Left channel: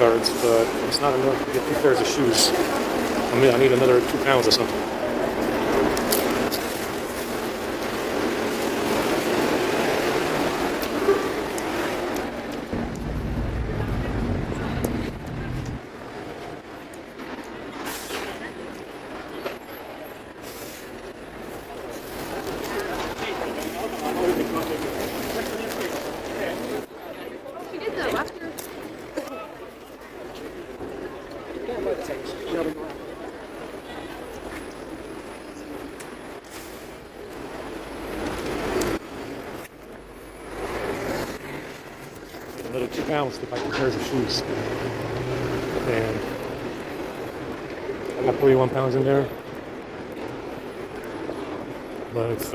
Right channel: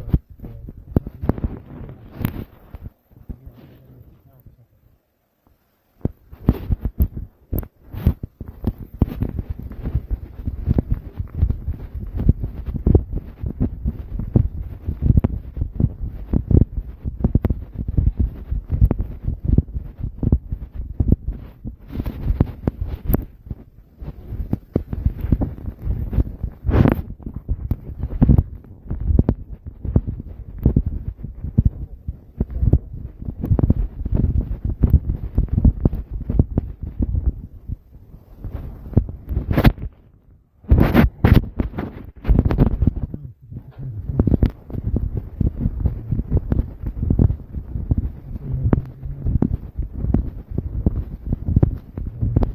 cards, but it's not enough to get 2 pairs of shoes. I need another 2 pounds or something. To buy 2 pairs of shoes, and I got 41 pounds in there, but it's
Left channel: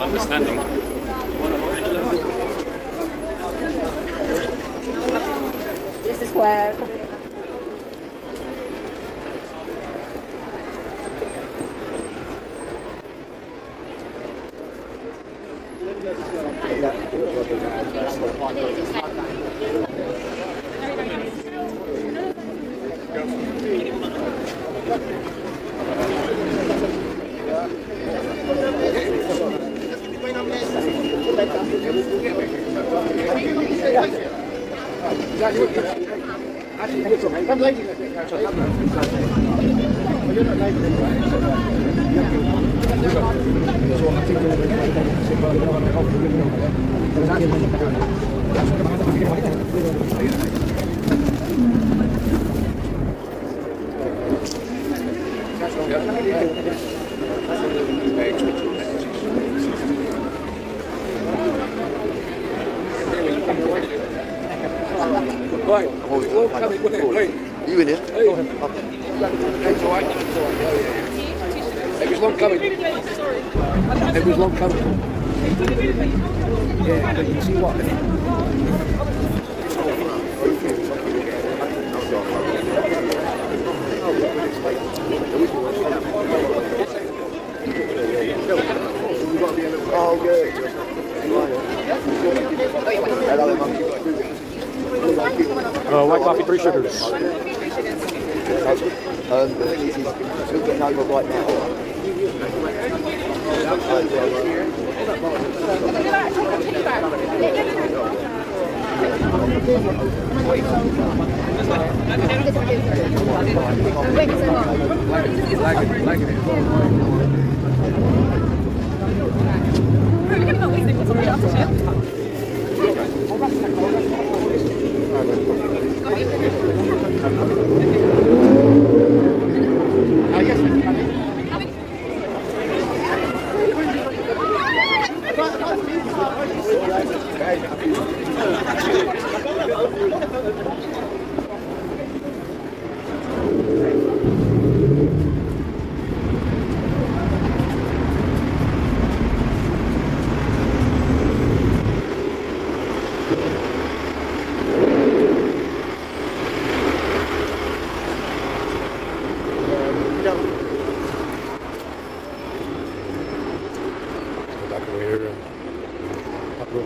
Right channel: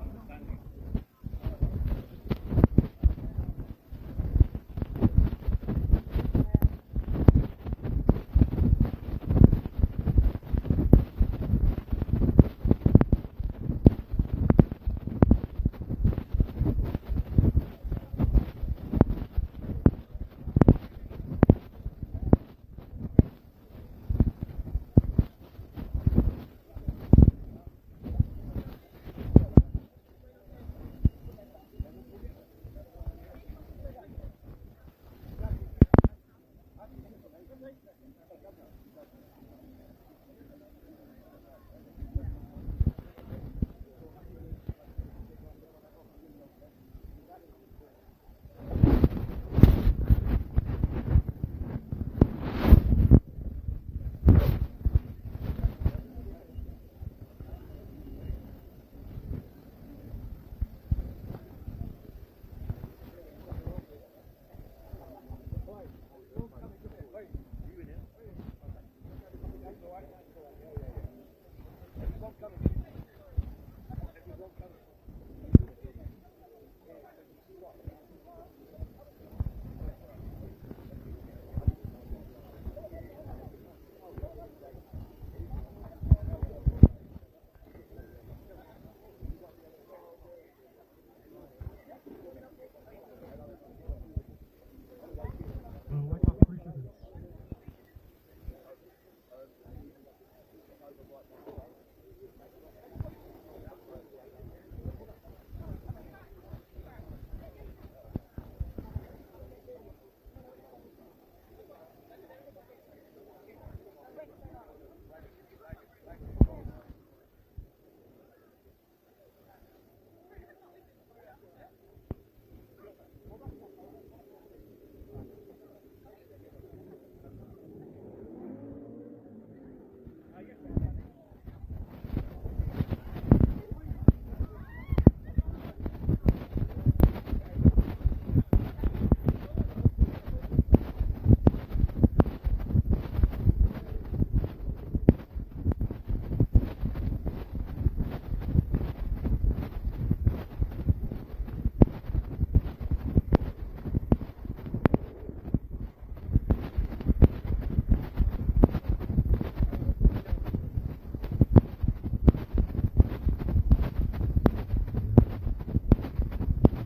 understanding. This is where You in here? It was long coming. It was long coming. Yeah, but you see what? Oh, good. White coffee, 3 sugars. The thing is, he's still getting over right now.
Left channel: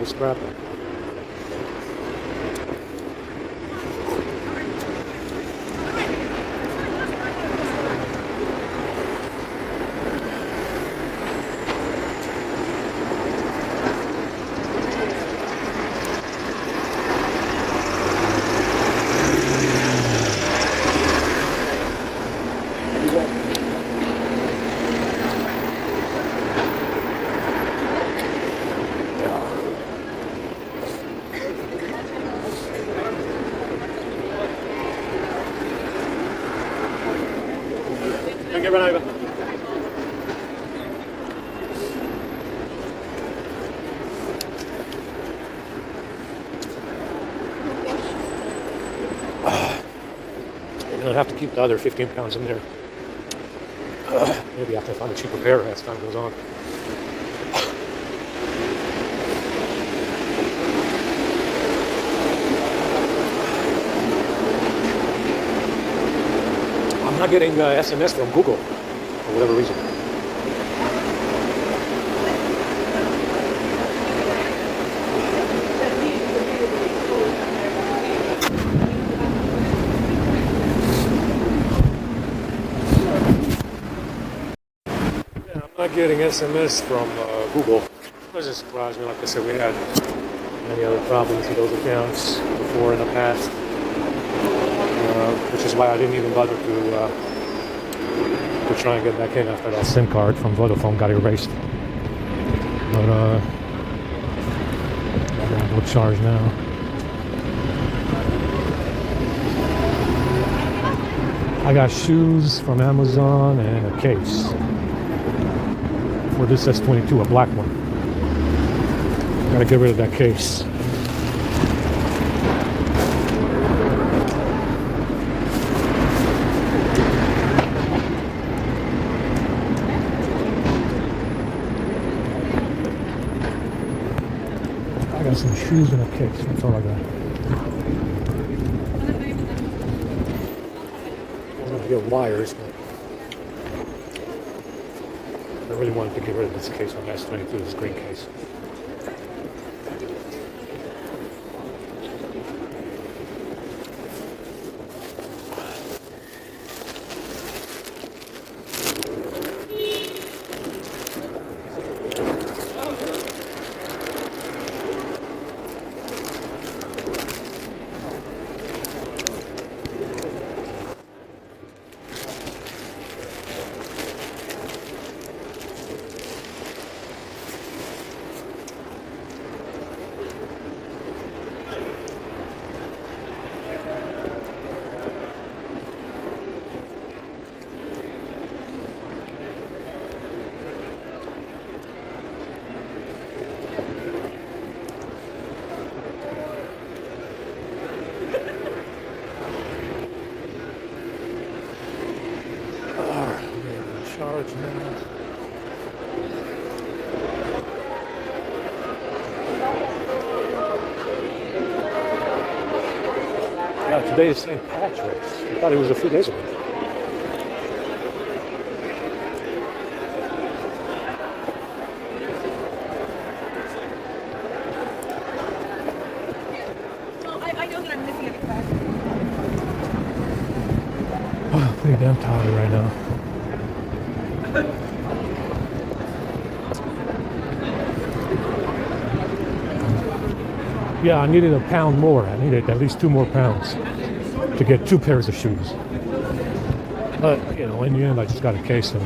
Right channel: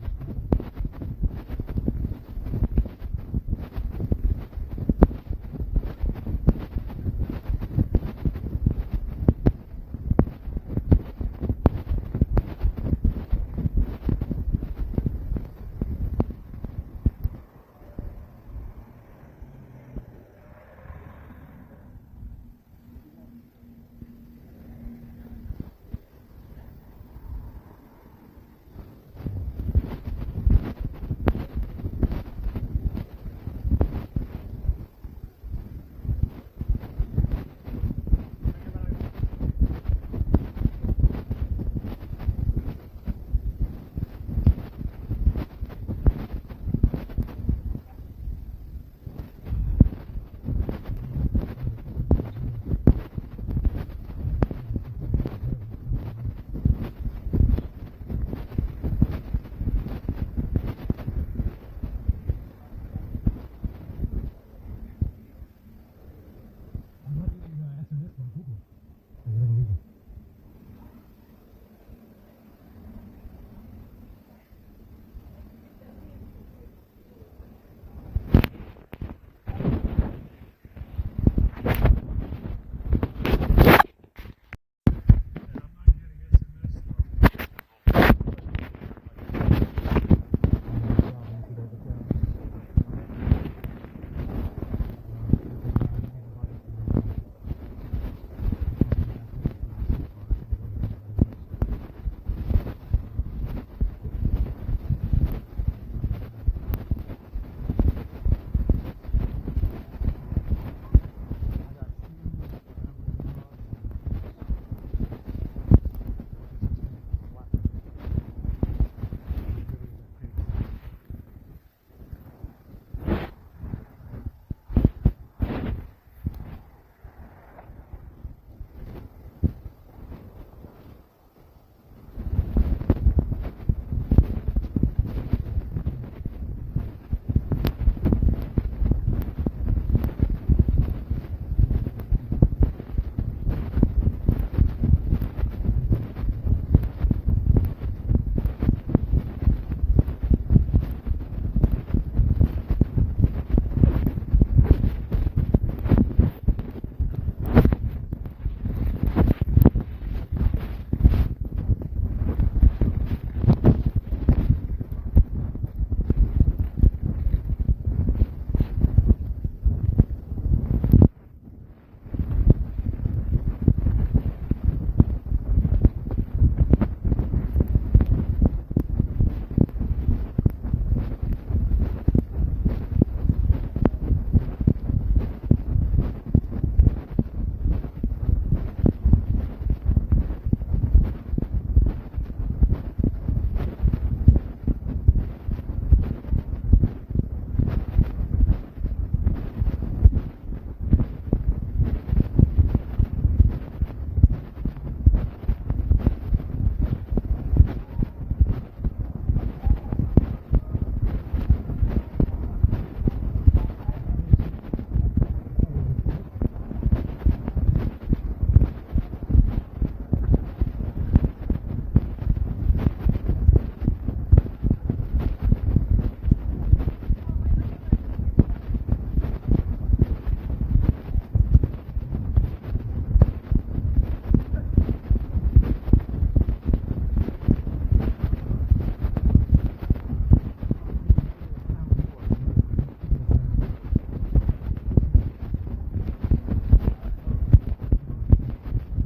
Scrap. Get run over. I'll have to keep the other 15 pounds in there. Maybe I have to find a cheaper pair as time goes on. I'm not getting SMS from Google for whatever reason. Yeah, I'm not getting SMS from Google. It doesn't surprise me. Like I said, we had many other problems with those accounts before in the past, which is why I didn't even bother to try and get back in after that SIM card from Vodafone got erased. But I'm gonna go charge now. I got shoes from Amazon and a case for this S22, a black one. Gotta get rid of that case. I got some shoes and a case, that's all I got. I'm gonna get wires, but I really wanted to get rid of this case on S22, this green case. Today is St. Patrick's. I thought it was a few days ago. Oh, pretty damn tired right now. Yeah, I needed a pound more. I needed at least 2 more pounds to get 2 pairs of shoes. But, you know, in the end, I just got a case and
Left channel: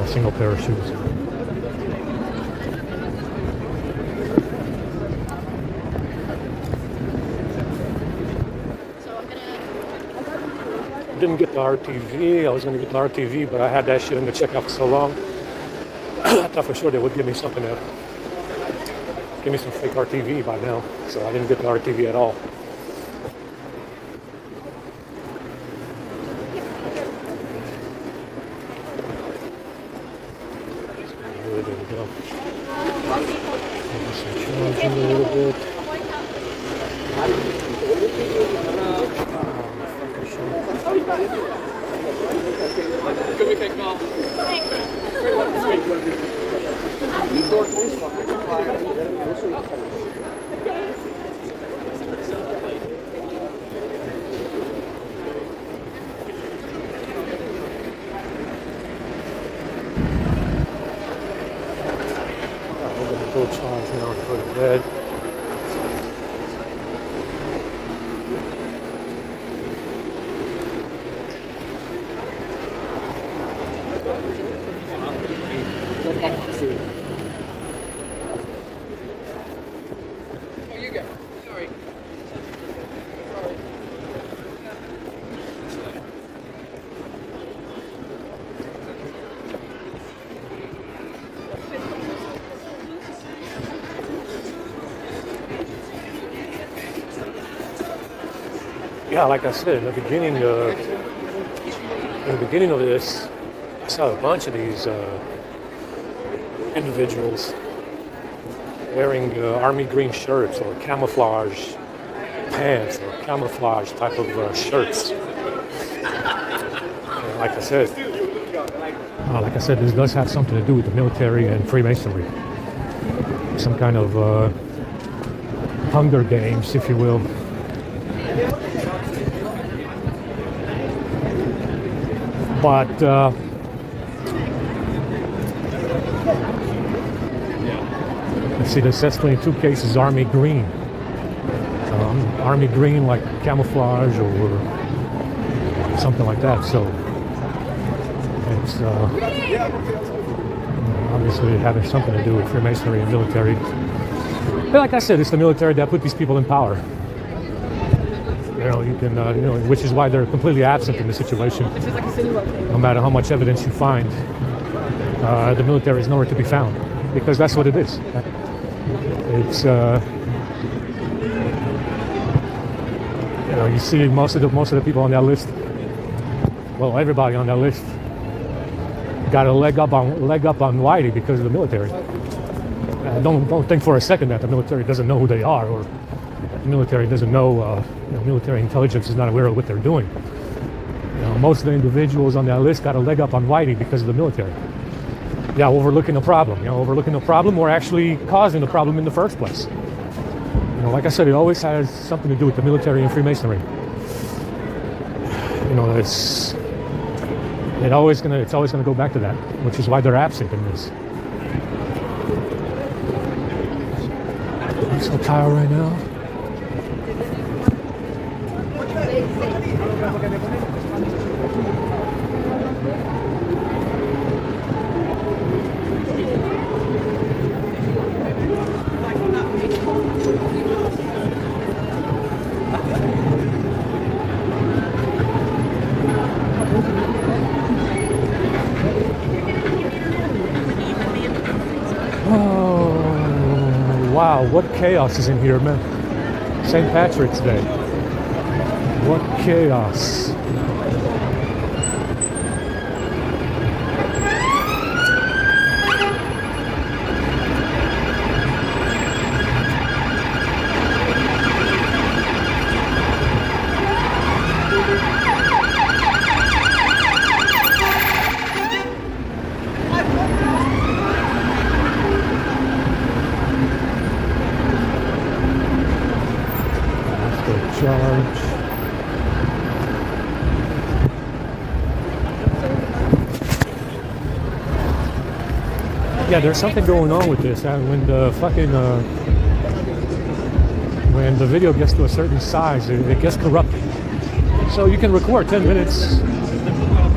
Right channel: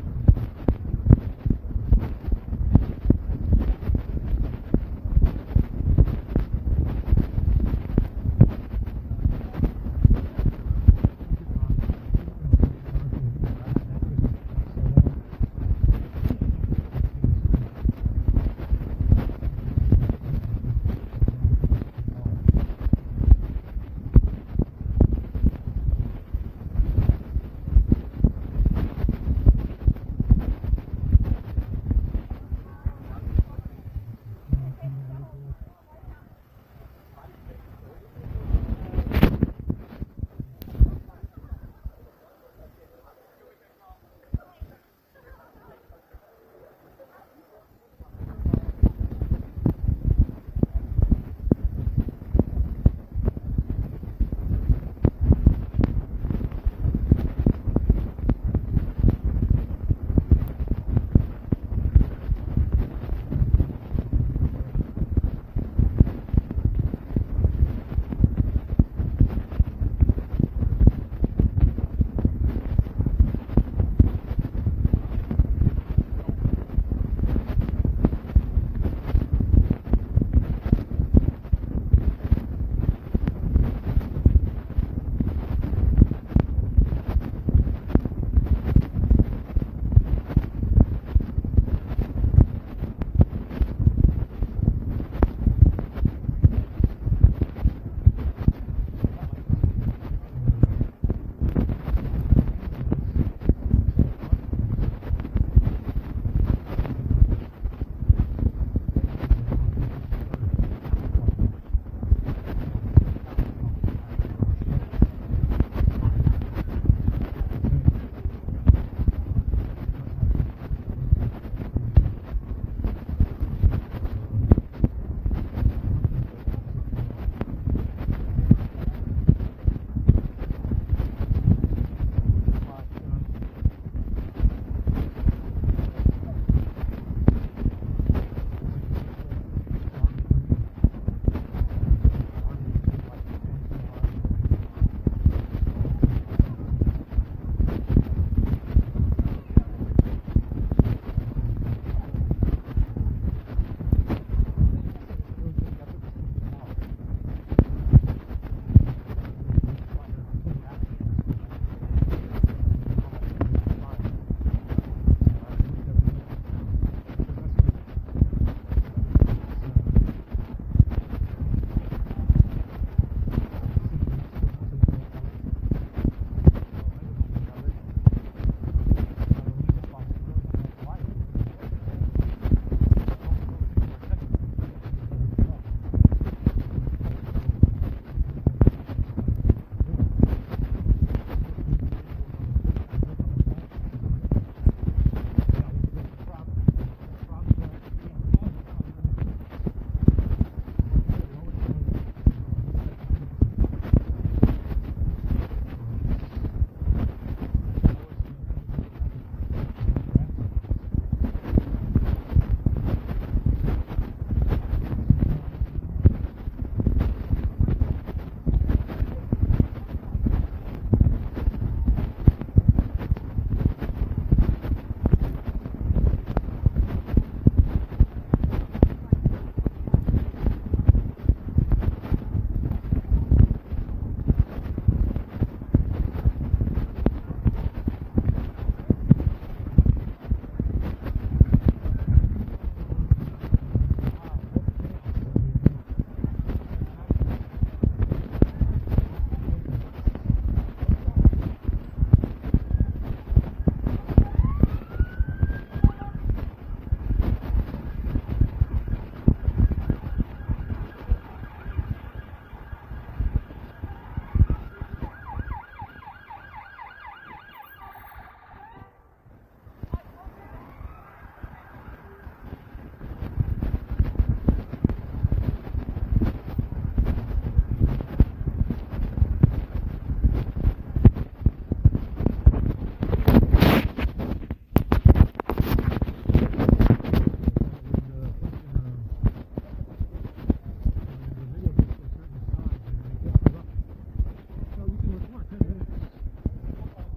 a single pair of shoes. Didn't get the RTV. I was going to get the RTV, but I had that shit in the checkout for so long. I thought for sure they would give me something to give me some fake RTV by now. So I didn't get the RTV at all. A little bit. Yeah, like I said in the beginning, beginning of this, I saw a bunch of these individuals wearing army green shirts or camouflage pants or camouflage type of shirts. Like I said, this does have something to do with the military and Freemasonry. Some kind of Hunger Games, if you will. But let's see, this says 22 cases Army Green. Army Green, like camouflage or something like that. So it's obviously having something to do with Freemasonry and military. But like I said, it's the military that put these people in power. You can, which is why they're completely absent in the situation. No matter how much evidence you find, the military is nowhere to be found, because that's what it is. It's, you see most of the people on that list. Well, everybody on that list got a leg up on Whitey because of the military. Don't think for a second that the military doesn't know who they are, or the military doesn't know. Military intelligence is not aware of what they're doing. Most of the individuals on that list got a leg up on Whitey because of the military. Yeah, overlooking the problem. Overlooking the problem, or actually causing the problem in the first place. Like I said, it always has something to do with the military and Freemasonry. It's always gonna go back to that, which is why they're absent in this. I'm so tired right now. Wow, what chaos is in here, man. St. Patrick's Day. What chaos. Yeah, there's something going on with this. When the video gets to a certain size, it gets corrupted. So you can record 10 minutes,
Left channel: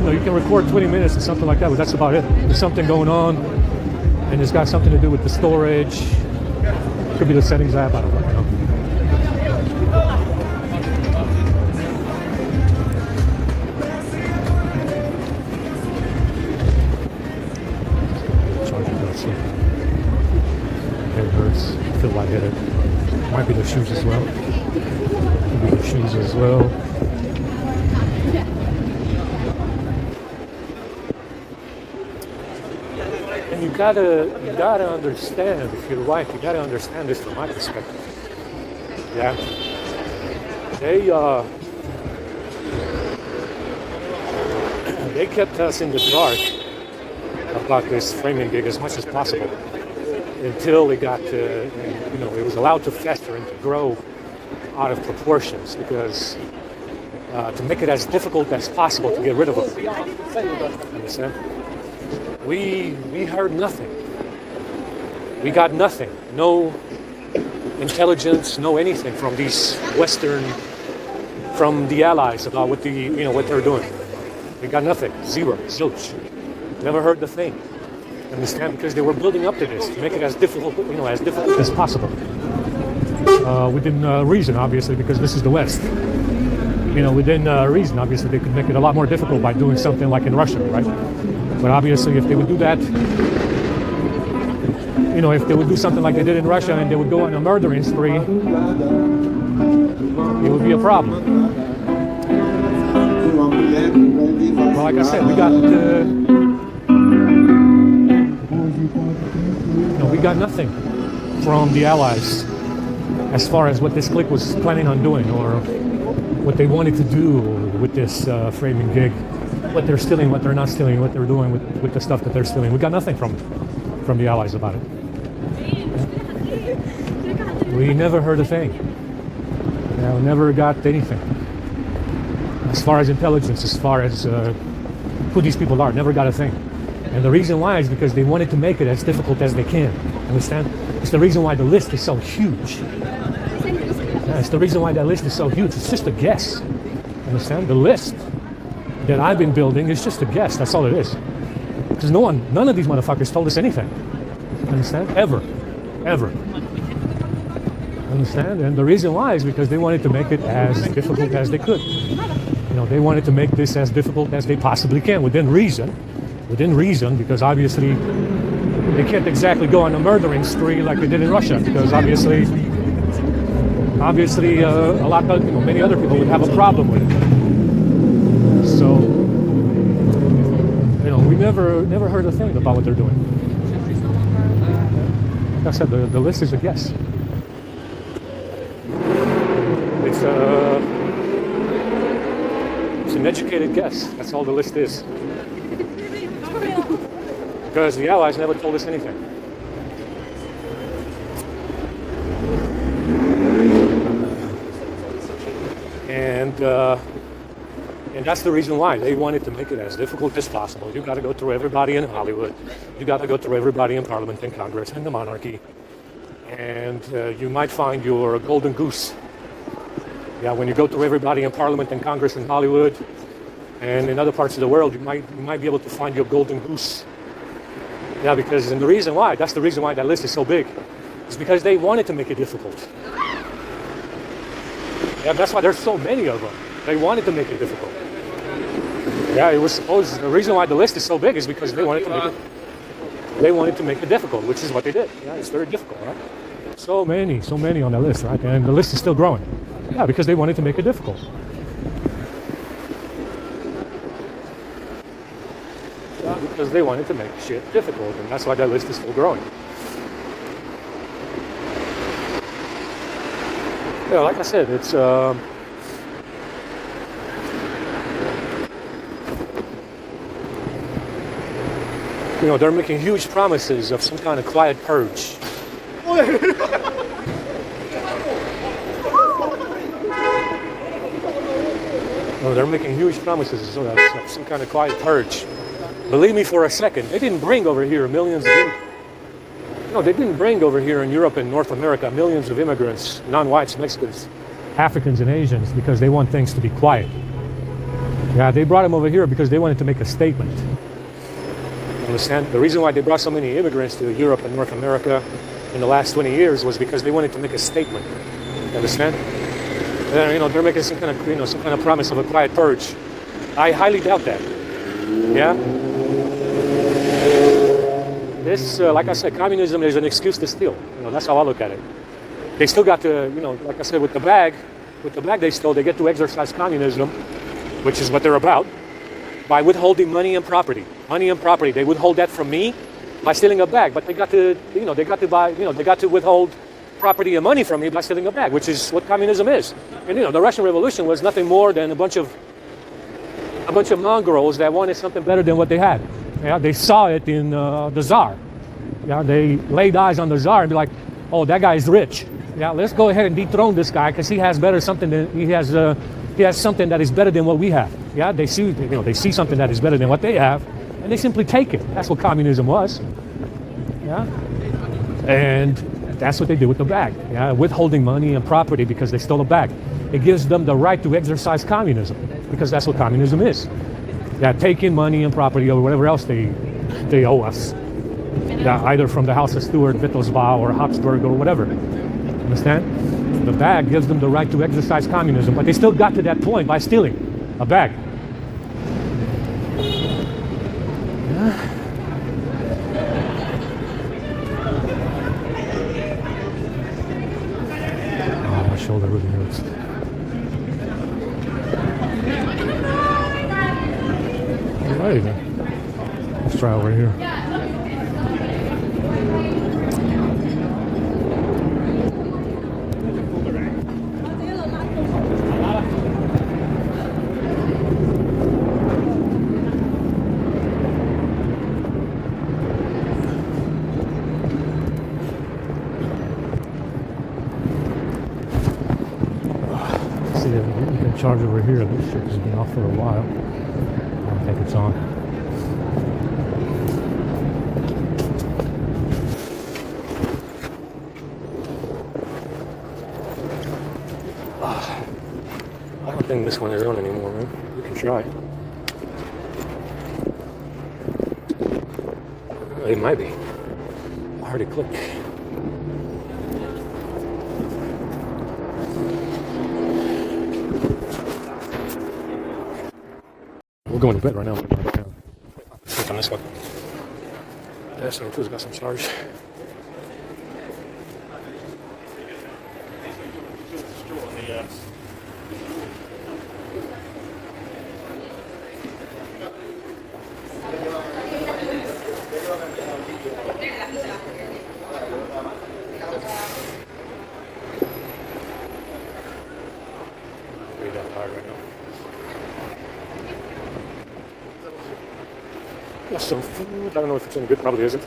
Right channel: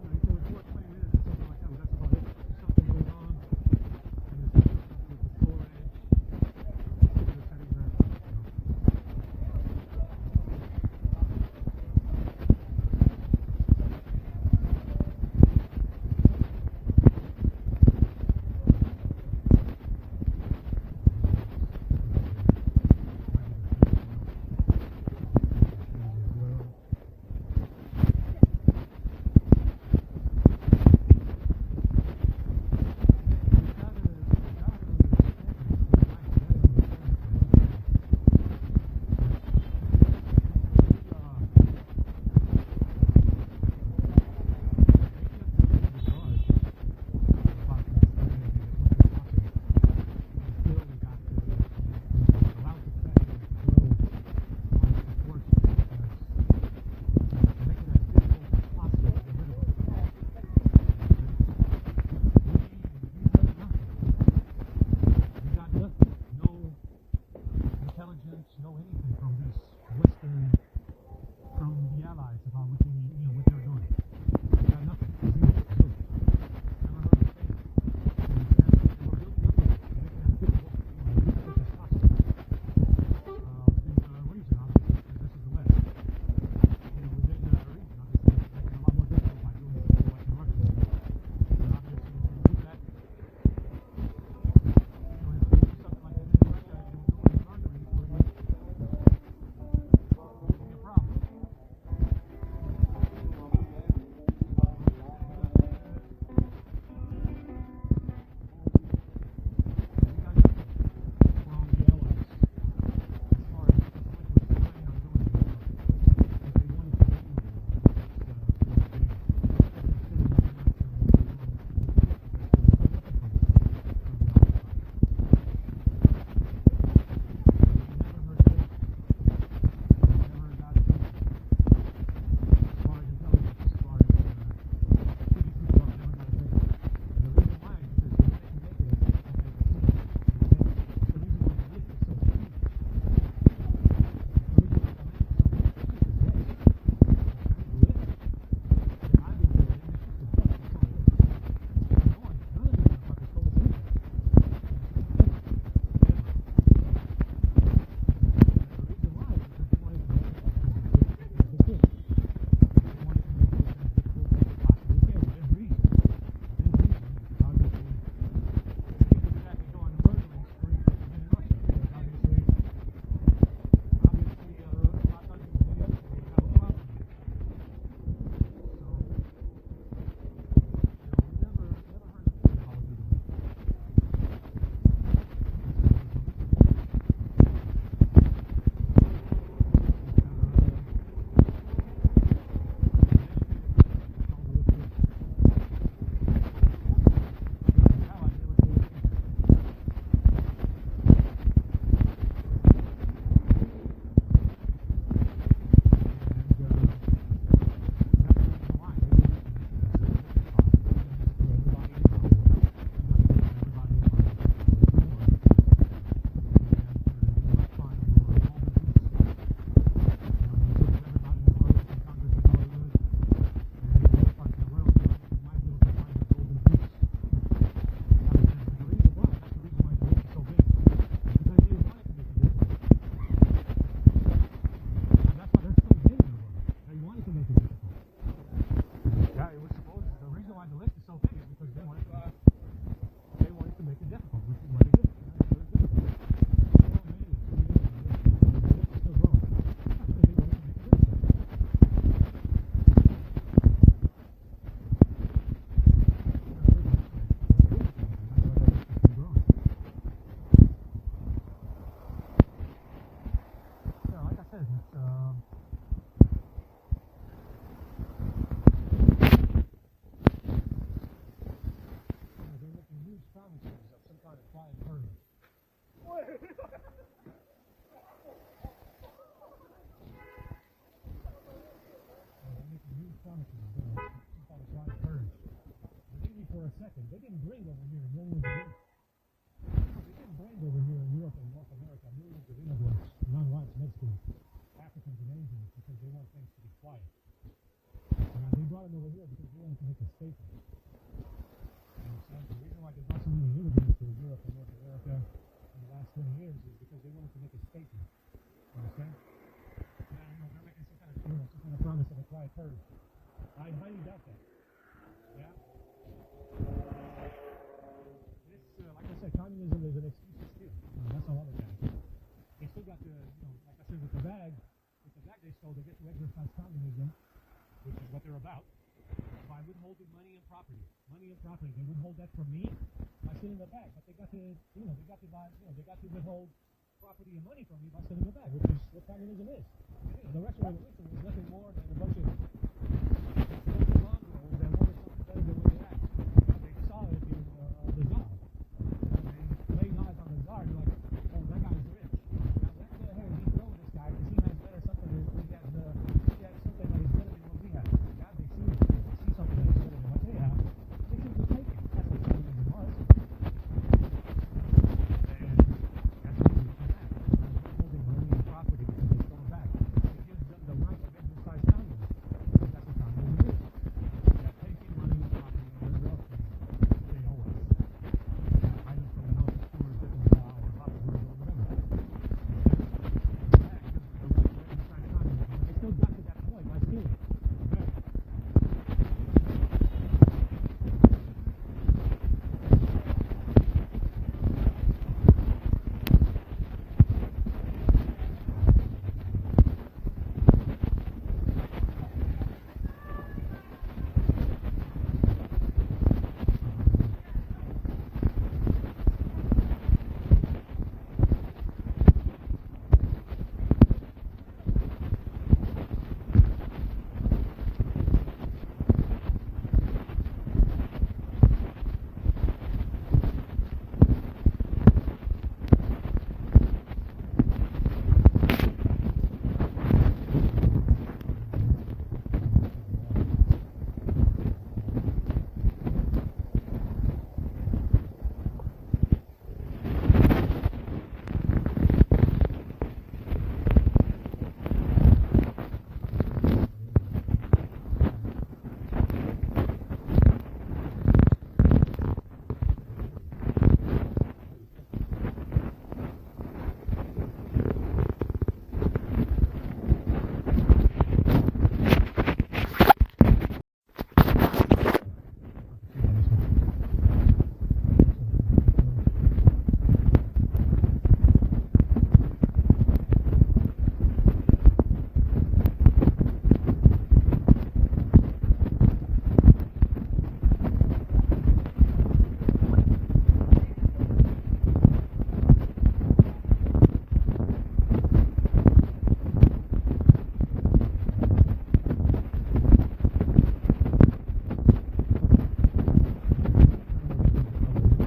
you can record 20 minutes or something like that, but that's about it. There's something going on, and it's got something to do with the storage. Could be the settings app, I don't know. I feel lightheaded. Might be the shoes as well. Maybe the shoes as well. And you gotta understand, if you're right, you gotta understand this from my perspective. Yeah. They kept us in the dark about this framing gig as much as possible, until it got to, it was allowed to fester and to grow out of proportions, because to make it as difficult as possible to get rid of them. You understand? We heard nothing. We got nothing. No intelligence, no anything from these from the allies about what they're doing. We got nothing. Zero. Zilch. Never heard the thing. Understand? Because they were building up to this to make it as difficult as possible. Within reason, obviously, because this is the West. Within reason, obviously, they could make it a lot more difficult by doing something like in Russia, right? But obviously, if they would do that, if they would do something like they did in Russia and they would go on a murdering spree, it would be a problem. Well, like I said, we got we got nothing from the Allies as far as what this clique was planning on doing, or what they wanted to do with this framing gig, what they're stealing, what they're not stealing, what they're doing with the stuff that they're stealing. We got nothing from the Allies about it. We never heard a thing. Never got anything. As far as intelligence, as far as who these people are, never got a thing. And the reason why is because they wanted to make it as difficult as they can. Understand? It's the reason why the list is so huge. It's the reason why that list is so huge. It's just a guess. Understand? The list that I've been building is just a guess. That's all it is. Because none of these motherfuckers told us anything. Understand? Ever. Understand? And the reason why is because they wanted to make it as difficult as they could. They wanted to make this as difficult as they possibly can, within reason, because obviously they can't exactly go on a murdering spree like they did in Russia, because obviously a lot of many other people would have a problem with it. So we never heard a thing about what they're doing. Like I said, the list is a guess. It's an educated guess. That's all the list is. Because the Allies never told us anything. And that's the reason why they wanted to make it as difficult as possible. You got to go through everybody in Hollywood. You got to go through everybody in Parliament and Congress and the monarchy. And you might find your golden goose. Yeah, when you go through everybody in Parliament and Congress in Hollywood and in other parts of the world, you might be able to find your golden goose. Yeah, because that's the reason why that list is so big. It's because they wanted to make it difficult. Yeah, that's why there's so many of them. They wanted to make it difficult. Yeah, the reason why the list is so big is because they wanted to make it difficult, which is what they did. Yeah, it's very difficult, right? So many on that list, right? And the list is still growing. Yeah, because they wanted to make it difficult. Yeah, because they wanted to make shit difficult, and that's why that list is still growing. Yeah, like I said, it's they're making huge promises of some kind of quiet purge. They're making huge promises of some kind of quiet purge. Believe me for a second, they didn't bring over here they didn't bring over here in Europe and North America millions of immigrants, non-whites, Mexicans, Africans, and Asians because they want things to be quiet. Yeah, they brought them over here because they wanted to make a statement. Understand? The reason why they brought so many immigrants to Europe and North America in the last 20 years was because they wanted to make a statement. Understand? They're making some kind of promise of a quiet purge. I highly doubt that. Yeah. This, like I said, communism is an excuse to steal. That's how I look at it. They still got to, like I said, with the bag they stole, they get to exercise communism, which is what they're about, by withholding money and property. Money and property. They withhold that from me by stealing a bag, but they got to withhold property and money from me by stealing a bag, which is what communism is. And the Russian Revolution was nothing more than a bunch of mongrels that wanted something better than what they had. Yeah, they saw it in the Tsar. Yeah, they laid eyes on the Tsar and be like, "Oh, that guy's rich. Yeah, let's go ahead and dethrone this guy because he has something that is better than what we have." Yeah, they see something that is better than what they have, and they simply take it. That's what communism was. Yeah, and that's what they did with the bag. Yeah, withholding money and property because they stole a bag. It gives them the right to exercise communism because that's what communism is. Yeah, taking money and property or whatever else they owe us. Yeah, either from the House of Stuart, Wittelsbau, or Habsburg, or whatever. Understand? The bag gives them the right to exercise communism, but they still got to that point by stealing a bag. Yeah. Oh, my shoulder really hurts. Hey, let's try over here. See, you can charge over here. This shit's been off for a while. I don't think it's on. I don't think this one is on anymore, man. You can try. It might be. I heard it click. We're going to bed right now. On this one. Yeah, so it's got some charge. Some food. I don't know if it's any good. Probably isn't.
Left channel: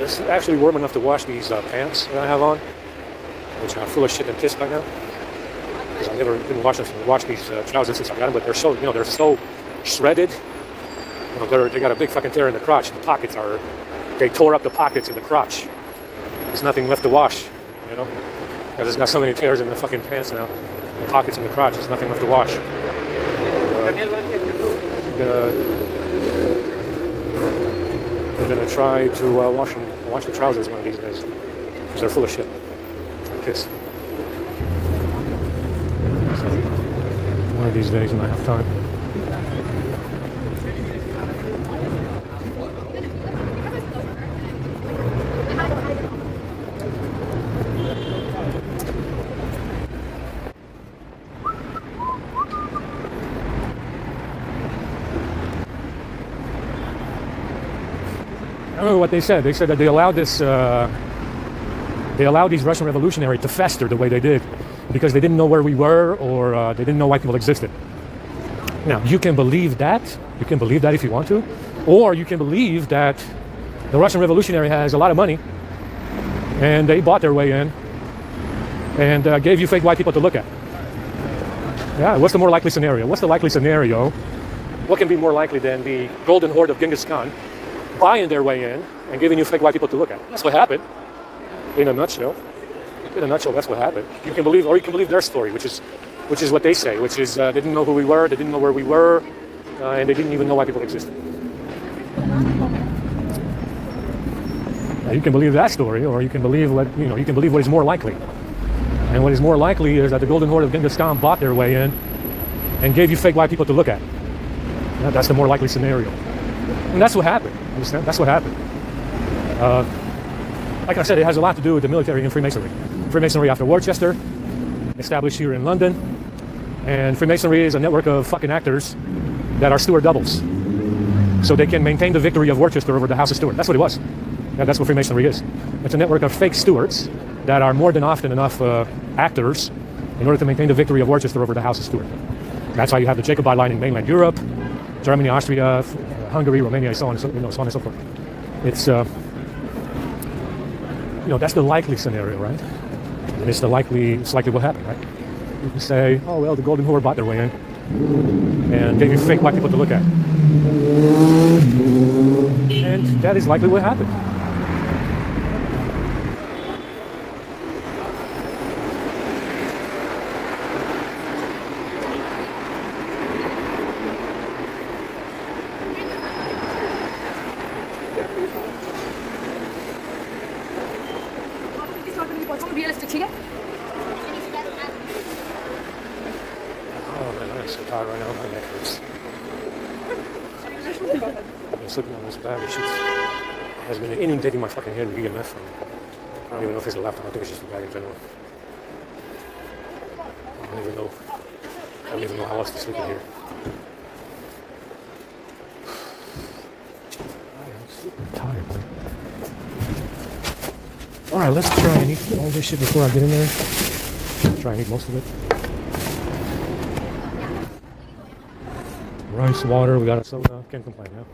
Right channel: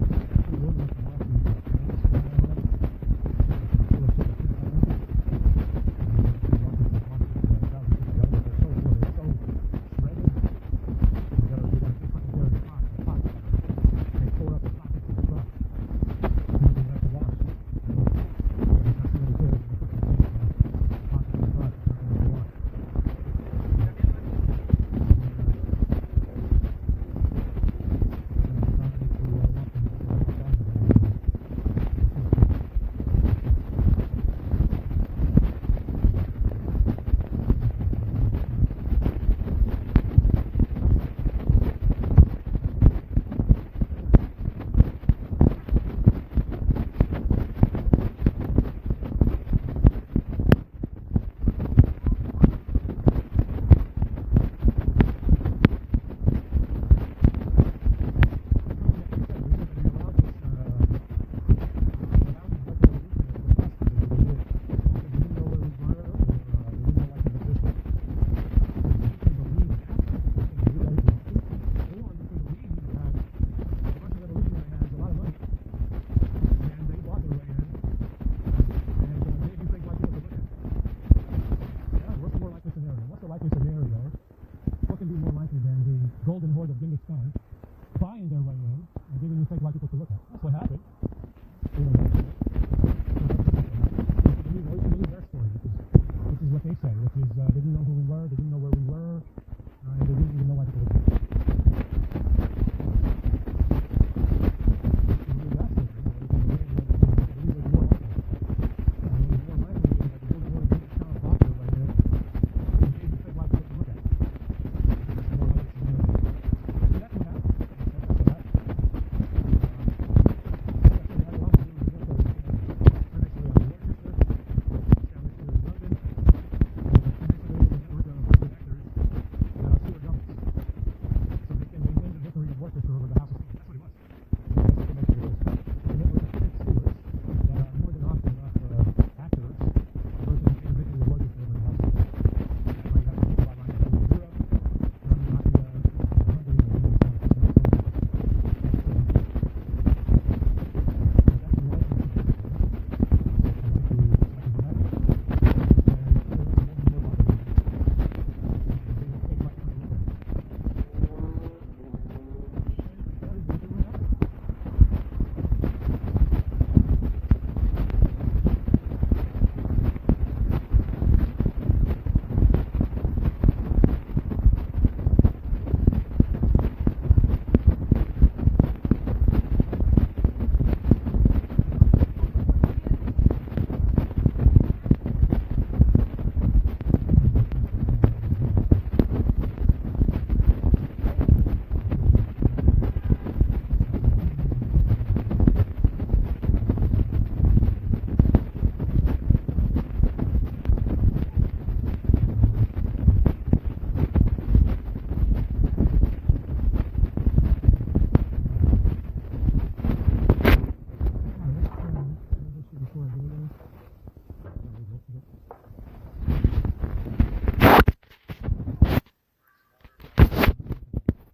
It's actually warm enough to wash these pants that I have on, which are full of shit and piss by now. I never didn't wash these trousers since I got them, but they're so they're so shredded. They got a big fucking tear in the crotch. The pockets are they tore up the pockets in the crotch. There's nothing left to wash. Because it's got so many tears in the fucking pants now. The pockets in the crotch. There's nothing left to wash. I'm gonna try to wash the trousers one of these days because they're full of shit. Piss. So one of these days when I have time. I remember what they said. They said that they allowed these Russian revolutionaries to fester the way they did because they didn't know where we were or they didn't know why people existed. Now, you can believe that. You can believe that if you want to. Or you can believe that the Russian revolutionary has a lot of money and they bought their way in and gave you fake white people to look at. Yeah, what's the more likely scenario? What's the likely scenario? What can be more likely than the golden horde of Genghis Khan buying their way in and giving you fake white people to look at? That's what happened. In a nutshell, that's what happened. You can believe, or you can believe their story, which is what they say, which is they didn't know who we were, they didn't know where we were, and they didn't even know why people existed. Now, you can believe that story, or you can believe what is more likely. And what is more likely is that the golden horde of Genghis Khan bought their way in and gave you fake white people to look at. Now, that's the more likely scenario. And that's what happened. Understand? That's what happened. Like I said, it has a lot to do with the military and Freemasonry. Freemasonry after Worcester, established here in London. And Freemasonry is a network of fucking actors that are Stuart doubles. So they can maintain the victory of Worcester over the House of Stuart. That's what it was. And that's what Freemasonry is. It's a network of fake Stuarts that are more than often enough actors in order to maintain the victory of Worcester over the House of Stuart. That's why you have the Jacobite line in mainland Europe, Germany, Austria, Hungary, Romania, so on and so on and so forth. It's that's the likely scenario, right? And it's likely what happened, right? You say, oh well, the golden horde bought their way in and gave you fake white people to look at, and that is likely what happened. Has been inundating my fucking head with EMF. I don't even know if it's a laptop. I think it's just a bag in general. I don't even know. else to sleep in here. Tired. All right, let's try and eat all this shit before I get in there. Try and eat most of it. Rice, water, we got ourselves now. Can't complain now.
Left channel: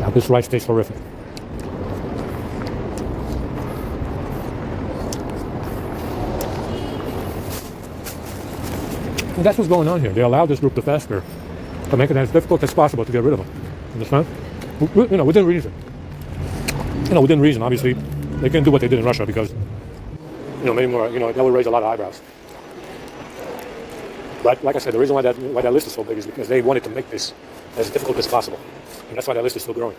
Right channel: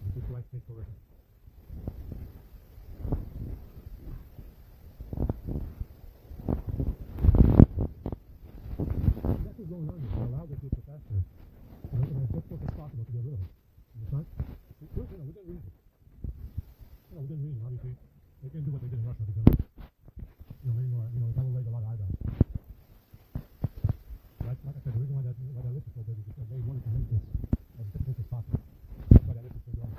Now this rice tastes horrific. And that's what's going on here. They allowed this group to fester to make it as difficult as possible to get rid of them. Understand? You know, within reason. You know, within reason. Obviously, they couldn't do what they did in Russia because, you know, maybe more. You know, that would raise a lot of eyebrows. But like I said, the reason why that list is so big is because they wanted to make this as difficult as possible, and that's why that list is still growing.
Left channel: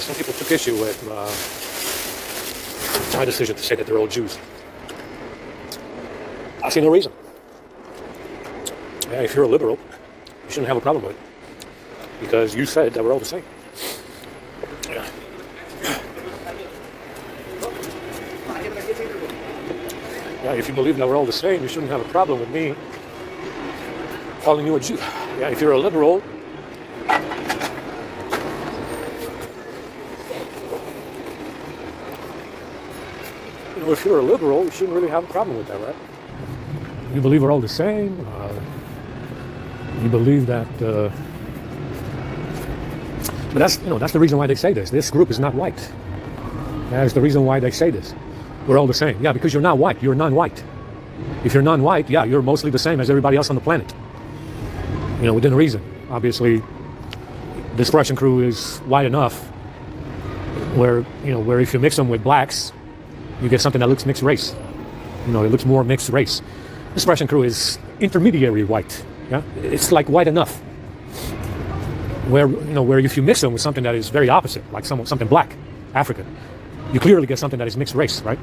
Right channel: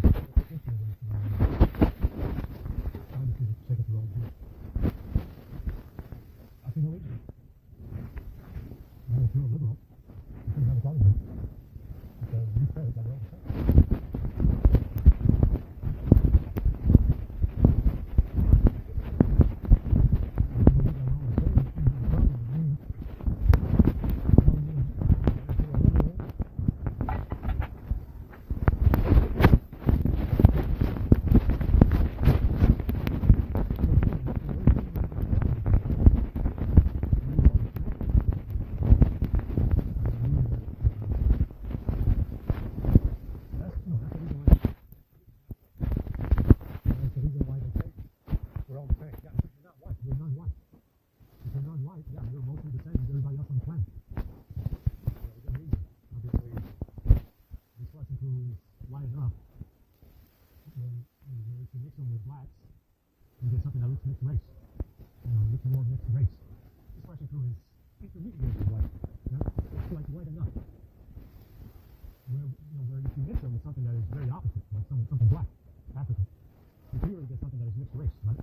said, some people took issue with my decision to say that they're all Jews. I see no reason. Yeah, if you're a liberal, you shouldn't have a problem with it, because you said that we're all the same. Yeah. Yeah, if you believe that we're all the same, you shouldn't have a problem with me calling you a Jew. Yeah, if you're a liberal, if you're a liberal, you shouldn't really have a problem with that, right? You believe we're all the same. You believe that, but that's the reason why they say this. This group is not white. That's the reason why they say this. We're all the same. Yeah, because you're not white. You're non-white. If you're non-white, yeah, you're mostly the same as everybody else on the planet. Within reason. Obviously, this Russian crew is white enough where if you mix them with blacks, you get something that looks mixed race. It looks more mixed race. This Russian crew is intermediary white. Yeah, it's like white enough. Where if you mix them with something that is very opposite, like something black, African, you clearly get something that is mixed race, right?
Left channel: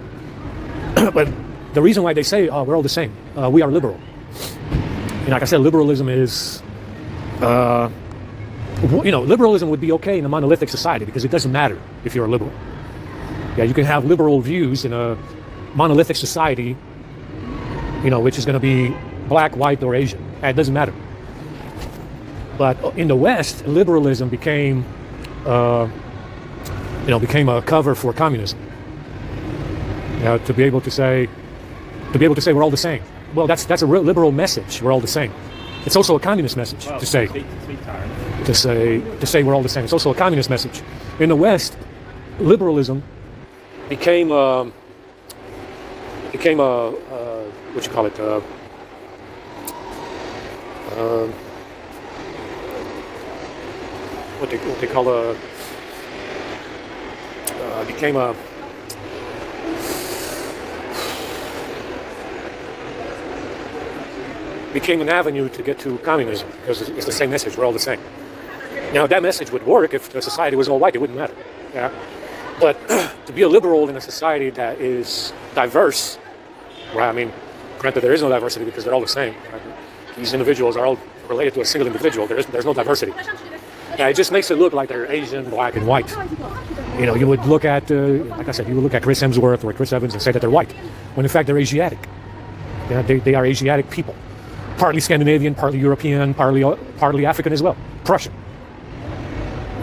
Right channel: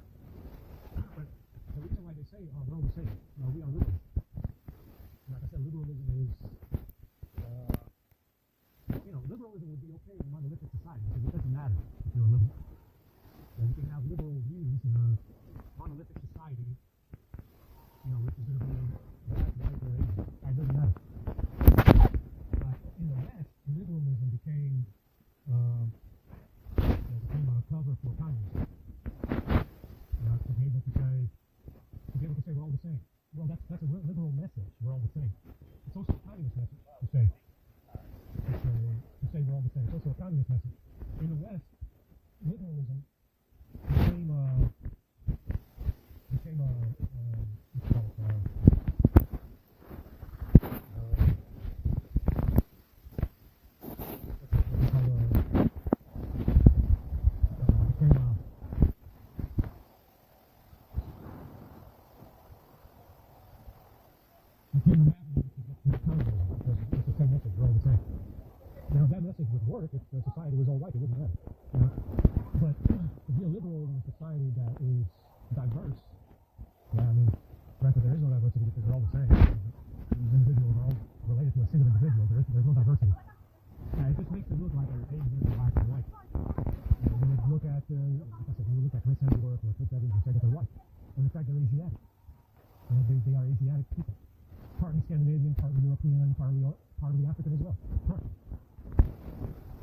But the reason why they say, oh, we're all the same, we are liberal. Like I said, liberalism is, liberalism would be okay in a monolithic society because it doesn't matter if you're a liberal. Yeah, you can have liberal views in a monolithic society, which is going to be black, white, or Asian. It doesn't matter. But in the West, liberalism became a cover for communism. To be able to say we're all the same. Well, that's a real liberal message. We're all the same. It's also a communist message to say we're all the same. It's also a communist message. In the West, liberalism became what you call it? What they call became a became an avenue to get to communism because it's the same message. We're all the same. Now that message would work if the society was all white. It wouldn't matter. Yeah. But to be a liberal in a society that is diverse, well, I mean, granted there is no diversity because they're all the same. Right? These individuals are all related to a single individual. There's no diversity. Yeah, it just makes it look like they're Asian, black, and white. You would look at, like I said, you would look at Chris Hemsworth or Chris Evans and say that they're white, when in fact they're Asiatic. Yeah, they are Asiatic people, partly Scandinavian, partly European, partly African as well, Prussian.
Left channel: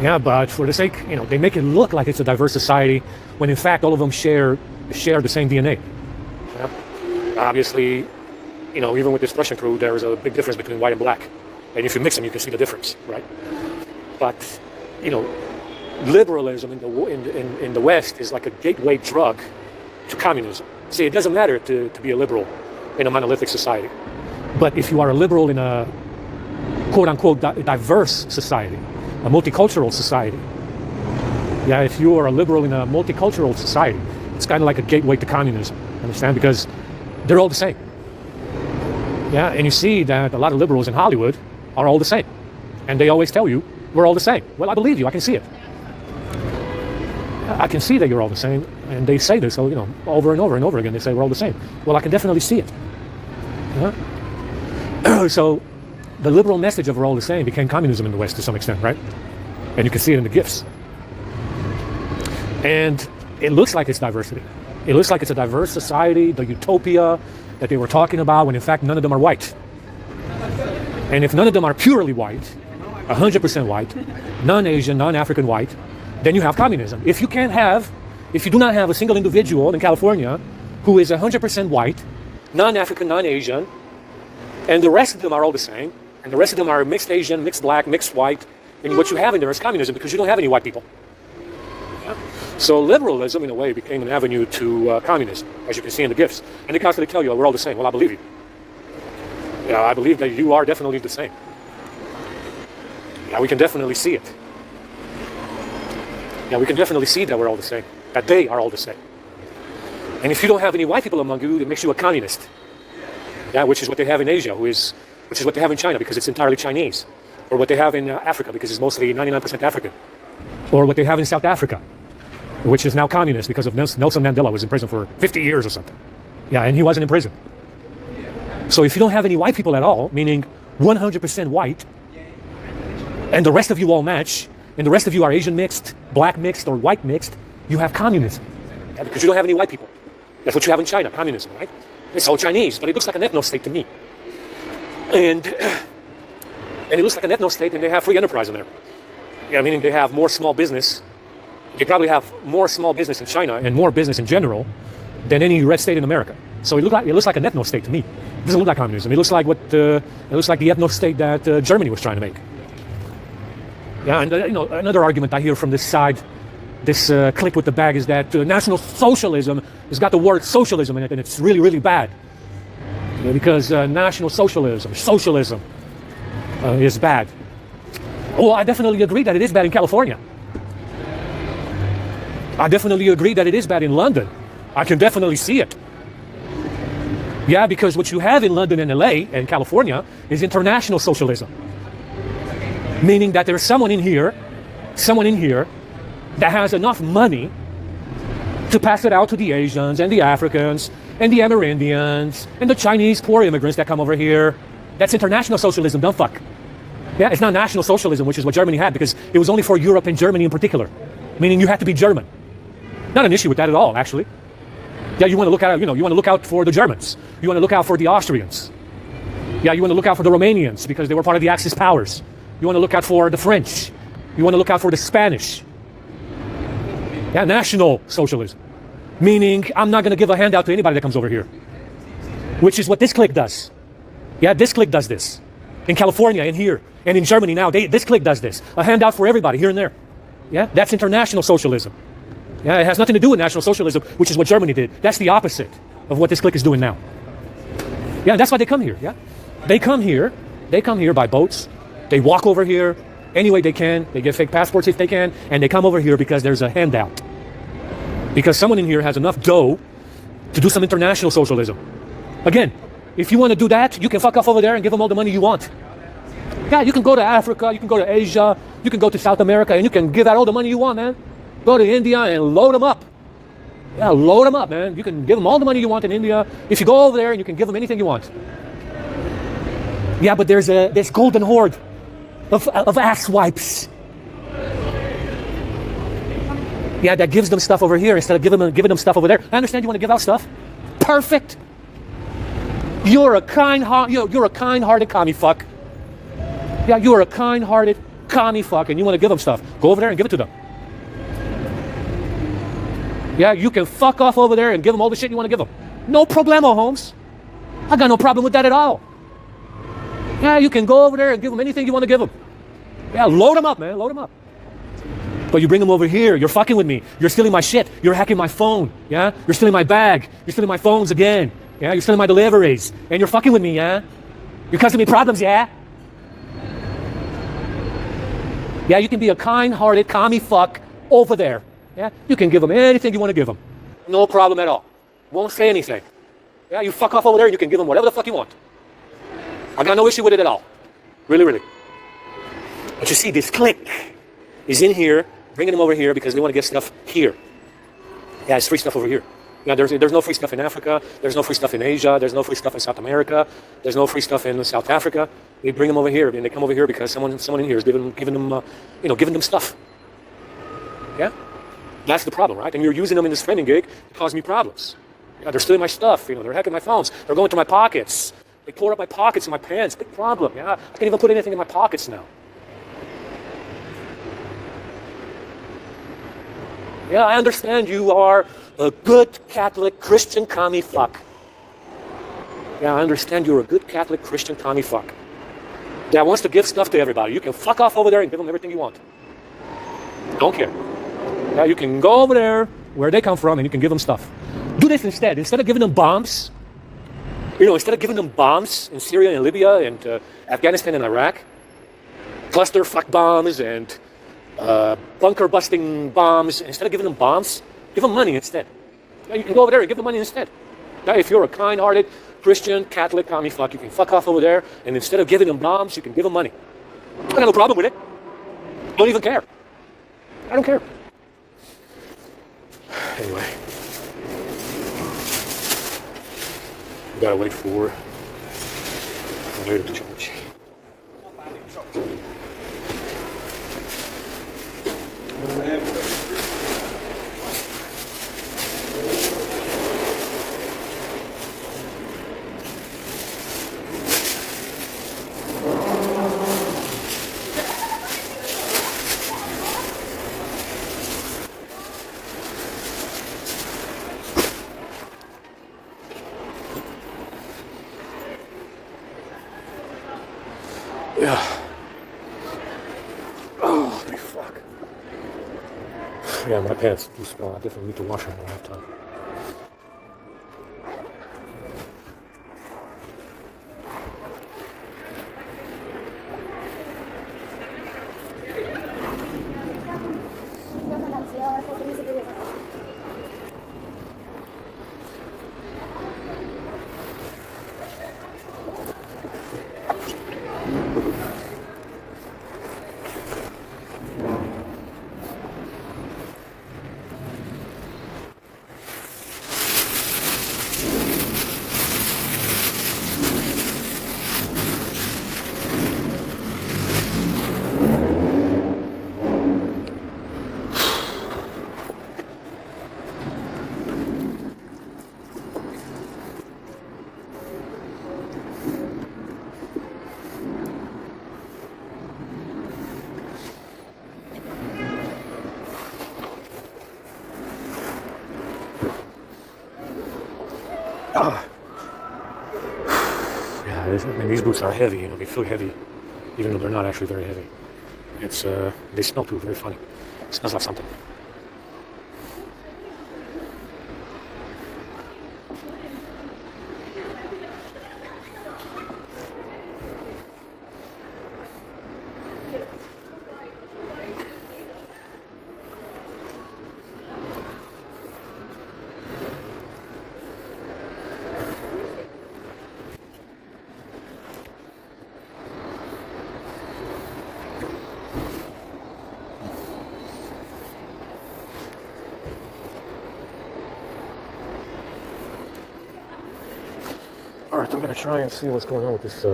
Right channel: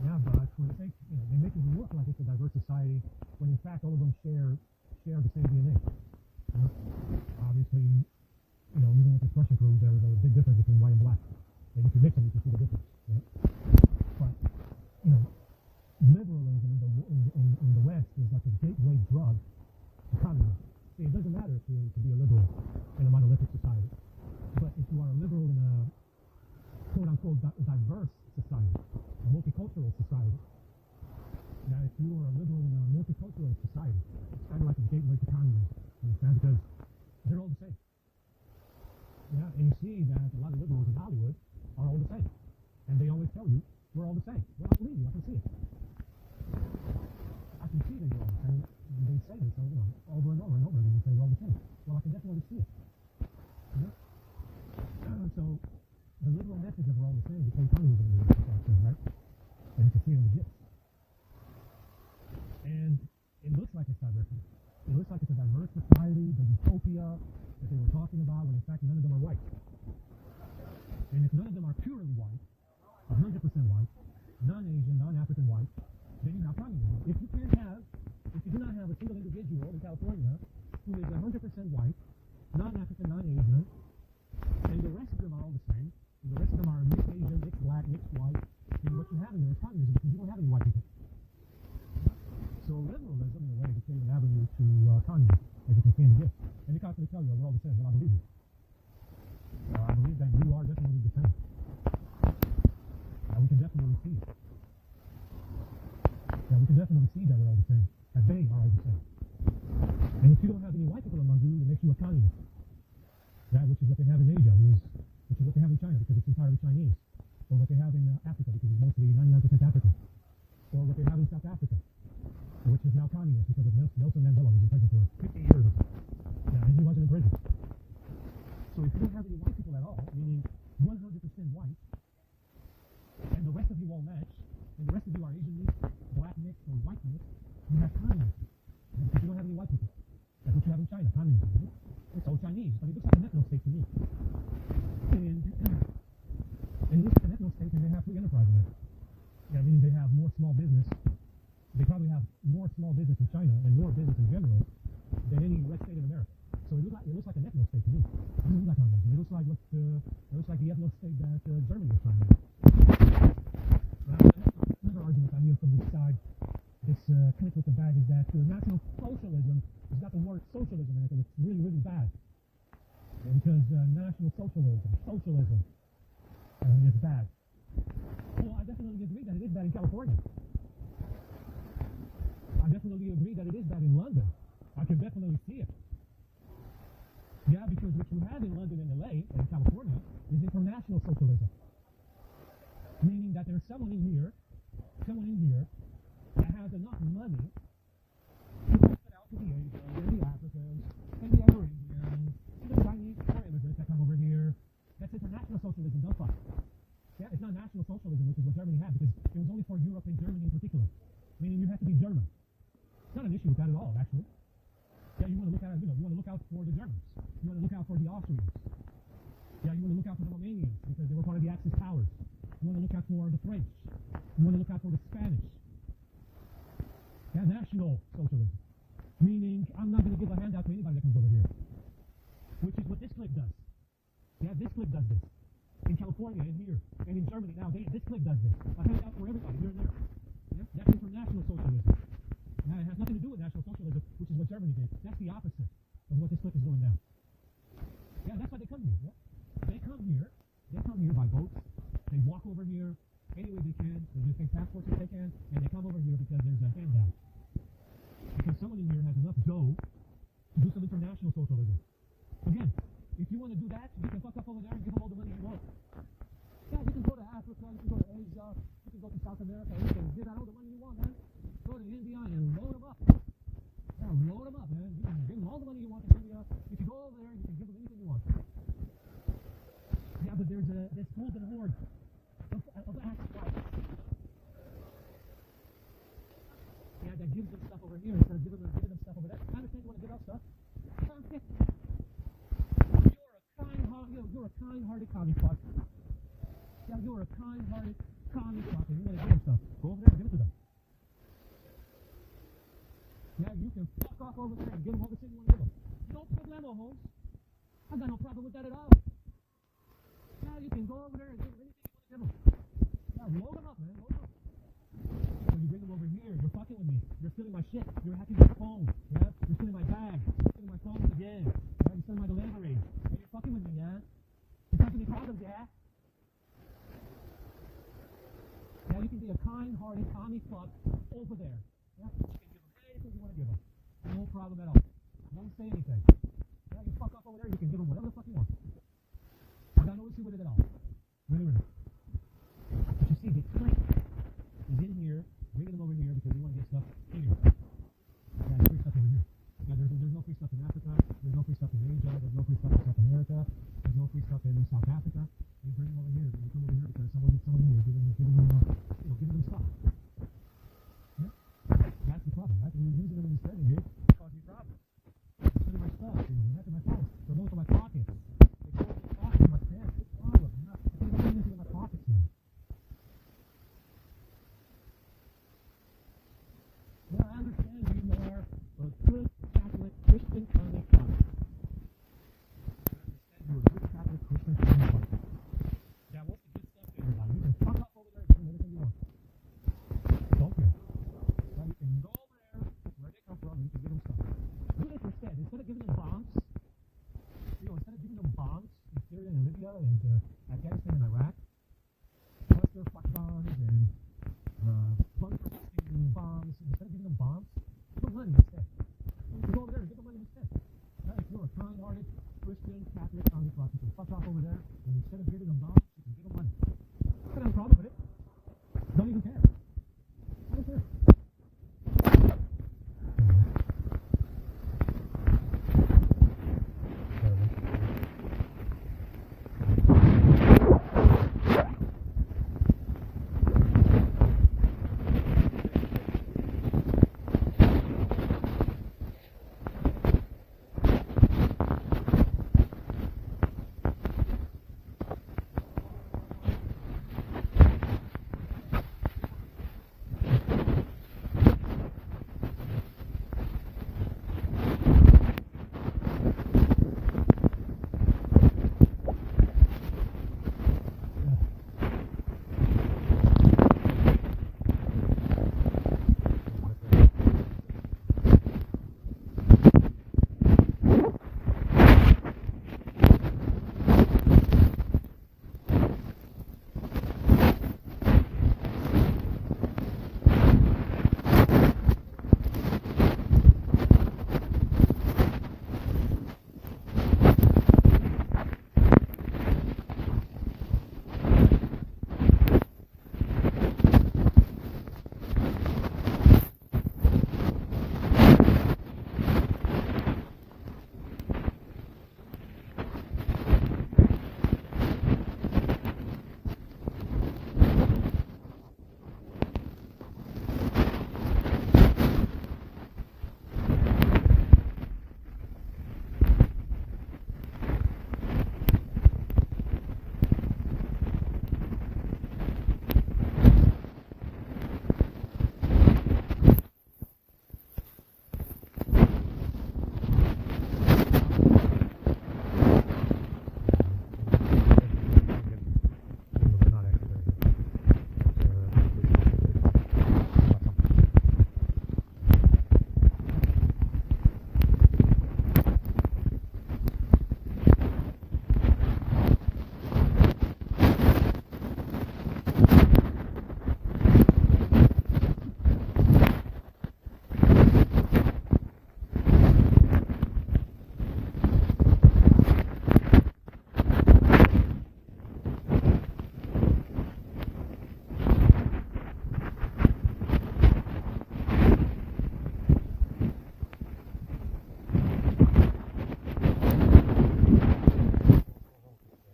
Yeah, but for the sake, they make it look like it's a diverse society, when in fact all of them share the same DNA. Yeah? Obviously, even with this Russian crew, there is a big difference between white and black, and if you mix them, you can see the difference, right? But liberalism in the West is like a gateway drug to communism. See, it doesn't matter to be a liberal in a monolithic society, but if you are a liberal in a quote-unquote diverse society, a multicultural society, yeah, if you are a liberal in a multicultural society, it's kind of like a gateway to communism, understand? Because they're all the same. Yeah, and you see that a lot of liberals in Hollywood are all the same, and they always tell you, we're all the same. Well, I believe you. I can see it. I can see that you're all the same, and they say this, over and over and over again. They say we're all the same. Well, I can definitely see it. Yeah? So the liberal message of we're all the same became communism in the West to some extent, right? And you can see it in the gifts. And it looks like it's diversity. It looks like it's a diverse society, the utopia that they were talking about, when in fact none of them are white. And if none of them are purely white, 100% white, non-Asian, non-African white, then you have communism. If you do not have a single individual in California who is 100% white, non-African, non-Asian, and the rest of them are all the same, and the rest of them are mixed Asian, mixed black, mixed white, and what you have in there is communism because you don't have any white people. Yeah? So liberalism, in a way, became an avenue to communism, as you can see in the gifts. And they constantly tell you, we're all the same. Well, I believe you. Yeah, I believe that you are definitely the same. Yeah, we can definitely see it. Yeah, we can definitely see that we're all the same, that they are all the same. And if you don't have any white people among you, it makes you a communist. Yeah, which is what they have in Asia, which is what they have in China because it's entirely Chinese, or what they have in Africa because it's mostly 99% African. or what they have in South Africa, which is now communist because of Nelson Mandela was in prison for 50 years or something. Yeah, and he wasn't in prison. So if you don't have any white people at all, meaning 100% white, and the rest of you all match, and the rest of you are Asian mixed, black mixed, or white mixed, you have communism. Yeah, because you don't have any white people. That's what you have in China, communism, right? It's all Chinese, but it looks like an ethno-state to me. And it looks like an ethno-state, and they have free enterprise in there. Yeah, meaning they have more small business. They probably have more small business in China and more business in general than any red state in America. So it looks like an ethno-state to me. It doesn't look like communism. It looks like the ethno-state that Germany was trying to make. Yeah, and another argument I hear from this side, this clique with the bag, is that National Socialism has got the word socialism in it, and it's really, really bad. Because National Socialism is bad. Well, I definitely agree that it is bad in California. I definitely agree that it is bad in London. I can definitely see it. Yeah, because what you have in London and LA and California is international socialism. Meaning that there's someone in here that has enough money to pass it out to the Asians and the Africans and the Amerindians and the Chinese poor immigrants that come over here. That's international socialism, dumb fuck. Yeah, it's not national socialism, which is what Germany had, because it was only for Europe and Germany in particular. Meaning you had to be German. Not an issue with that at all, actually. Yeah, you want to look at, you want to look out for the Germans. You want to look out for the Austrians. Yeah, you want to look out for the Romanians because they were part of the Axis powers. You want to look out for the French. You want to look out for the Spanish. Yeah, national socialism. Meaning, I'm not going to give a handout to anybody that comes over here. Which is what this clique does. Yeah, this clique does this. In California, in here, and in Germany now, this clique does this. A handout for everybody, here and there. Yeah, that's international socialism. Yeah, it has nothing to do with national socialism, which is what Germany did. That's the opposite of what this clique is doing now. Yeah, that's why they come here, yeah? They come here by boats. They walk over here any way they can. They get fake passports if they can, and they come over here because there's a handout. Because someone in here has enough dough to do some international socialism. Again, if you want to do that, you can fuck off over there and give them all the money you want. Yeah, you can go to Africa, you can go to Asia, you can go to South America, and you can give out all the money you want, man. Go to India and load them up. Yeah, load them up, man. You can give them all the money you want in India. If you go over there and you can give them anything you want. Yeah, but there's this golden horde of ass wipes. Yeah, that gives them stuff over here instead of giving them stuff over there. I understand you want to give out stuff. Perfect. You're a kind-hearted commie fuck. Yeah, you're a kind-hearted commie fuck, and you want to give them stuff. Go over there and give it to them. Yeah, you can fuck off over there and give them all the shit you want to give them. No problemo, Holmes. I got no problem with that at all. Yeah, you can go over there and give them anything you want to give them. Yeah, load them up, man. Load them up. But you bring them over here. You're fucking with me. You're stealing my shit. You're hacking my phone. Yeah? You're stealing my bag. You're stealing my phones again. Yeah? You're stealing my deliveries. And you're fucking with me, yeah? You're causing me problems, yeah? Yeah, you can be a kind-hearted commie fuck over there. Yeah? You can give them anything you want to give them. No problem at all. Won't say anything. Yeah, you fuck off over there and you can give them whatever the fuck you want. I got no issue with it at all. Really, really. But you see, this clique is in here, bringing them over here because they want to get stuff here. Yeah, it's free stuff over here. Yeah, there's no free stuff in Africa. There's no free stuff in Asia. There's no free stuff in South America. There's no free stuff in South Africa. They bring them over here, and they come over here because someone in here is giving them stuff. Yeah, that's the problem, right? And you're using them in this spending gig to cause me problems. Yeah, they're stealing my stuff. They're hacking my phones. They're going to my pockets. They tore up my pockets and my pants. Big problem. Yeah, I can't even put anything in my pockets now. Yeah, I understand you are a good Catholic Christian commie fuck. Yeah, I understand you're a good Catholic Christian commie fuck that wants to give stuff to everybody. You can fuck off over there and give them everything you want. Don't care. Yeah, you can go over there where they come from and you can give them stuff. Do this instead. Instead of giving them bombs, instead of giving them bombs in Syria and Libya and Afghanistan and Iraq, cluster fuck bombs and bunker busting bombs, instead of giving them bombs, give them money instead. Yeah, you can go over there and give them money instead. Now, if you're a kind-hearted Christian, Catholic, commie fuck, you can fuck off over there, and instead of giving them bombs, you can give them money. I got no problem with it. Don't even care. I don't care. Anyway, we gotta wait for later to change. Yeah. Oh, fuck. Yeah, my pants do smell. I definitely need to wash them all the time. These boots are heavy, they feel heavy, even though they're not actually very heavy. It's they smell too, very funny. It smells like something. Alright, I'm gonna try and see what's going on with this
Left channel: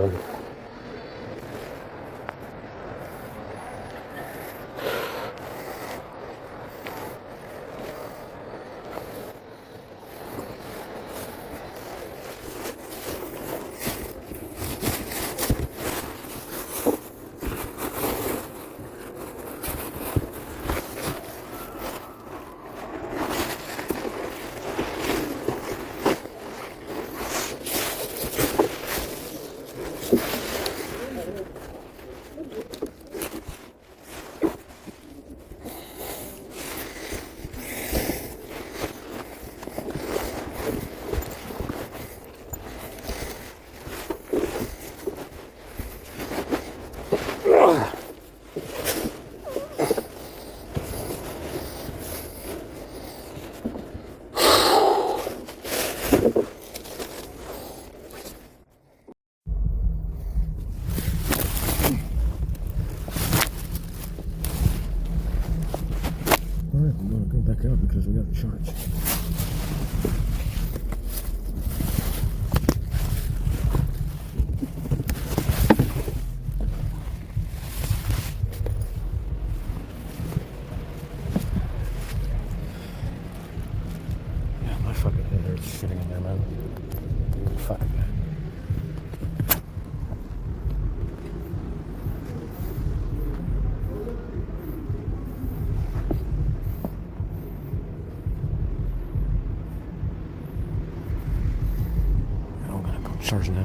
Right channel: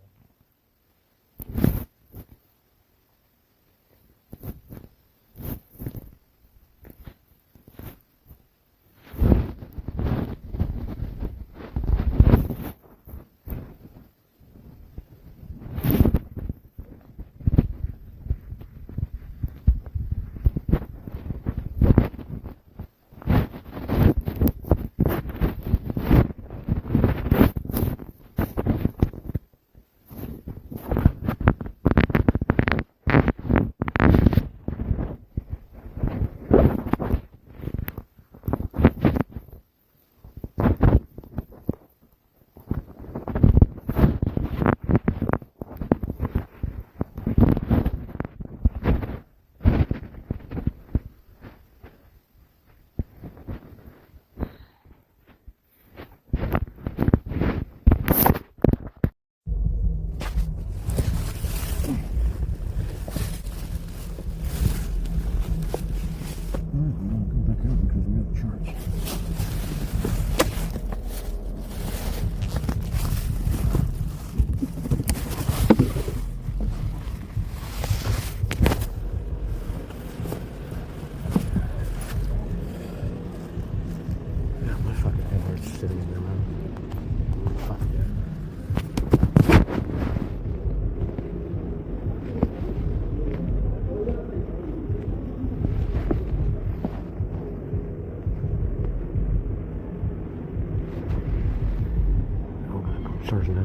because we got the charge. Yeah, my fucking head hurts shitting in there, man. Fuck. Charge now.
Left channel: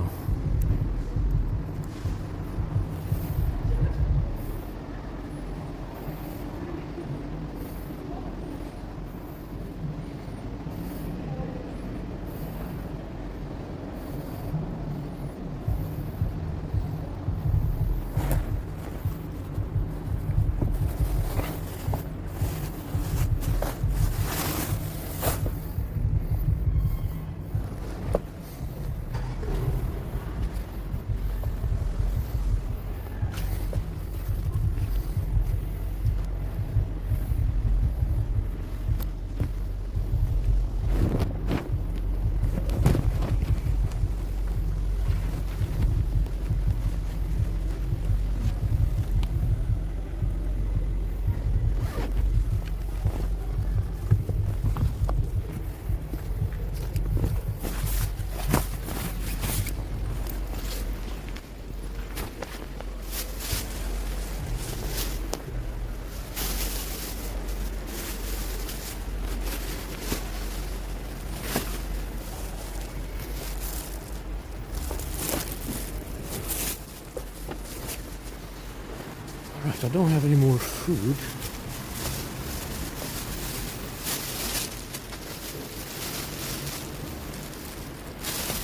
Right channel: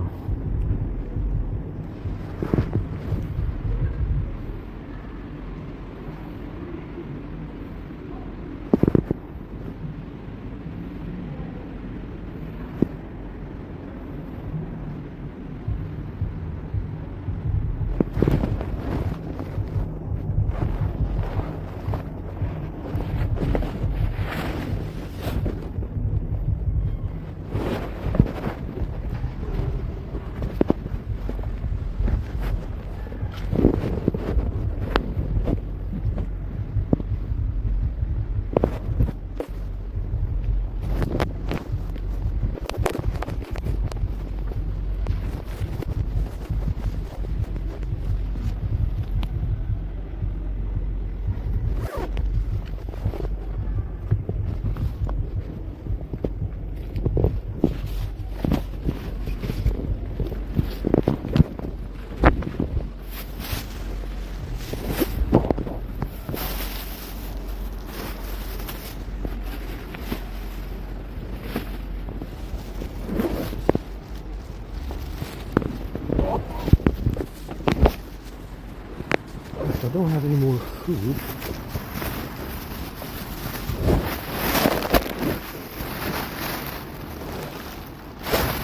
don't have any more food.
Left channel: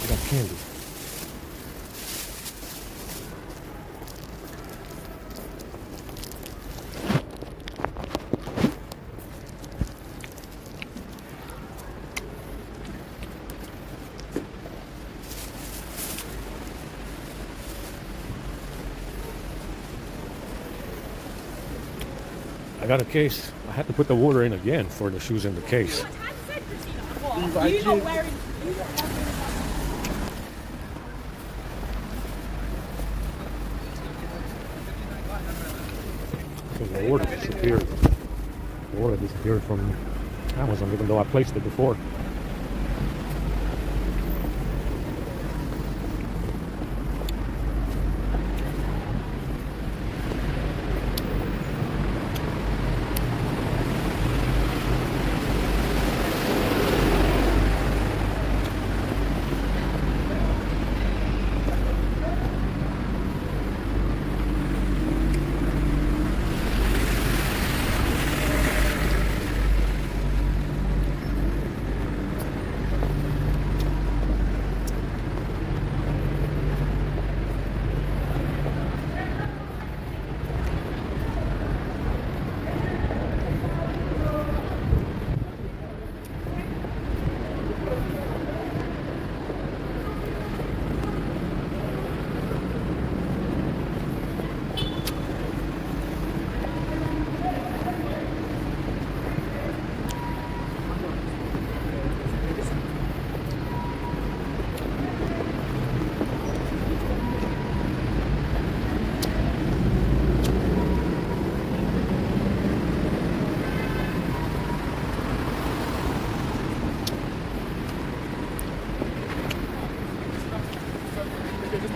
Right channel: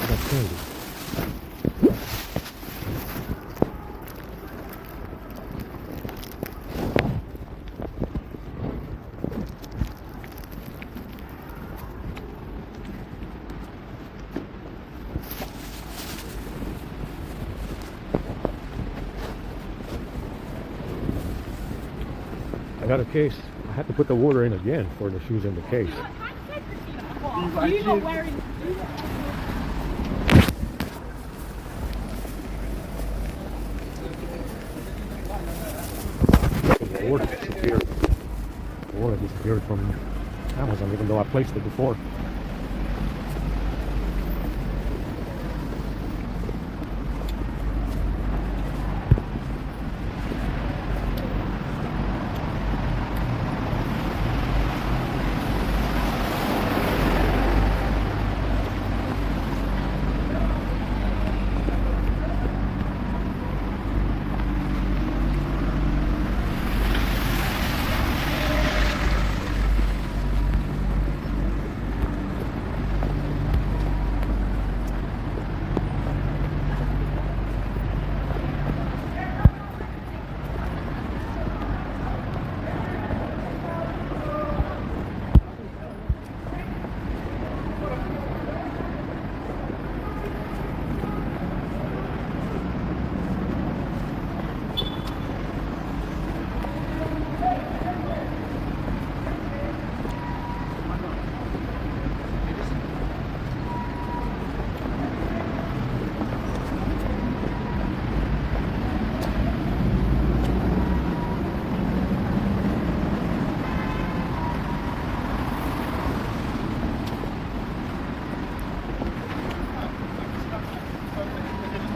I got candy. I got a case. I had to put the water in again for the shoes in the case. You not wearing. The water disappeared. The water disappeared from Amazon, even though I placed it before.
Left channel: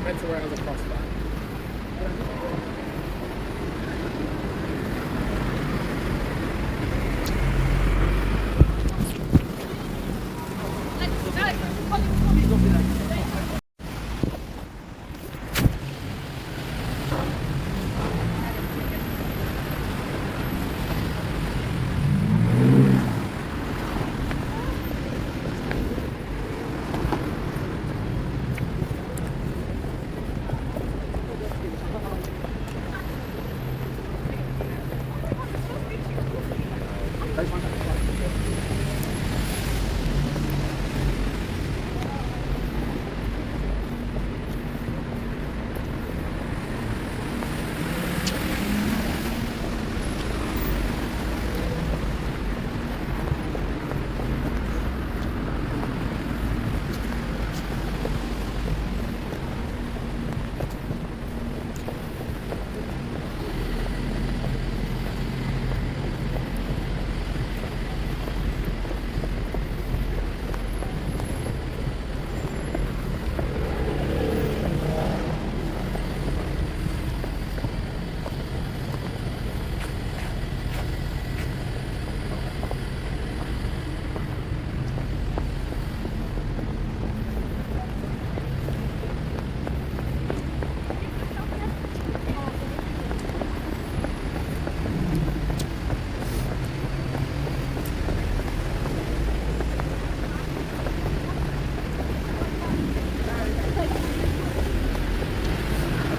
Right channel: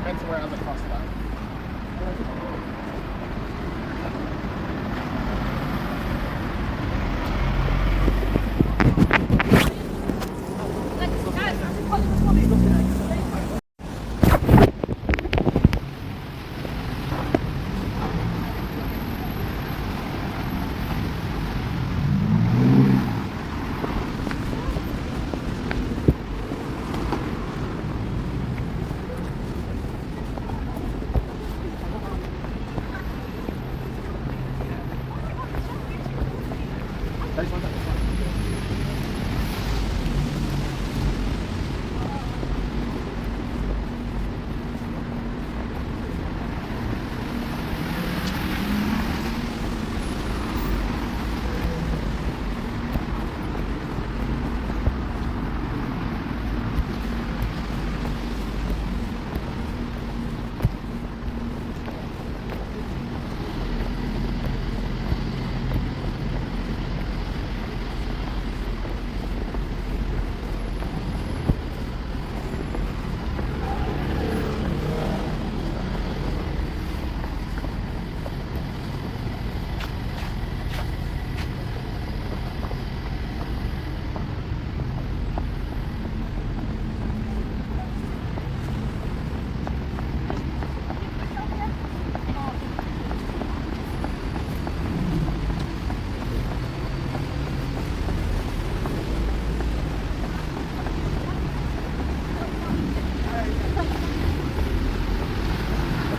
Depends where other cross line.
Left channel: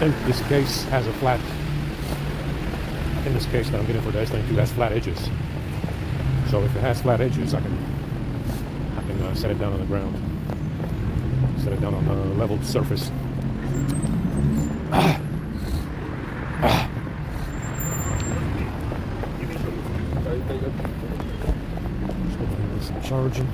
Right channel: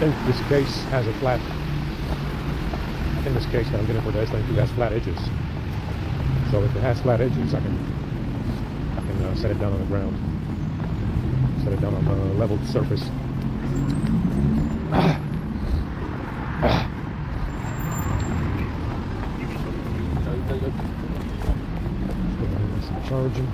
I think this case has a flat. In this case that I'm getting for the S92 has flat edges. So if it has flat edges, I can set it down on the ground. Set it down on a leveled surface. Some charging.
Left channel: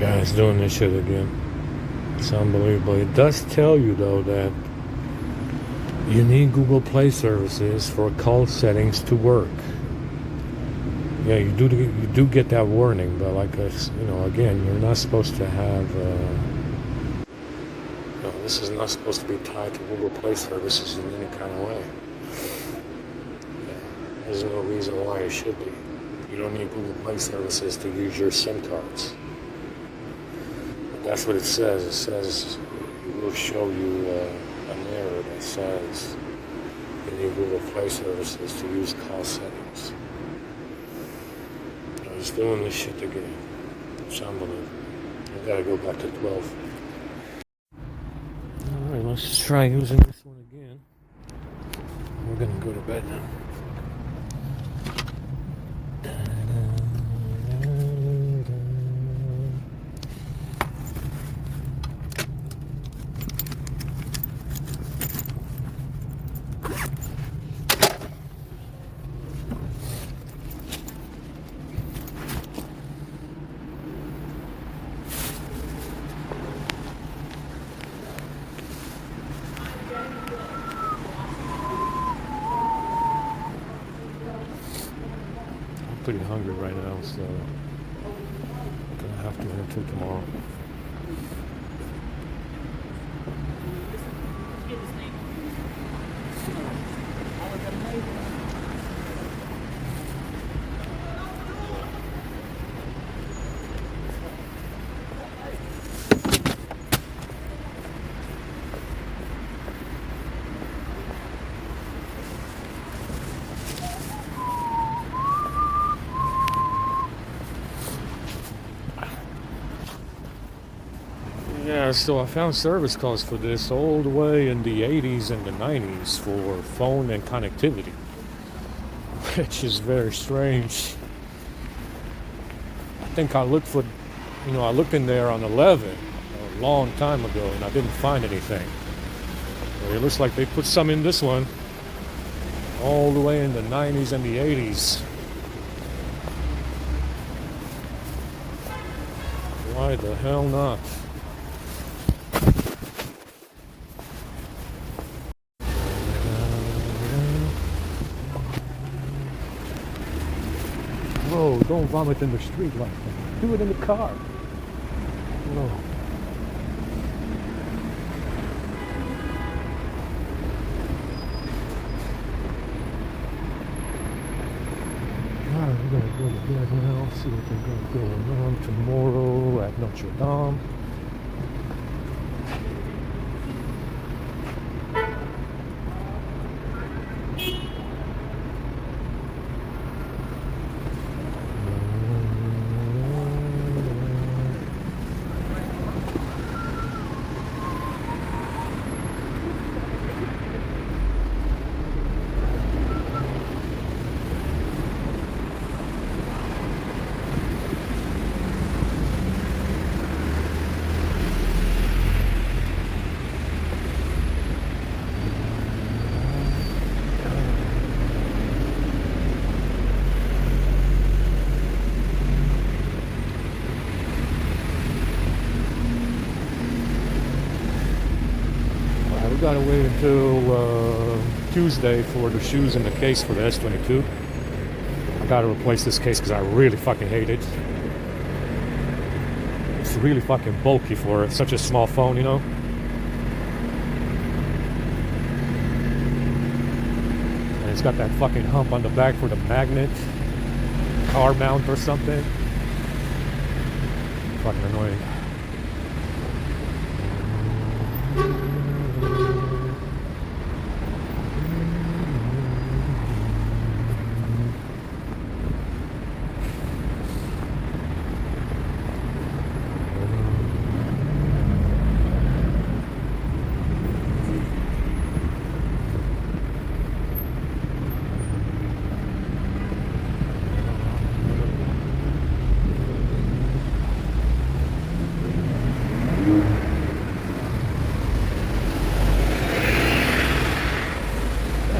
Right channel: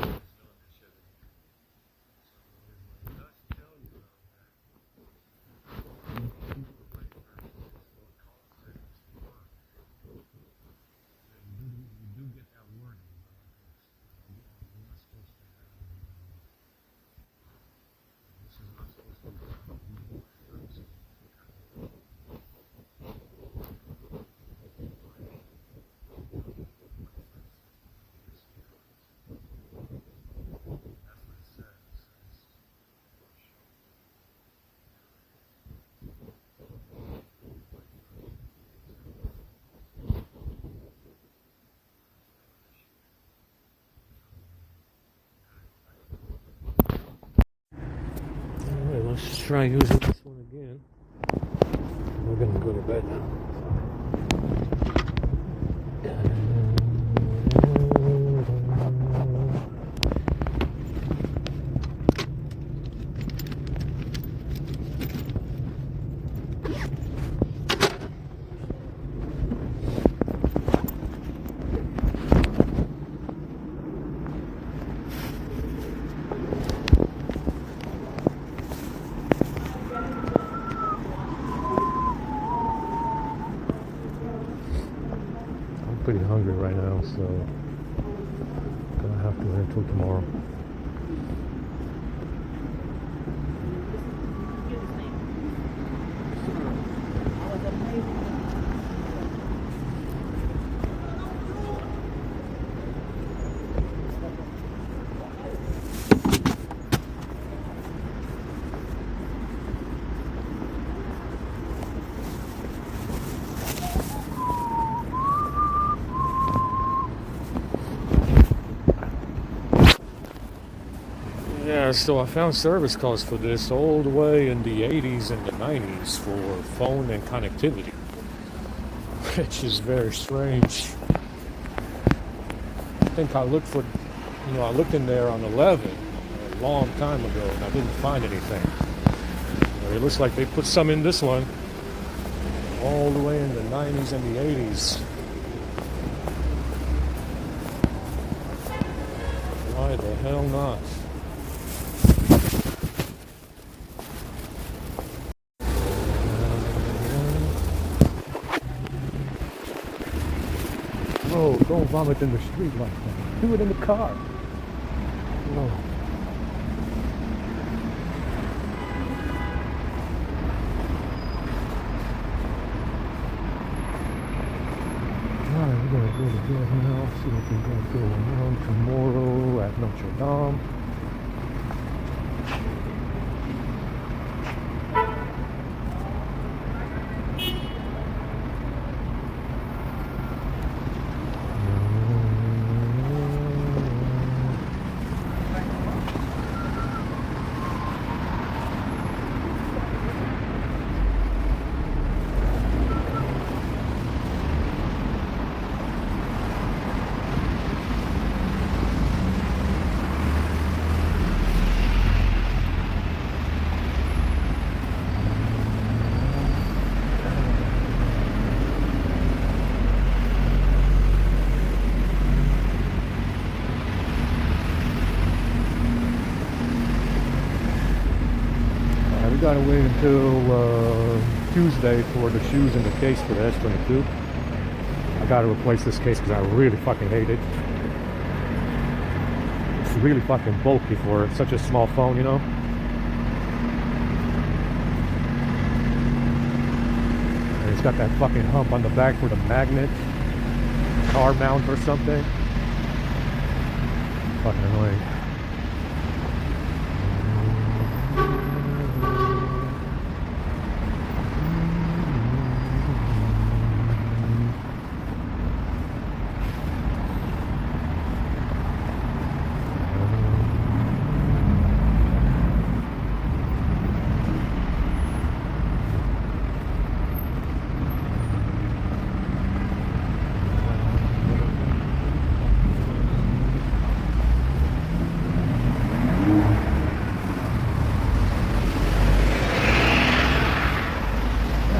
Guys doing this shit again. It's unbelievable. It does tell you though that you need Google Play services for call settings to work. Yeah, you do get that warning, but like again, you're not supposed to have. This is not supposed to be tied to Google Play services in any kind of way. There's no reason why it should be. You don't need Google Play services to use your SIM cards. That's what it says. It says it will show you an error that says you need Google Play services to use call settings. I was doing this shit again. It's unbelievable. I gotta go back to 12. Alright, let's try using this one again. We're gonna go to bed now. Pretty hungry right now, so gonna have to wait till tomorrow. Yeah, so I found service calls for this all the way in the 80s and the 90s for phone and connectivity, which is very strange. I think I looked for, I looked in there on 11 a long time ago and I didn't find anything. It looks like they put some in this one all the way in the 90s and the 80s. Why the hell not? No, don't vomit in the street like that. Do it in the car. Yeah. We're gonna go to bed now, see what we're gonna do tomorrow at Notre Dame. Gotta wait until Tuesday for the shoes in the case for the S22. I gotta replace this case because I really fucking hate it. It's really fucking bulky for such a small phone, And it's got that fucking hump on the back for the magnet. car mount or something. Fucking annoying.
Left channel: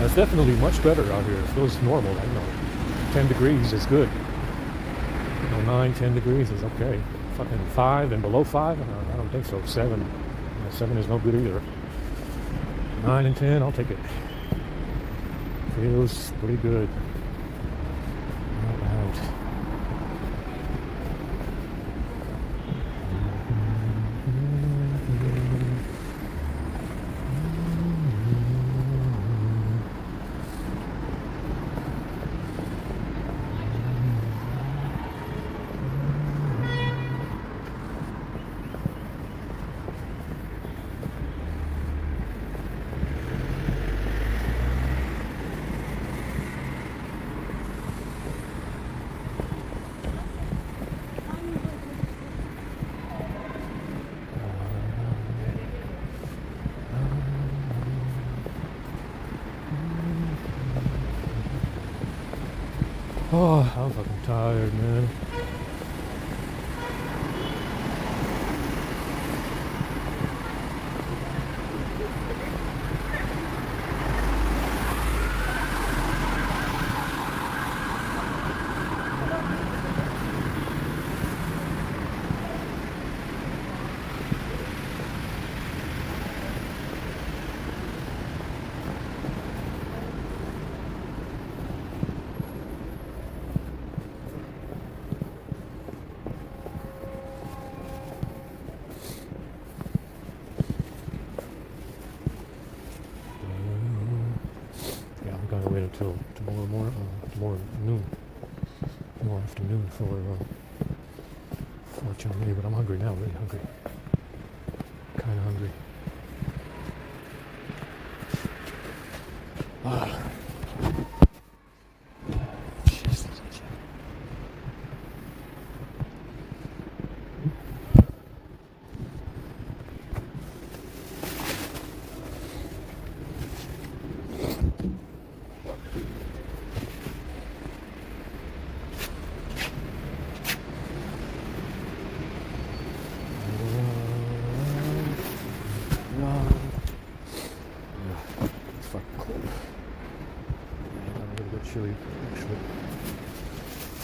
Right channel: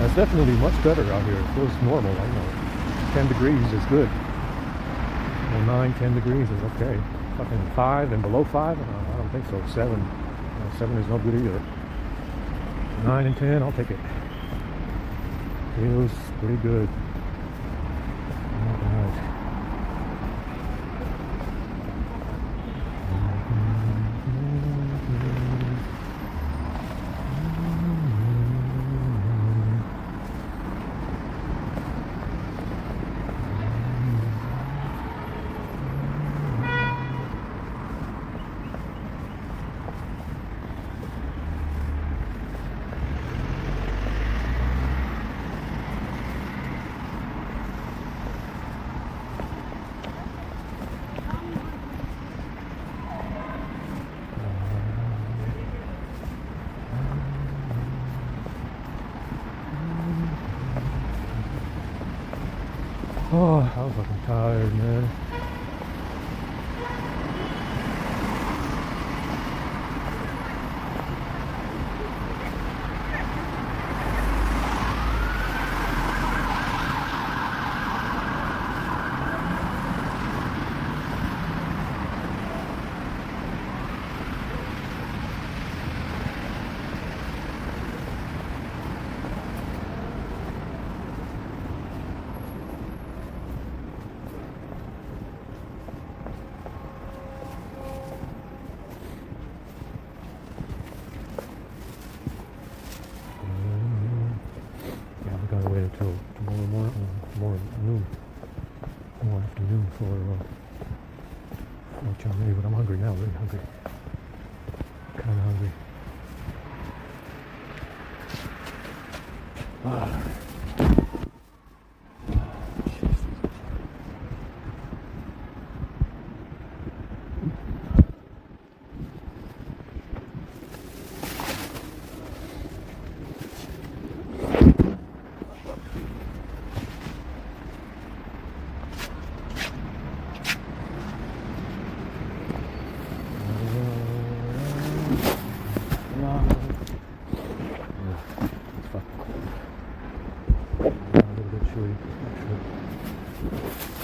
It's definitely much better out here. It feels normal. I don't know. 10 degrees is good. And 9, 10 degrees is okay. Fucking 5 and below 5? I don't think so. 7. You know, 7 is no good either. 9 and 10, I'll take it. Feels pretty good. Alright. Oh, I'm fucking tired, man. Until tomorrow morning, tomorrow noon, tomorrow afternoon for Chinese. But I'm hungry now. Really hungry. Kind of hungry. Jesus.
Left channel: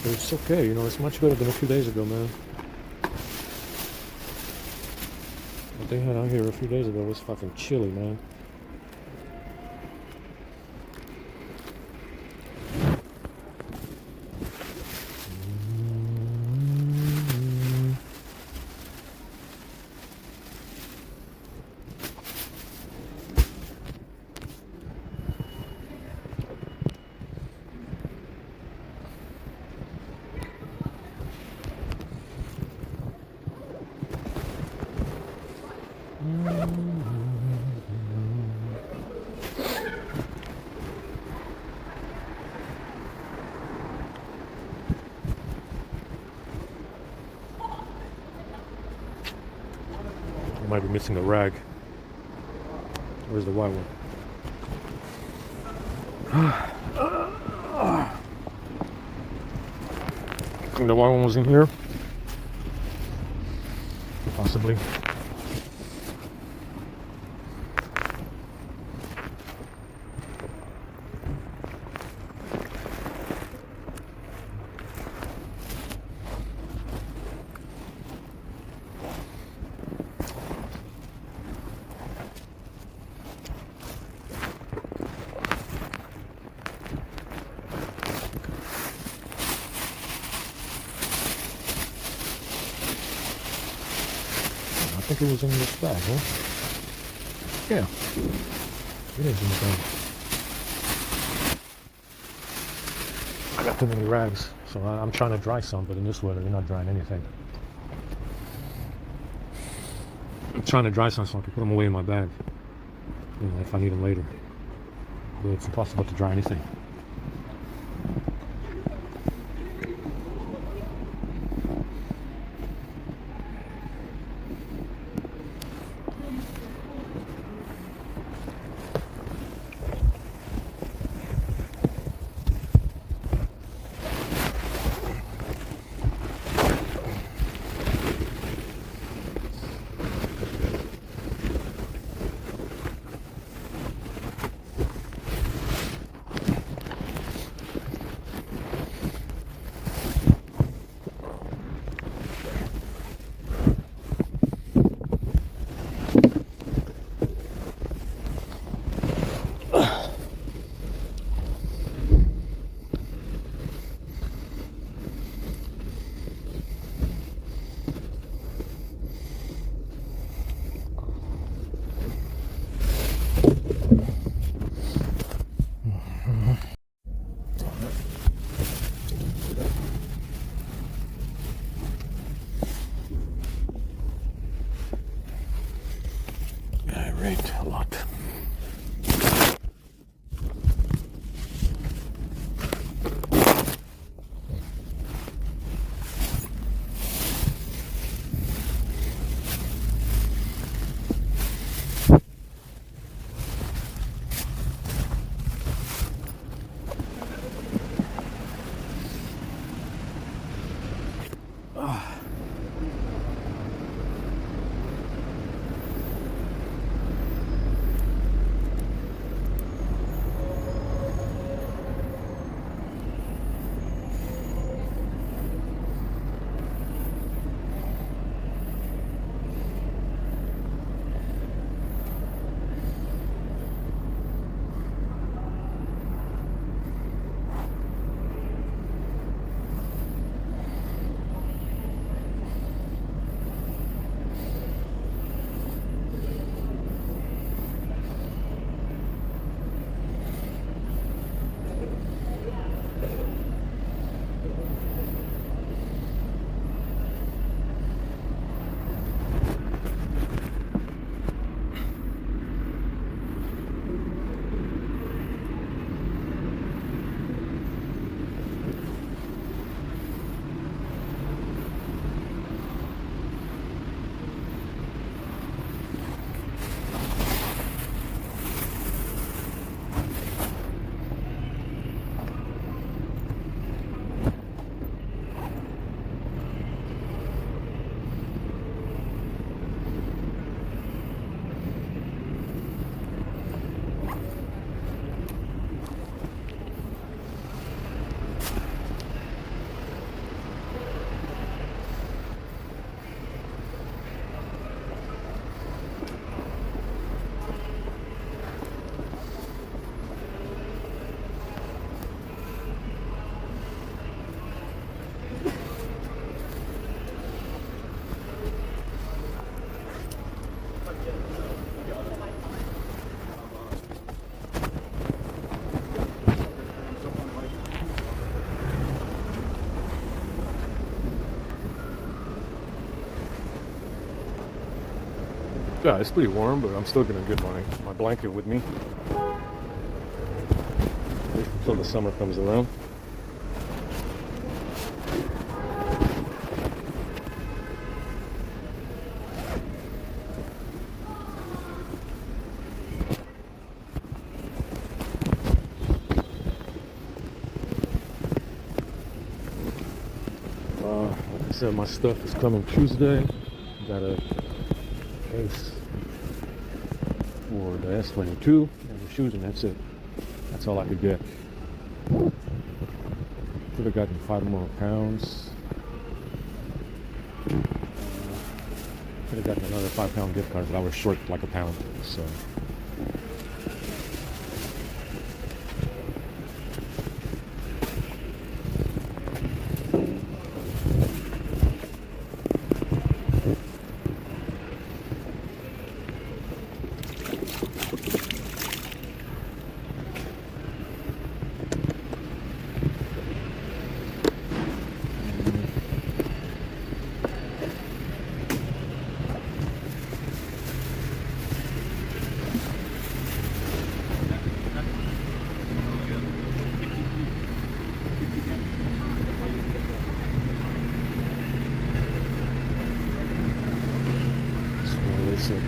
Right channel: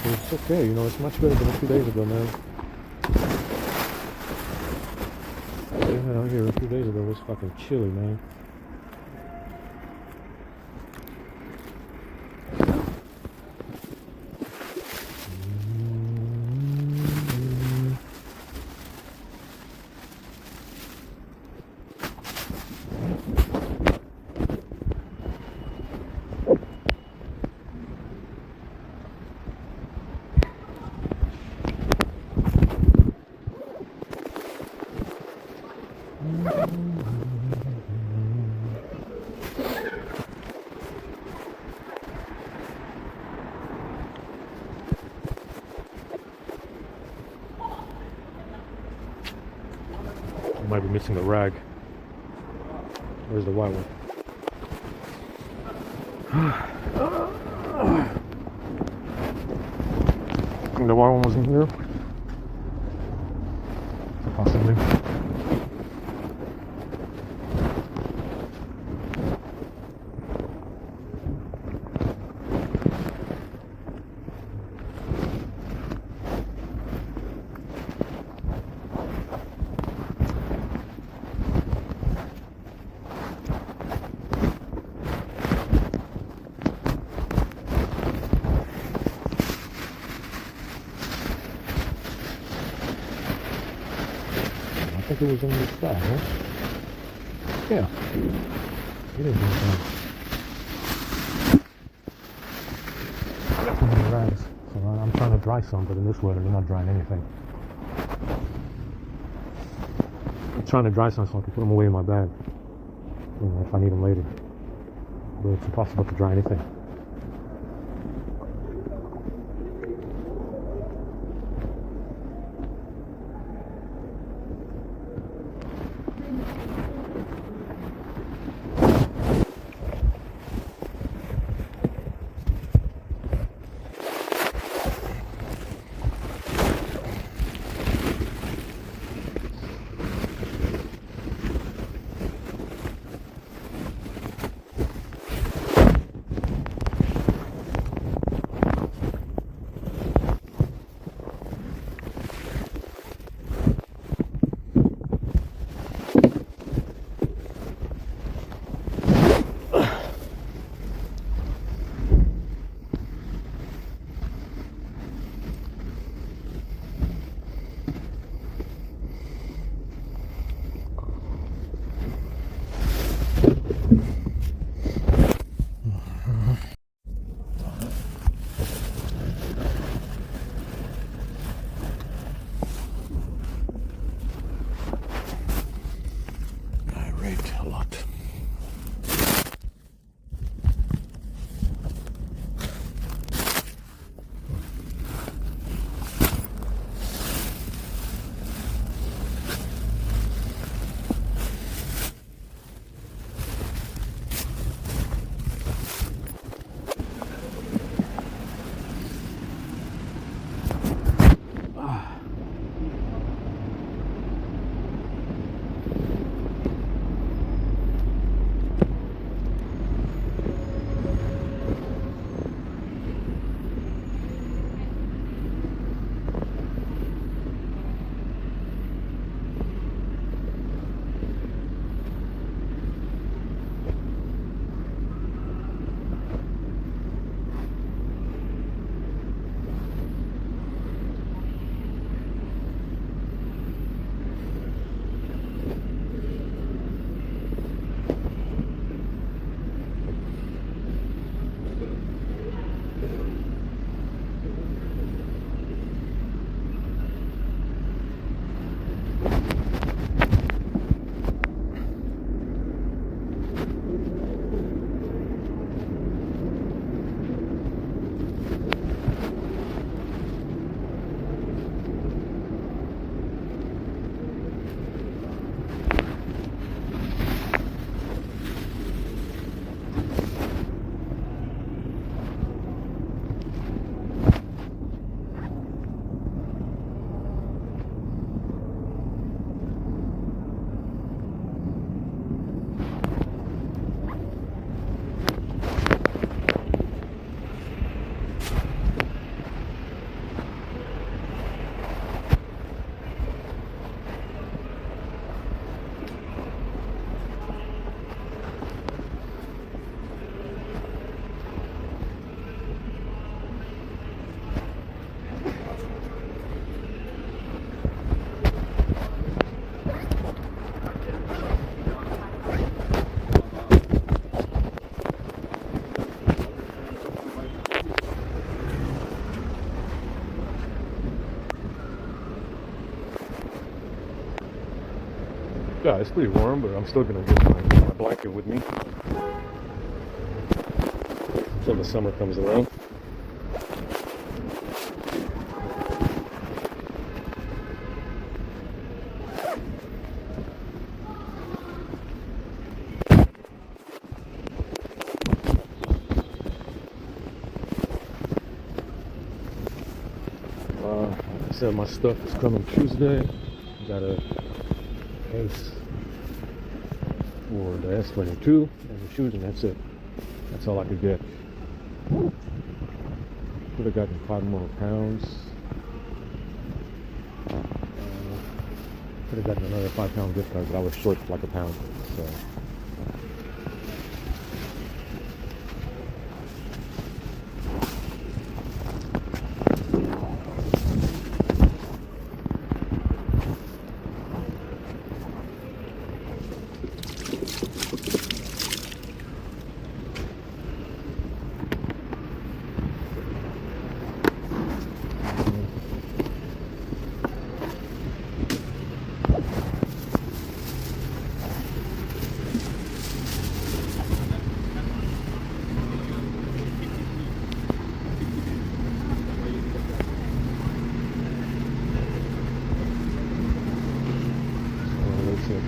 It's okay, you know, it's much better than a few days ago, man. They had out here a few days ago, it was fucking chilly, man. I might be missing the rag. Where's the white one? I think the white one was in here. Possibly. I think it was in this bag, huh? Yeah. It is inside. I got too many rags. So I'm trying to dry some, but in this weather, we're not drying anything. I'm trying to dry some so I can put them away in my bag, you know, if I need them later. But it's impossible to dry anything. A lot. Yeah, it's pretty warm, but I'm still gonna get my blanket with me until the summer comes around. Like I said, my stuff is coming Tuesday. Got a for the Escalator 2 and the shoes, and that's it. That's all I could get. Could have gotten 5 more pounds. Could have gotten another £5 gift card, but I was short like a pound. So.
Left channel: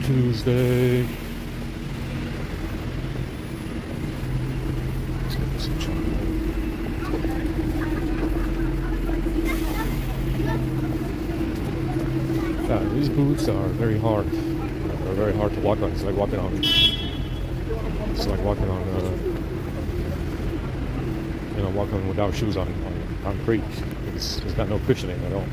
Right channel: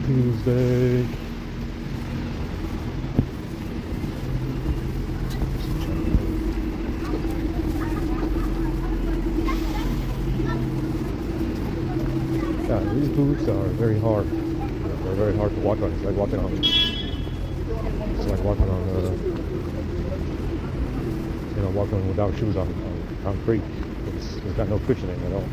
Tuesday. These boots are very hard. They're very hard to walk on. It's like walking on. It's like walking on. Walking without shoes on concrete. It's got no cushioning at all.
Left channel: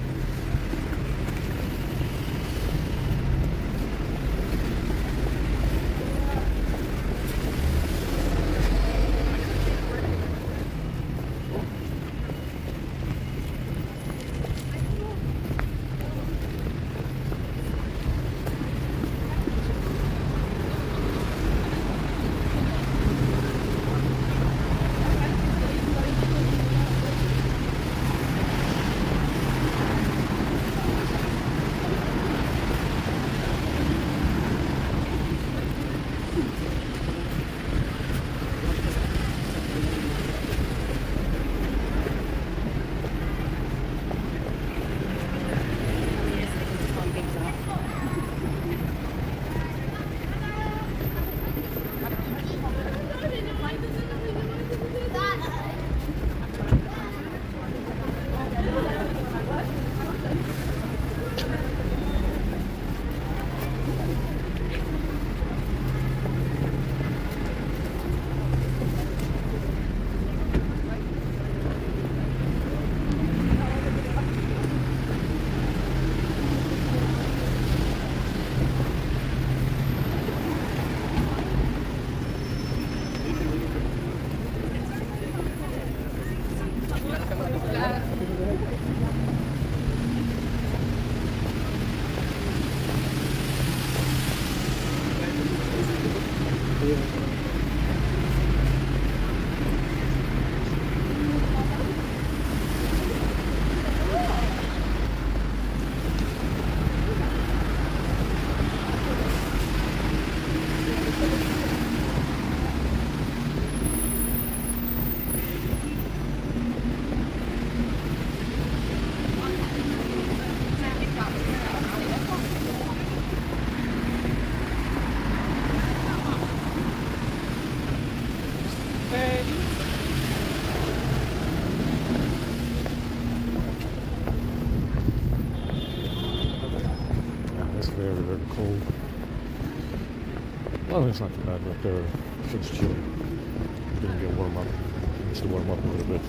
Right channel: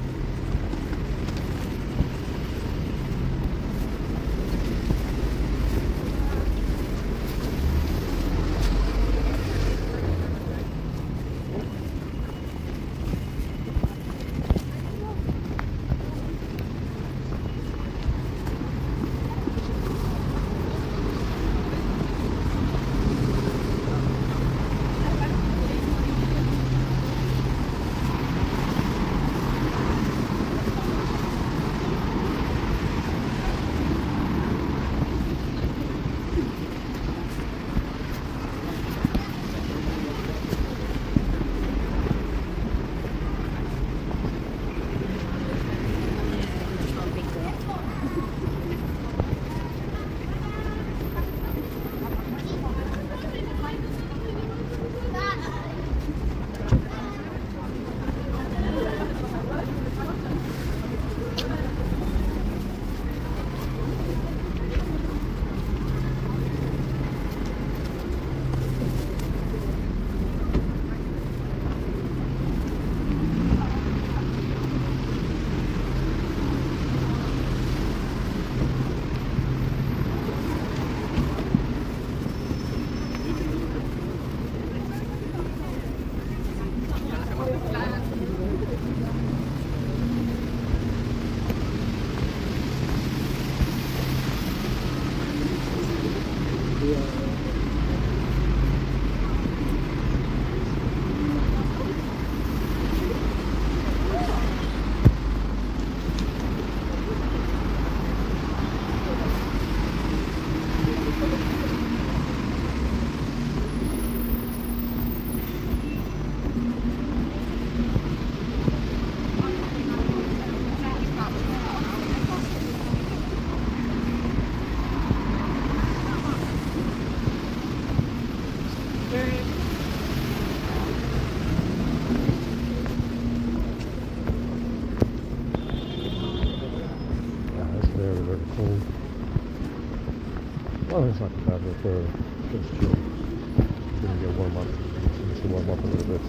cold. Well, it's not too bad, but it's chilly. It's going to get warm up. It's going to warm up a little bit.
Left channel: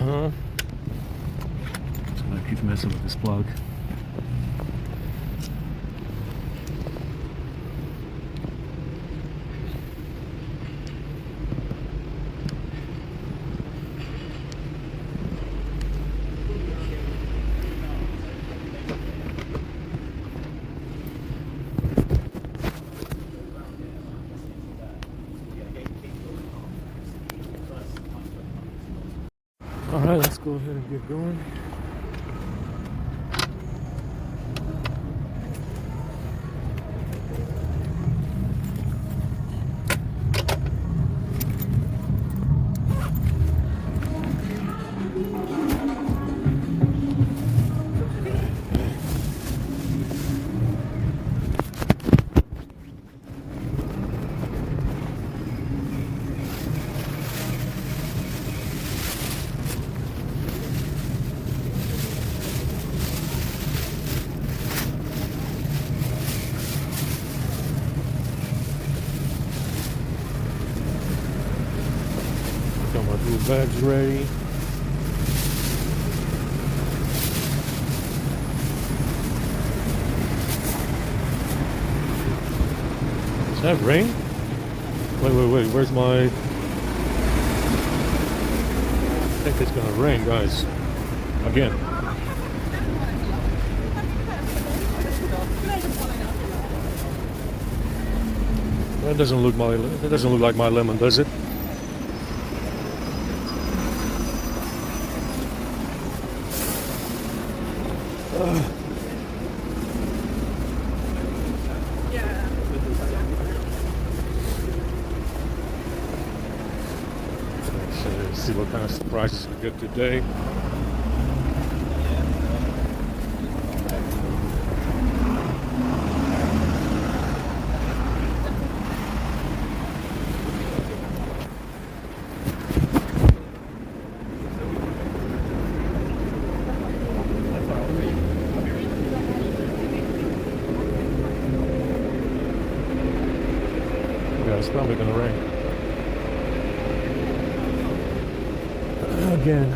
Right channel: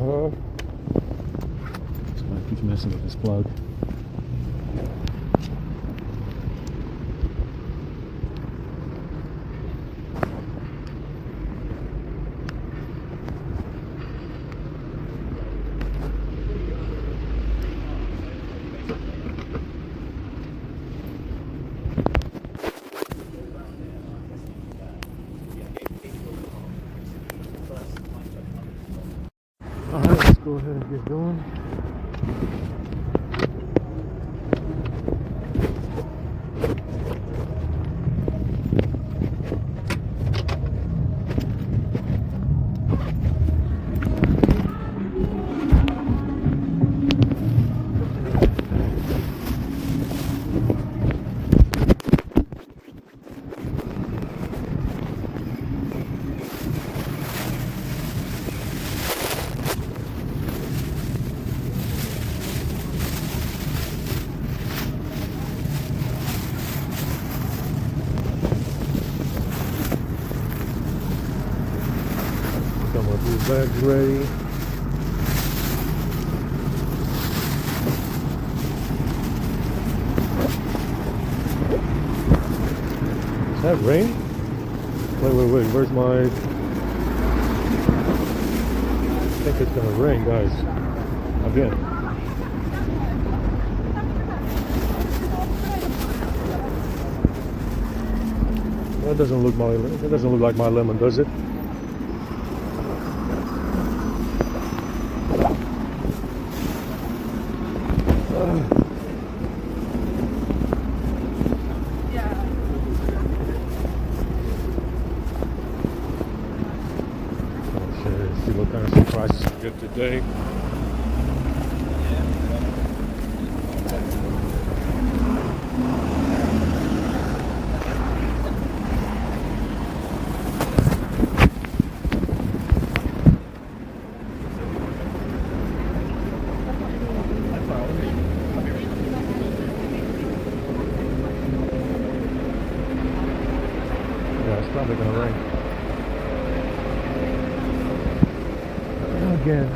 So I keep messing with this plug. Alright, let's go ahead and get going. some of these eggs ready. Is that rain? Wait, where's my... I think it's gonna rain, guys. Again. That doesn't look like my lemon, does it? Let's see what kind of surprises we get today. It's probably gonna rain again.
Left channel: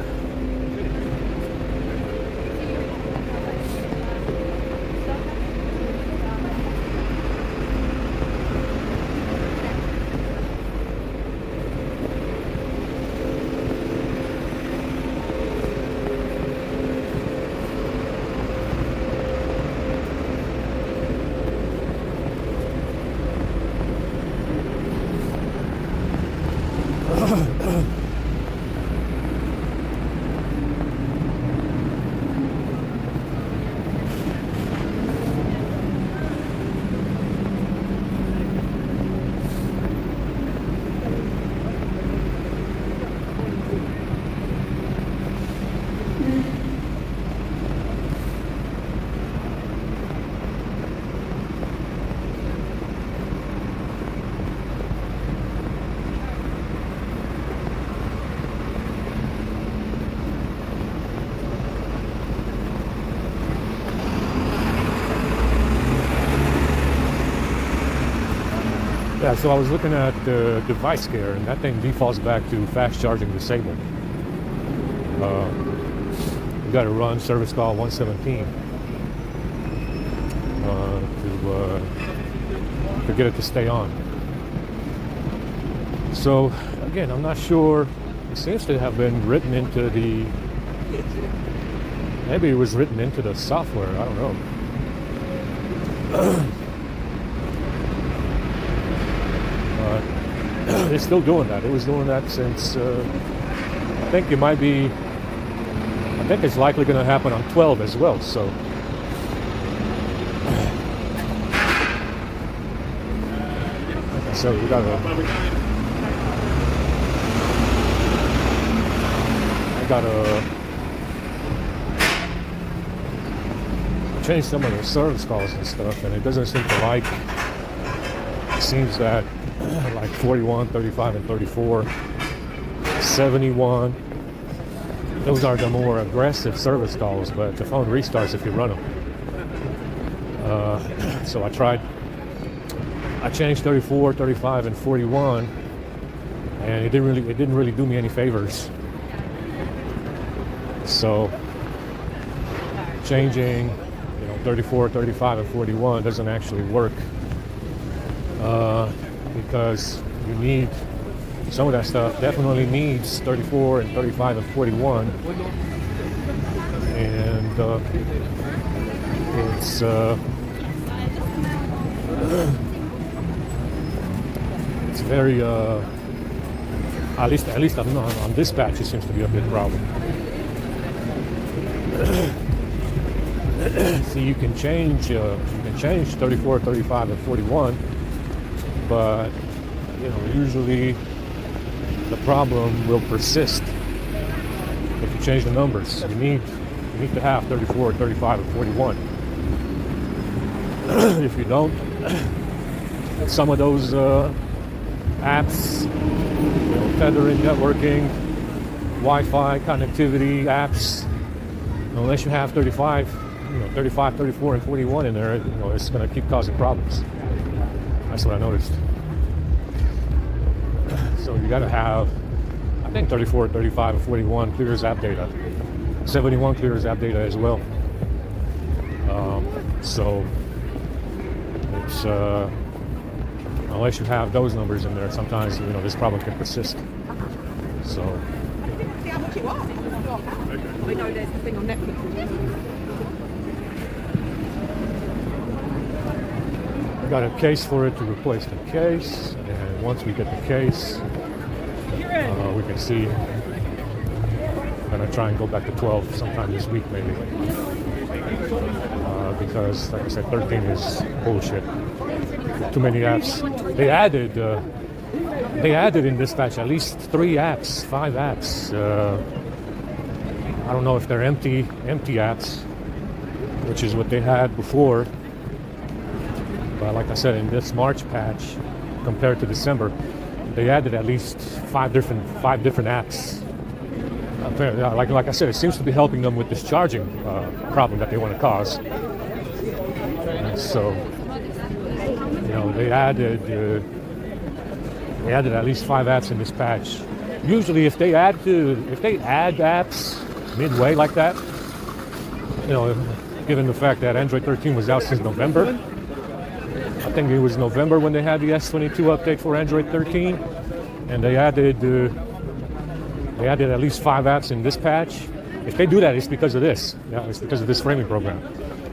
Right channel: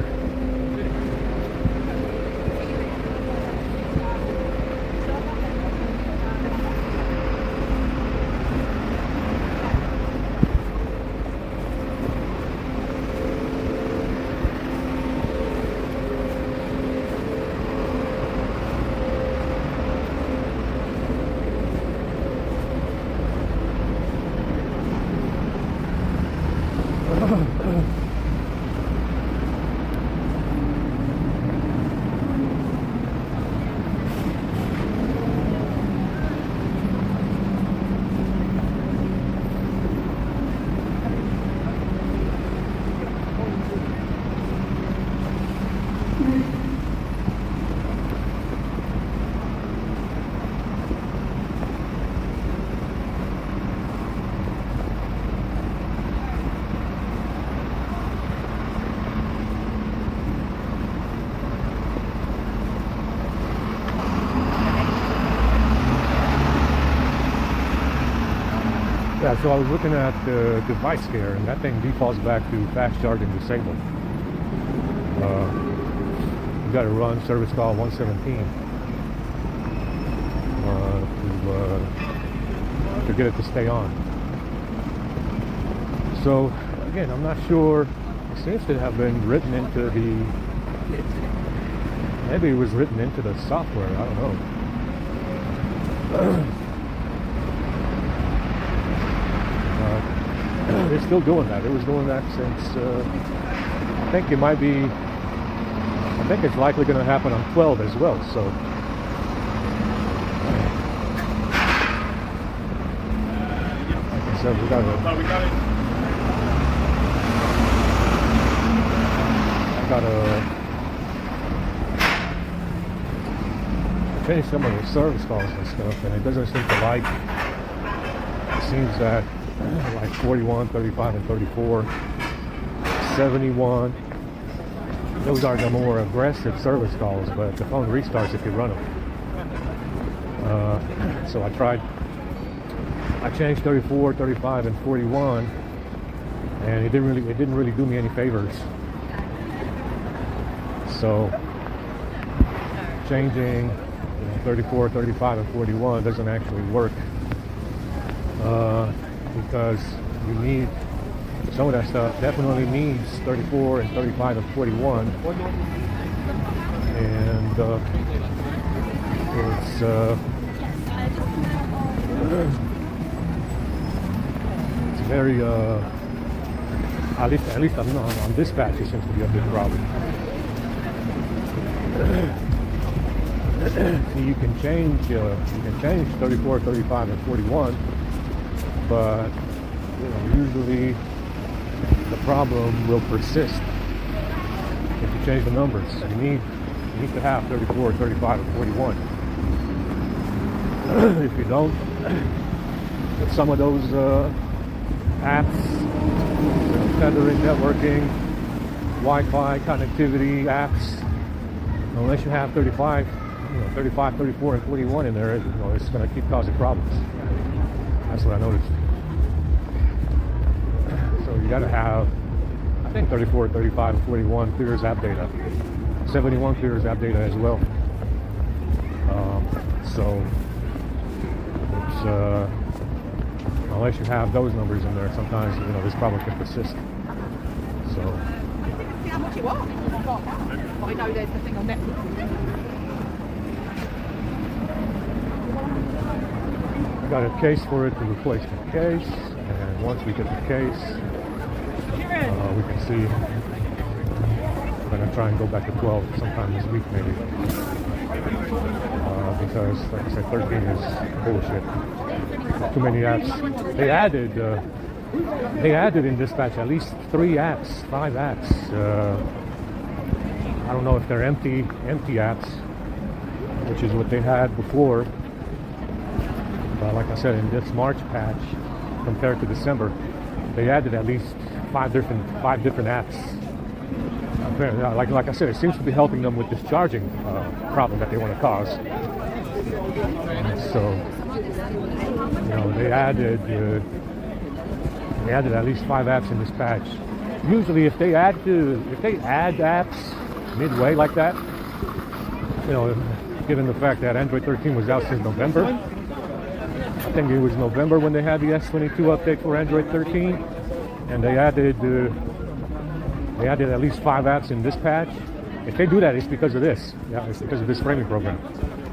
Yeah, so I was looking at the device care, and that thing defaults back to fast charging disabled. You got to run service call 117 to get it to stay on. So again, I'm not sure. It seems to have been written into the. Maybe it was written into the software. I don't know. They're still doing that. It was doing that since I think it might be. I think it's likely going to happen on 12 as well. So we got to change some of the service calls and stuff, and it doesn't seem to like. It seems that like 41, 35, and 34, 71. Those are the more aggressive service calls, but the phone restarts if you run it. So I changed 34, 35, and 41, and it didn't really do me any favors. So changing 34, 35, and 41 doesn't actually work. Because you need some of that stuff definitely needs 34 and 35 and 41, and it's very at least on dispatch it seems to be a big problem. So you can change 34, 35, and 41. But usually the problem will persist if you change the numbers. You need to have 34, 35, and 41. If you don't, some of those apps, tethering, networking, Wi-Fi connectivity apps, unless you have 35, 34, and 41 in there, it's going to keep causing problems. That's what I noticed. So you got to have I think 34, 35, 41 clears app data. 71 clears app data as well. So it's unless you have those numbers in there, sometimes this problem can persist. So Yeah, how much it was? I know there's the thing on Netflix. got a case for it to replace the case, and once we get the case, we can see. I'm gonna try and go back to 12 sometime this week maybe, because like I said, 13 is bullshit. Too many apps. They added in dispatch at least 3 apps, 5 apps. I don't know if they're empty apps, which is what they had before. But like I said, in this March patch, compared to December, they added at least 5 different apps. Like I said, it seems to be helping them with this charging problem that they want to cause. So, they added at least 5 apps in this patch. Usually, if they add apps midway like that, given the fact that Android 13 was out since November, I think it was November when they had the S22 update for Android 13, and they added at least 5 apps in this patch. If they do that, it's because of this. Yeah, it's because of this framing program.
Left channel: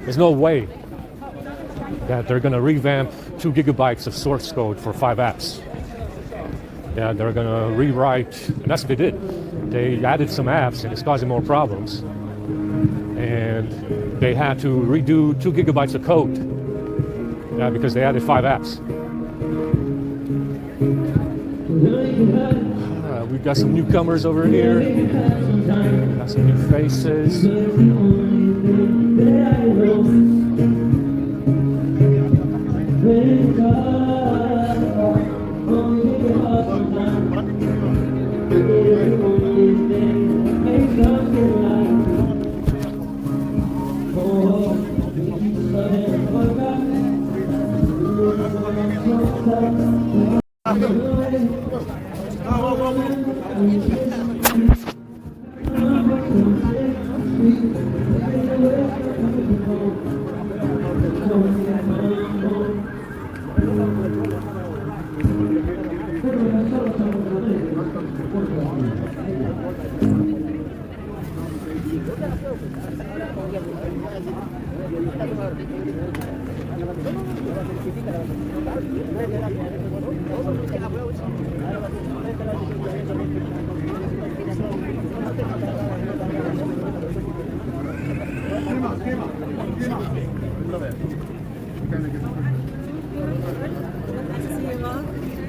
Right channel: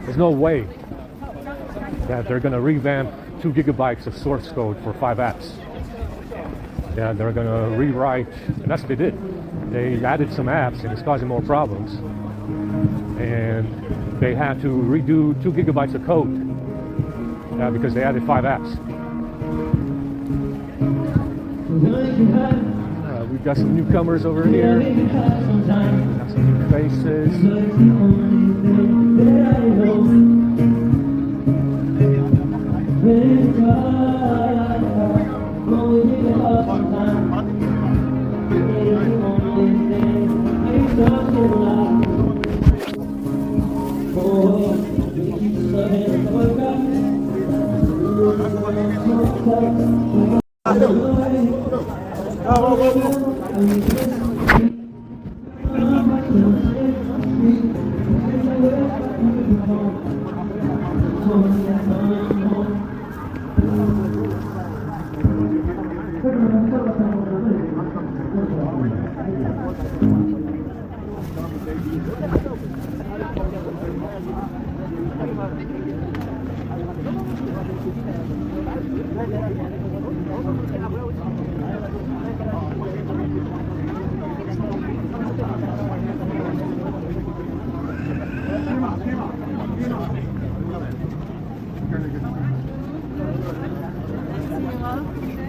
There's no way that they're going to revamp 2 gigabytes of source code for 5 apps. Yeah, they're going to rewrite, and that's what they did. They added some apps, and it's causing more problems. And they had to redo 2 gigabytes of code because they added 5 apps. We've got some newcomers over here. Got some new faces.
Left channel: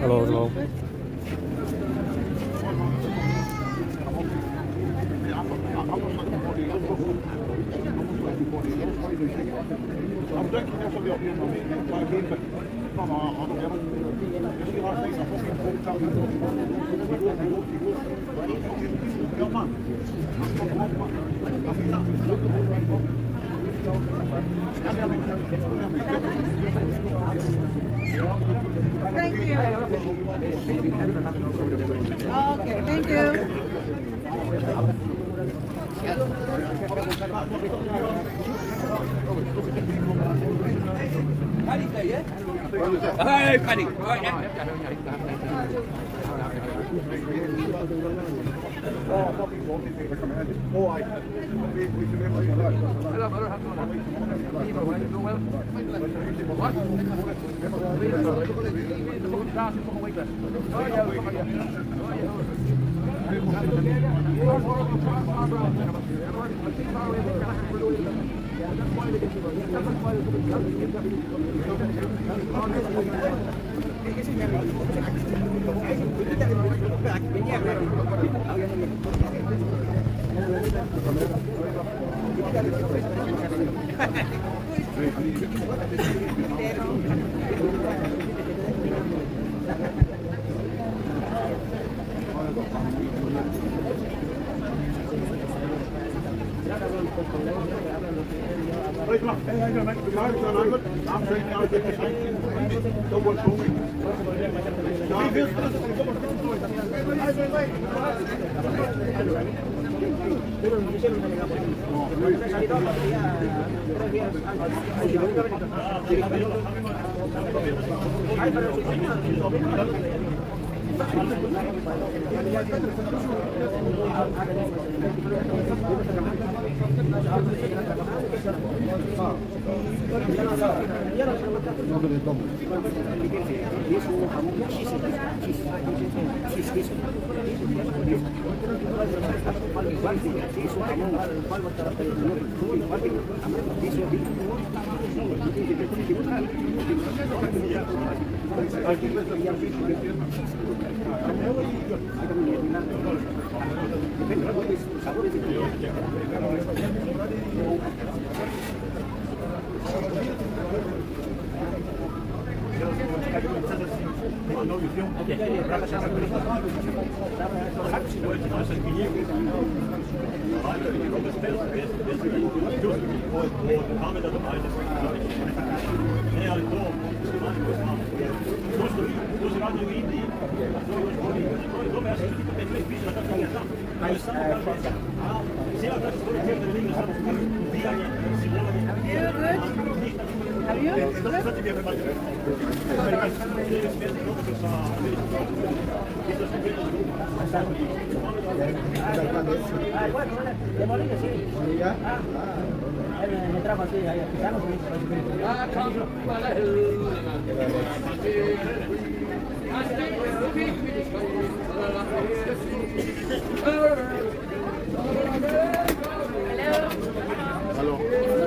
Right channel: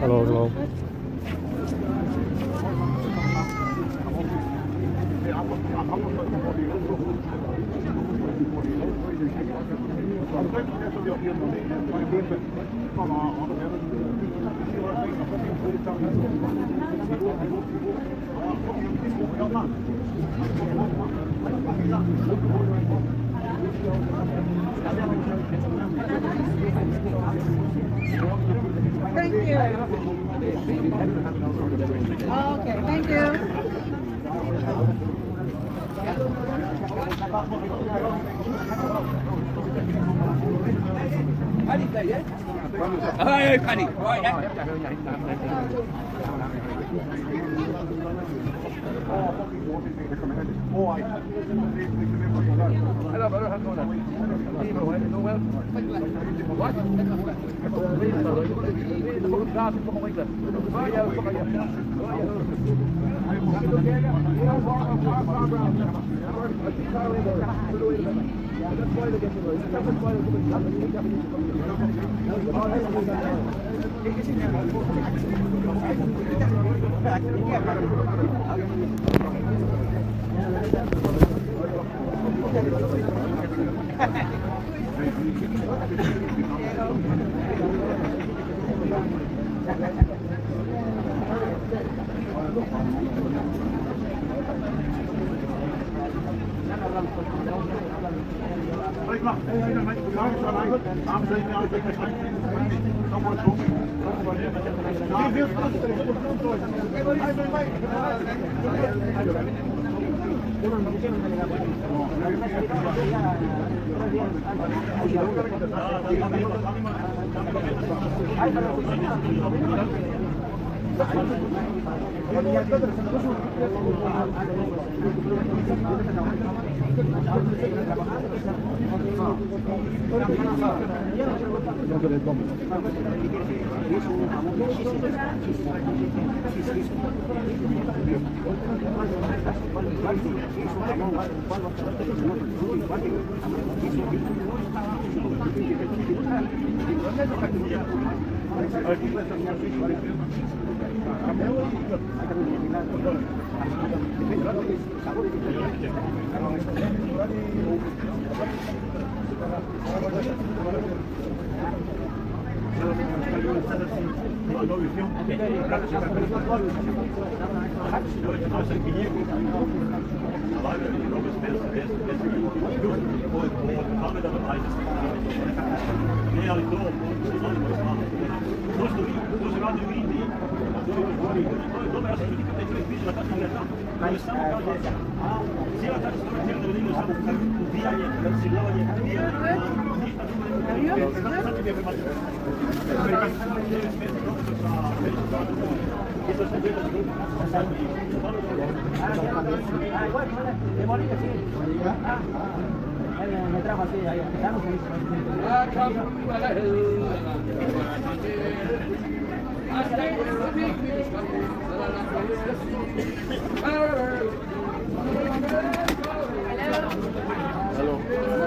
Hello. Thank you. Okay, thank you. Hi, Paddy. Right, Movie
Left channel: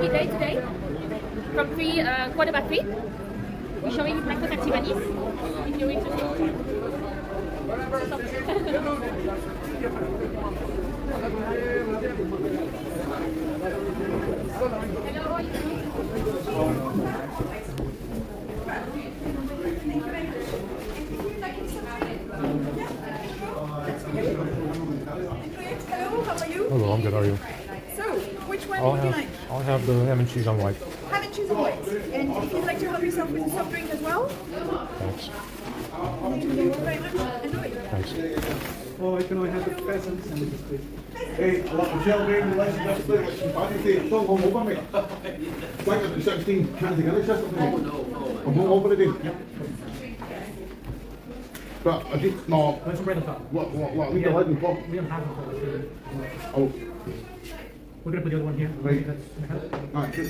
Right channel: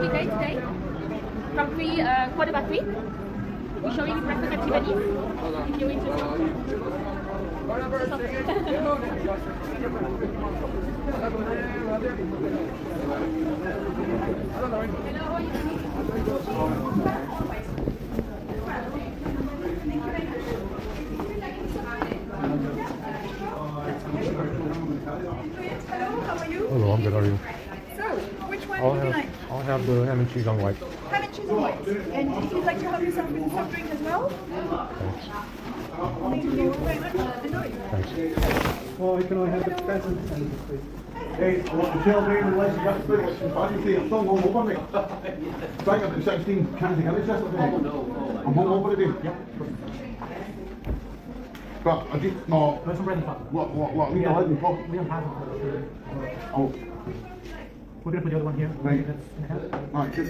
day today from 3, 3:15. We're showing breakfast at Tiffany's. If you're interested. Hello, I'm good. How are you? So, which one would you like? I'll have the ham and cheese on white. Ham and cheese and white. And if you'd like to help yourself with a soft drink as well, Thanks. thank you very much. Enjoy. Thanks. Well, I can only have the pheasants and the fish. Hey, Michelle Bailey, let's just look at some party. Don't go over me. Back up at 16, can't think of this yesterday. I'm home over again. But I think, no. There's some bread on top. What, leave the light in pop. We don't have it. Oh, We're gonna put the other one here. right. Alright, good.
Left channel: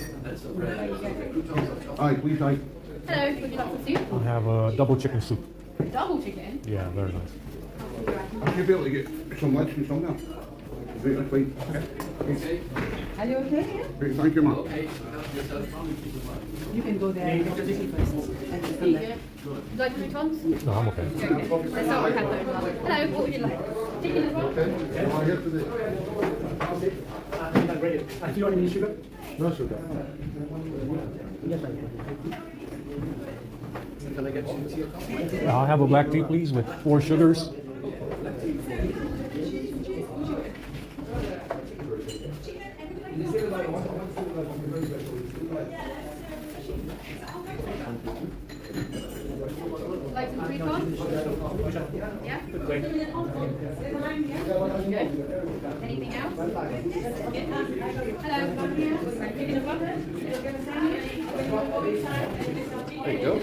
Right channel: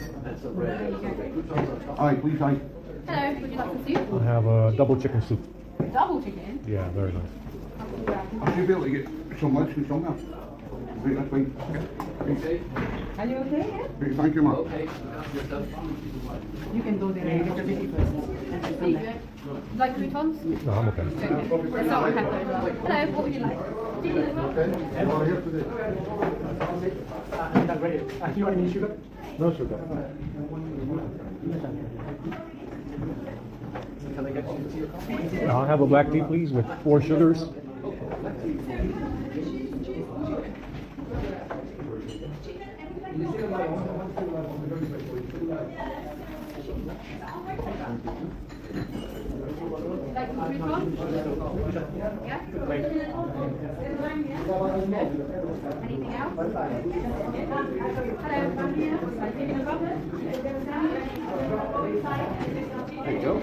Aye, please, aye. Hello, would you like some soup? I'll have a double chicken soup. Double chicken. Yeah, very nice. I should be able to get some lunch and some now. Right, that's fine. Are you okay? Right, thank you, man. You can go there. There you go. Would you like croutons? No, I'm okay. Okay. Let's start with Heather as well. Hello, what would you like? Chicken as well? Oh, here today. I think I'm ready. Do you want any sugar? No sugar. Yes, I do. Can I get you to your coffee? I'll have a black tea, please, with 4 sugars. Like some croutons? Yeah? Great. Okay. Anything else? Hello, down here. Chicken as well? There you go.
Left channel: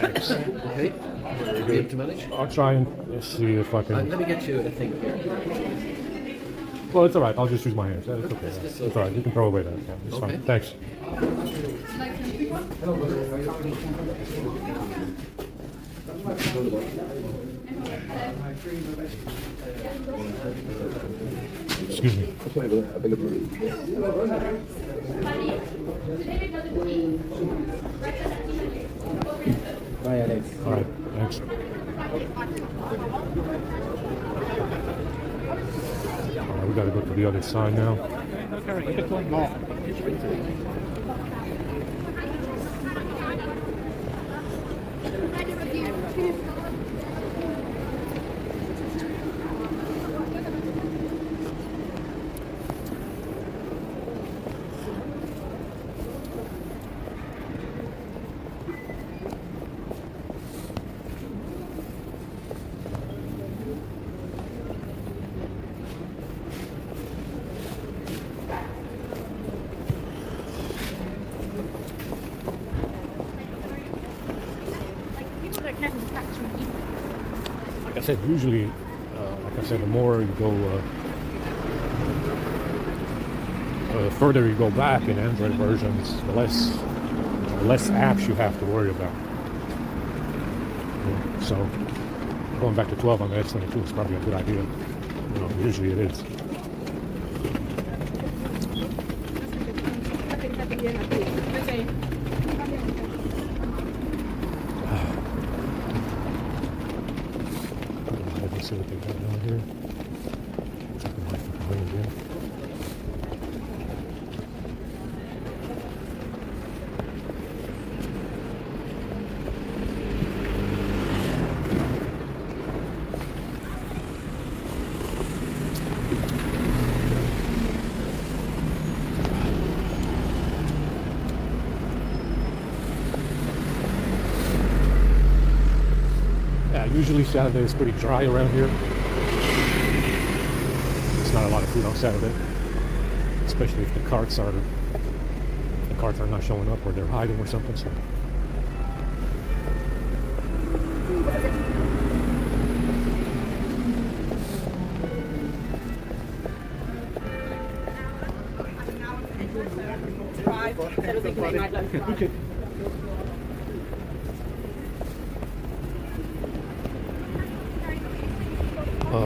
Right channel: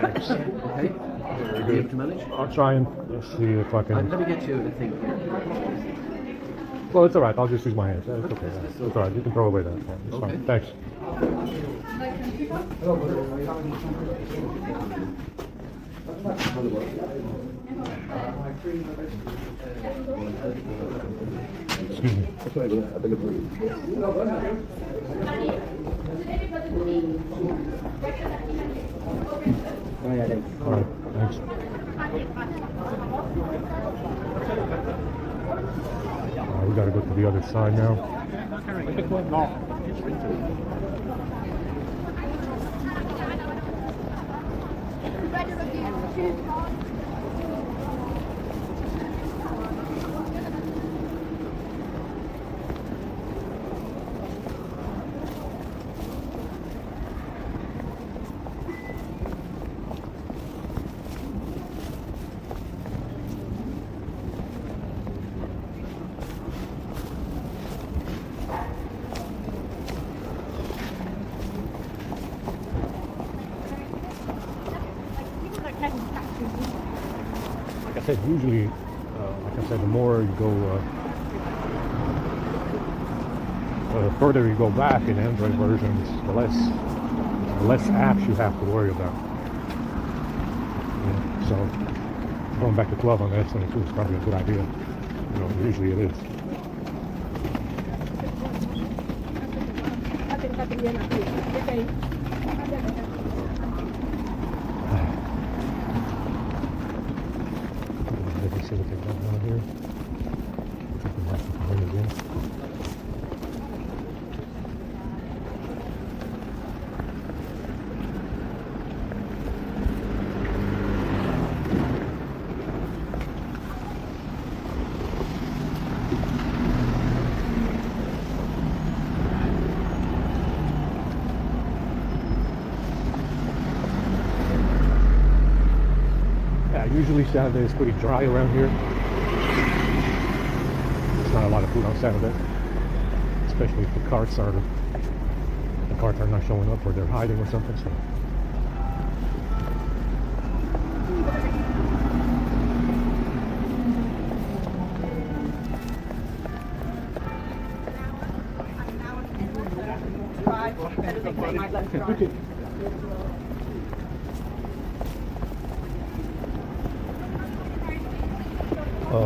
Thanks. Okay. Need to manage? I'll try and see if I can. Let me get you a thing. Well, it's all right. I'll just use my hands. It's okay. It's all right. You can throw away that. It's Okay. fine. Thanks. Excuse me. All right. Thanks. We gotta go to the other side now. No. said, usually, like I said, the more you go, the further you go back in Android versions, the less apps you have to worry about. So going back to 12 on the S22 is probably a good idea. Usually it is. Let's see what they got down here. I think we have to come in again. Usually Saturday is pretty dry around here. There's not a lot of food on Saturday, especially if the carts are not showing up or they're hiding or something. So.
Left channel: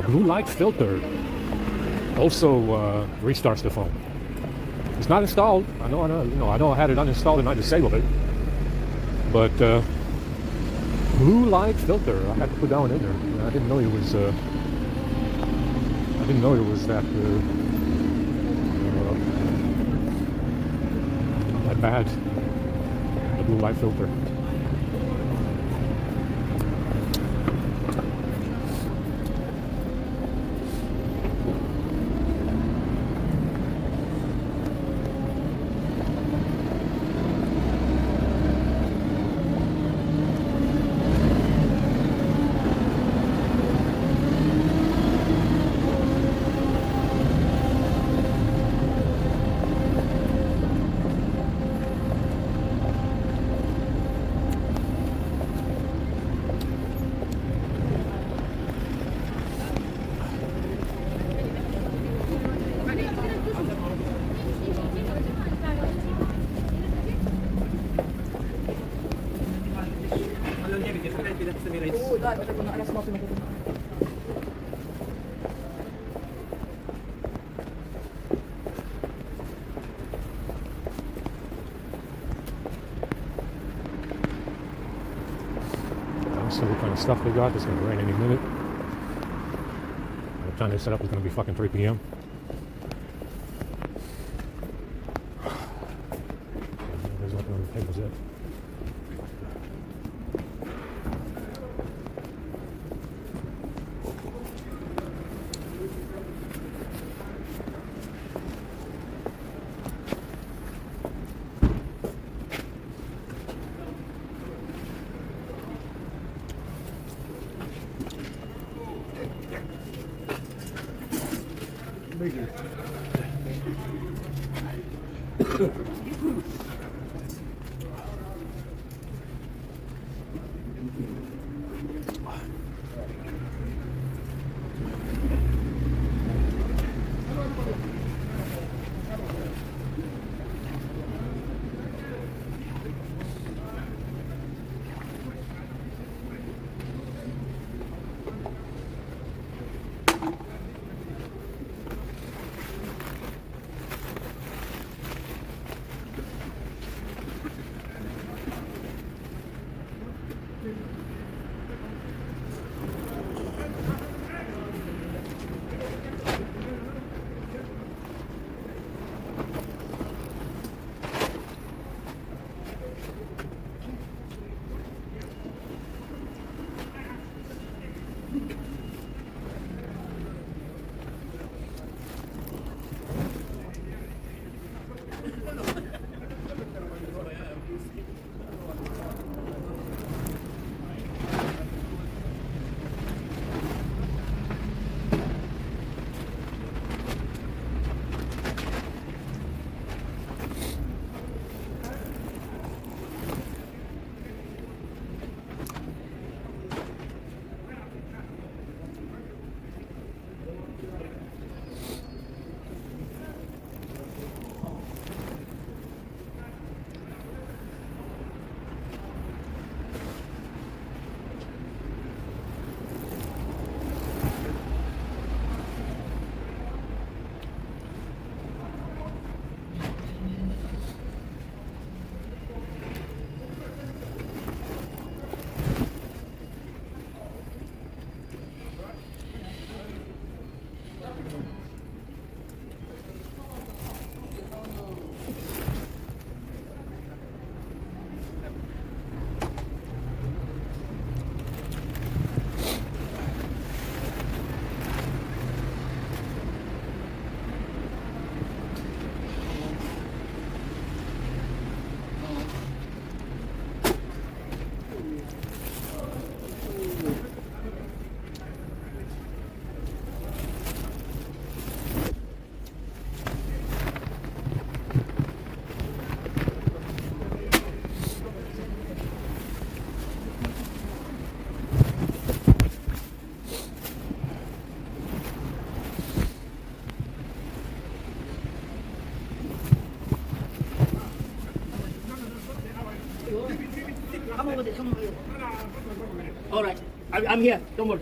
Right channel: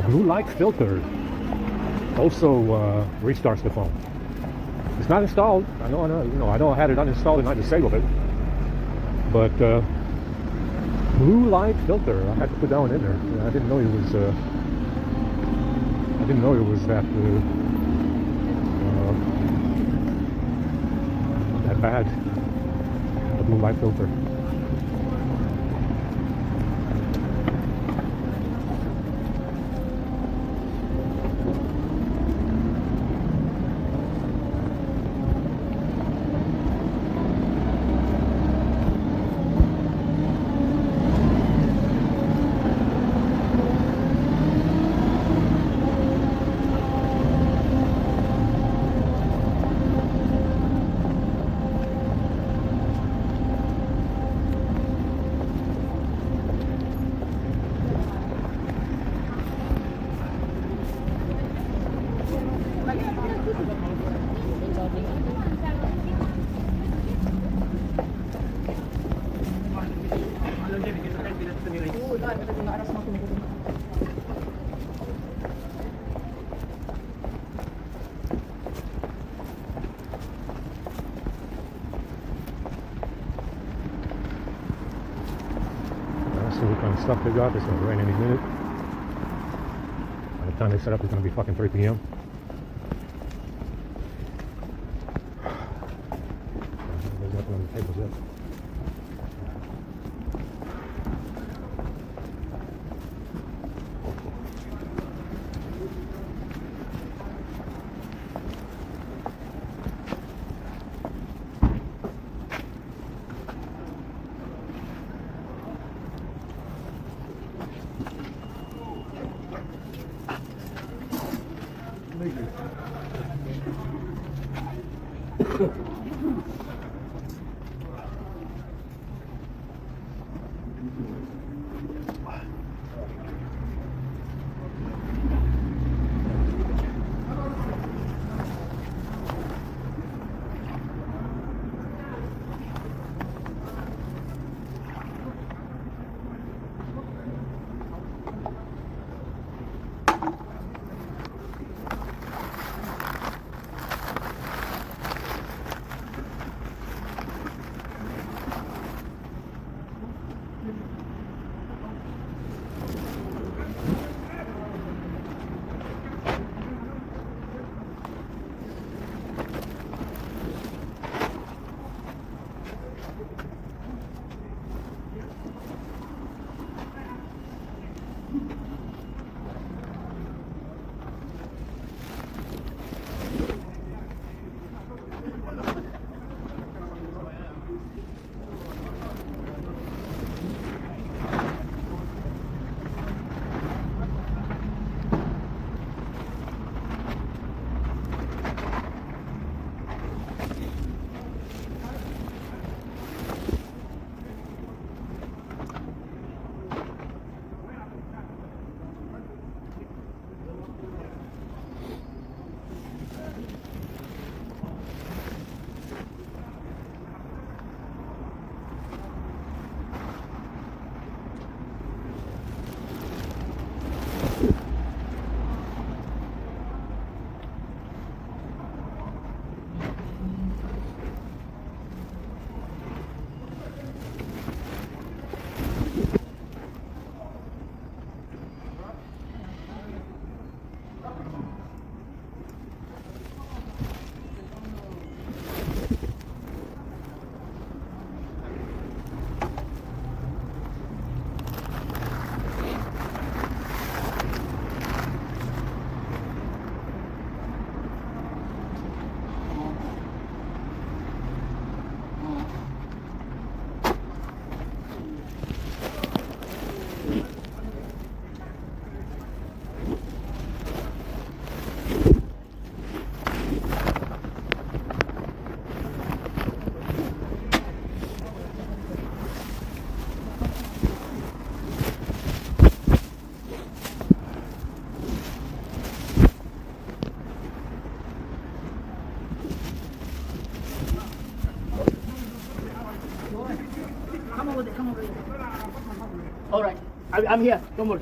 Blue light filter also restarts the phone. It's not installed. I know I had it uninstalled and I disabled it. But blue light filter, I had to put that one in there. I didn't know it was that that bad. The blue light filter. See what kind of stuff they got. It's going to rain any minute. By the time they set up, it's going to be fucking 3 p.m. Everybody's got one of the tables up. All right. I'm here. Don't worry.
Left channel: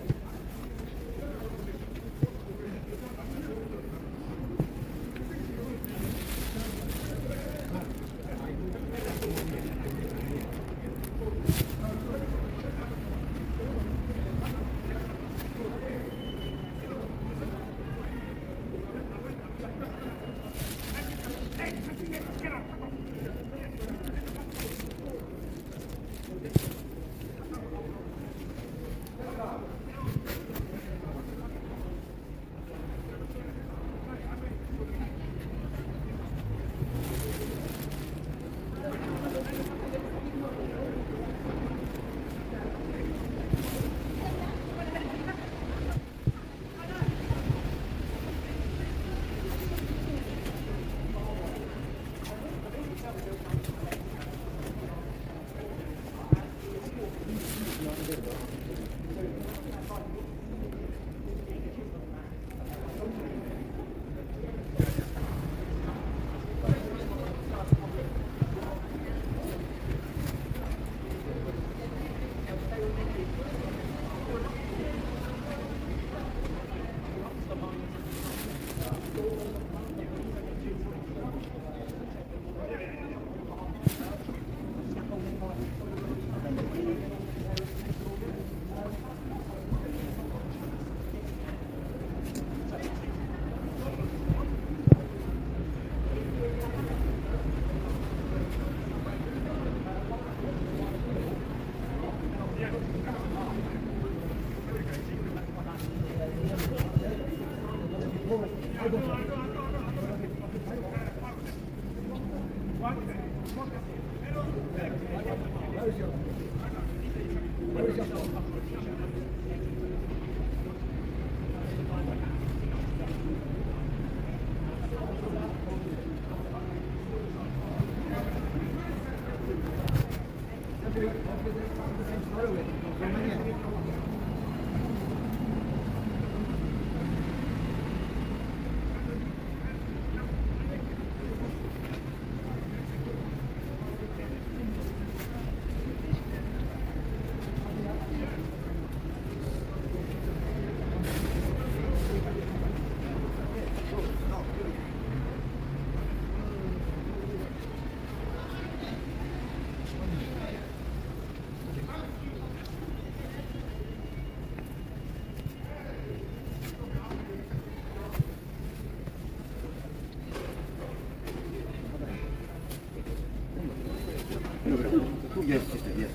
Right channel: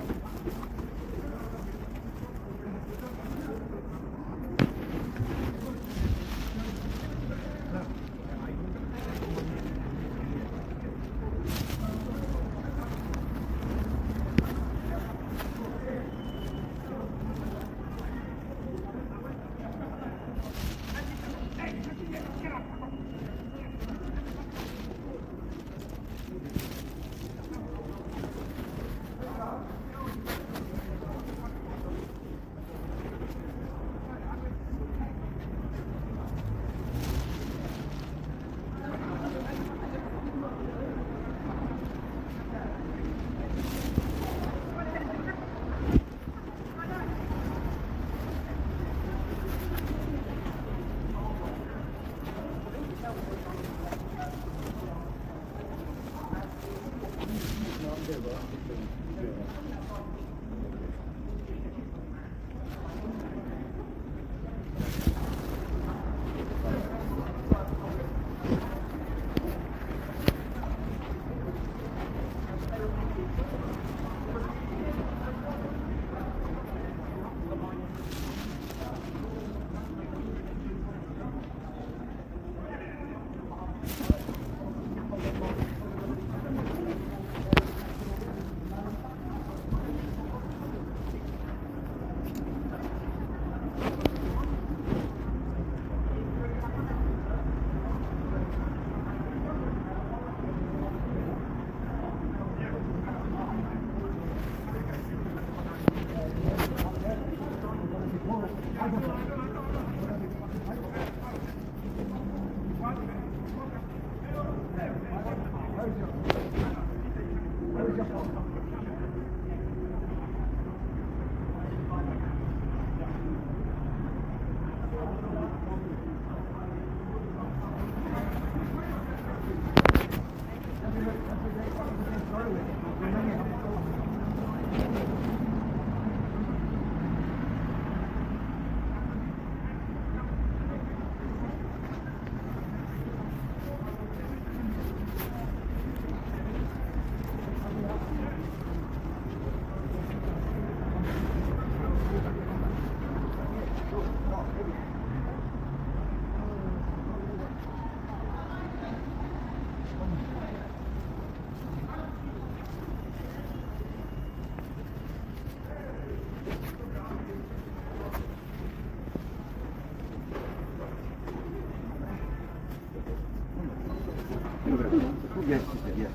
Yes, sister, yes.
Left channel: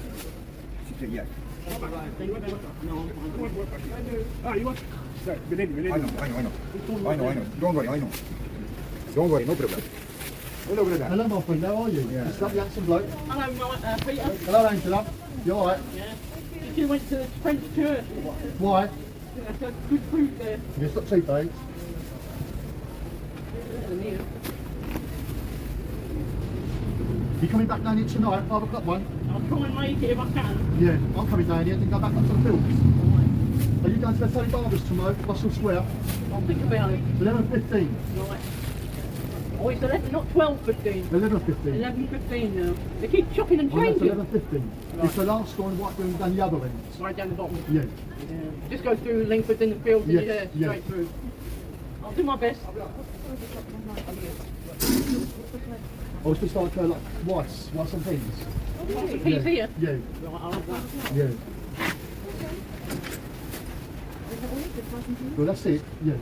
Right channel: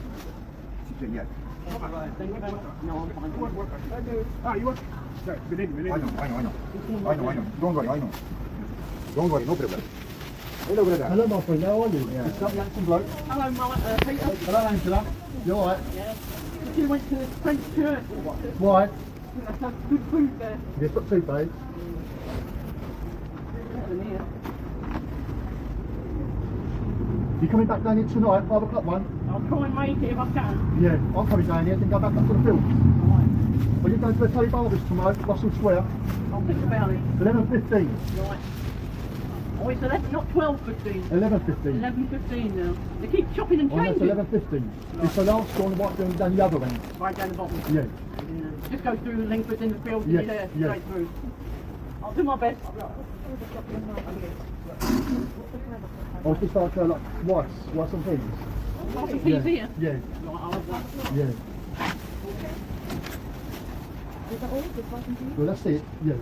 Sister, yes. Ah, you want? Sorry, within. I know. Don't worry, I know. Don't worry, no problem. Hello, brother. Hello, my friend. How are you? Yeah. It's got the handsome bloke. Hello, Peter. Hello, Angela. You all right? Yeah. If you went to the French church, Why? there's some good food there. You got toothache? You coming back down here tonight, 5 o'clock one? I'll try and make it if I can. Yeah, I'm coming down here, then go back up to the fields. Right. Are you going to the Teddy Barbers tomorrow, Russell Square? I'll think about it. 11:15. Right. Oh, it's 11, not 12:15. 11:15. 11:15 now. They keep chopping and Oh, that's changing. 11:15. It's the last one right down the other end. Right down the bottom. Yeah. Yeah. Just go through Lingford in the field Yes, and you're there, yes. straight through. I'll do my best. Oh, it's just like rice and peas. Lots of peas here. Yeah, Right, I'll have that. yeah. Well, that's it. Yeah.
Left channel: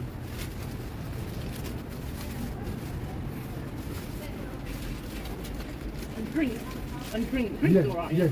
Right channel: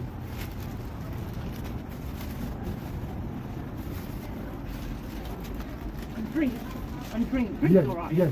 And drink. Drink's Yeah, all right. yeah.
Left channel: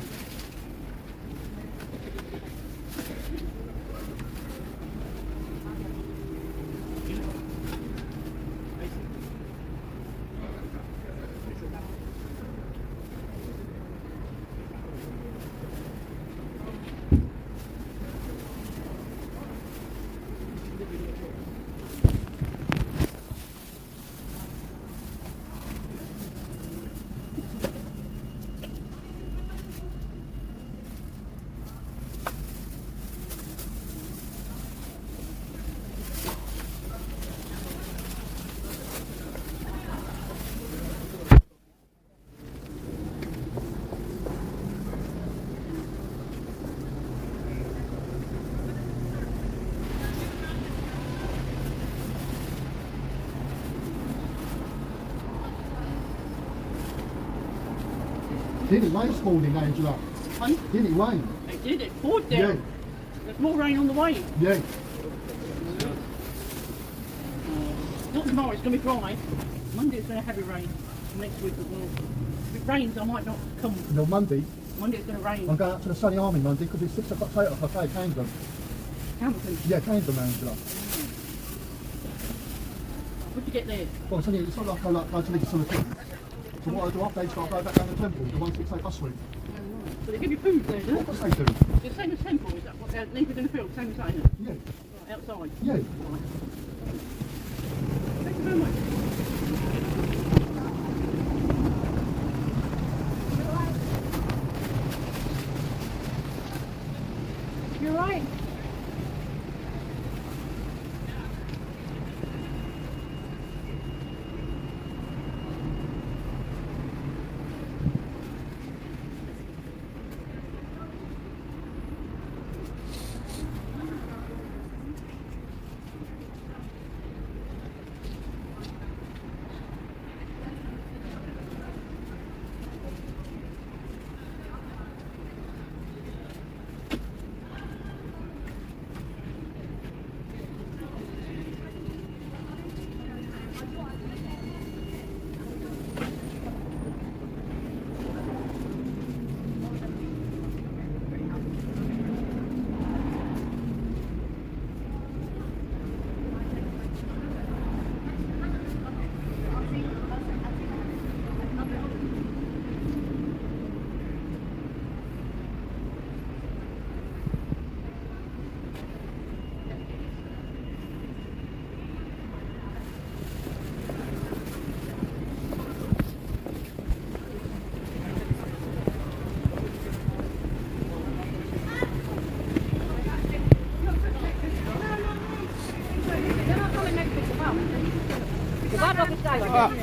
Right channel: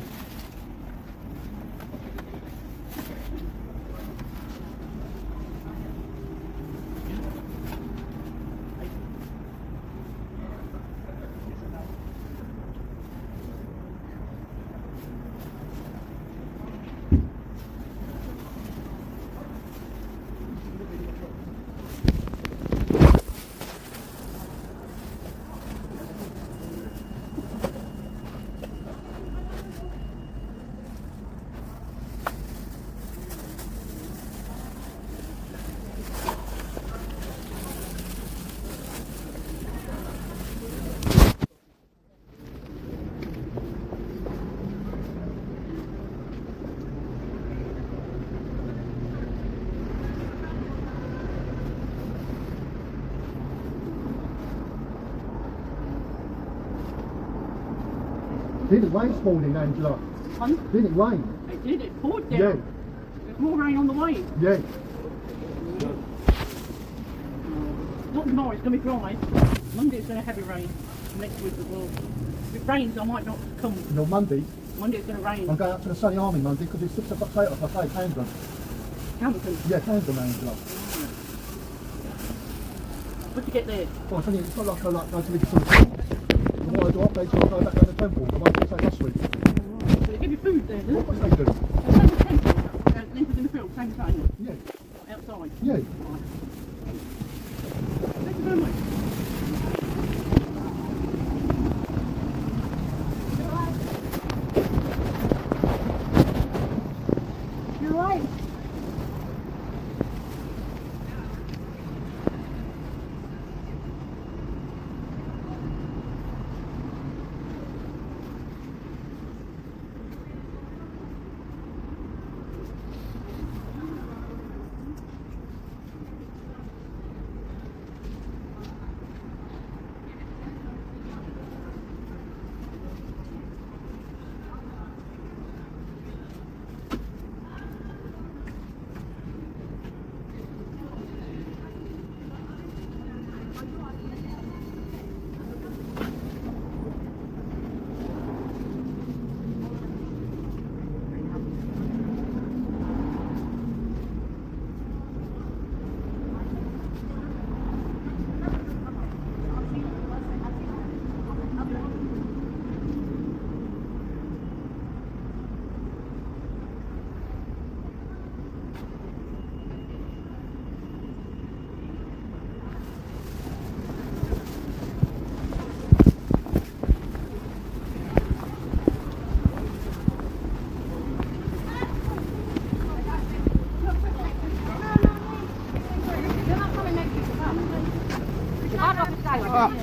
Did it rain this morning, Angela? Hun? Did it rain? It did, it poured down. Yeah. There's more rain on the way. Yeah. Not tomorrow, it's going to be dry. Monday it's going to heavy rain. Next week as well. If it rains, I might not come. No, Monday. Monday it's going to rain. I'm going out to the Sunny Army Monday because it's 6 o'clock later. I say, Camden. Camden. Yeah, Camden, Angela. What'd you get there? Well, it's not like I like going to the sort of thing. So what I do, I play till I go back down the temple. The one that's like last week. So they give you food there, do What they? does they do? So same as temple, is that what? Naked in the field, same as that, isn't it? Yeah. Outside. Yeah. Thank you very much. You're right.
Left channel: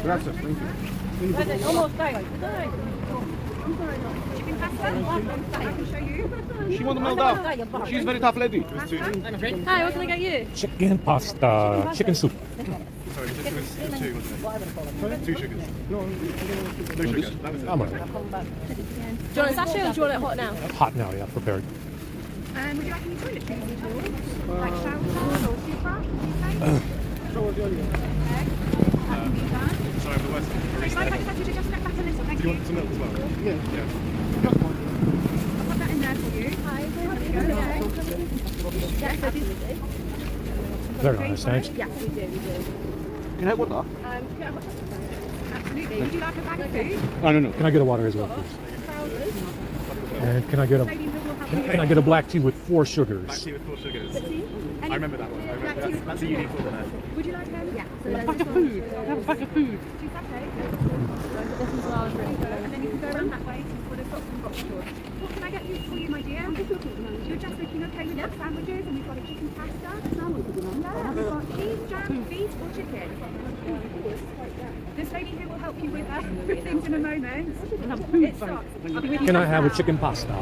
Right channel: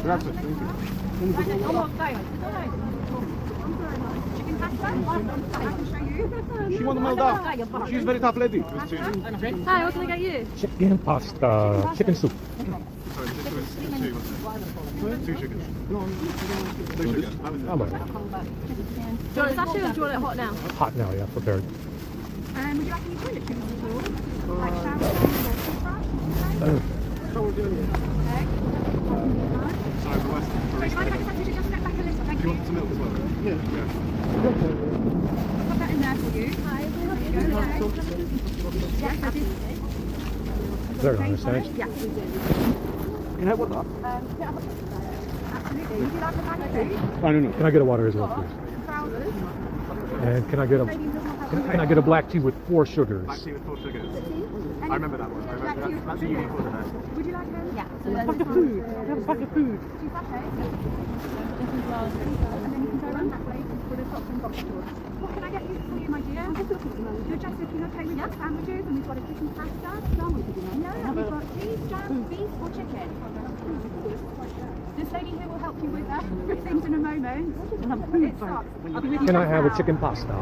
Grazie. Almost daylight. Chicken pasta. I can show you. She won the Moldova. She's a very tough lady. Hi, what can I get you? Chicken pasta, chicken soup. Two chickens. How much? Do you want a sachet or do you want it hot now? Hot now, yeah, prepared. Would you like any toiletries at all? Like shower gel or toothbrush? Thank you. Very nice, thanks. Yeah, we do. You know what? Absolutely. Would you like a bag of food? No. Can I get a water as well, please? Trousers? And can I get a black tea with 4 sugars? Tea with 4 sugars. I remember that one. That's a unique one. Would you like those? Yeah. So Pack of food. Have a pack of food. 2 sachets. And then you can go around that way before they've got some box stores. What can I get you for you, my dear? You're just looking at plain sandwiches and we've got a chicken pasta. Sandwiches, you know? No, we've got cheese, jam, beef or chicken. This lady here will help you with things in a moment. It stops. I'll be with you Can I just have now. a chicken pasta?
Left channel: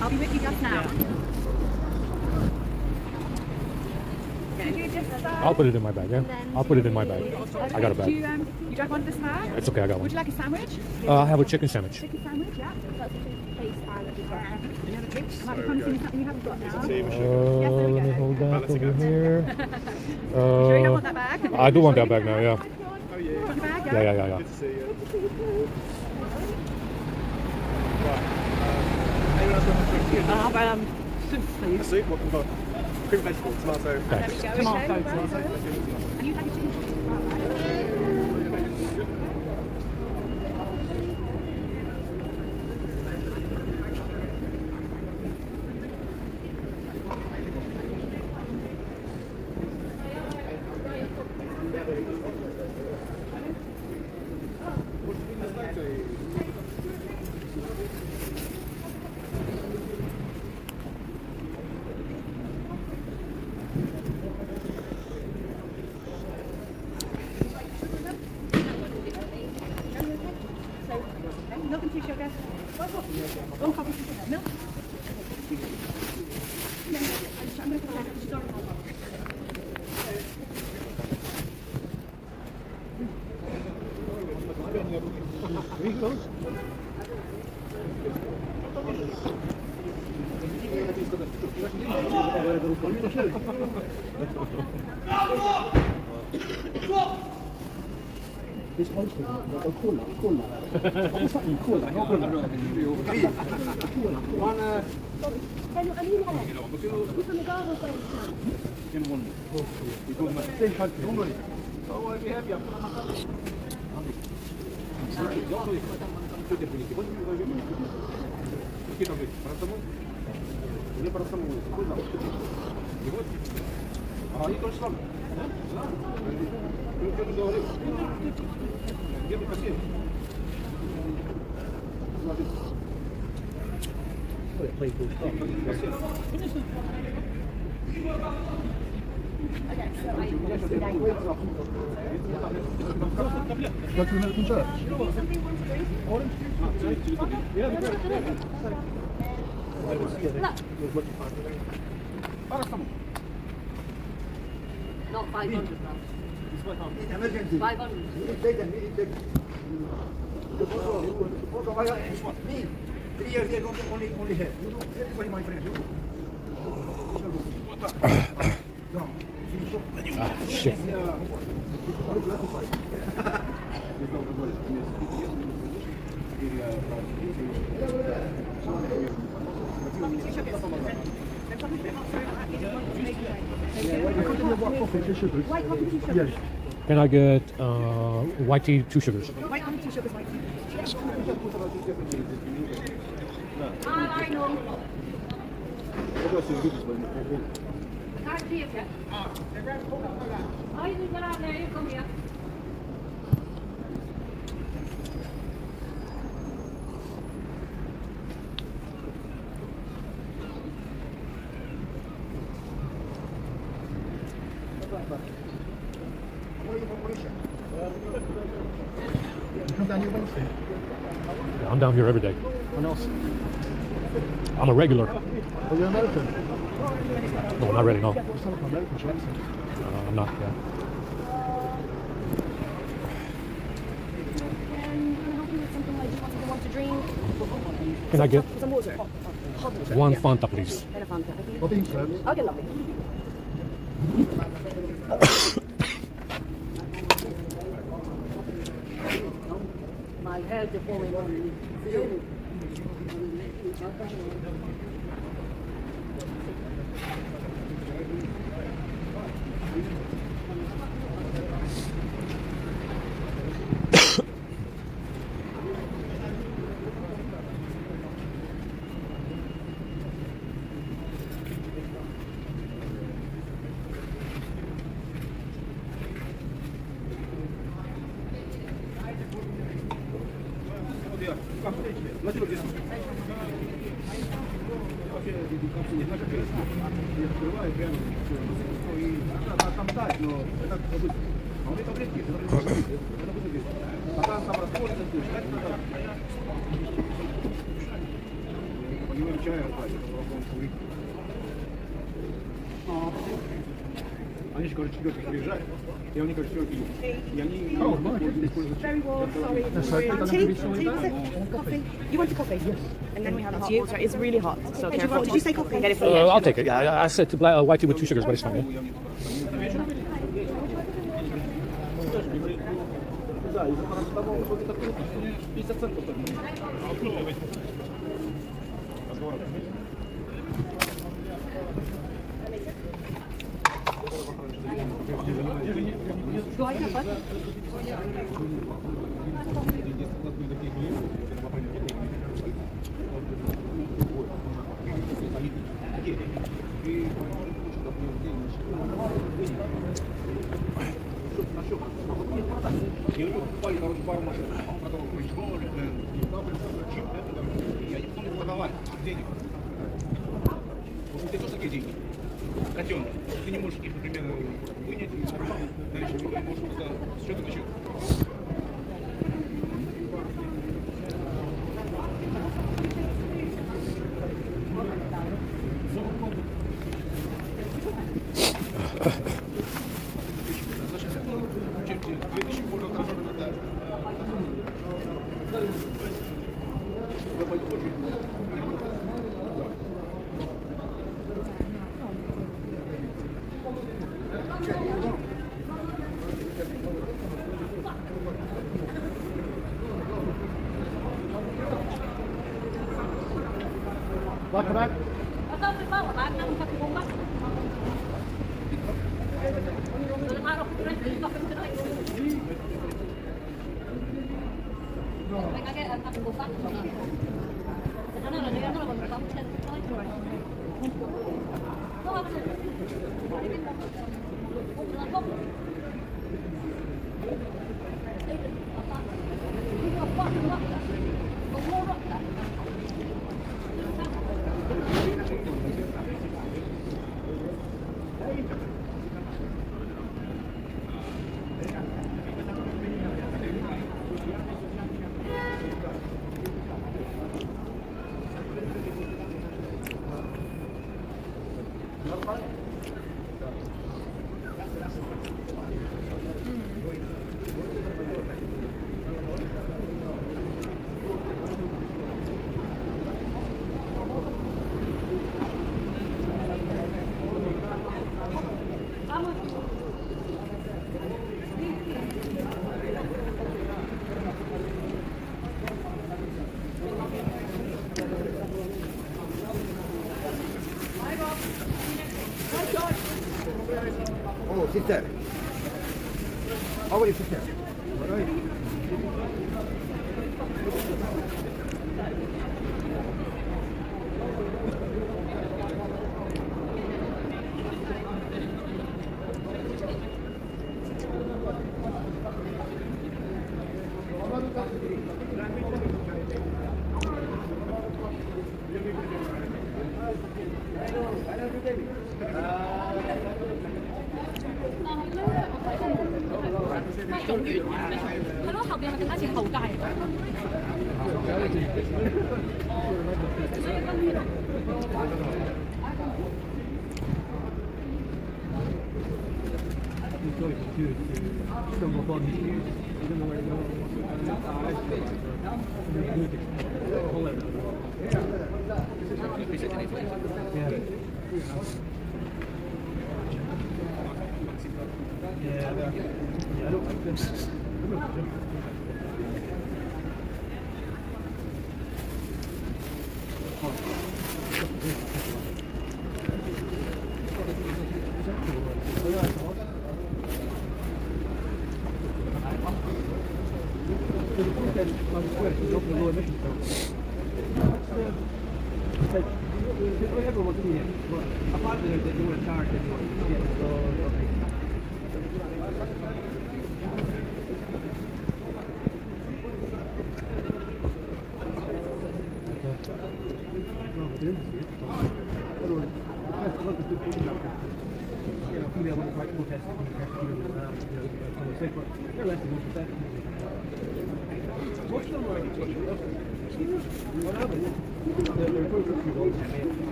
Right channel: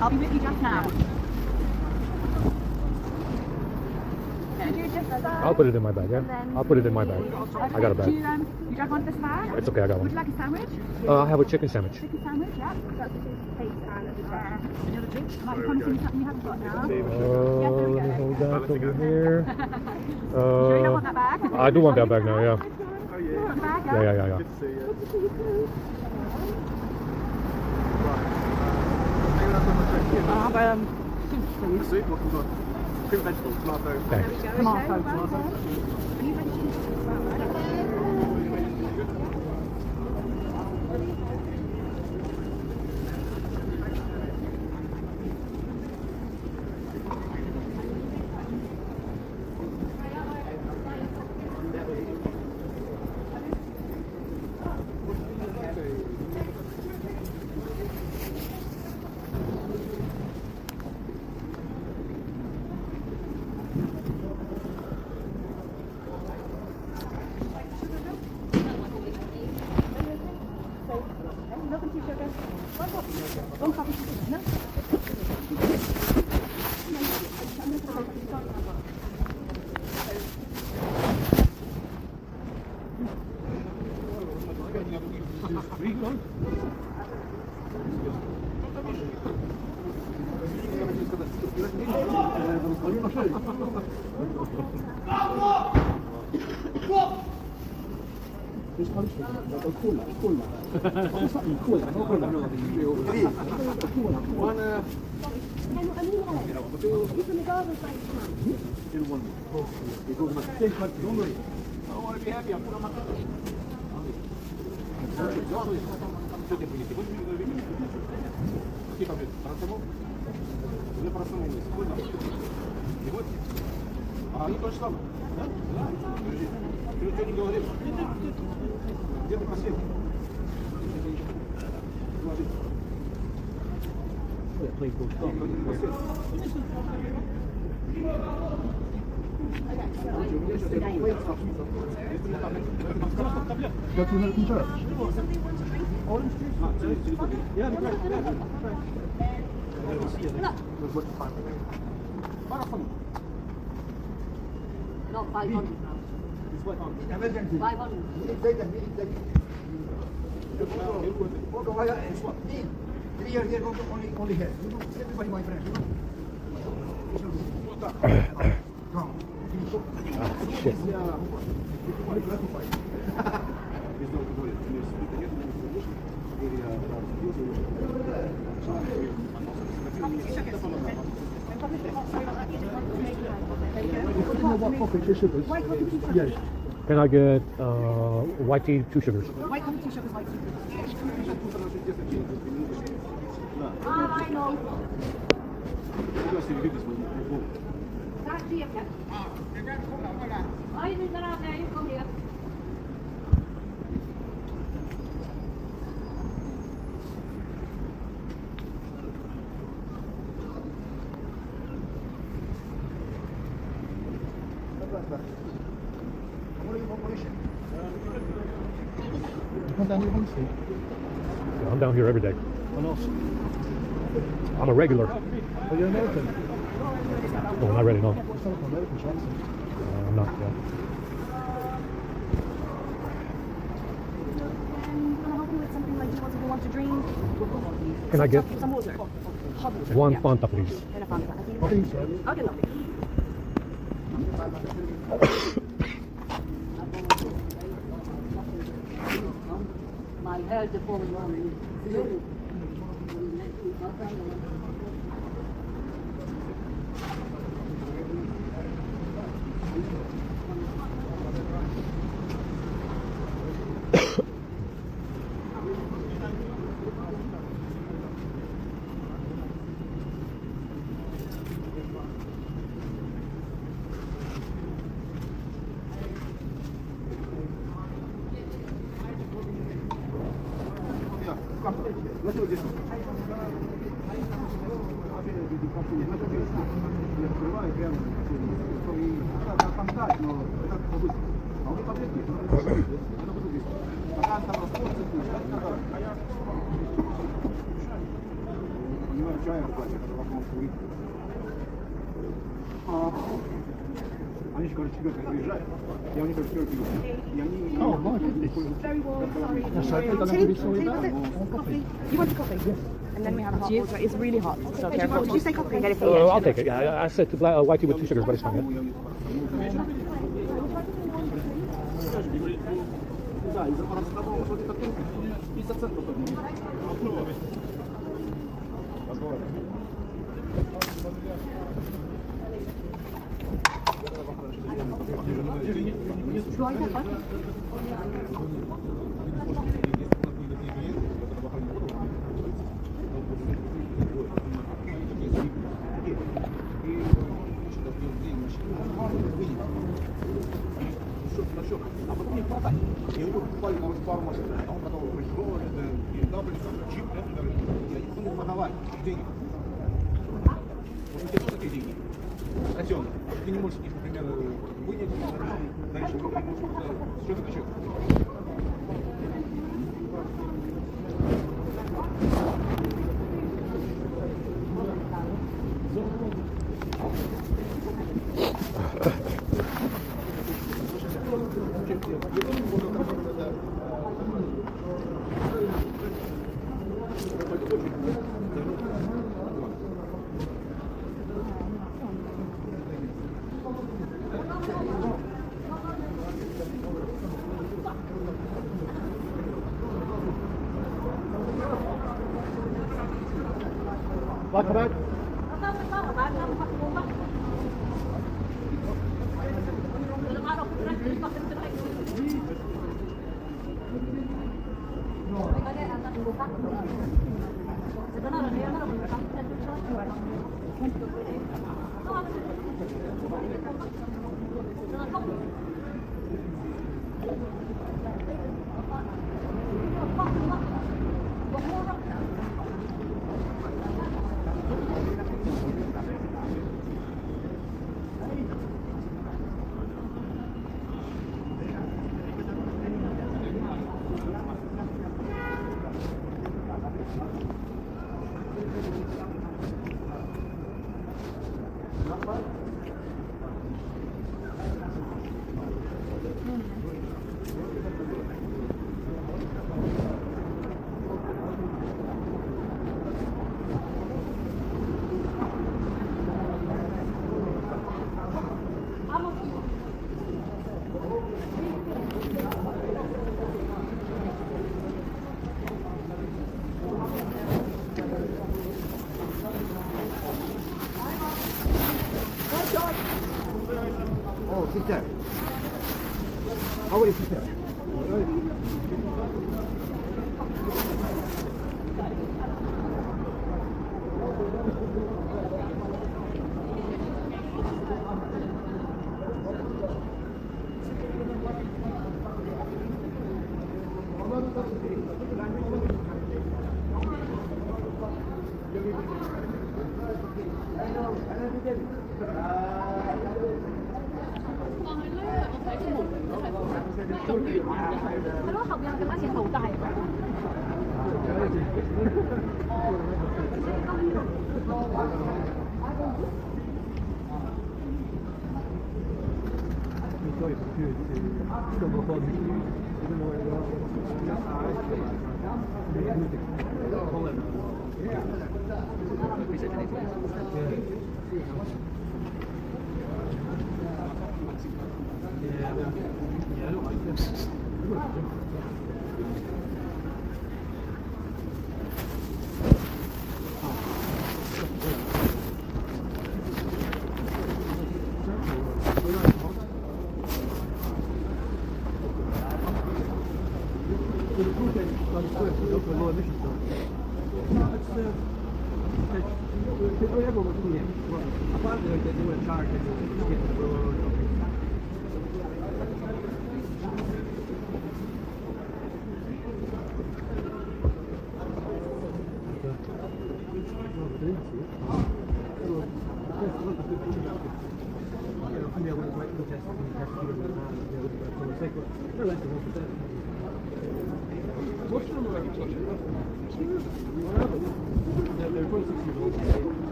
I'll be with you just now. Could you just, I'll put it in my bag, yeah? I'll put it in my bag. I got a do bag. you don't want this now? It's okay, I got Would you one. like a sandwich? I'll have a chicken sandwich. Chicken sandwich, yeah. That's the taste and a drink. Another drink. I might be promising you something you haven't got now. Yes, there we go. Hold up over here. Sure you don't want that bag? I do want that bag now, yeah. You want the bag, Yeah. Good to see you too. I'll have soup, please. Soup, what we've got? Cream vegetable, tomato. Thanks. Tomato. Nothing too sugar. One coffee sugar. No. Three goes. This poster, like a cola. What's something cola? No cola. One, Can I mean it? You from the garden side of town. in one. We go to the same country. Don't worry. Oh, I'll be happy. I'm going to my country. Что ты будете? Вот мы говорим. Какие таблетки? Парацетамол? Или парацетамол? Какой там? И вот. А они то же самое. Да? Ты ничего не говорил. Где ты просил? Смотри. Go to the church. Not 500 pounds. 500. Me, 3 years ago, only here. You know, everybody my friend. No. Shit. Only classified. White coffee, 2 sugars. Yes. Can I get white tea, 2 sugars? White coffee, 2 sugars, white tea. I know. Can't see it yet. I didn't get out there, you come here. Come down here Wednesday. I'm down here every day. What else? I'm a regular. Oh, you're American? No, not really, no. You sound like American, Jackson. Not. And can I help you with something like, do you want to drink? Can I get Some water? Hot water. one yeah. Fanta, please? And a Fanta. I think. What do you say? Okay, lovely. My head is falling on. Они же, короче, четвертый приезжают. Я у них, короче, четвертый есть. И они... Oh, my goodness. Very well, sorry. That's right. Tea? Coffee? You want a coffee? Yes. And then we have hot water. It's really hot. So did you say coffee? Get it for you. I'll take it. Yeah, I said white tea with 2 sugars, but it's fine. Да, из-за парацетамола вот это только 50 центов. И у него покупали, короче, пару машин. А он продал Range и дал джип, и они потом продавали денег. Вот у тебя тоже такие деньги. Артем, ты не можешь их, например, вынять, дальше ты можешь просто что-то еще. Like about? Oh, sister. How are you, sister?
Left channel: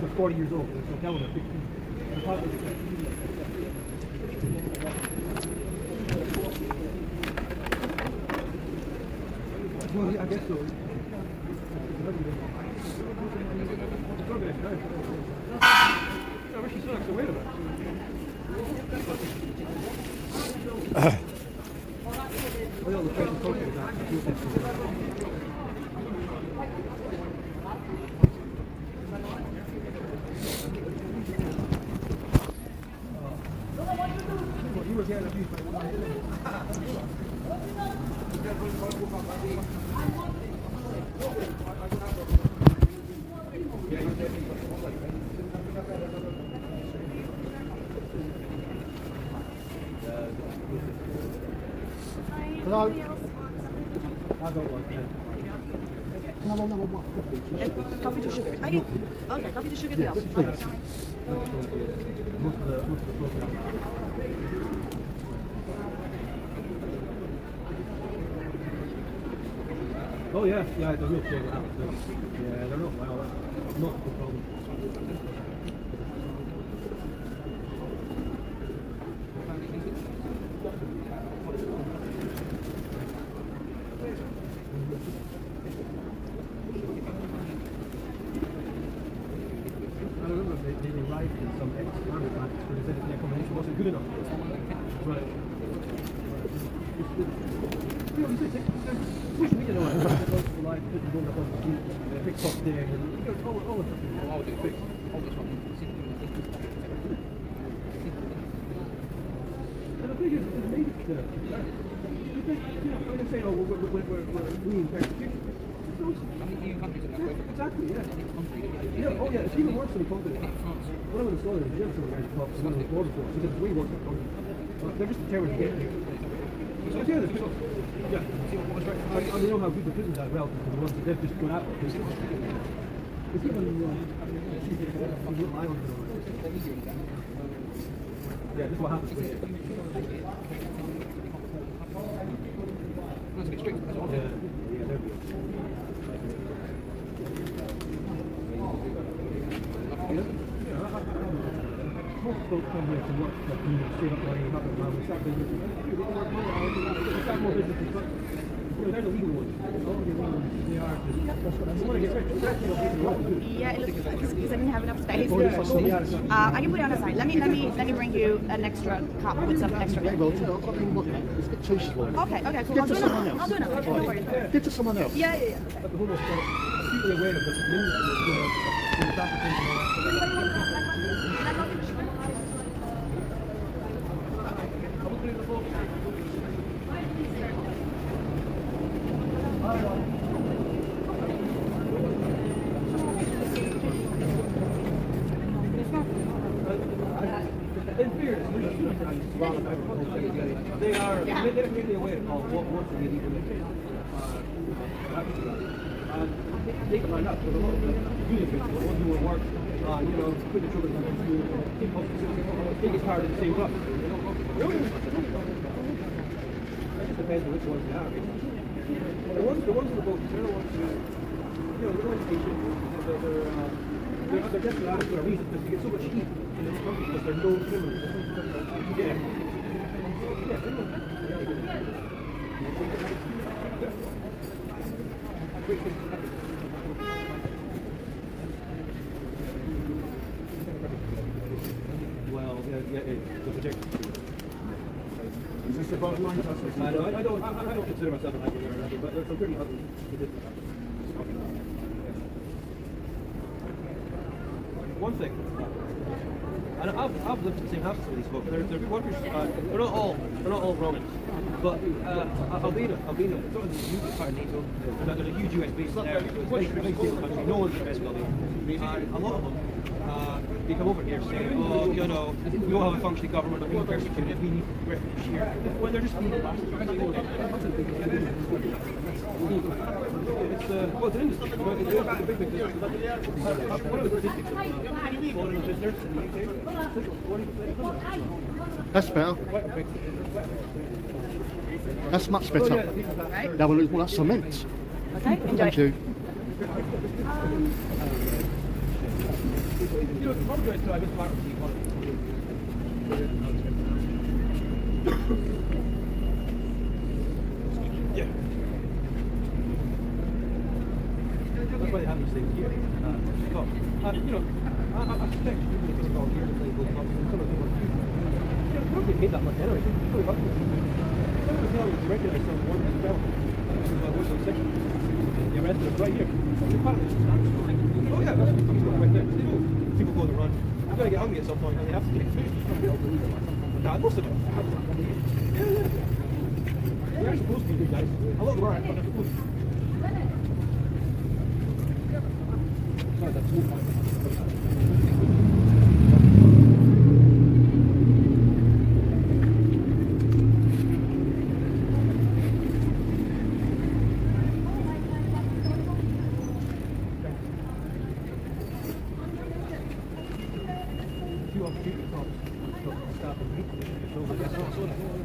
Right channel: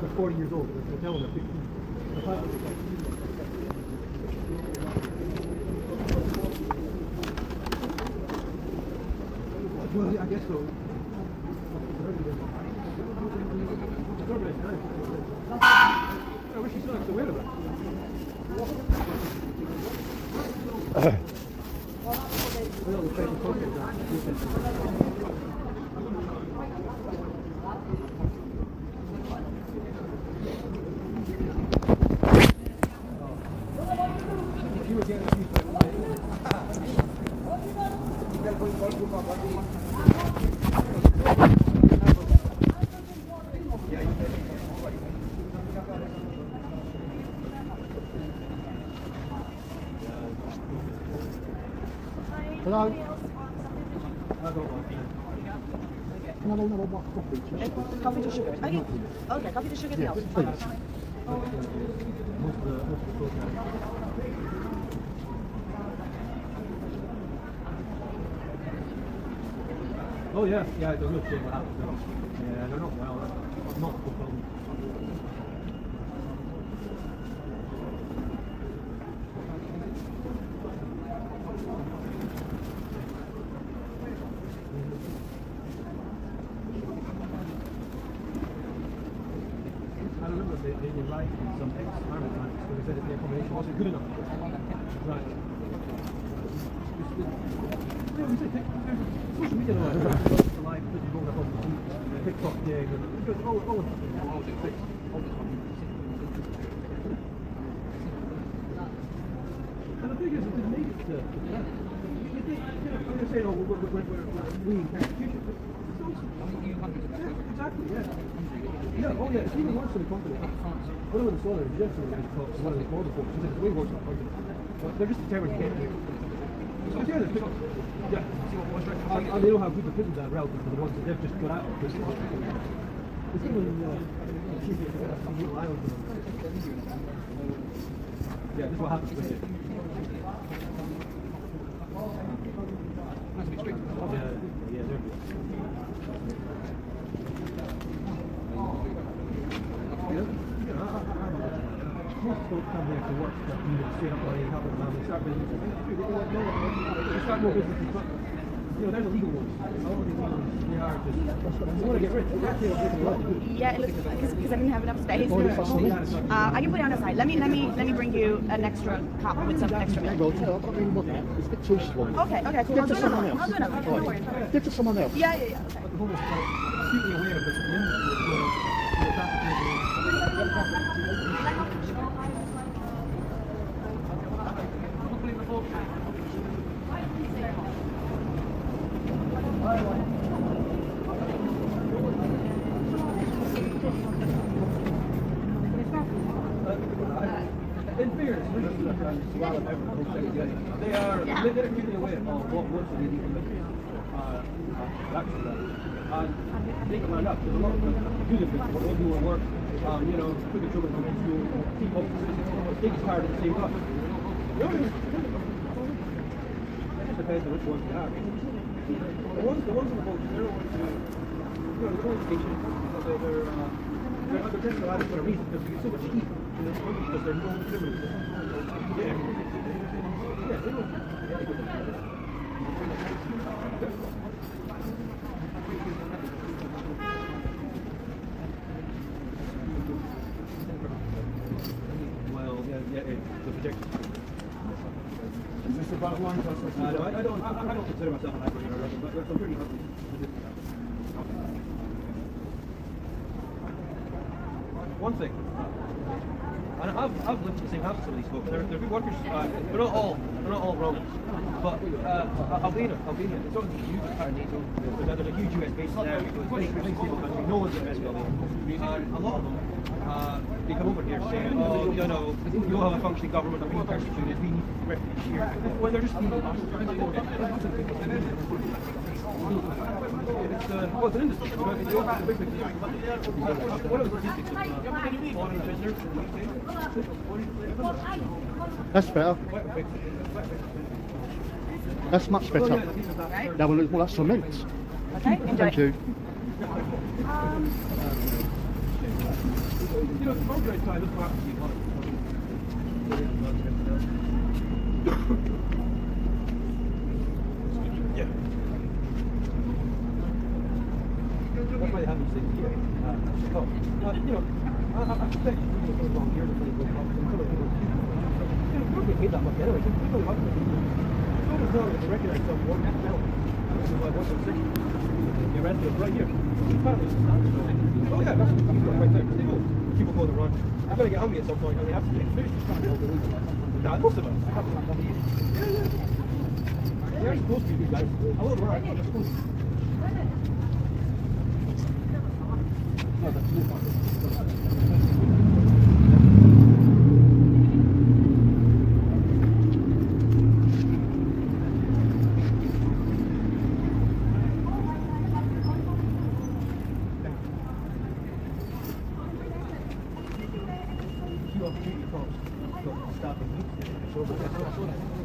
They're 40 years old. They're telling them. I guess so. I wish you still have to wear that. Hello? I don't want to. Coffee to sugar. Okay, coffee to sugar deal. Oh yeah, they're good. Yeah, they're not well. Not the problem. wasn't good enough. Right. Social media, like, putting all the TikTok there, and all of the things, all the fix, all the stuff. And the thing is, it made it to, you think, when they say, oh, we're reincarnation. Exactly, yeah. Yeah, oh yeah, it's even worse than a company. One of the stories, the yesterday when I talked to one of the border folks, he said it's way worse than a company. They're just determined to get here. So yeah, and they know how good the prisons are relative to the ones that they've just gone out of. It's even, little islands. Yeah, this is what happens with it. That's a bit strict. Yeah, there we go. Most folks come here to work that you stay up early and help them out. They start more business and stuff. You know, they're the legal ones. All the legal ones, they are. They want to get rich. They're actually not taking a lot to do. Yeah, it looks like because I didn't have enough space. I can put it on the side. Let me bring you an extra cup with some extra. It's a bit too slow. Okay, cool. Give to someone else. I'll do another. No worries. Give to someone else. Yeah. Okay. I've almost acutely aware of this they're acutely aware of what they need to make and they can line up. There's a lot of unit people who do work, you know, put the children home from school, keep up the biggest part of the same time. It just depends on which ones you have. The ones on the boat, they're the ones who, you know, they're always teaching. They're desperate at it for a reason, because you get so much heat in this country because there's no criminals. Well, yeah, the projector. Is this the bottom line? I don't consider myself an actor, but I'm pretty happy with this. One thing, and I've lived in St. Hampstead with these folks. They're good workers. They're not all Romans, but Albino. It's not in the UK pattern. They've got a huge US base there. No one's US building. A lot of them, they come over here saying, oh, you know, we don't have a functioning government, but one person can get me. Well, they're just well, it's an industry. That's better. That's much better. Right. That will, well, that's cement. Okay. Enjoy. Thank you. That's why they have these things here. You know, I suspect you're going to get involved here before you go they paid that much anyway. It's really hard to do. It's not to recognize some work as well. I worked in six. They arrested him right here. Oh yeah, that's right there. People go to run. I'm going to get hungry at some point and they have to take food. Nah, most of them. They're supposed to be good guys. A lot of them are. Yeah, that's you.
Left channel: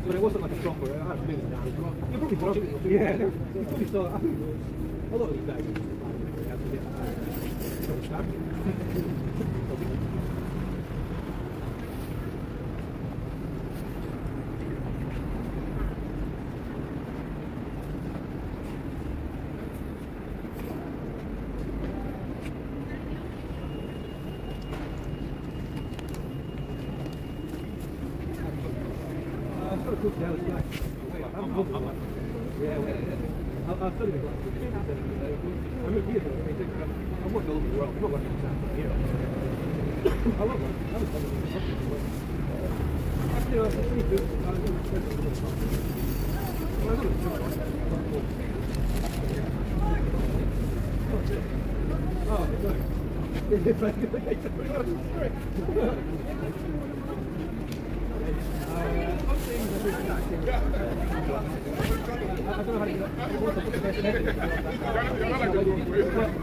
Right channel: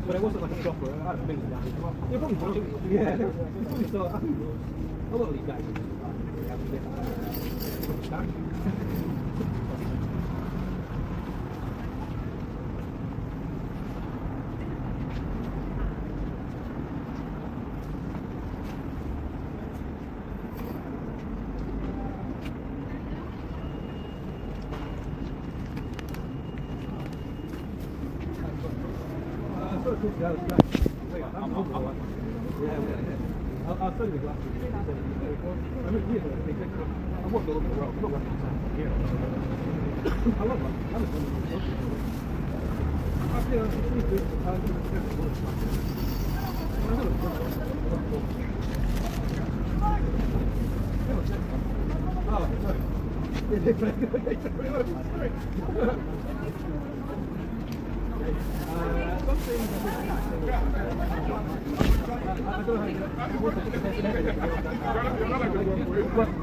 But it wasn't like a shop where I was big down. You're probably drunk. Yeah, they're probably still. A lot of these guys have to get understand. I'll study the glasses. I'm a theater. I work all over the world. I'm not like I love that. That was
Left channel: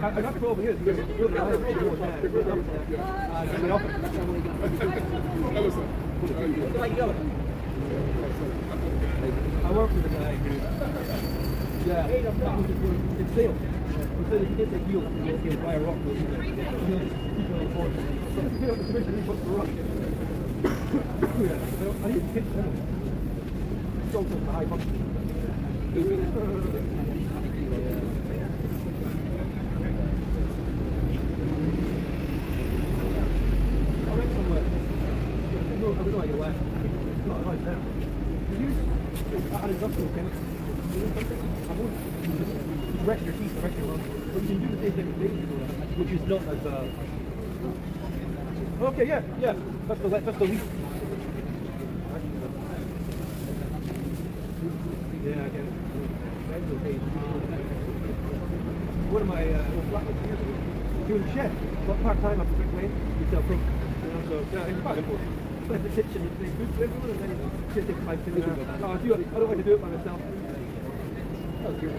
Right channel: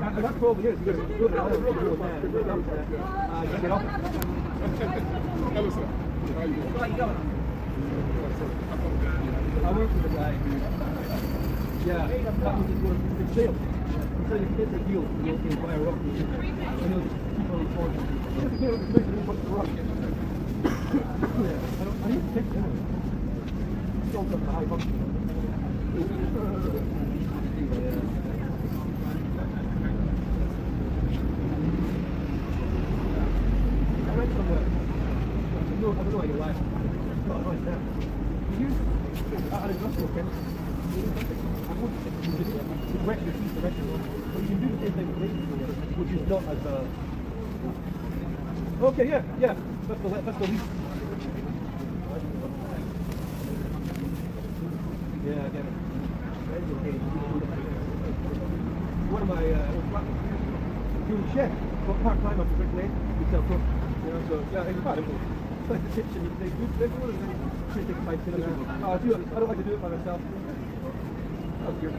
I got 12 years. I work with a guy who, yeah, in sales. He said if he gets a deal, he'll buy a rock. And then people report, if you get a commission, he puts the rock. I need to pitch that. Sold up the high bucks. Which is not as okay, yeah, that's the least. Yeah, I get it. One of my doing chef, but part time at the place, we sell cook. So yeah, it's quite cool. It's like the kitchen, you play food, everyone is like chicken, 5 kilograms. Oh, I don't like to do it by myself. That's good.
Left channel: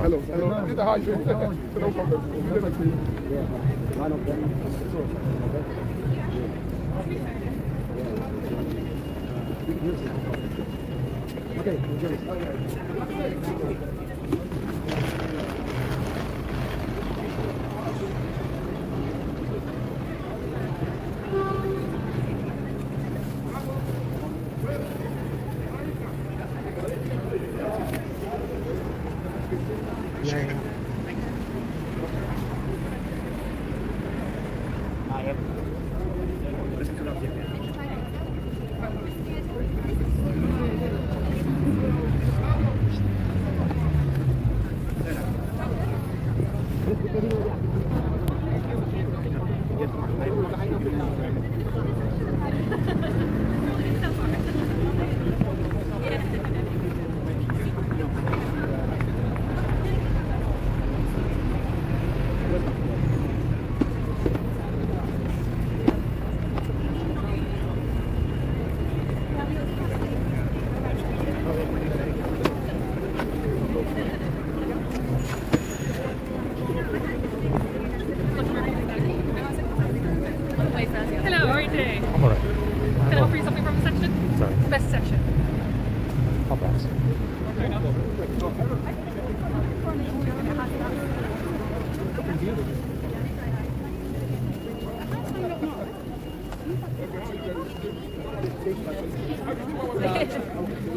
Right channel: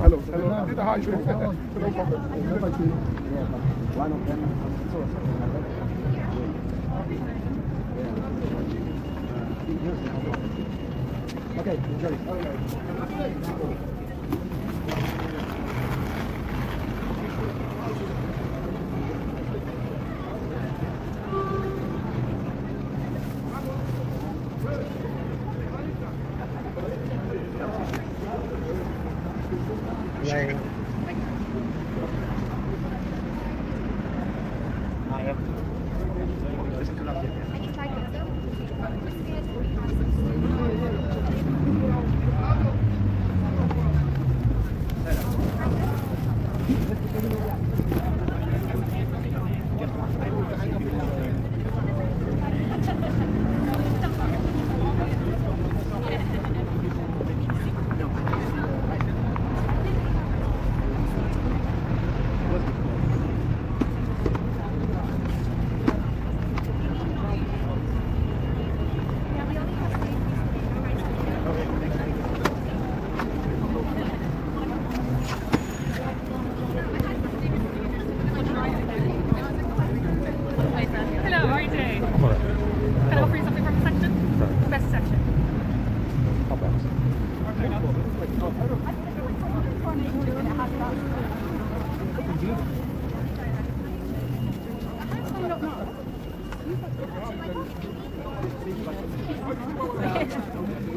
Hello. Did the high no problem. One of them okay, enjoy.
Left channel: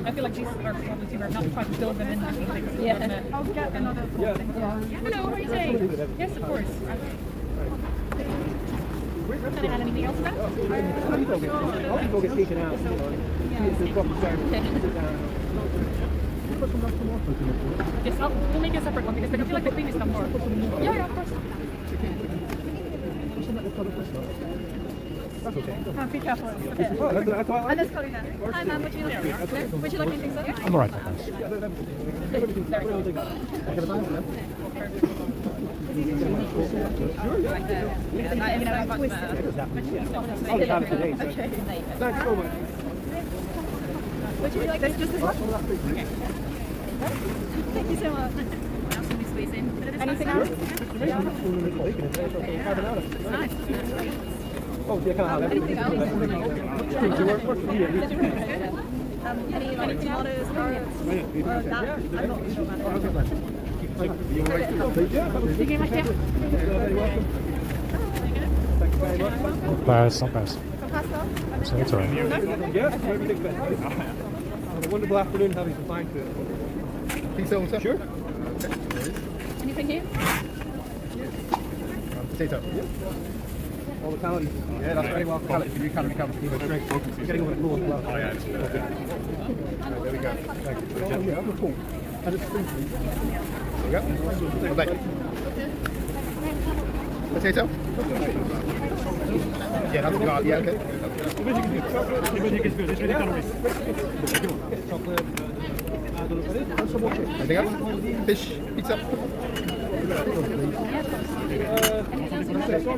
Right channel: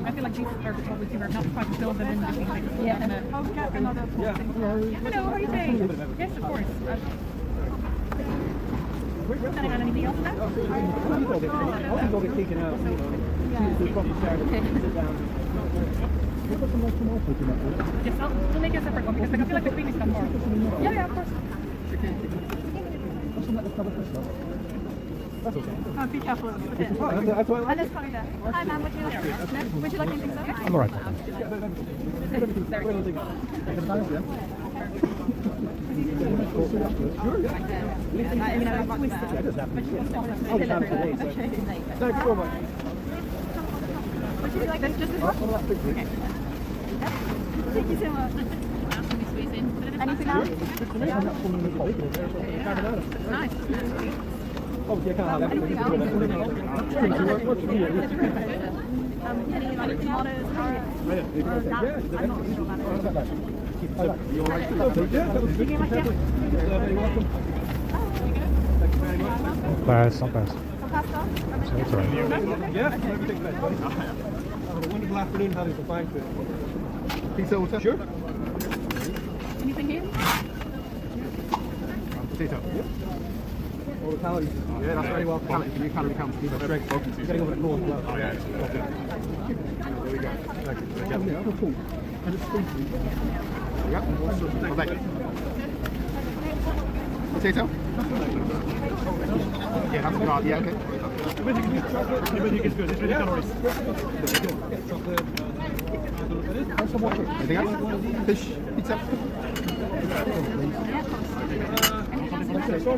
I feel like these are probably too hard not to try to build them in. Yeah. I'll get another full thing. Hello, how are you doing? Yes, of course. Okay. Can I add anything else to that? I'll go get taken out. Yes, we'll make a separate one because I feel like the cream is come more. Yeah, of course. Oh, be careful. Okay. And this color here. Hi, ma'am. Would you like? No? Would you like anything, sir? I'm alright. Would you like this? Just this one? Okay. Thank you so much. What else can we squeeze in? Anything else? Nice, isn't it? Anything else? Any like tomatoes, carrots? That I'm not sure about it. Pass, I'll pass. Some pasta? So it's alright. Yeah, everything's better. Have a wonderful afternoon, having some fine food. Pizza also? Sure. Anything here? Potato. All the calories. Yeah, that's very well. You calorie count. That's great. You're getting over that goal as well. Oh, yeah. There we go. Yeah, cool. And it's free. Yep. Well, that. Potato? Yeah, that's not. Yeah, okay. Everything is good. It's really calories. Chocolate. Anything else? Fish? Pizza?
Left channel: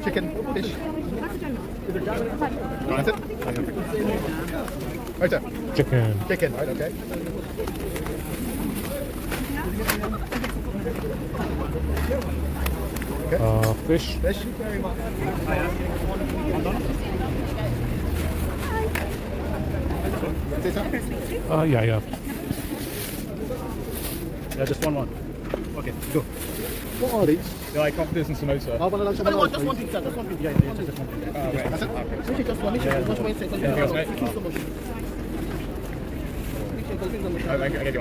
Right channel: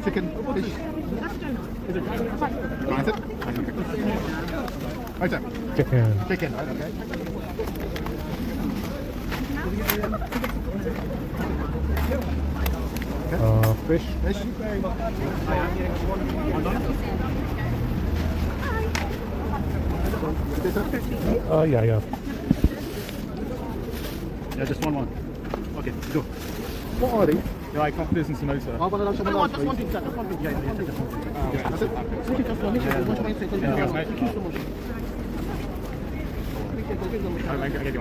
Chicken? Fish? That's it? Right, sir. Chicken. Chicken, right, okay. Fish. Fish? Yeah. Yeah, just one. Okay, go. What are these? They're like confidence and samosa. One of those, just one pizza, just one pizza. Yeah, that's it? Okay, just one.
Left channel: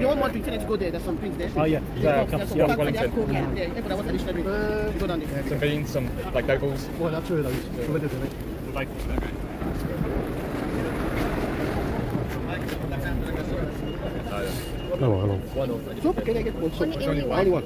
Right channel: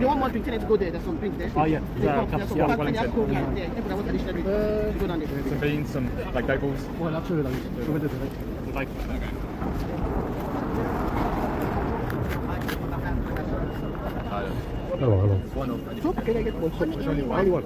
You want more pizza, let's go there. There's some things there. Oh, yeah. Good on it. Some beans, some like goat balls. Well, not two of those. Like Oh, hold on. One of. Soup? Can I get one soup? Only one.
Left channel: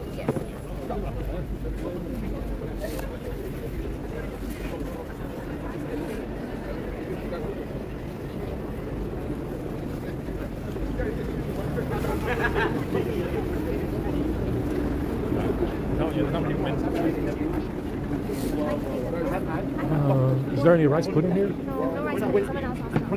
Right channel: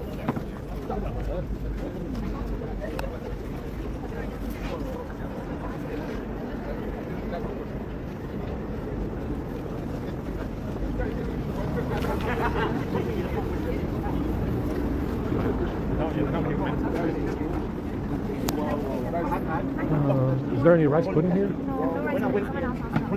Is there any rice pudding here? No rice pudding. Someone else asked that.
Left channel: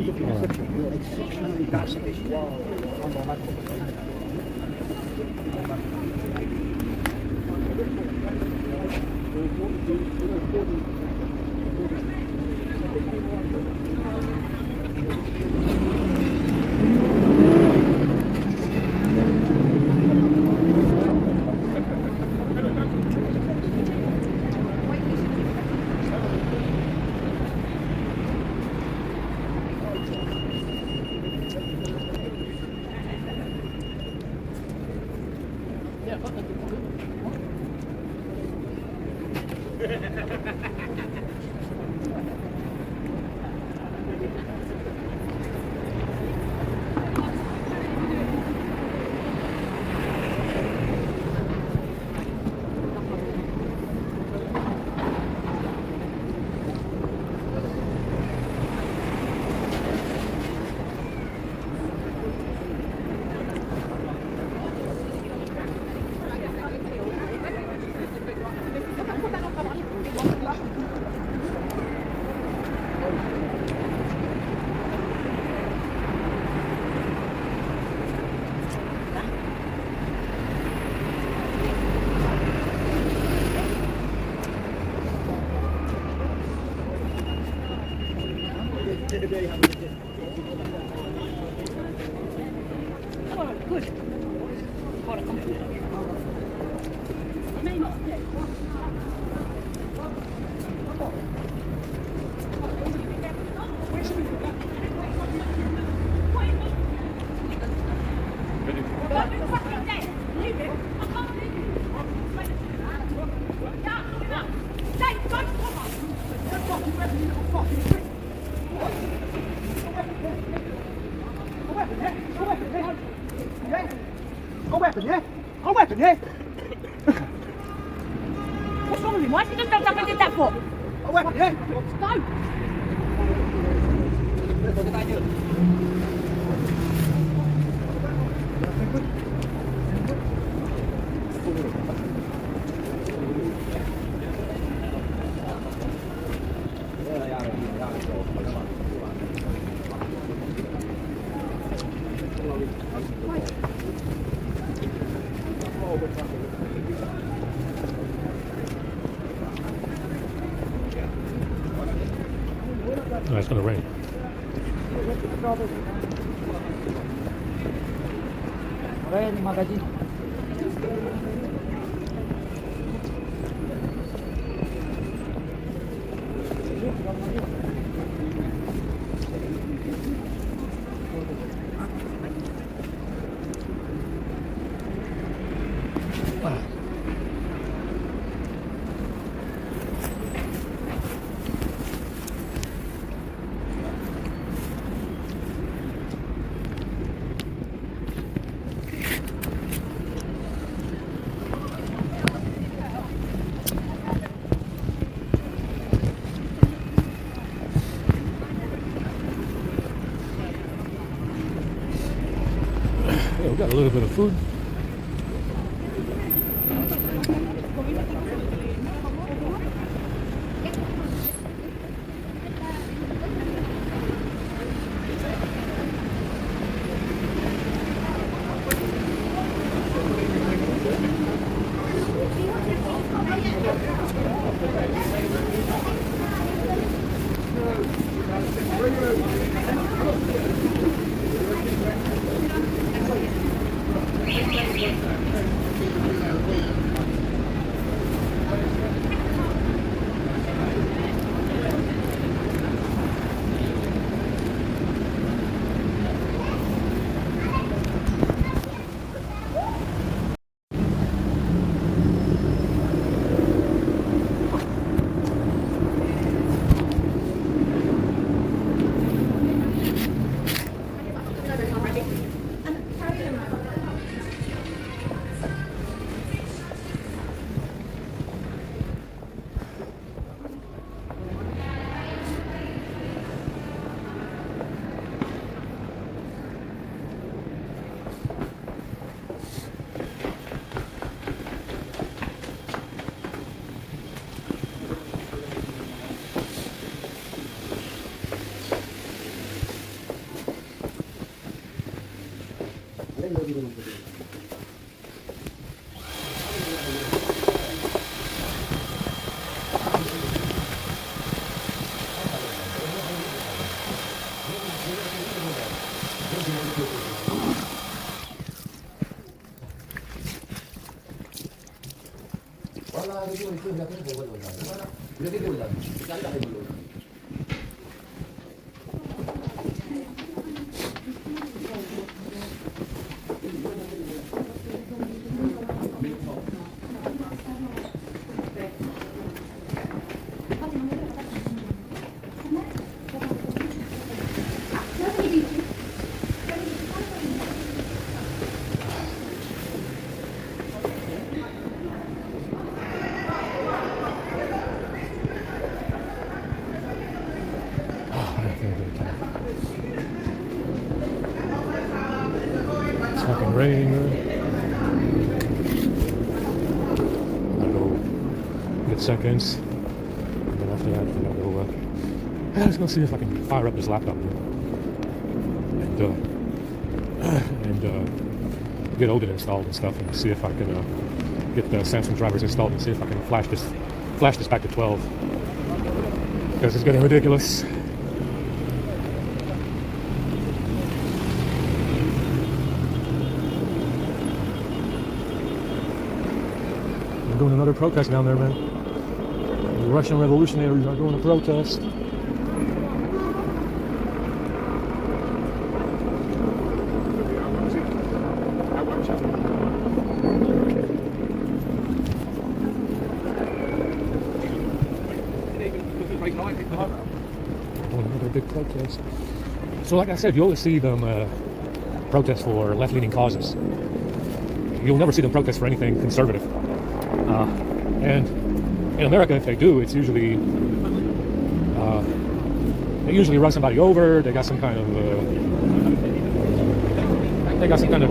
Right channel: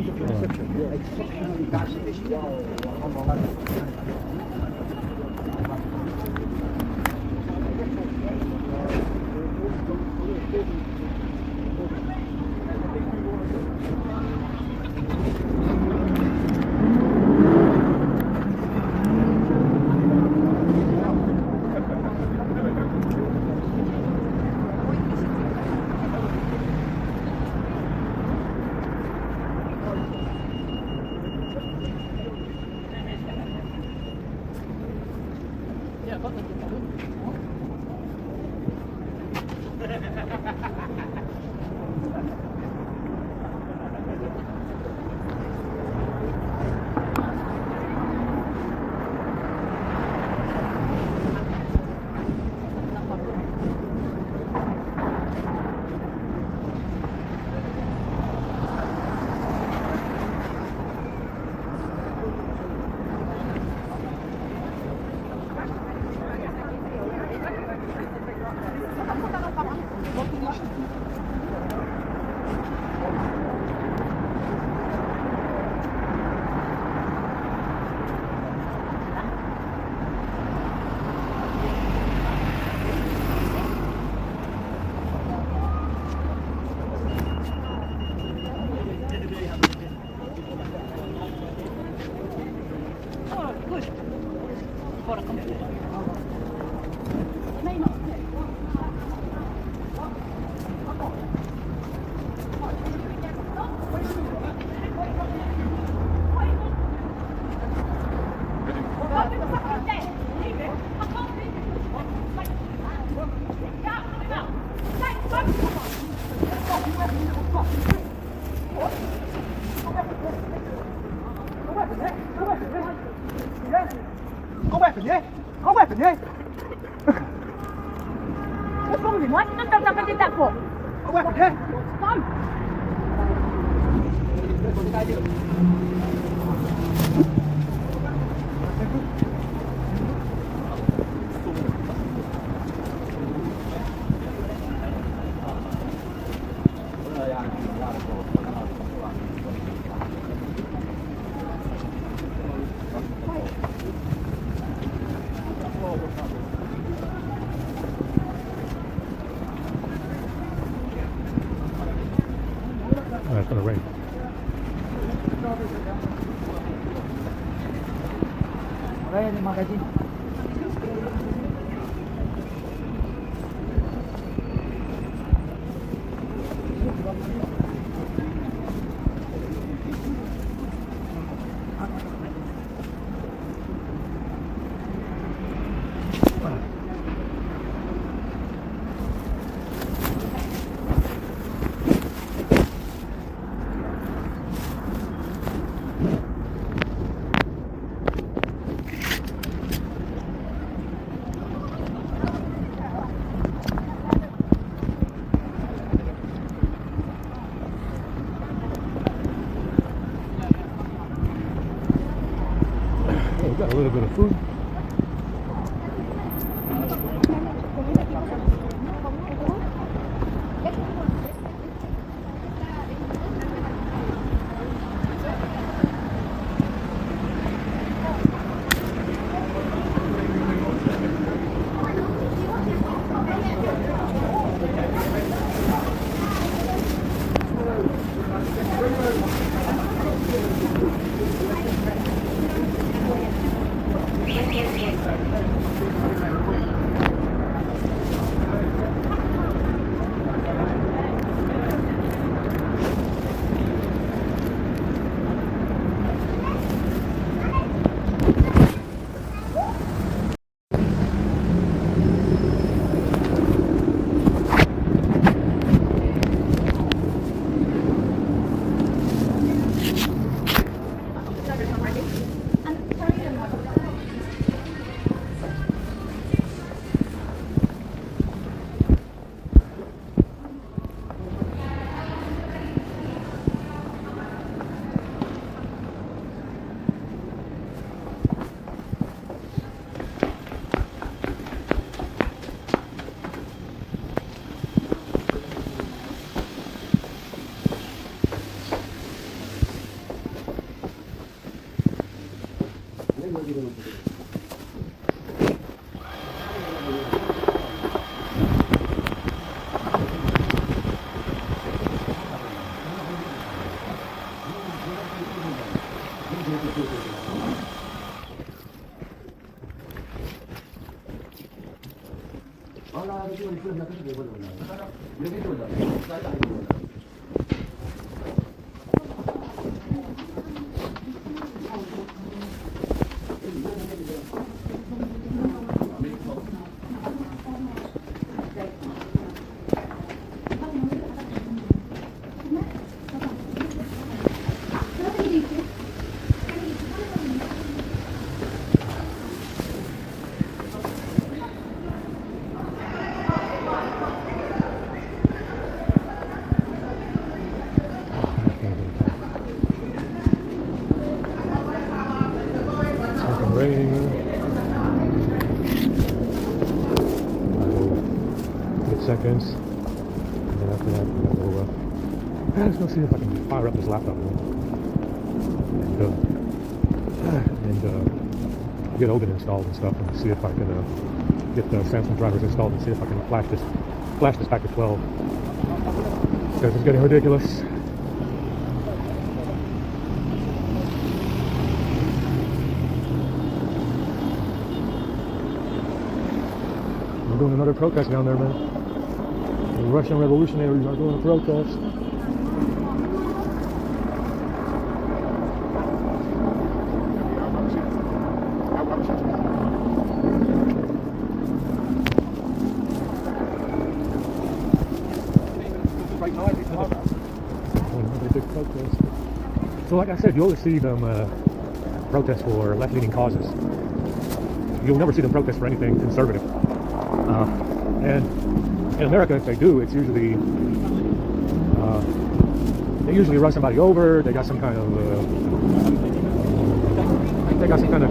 Có weapon, yeah? Có weapon, yeah? What's wrong with him? Why did you just up and did that for? Có weapon, yeah? No. Oh, it's gonna rain. Ayan yung magazine. Oh, we got a little bit of food. It's fucking raining. Get seconds. And after that, I'm just gonna see if I can fire up this laptop and get Odin installed and stuff, and see if I can get the Samsung drivers installed and see if I can flash this back to 12, because it's getting ridiculous. We're doing another protest down there, man. The Russian revolutionaries are doing a protest. Another big protest. So like I said, you always see them protest for left-leaning causes. You'll never see them protest for anything conservative. And in America, if they do, it's usually they usually run somebody over. They got some kind of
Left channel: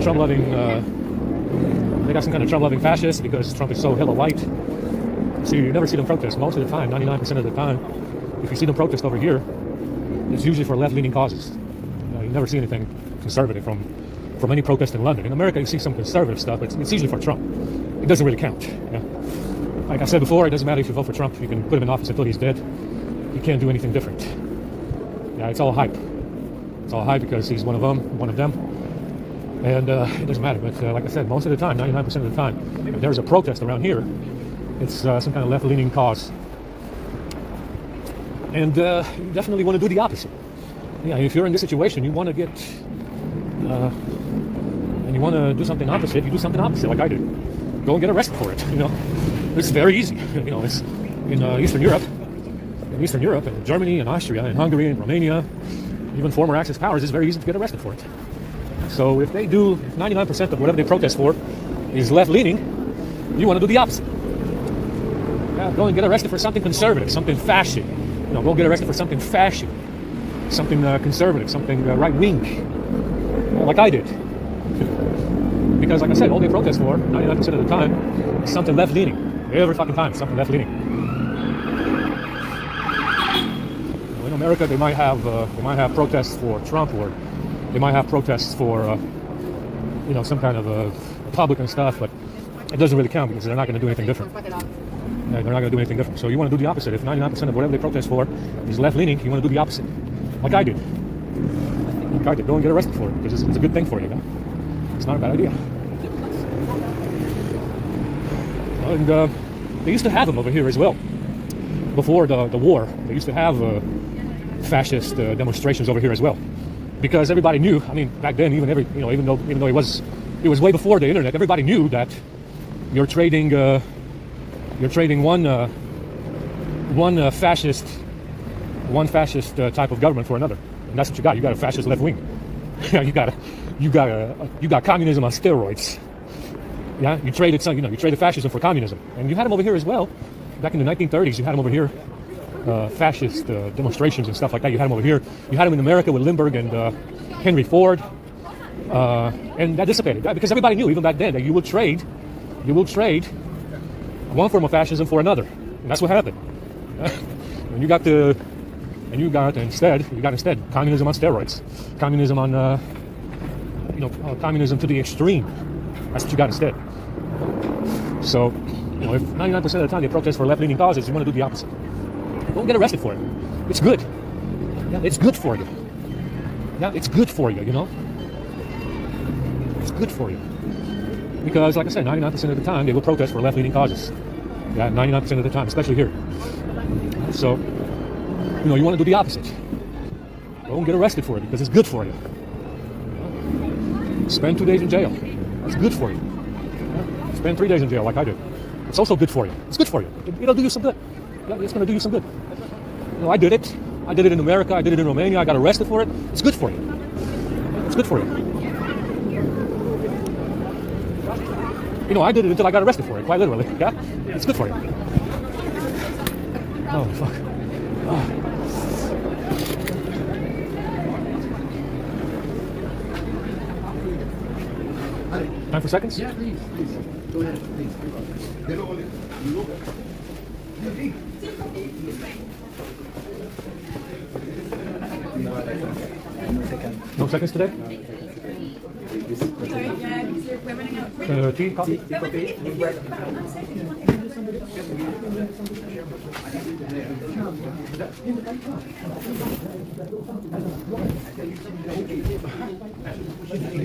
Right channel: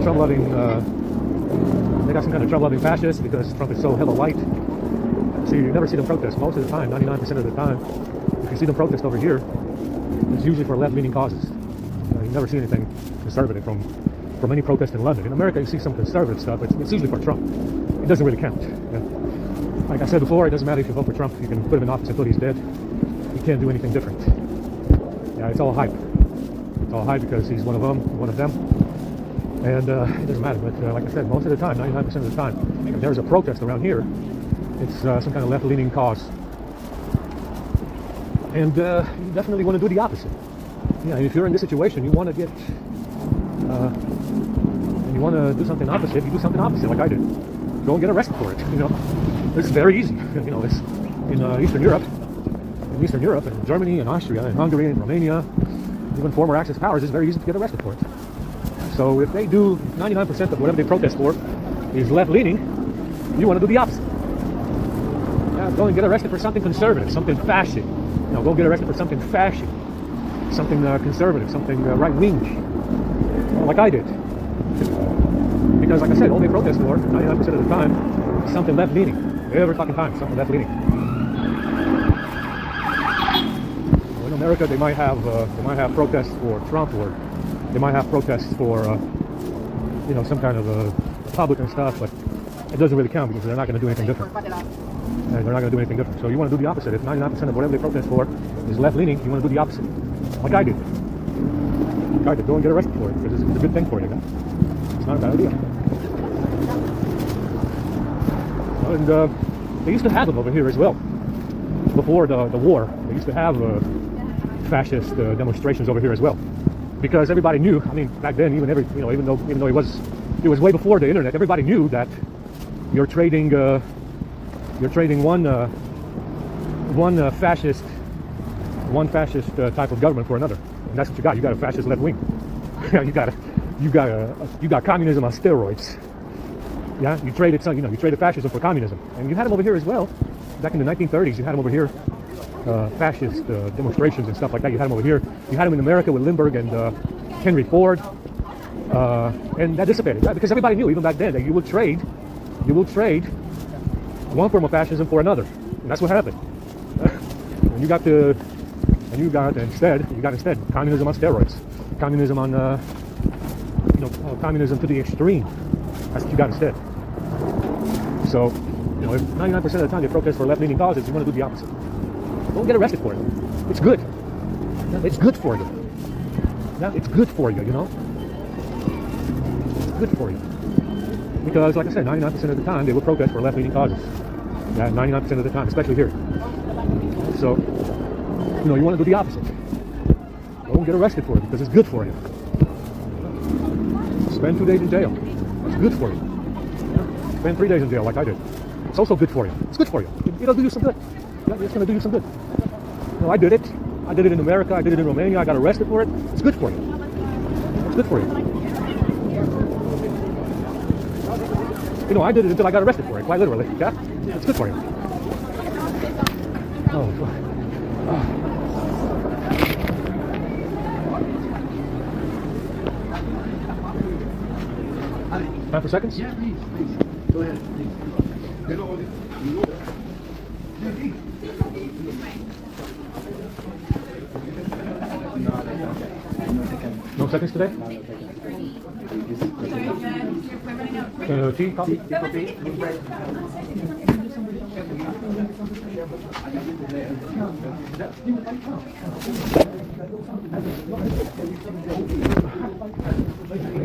Trump-loving. They got some kind of Trump-loving fascist because Trump is so hella white. So you never see them protest. Most of the time, 99% of the time, if you see them protest over here, it's usually for left-leaning causes. You never see anything conservative from any protest in London. In America, you see some conservative stuff, but it's usually for Trump. It doesn't really count. Yeah? Like I said before, it doesn't matter if you vote for Trump. You can put him in office until he's dead. You can't do anything different. Yeah, it's all hype. It's all hype because he's one of them. And it doesn't matter. But like I said, most of the time, 99% of the time, if there's a protest around here, it's some kind of left-leaning cause. And you definitely want to do the opposite. Yeah, if you're in this situation, you want to get, and you want to do something opposite, you do something opposite, like I did. Go and get arrested for it. You know, it's very easy. You know, it's in Eastern Europe, and Germany, and Austria, and Hungary, and Romania, even former Axis powers, it's very easy to get arrested for it. So if they do 99% of whatever they protest for is left-leaning, you want to do the opposite. Yeah, go and get arrested for something conservative, something fascist. You know, go get arrested for something fascist, something conservative, something right-wing, like I did. Because, like I said, all they protest for 99% of the time is something left-leaning. Every fucking time, something left-leaning. In America, they might have protests for Trump, or they might have protests for you know, some kind of Republican stuff, but it doesn't really count because they're not going to do anything different. Yeah, they're not going to do anything different. So you want to do the opposite. If 99% of whatever they protest for is left-leaning, you want to do the opposite, like I did. Go and get arrested for it because it's a good thing for you. You know? It's not a bad idea. And they used to have them over here as well. Before the war, they used to have fascist demonstrations over here as well, because everybody knew. I mean, back then, even though it was way before the internet, everybody knew that you're trading one fascist type of government for another, and that's what you got. You got a fascist left wing. Yeah, you got communism on steroids. Yeah, you traded fascism for communism, and you had them over here as well. Back in the 1930s, you had them over here, fascist demonstrations and stuff like that. You had them over here. You had them in America with Lindbergh and Henry Ford, and that dissipated, right? Because everybody knew, even back then, that you will trade one form of fascism for another, and that's what happened. And you got instead communism on steroids, communism on communism to the extreme. That's what you got instead. So, you know, if 99% of the time they protest for left-leaning causes, you want to do the opposite. Don't get arrested for it. It's good. Yeah, it's good for you. Yeah, it's good for you, you know? It's good for you. Because, like I said, 99% of the time they will protest for left-leaning causes. Yeah, 99% of the time, especially here. So, you know, you want to do the opposite. Don't get arrested for it because it's good for you. Spend 2 days in jail. It's good for you. Spend 3 days in jail like I did. It's also good for you. It's good for you. It'll do you some good. It's going to do you some good. You know, I did it. I did it in America. I did it in Romania. I got arrested for it. It's good for you. It's good for you. You know, I did it until I got arrested for it, quite literally. Yeah? It's good for you. Oh, fuck. Oh. Time for seconds? Yeah, please. Go ahead. No seconds today? Tea, coffee?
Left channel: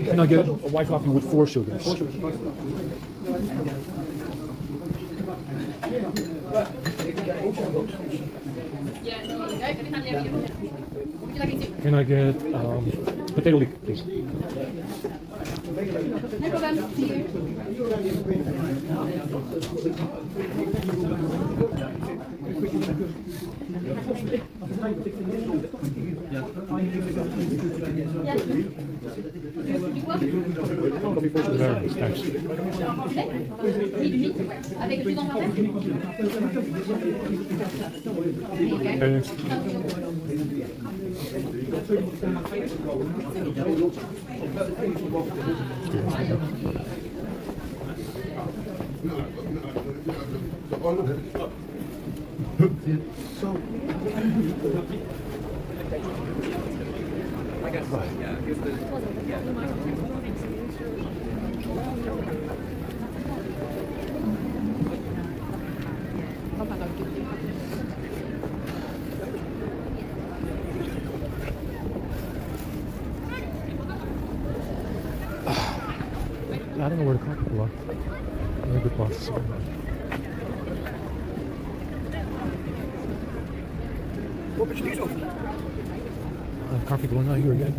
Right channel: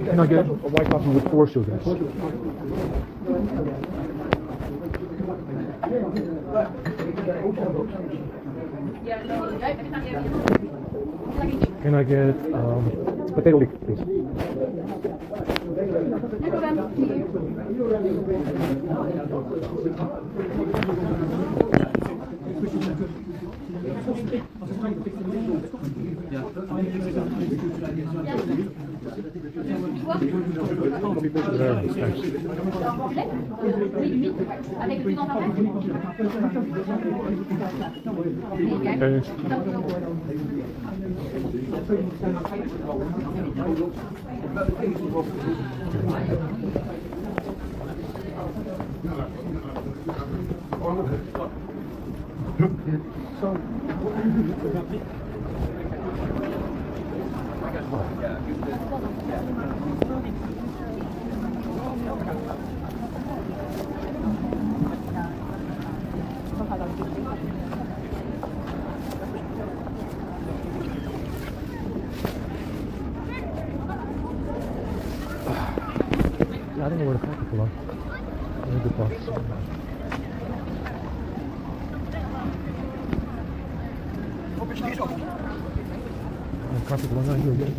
Can I get a white coffee with 4 sugars? 4 sugars. Can I get potato leek, please? There it is, thanks. Avec le plus dans ta tête. I don't know where to park it below. Maybe past. Perfect, then not here again.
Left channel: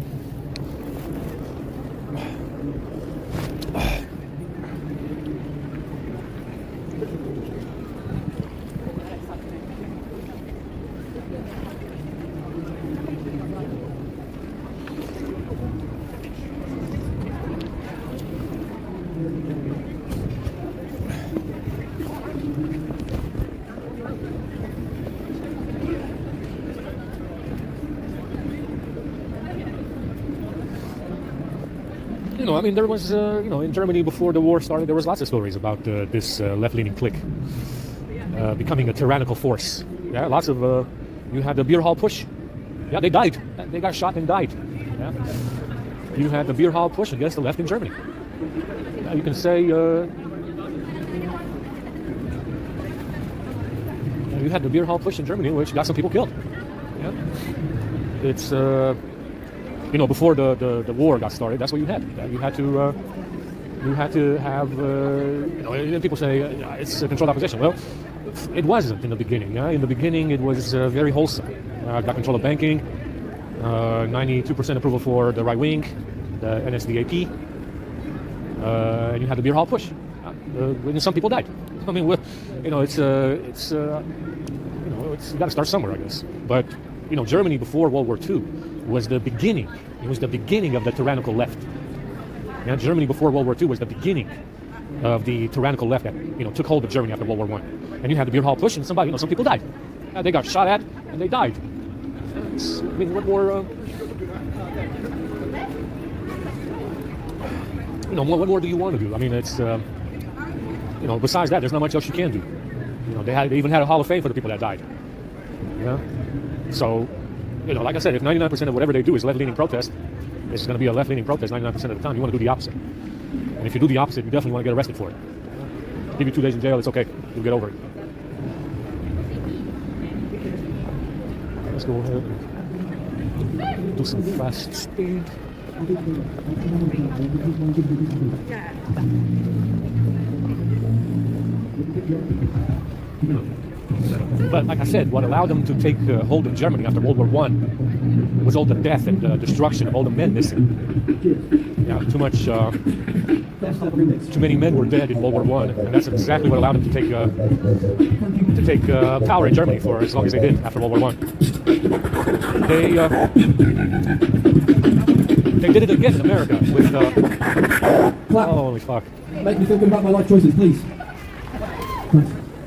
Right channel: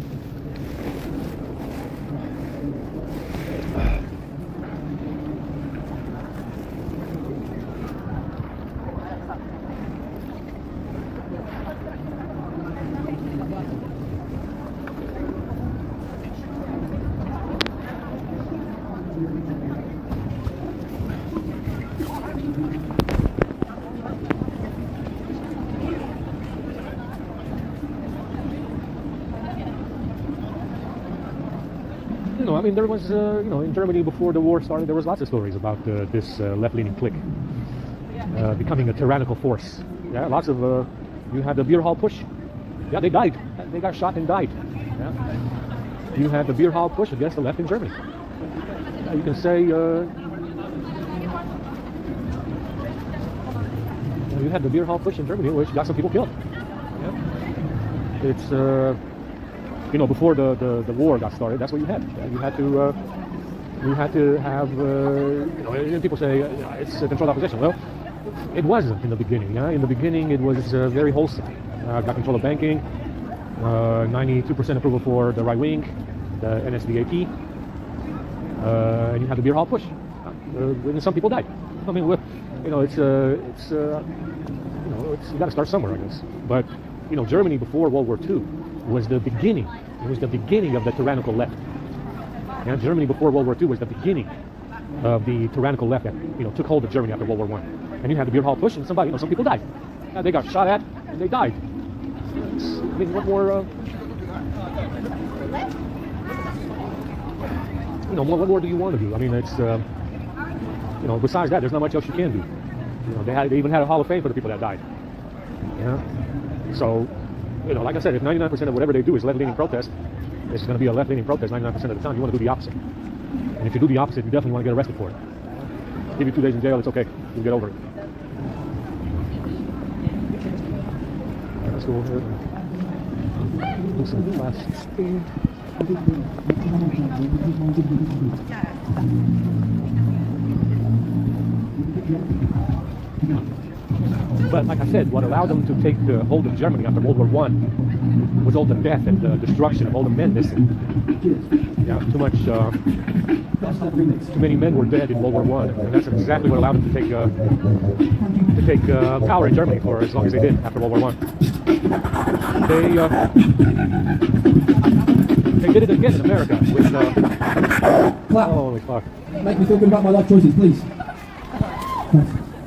I mean, there was, in Germany before the war started, there was lots of stories about this left-leaning clique becoming a tyrannical force. Yeah, lots of, you had the beer hall push. Yeah, they died. They got shot and died. Yeah. You had the beer hall push against the left in Germany. Yeah, you can say, you had the beer hall push in Germany, which got some people killed. Yeah. It's, before the war got started, that's what you had. You had to have, people say it's a controlled opposition. Well, it wasn't in the beginning. In the beginning, it was very wholesome. Got control of banking, 92% approval for the right wing, the NSDAP, and you had the beer hall push. And some people died. I mean, you got to start somewhere, I guess. But Germany before World War II was the beginning. It was the beginning of the tyrannical left. And Germany before World War II was the beginning of the tyrannical left that took hold of Germany after World War I. And you had the beer hall push, and some people died. They got shot at, and they died. What more? What more do you want to do? I mean, it's besides that, there's not much else you can do. They even had a Hall of Fame for the people that died. So. Like I said, if 99% of whatever they do is left-leaning protest, it's going to be a left-leaning protest 99% of the time. You want to do the opposite. And if you do the opposite, you definitely want to get arrested for it. Give you 2 days in jail, it's okay. You'll get over it. Let's go over do some fast speed. But like I said, what allowed them to take hold of Germany after World War I was all the death and destruction of all the men missing. Yeah, too many men were dead in World War I, and that's exactly what allowed them to take power in Germany for as long as they did after World War I. They did it again in America with. Holy fuck! Make me think about my life choices, please.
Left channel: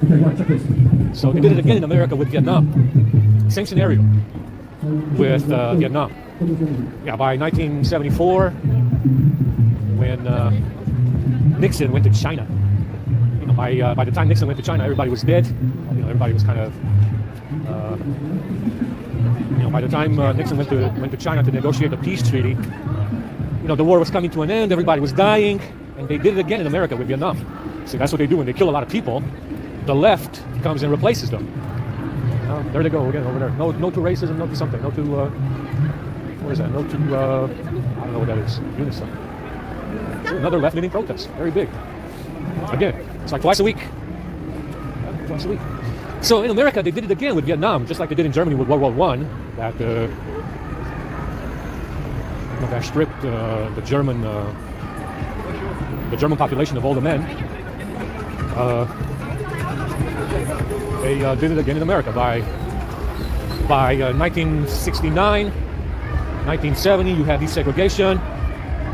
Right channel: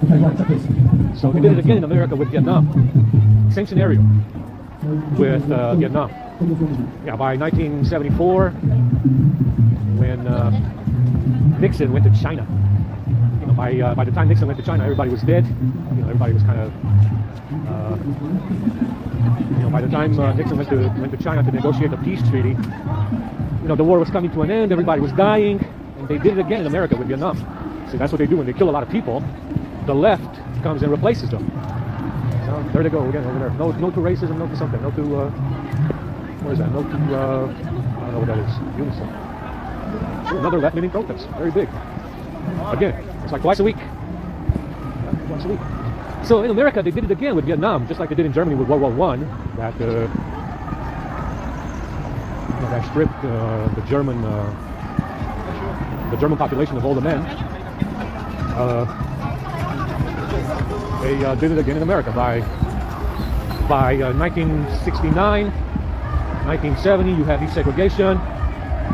Okay, right, check this. So they did it again in America with Vietnam. Same scenario with Vietnam. Yeah, by 1974, when Nixon went to China, by the time Nixon went to China, everybody was dead. Everybody was kind of. By the time Nixon went to China to negotiate the peace treaty, the war was coming to an end. Everybody was dying, and they did it again in America with Vietnam. So that's what they do when they kill a lot of people. The left comes and replaces them. There they go again over there. No to racism, no to something. No to what is that? No to I don't know what that is. Unison. Another left-leaning protest. Very big. Again, it's like twice a week. Twice a week. So in America, they did it again with Vietnam, just like they did in Germany with World War I. That stripped the German population of all the men. They did it again in America by 1969, 1970. You had desegregation.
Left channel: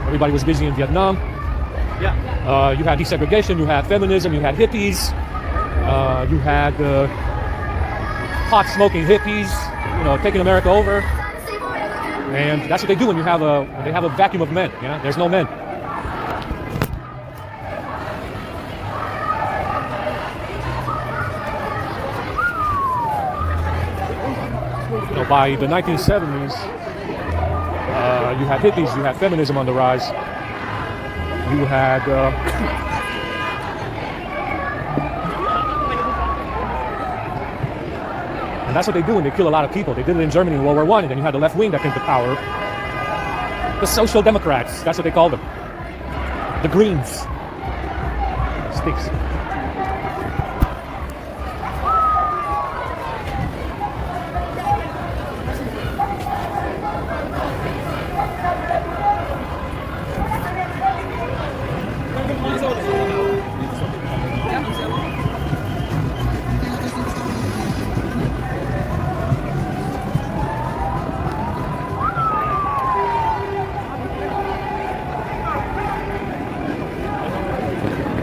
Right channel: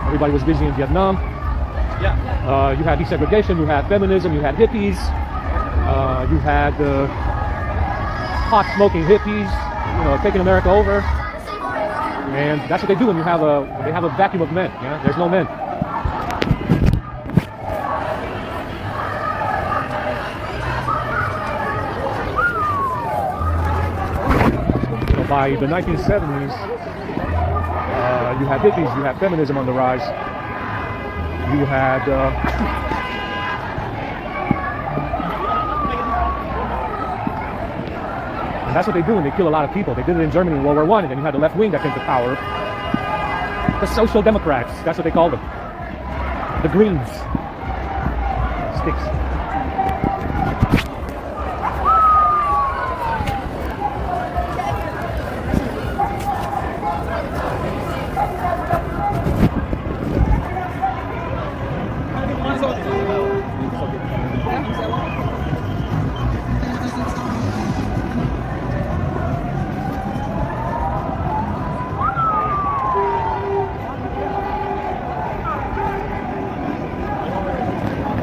Everybody was busy in Vietnam. You had desegregation, you had feminism, you had hippies, you had pot-smoking hippies, taking America over. And that's what they do when they have a vacuum of men. Yeah? There's no men. By the 1970s, you had hippies, you had feminism on the rise. You had and that's what they do when they kill a lot of people. They did it in Germany in World War I, and then you had the left wing that came to power. The Social Democrats, that's what they call them. The Greens. Sticks.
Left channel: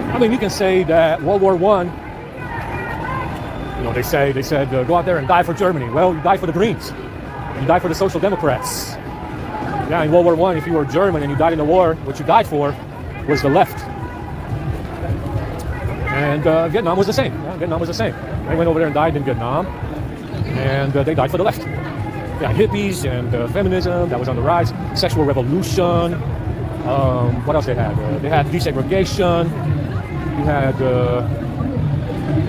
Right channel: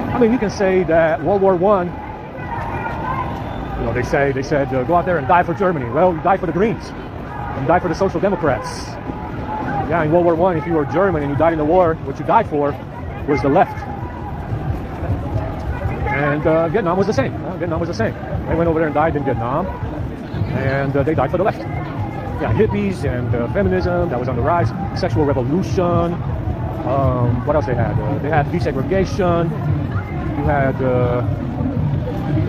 I mean, you can say that World War I, they said go out there and die for Germany. Well, you die for the Greens. You die for the Social Democrats. Yeah, in World War I, if you were German and you died in the war, what you died for was the left. And Vietnam was the same. Vietnam was the same. They went over there and died in Vietnam, and they died for the left. Yeah, hippies and feminism, that was on the rise. Sexual revolution. What else they had? They had desegregation. You had,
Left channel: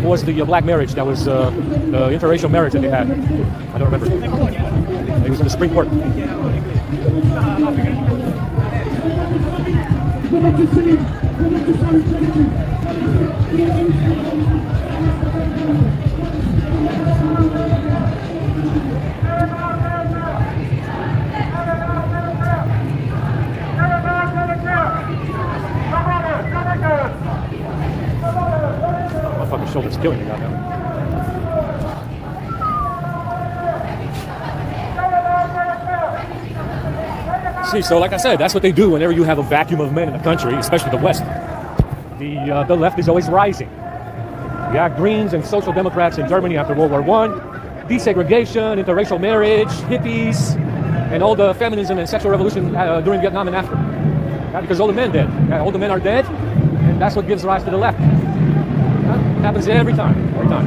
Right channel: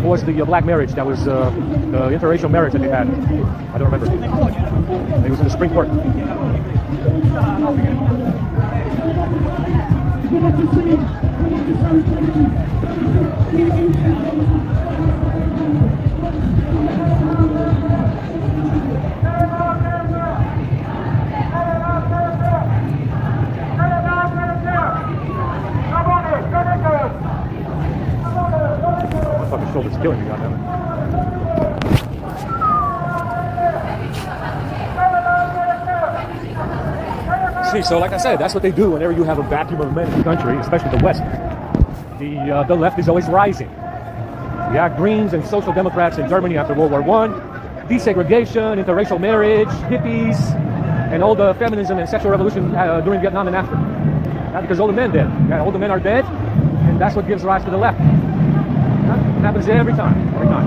what was the black marriage? That was the interracial marriage that they had. I don't remember. It was in the Supreme Court. It's killing you right now. See, so like I said, that's what they do whenever you have a vacuum of men in the country, especially the West. The left is always rising. You have Greens and Social Democrats in Germany after World War I, desegregation, interracial marriage, hippies, and all the feminism and sexual revolution during Vietnam and after. Right? Because all the men dead. Right? All the men are dead, and that's what gives rise to the left. It happens every time. Every time.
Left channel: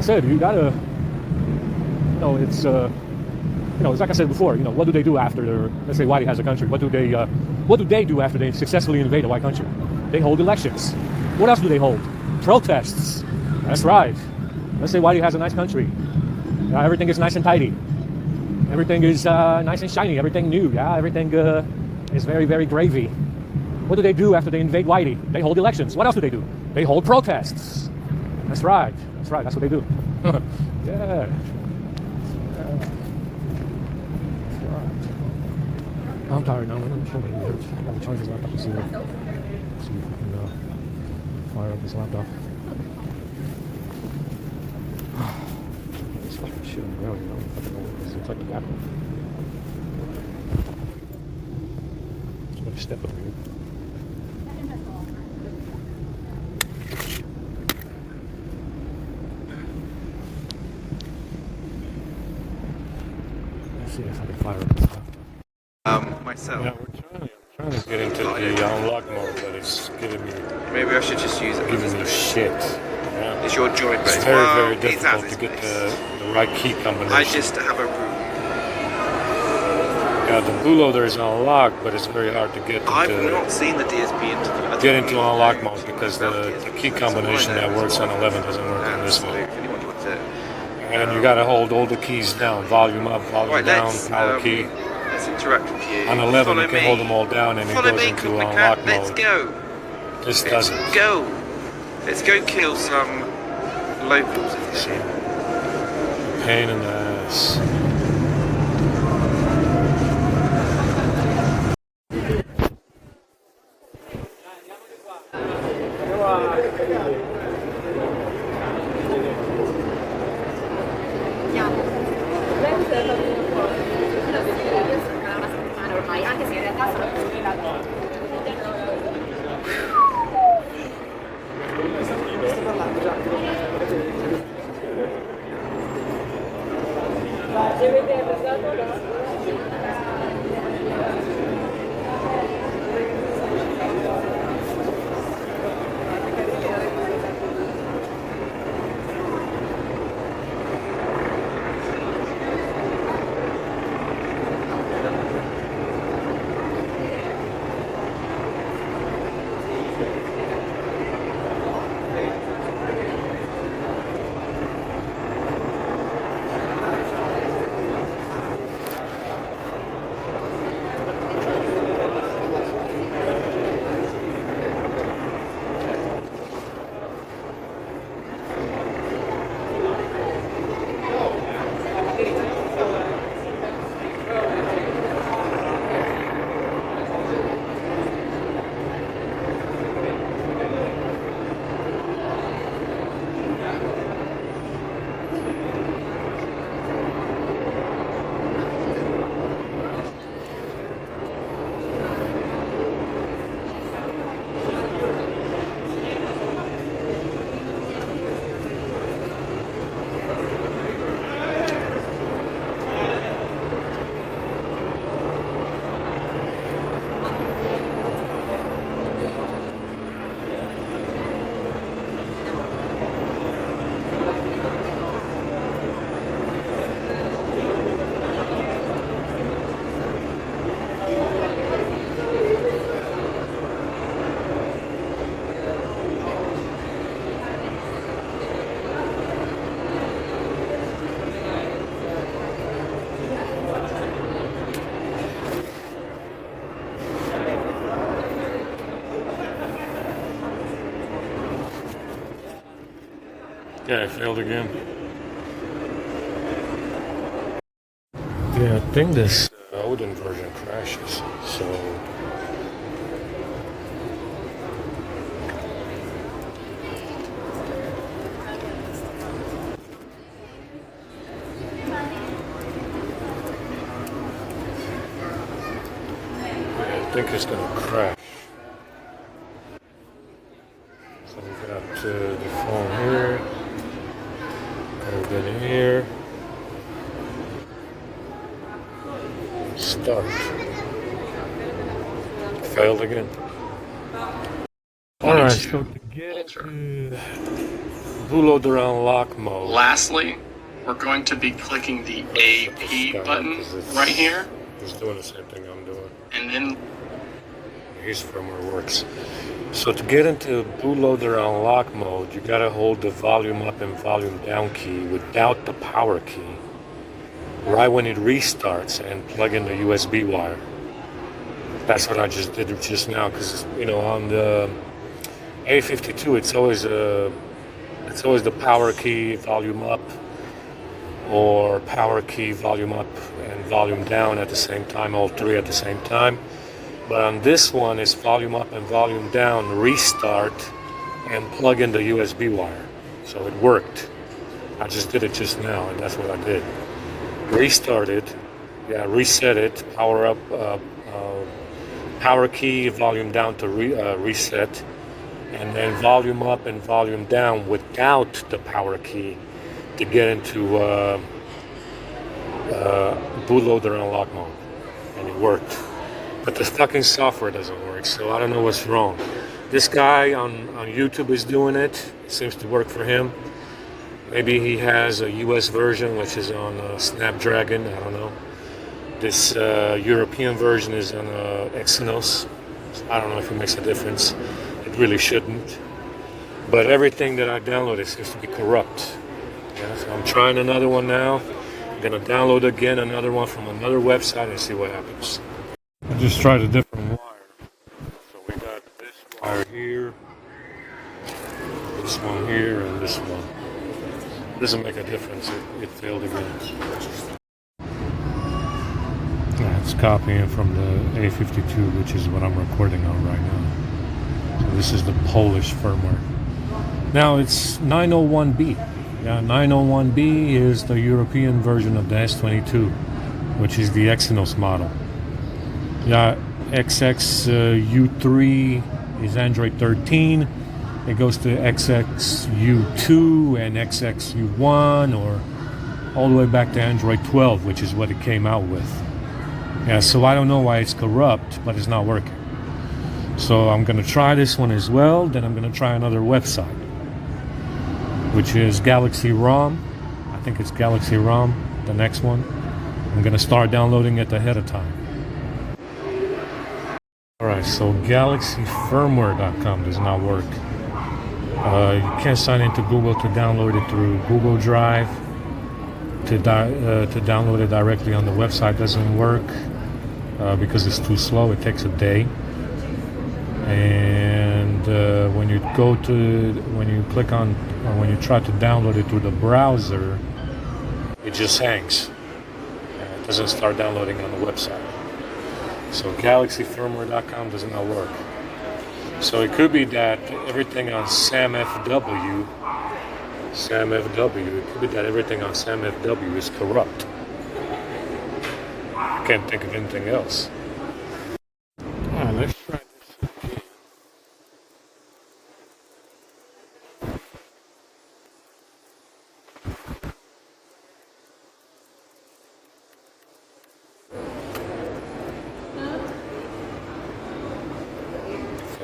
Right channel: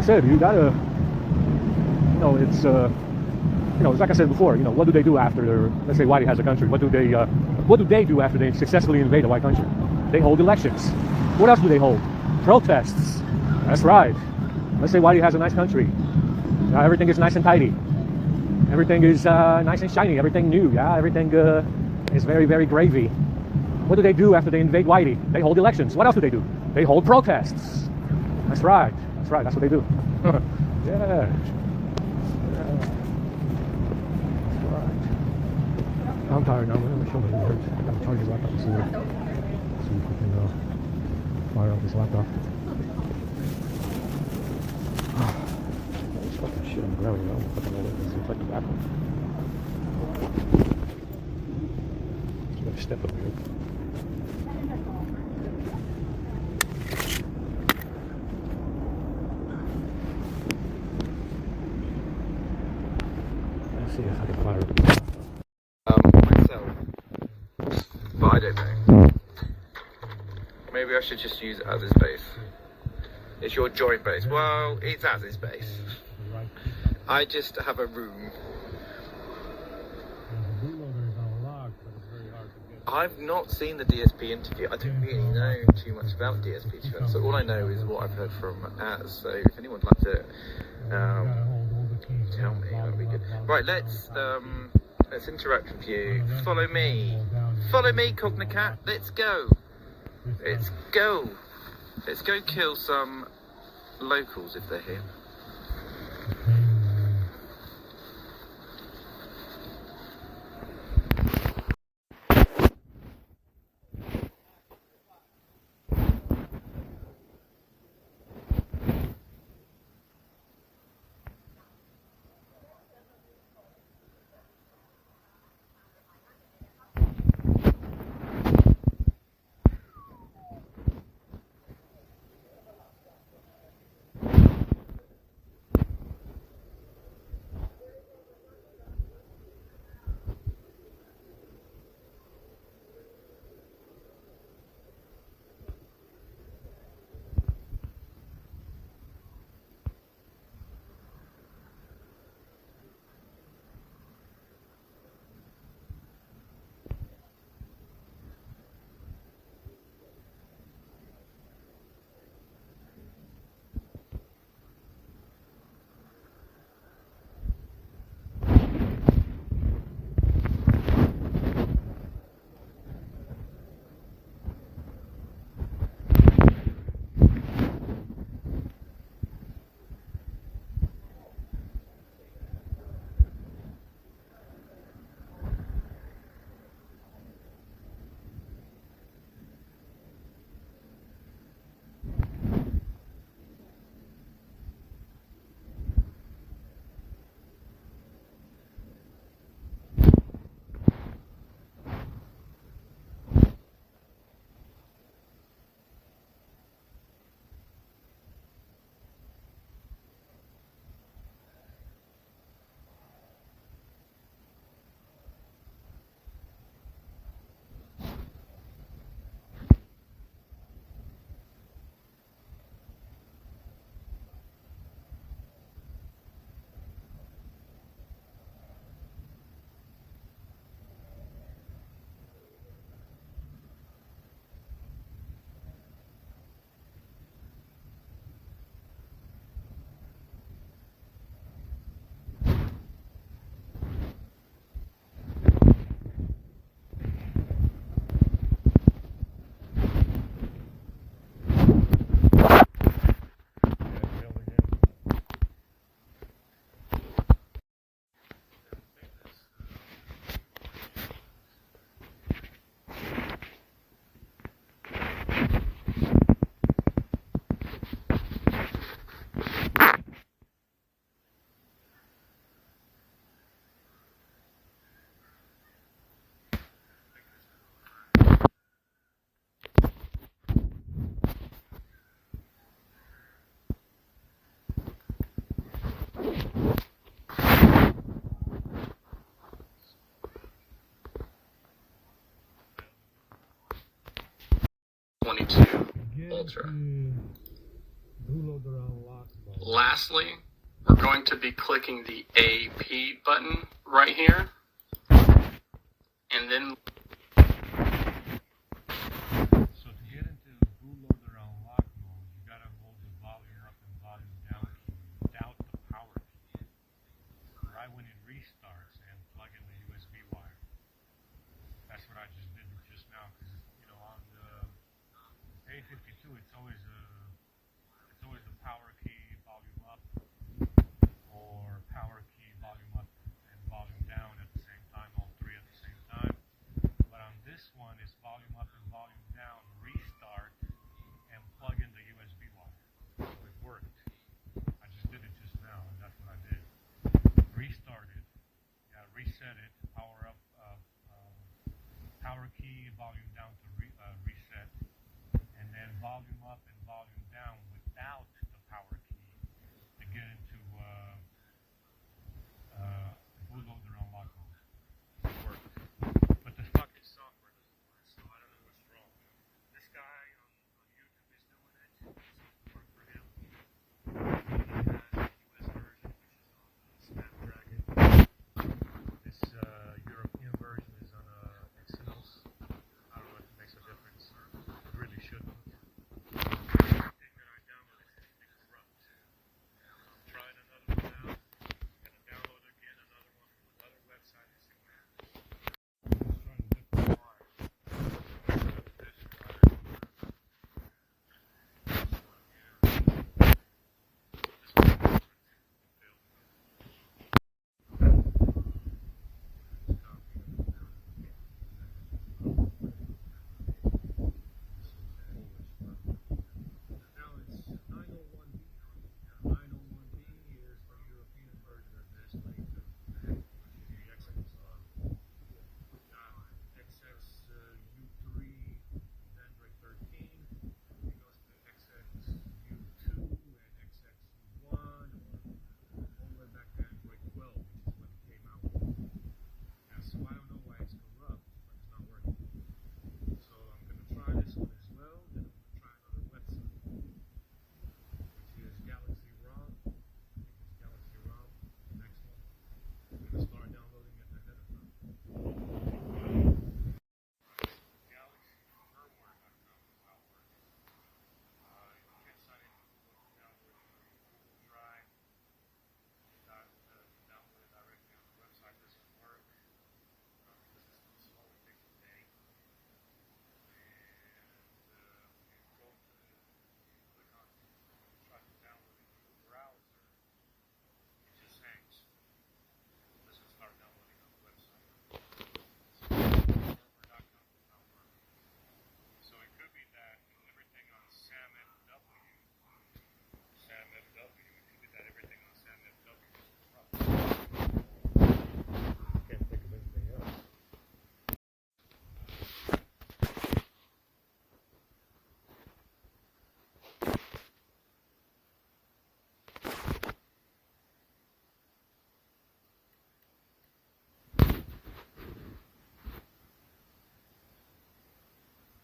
Said you gotta, it's like I said before, what do they do after let's say Whitey has a country? What do they do after they successfully invade a white country? They hold elections. What else do they hold? Protests. That's right. Let's say Whitey has a nice country. Everything is nice and tidy. Everything is nice and shiny. Everything new. Yeah, everything is very, very gravy. What do they do after they invade Whitey? They hold elections. What else do? They hold protests. That's right. That's right. That's what they do. Yeah. tired now. Let me show you the hinge. I'm gonna charge the laptop and see if we can fire up this laptop. This fucking shit on the ground, you know? It's like the back one. Just gotta step it real. Let's see if I can fire up this laptop. Myself. Yeah, I'm trying to get into the unlock mode, but it's giving me, Maybe I should just use it as a giving me space. shit. Yeah. It's your joint It's base. very, Well, very it's difficult as to get space. the right key combination. I just have a room. Yeah, the bootloader is unlocked, but it's very hard to get I've into, not seen the DSP interview. I get didn't into even unlock know mode anything because about the DSP. key That's all I combination know that is works what on 11 doesn't work on this so one. if anyone likes it. And you gotta hold all the keys down, volume up, volume Right, down, let's power key. let's interact with you. On 11 Follow you can me. hold them all down and Follow it goes me, into Company unlock Cat. mode. Let's go. This Let's doesn't. go. Let's go kill some locals in the shit. Pain in the ass. Yeah, it failed again. Yeah, I think this Odin version crashes, so... I think it's gonna crash. So we got the phone here. Open here. Start. Failed again. Alright, so to get into bootloader unlock mode. Lastly, we're going to be clicking the AP button right here, It's doing something I'm doing. and then Here's firmware works. So to get into bootloader unlock mode, you gotta hold the volume up and volume down key without the power key right when it restarts and plug in the USB wire. That's what I just did just now, because you know on the A52 it's always the power key volume up or power key volume up and volume down at the same time, all three at the same time. But on this one, it's volume up and volume down, restart, and plug in the USB wire. So it worked. I just did it just now, and that's what I did. Restarted, reset it, power up, power key, volume down to reset, and then volume up and volume down without the power key to get into bootloader unlock mode, and it worked. But the fucking software doesn't work, so I don't know what's wrong. This guy on YouTube is doing it. It seems to work for him. Maybe he has a US version, which is on Snapdragon. I don't know. This European version is on Exynos. I don't know if it makes a difference. It really shouldn't. But everything that I downloaded seems to be corrupt. Yeah, so I'm trying another one now. I'm gonna download again another one from another website and see what happens. I just tried a different wire. So we got this wire here, this one here, and this one. Doesn't make a difference. It failed again. It's copying from the A52, which is what I'm recording on right now. So this is the Polish firmware. Now it's 901B. Yeah, 901B is the European version of the S22, which is the Exynos model. Yeah, XXU3 is Android 13. It goes to XXU2 and XXU1, or all the way back to Android 12, which is what it came out with. Yeah, so I don't know why it's corrupt, but it's not working. So I'm gonna try this one as well. Then I'm gonna try another website, which is Galaxy ROM. I think it's Galaxy ROM, the next one. I'm gonna start downloading it ahead of time. Alright, so galaxyfirmware.com does not work. You can't sign into Google to download it through Google Drive. To download it directly on the website doesn't work because it's too slow. It takes a day. And when you click on, or when you try to download it through the browser, it just hangs. It doesn't start downloading on the website. So galaxyfirmware.com does not work. So it could be that everything on SamFW, it could be that everything on SamFW is corrupt. I can't think of anything else. Alright, let's try this.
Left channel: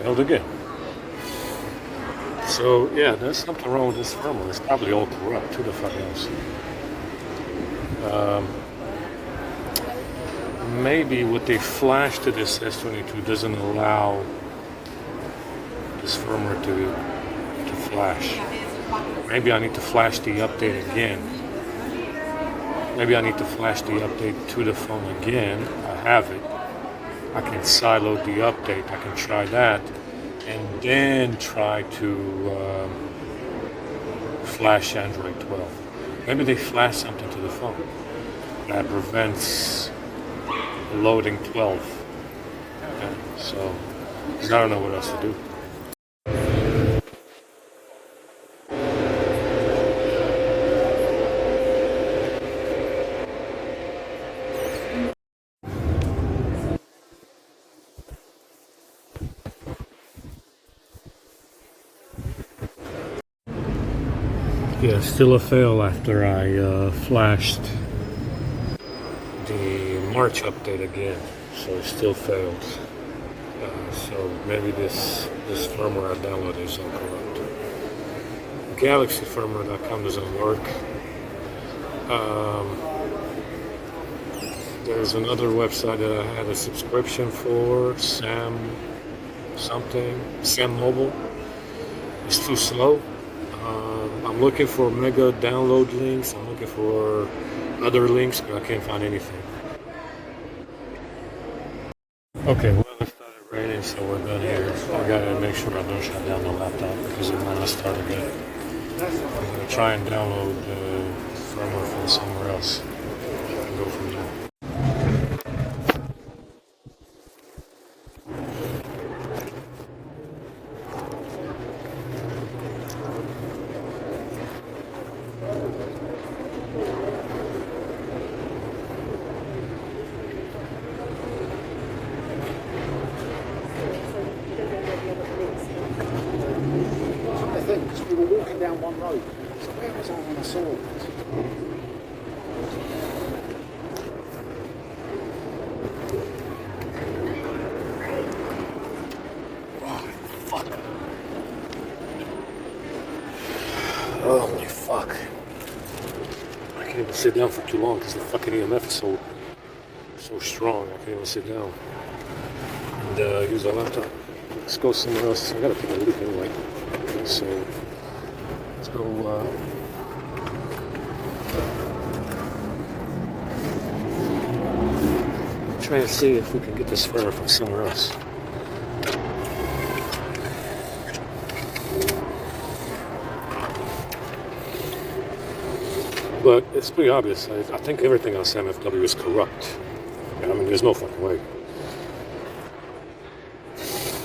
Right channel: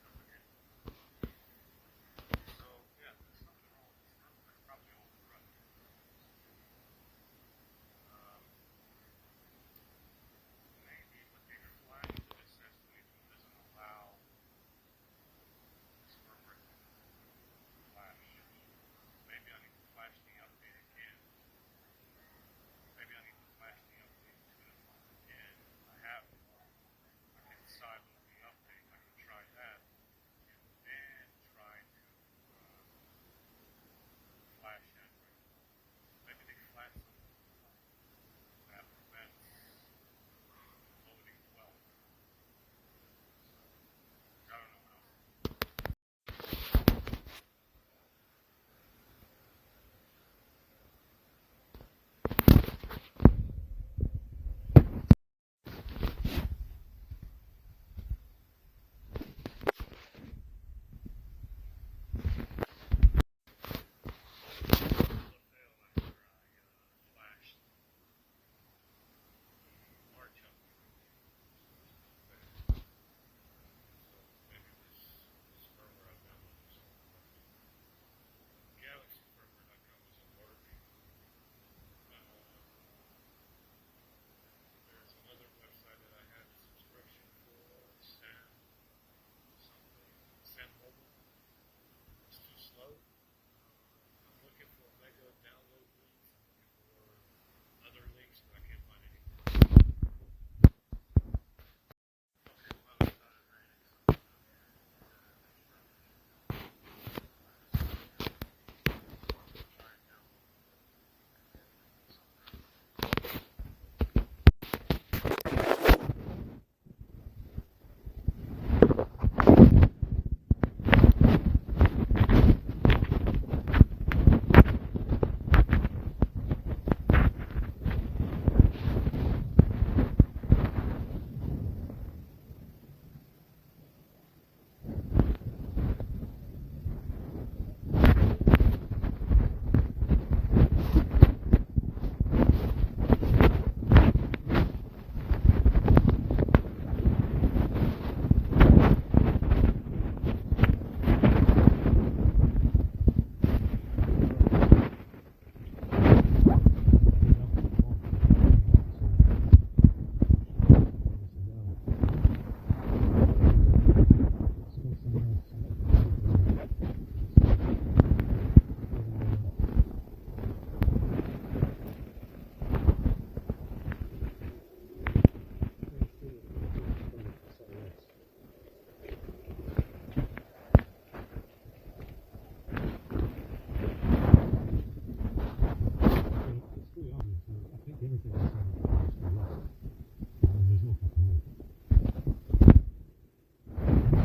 Failed again. So yeah, there's something wrong with this firmware. It's probably all corrupt. Who the fuck knows? Maybe what they flashed to this S22 doesn't allow this firmware to flash. Maybe I need to flash the update again. Maybe I need to flash the update to the phone again. I have it. I can sideload the update. I can try that. And then try to flash Android 12. Maybe they flash something to the phone that prevents loading 12. Okay, so I don't know what else to do. Yeah, still a fail after I flashed the March update again, so it still failed. So maybe this firmware I downloaded is incorrupt. Galaxyfirmware.com doesn't work. There's another website that I had a subscription for, Sam Mobile. It's too slow. I'm looking for mega download links. I'm looking for other links, but I can't find anything. Okay, well, it started raining, so we're done here. I gotta make sure I don't shut down the laptop because it might not start again. I'm gonna try and download the firmware from somewhere else and go from there. sit down for too long because the fucking EMF is so strong. I can't even sit down and use a laptop. Let's go somewhere else. I gotta take a look anyway. So let's go. Try to see if we can get this fur from somewhere else. But it's pretty obvious. I think everything on SamFW is corrupt. I mean, there's no fucking way.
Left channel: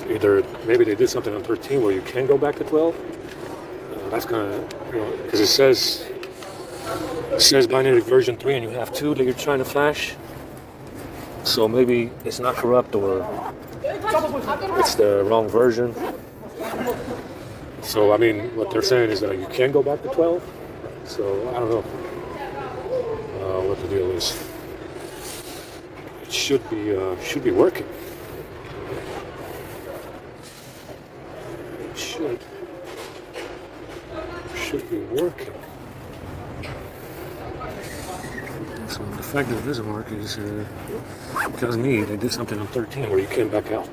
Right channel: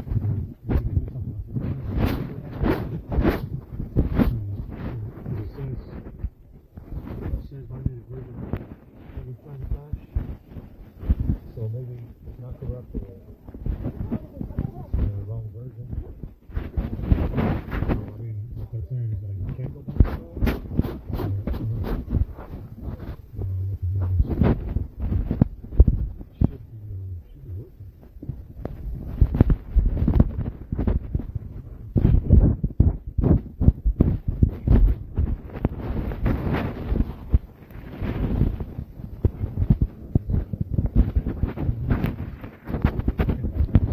Either maybe they did something on 13 where you can go back to 12. That's kind of, because it says binary version 3 and you have 2 that you're trying to flash. So maybe it's not corrupt or it's the wrong version. So I mean, what they're saying is that you can go back to 12. So I don't know what the deal is. It should be working. It should be working. So the fact that it doesn't work is because they did something on 13 where you can't back out,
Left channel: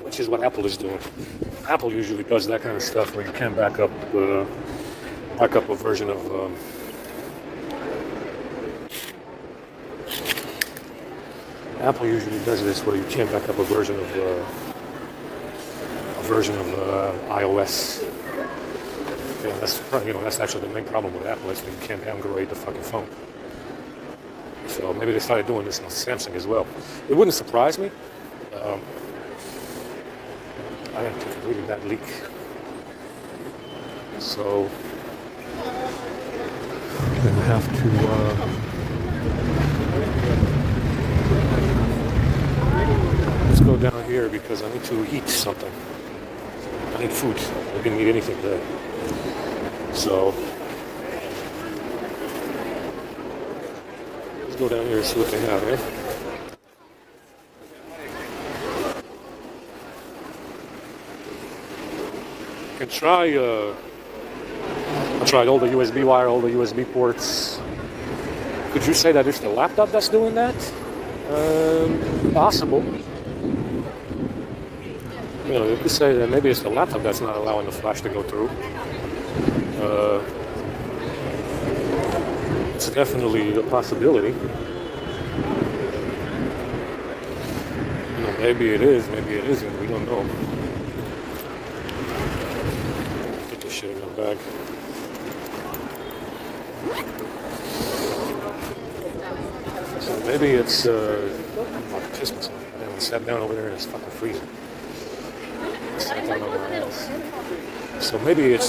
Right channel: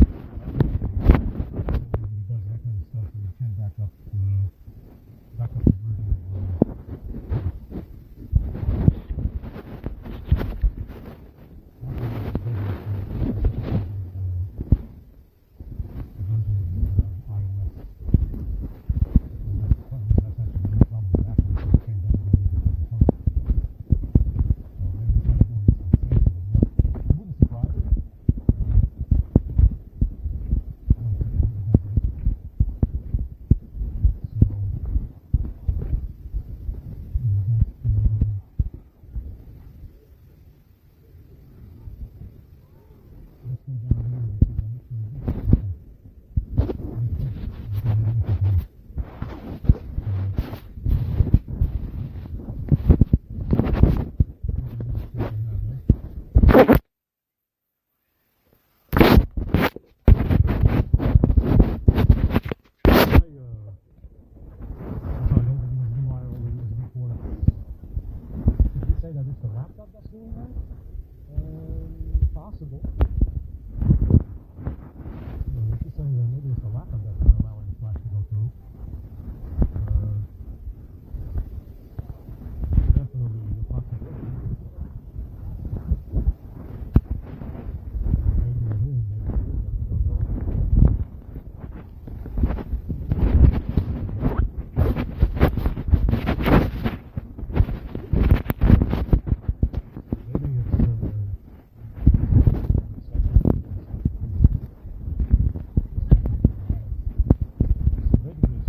which is what Apple is doing. Apple usually does that kind of stuff where you can back up a version of Apple usually does this where you can't back up a version of iOS. And that's actually the main problem with Apple is that you can't downgrade the fucking phone. So maybe they started doing this on Samsung as well. It wouldn't surprise me. I didn't think it really that leak. So I'm gonna have to let's go down here because I need to eat something. I need food. I didn't eat anything today. So let's go down here and see what they have, right? I tried all the USB wire, all the USB ports. Could you say that it's the laptop that's doing that? Possible. You could say that maybe it's the laptop that's not allowing the flash to go through. It's definitely a possibility. Maybe it is, maybe it isn't. We don't know. Get this shit in the bag. So maybe it's Christmas. I sat down over there and it's fucking freezing. So maybe it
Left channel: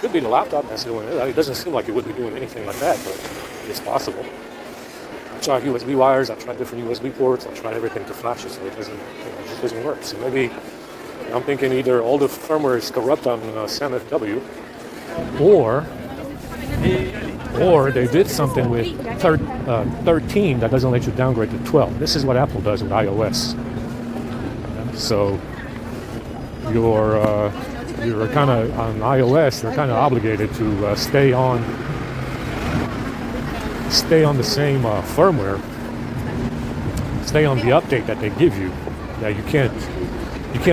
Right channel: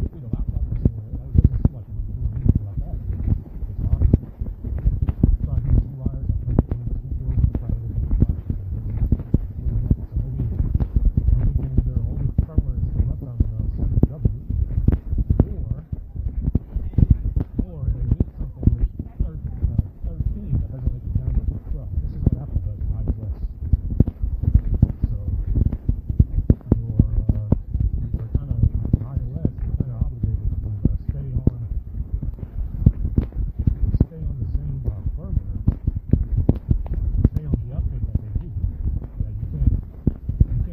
could be the laptop that's doing it. It doesn't seem like it would be doing anything like that, but it's possible. I tried USB wires, I tried different USB ports, I tried everything to flash it, so it doesn't work. So maybe I'm thinking either all the firmware is corrupt on SamFW, or they did something with 13 that doesn't let you downgrade to 12. This is what Apple does with iOS. So you're kind of on iOS. You're kind of obligated to stay on the same firmware. Stay on the update that they give you. That you can't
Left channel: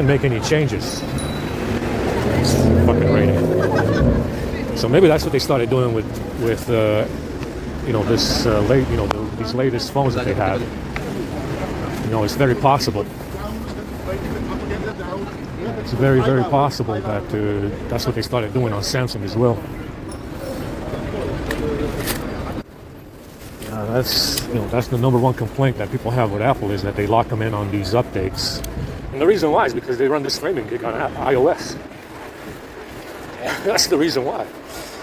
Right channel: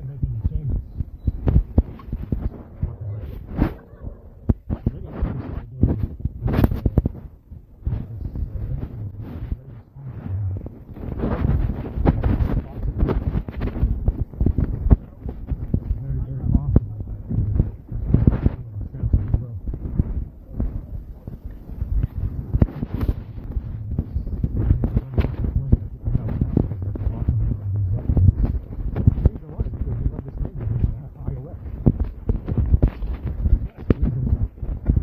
make any changes. It's fucking rating. So maybe that's what they started doing with these latest phones that they have. It's very possible. It's very, very possible that that's what they started doing on Samsung as well. That's the number one complaint that people have with Apple is that they lock them in on these updates. And the reason why is because they run this framing gig on iOS. That's the reason why.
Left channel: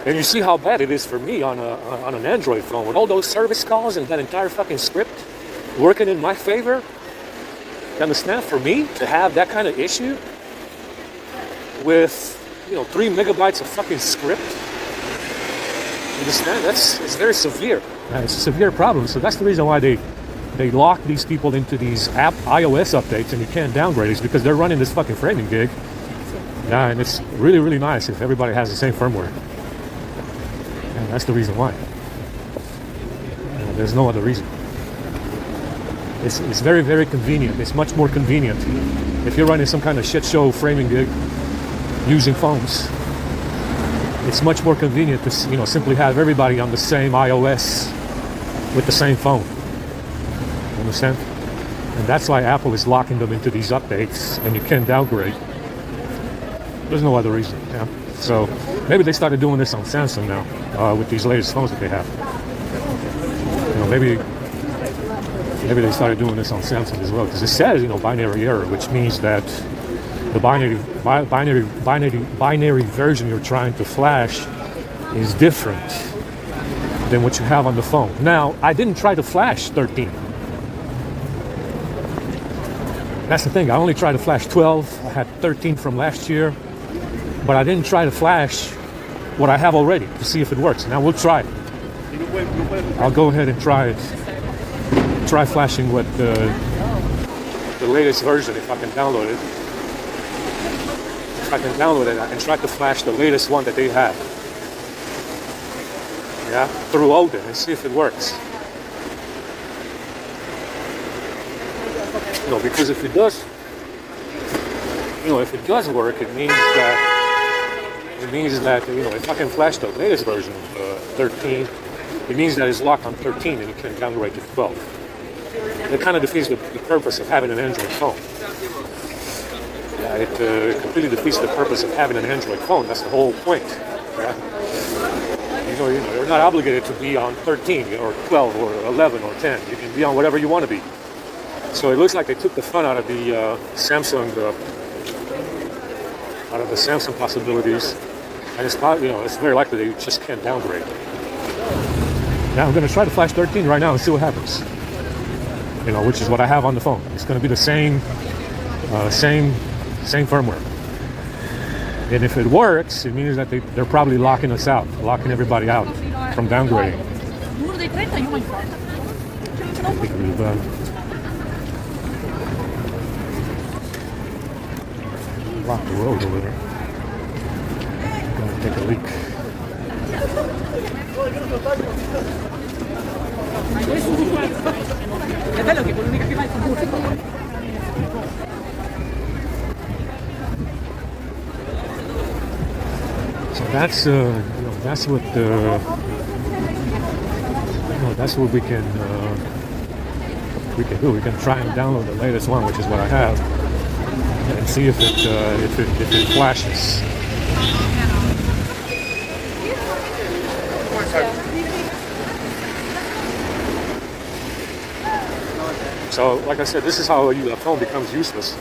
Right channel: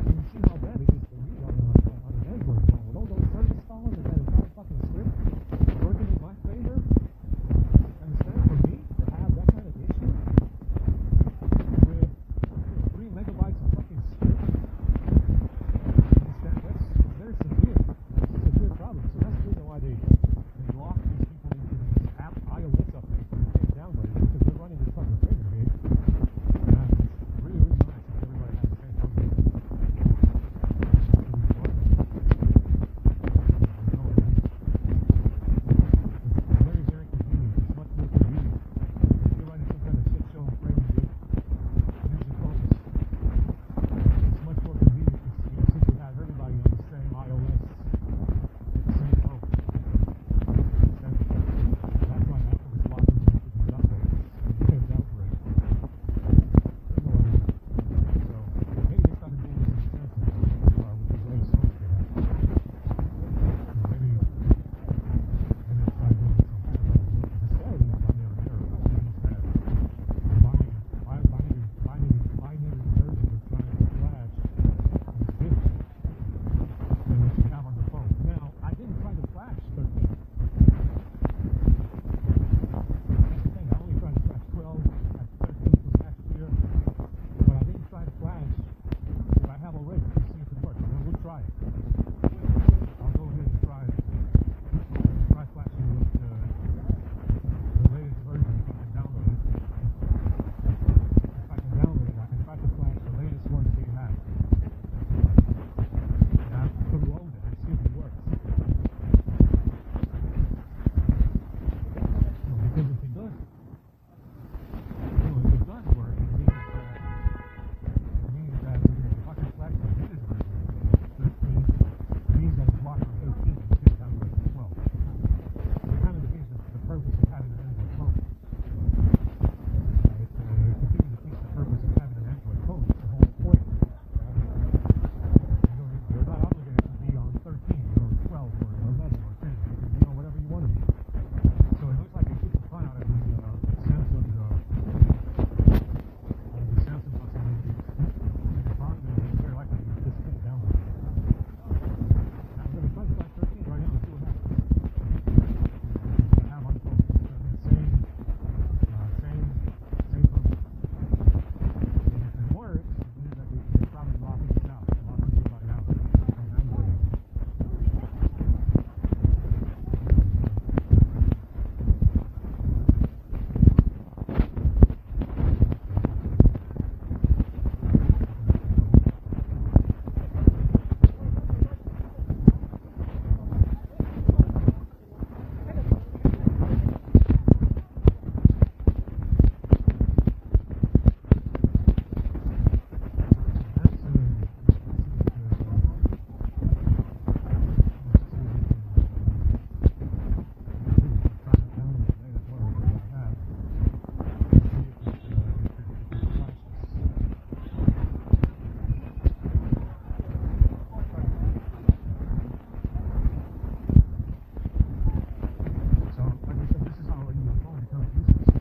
And you see how bad it is for me on an Android phone with all those service calls and that entire fucking script working in my favor. You understand? For me to have that kind of issue with 3 megabytes of fucking script, you understand? It's very severe. It's a severe problem. So that's the reason why they lock these people into these iOS updates and you can't downgrade it, because they're running this fucking framing gig. And it's really, really nice if everybody has the same firmware. And that's the reason why. There's no other reason. It's very, very convenient. It's much more convenient if you're running some kind of shit show framing gig using phones. It's much more convenient to simply have everybody on the same iOS with the same phone. You understand? And that's why Apple is locking them into these updates, and you can't downgrade. There's no other reason. Yeah. So maybe they started doing this on Samsung now with these latest phones that they have. Maybe they started doing this on Samsung as well, because it says binary error, which means that the binary version you're trying to flash is different than what you have on the phone. Now, I didn't try to flash 13. That's the thing. I only tried to flash 12. I had 13 from last year, but I didn't try to flash what I have already to see if it works. Now we'll try it. I'll go ahead and try it. Try flashing what the latest version, if I can download it. If I can download it, I can try to flash the latest one that they have. Yeah, through Odin and see if it works. Because if it does, if it does work, it means that if I can flash the latest version, 13, it means that it's locked on 13 and you can downgrade to 12. And it kind of defeats the purpose of having an Android phone. It completely defeats the purpose of having an Android phone. That's the whole point. Yeah? You're not obligated to be on 13 or 12 or 11 or 10. You can be on whatever you want to be. So it looks like they took the fun out of the Samsung possibilities, and it's very likely they just can't downgrade. Now I'm going to try to flash 13 right now and see what happens. Which is what I have on the phone. It's going to be the same firmware. And if it works, it means that they're probably locking us out, locking everybody out from downgrading. Block the road over there. Gonna take a leak. So that's what we can do. We can try and download the latest one, which is what I have, and see if it flashes. So, like I said, this is how a phone becomes useless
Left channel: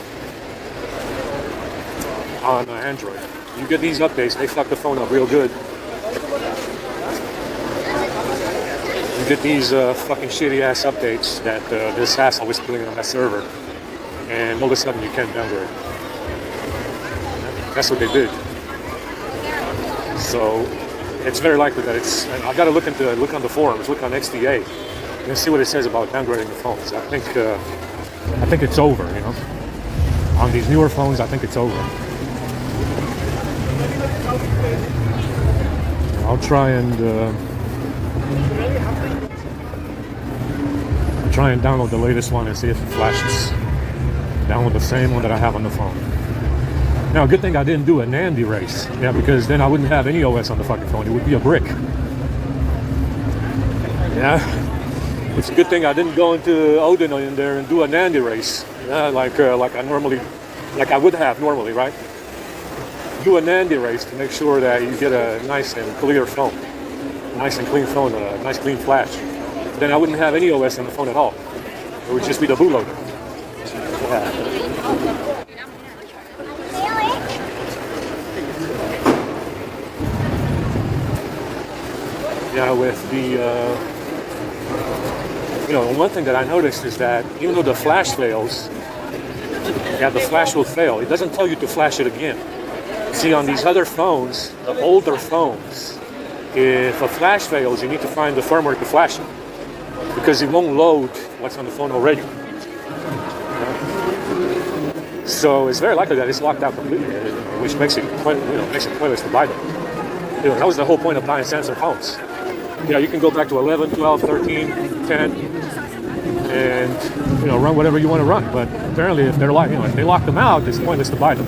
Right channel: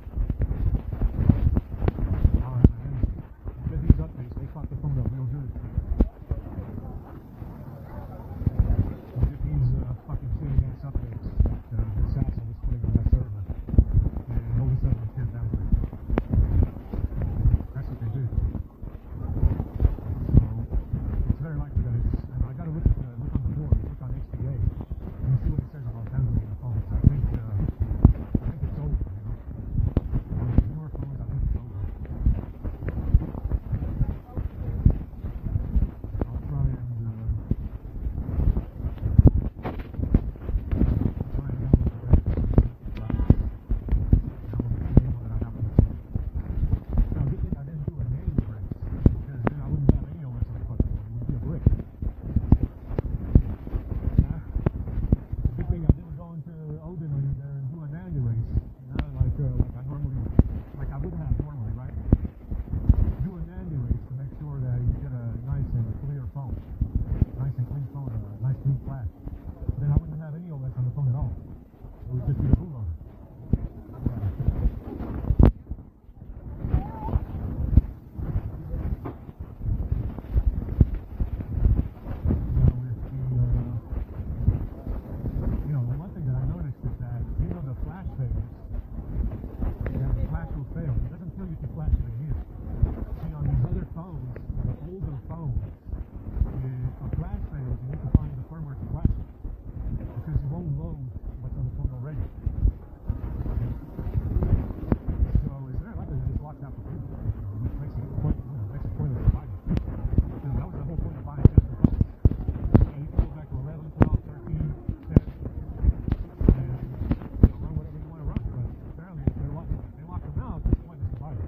on Android. You get these updates, they fuck the phone up real good. You get these fucking shitty ass updates that this hassle was putting on that server, and all of a sudden you can't downgrade. That's what they did. So it's very likely that it's. I got to look on the forums, look on XDA, and see what it says about downgrading the phones. I think it's over. On these newer phones, I think it's over. I'll try and download the latest one and see if it flashes. Download the same one that I have on the phone. Now, good thing I didn't do a NAND erase. Yeah, because then I wouldn't have any OS on the fucking phone. It would be a brick. Yeah. It's a good thing I didn't go into Odin in there and do a NAND erase. Yeah, like I would have normally, right? Do a NAND erase to make sure that you get a nice and clear phone. Nice and clean phone, a nice clean flash. Then I wouldn't have any OS on the phone at all. It would just be the bootloader. Yeah. Yeah, with the, one thing that I noticed is that even though the flash fails, the flash will fail. It doesn't tell you to flash it again. See, on these other phones, the older phones, if a flash fails, you need to find the firmware to flash it, because it won't load what's on the phone already. So it's very likely that it's locked out completely, which makes it pointless to buy them. That was the whole point of buying Samsung phones. You can go back to 11, 12, 13, 10, can, and run whatever you want to run. But apparently, if they're if they lock them out, it's pointless to buy them.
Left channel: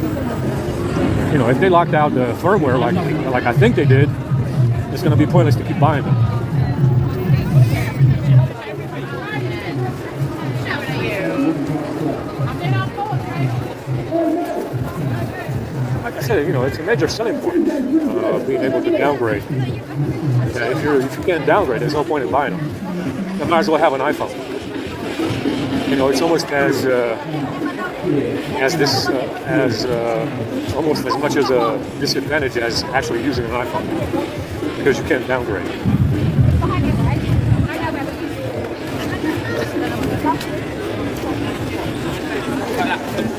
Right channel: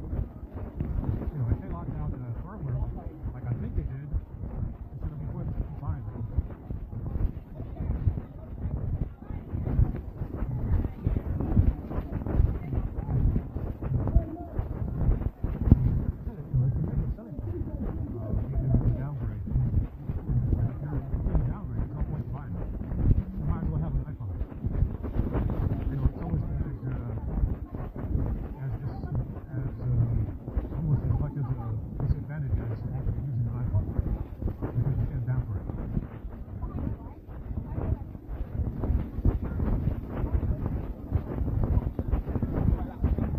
If they locked out the firmware like I think they did, it's going to be pointless to keep buying them. Like I said, it's a major selling point, being able to downgrade. If you can't downgrade, there's no point in buying them. You might as well have an iPhone. It's almost as almost as much as a disadvantage as actually using an iPhone, because you can't downgrade.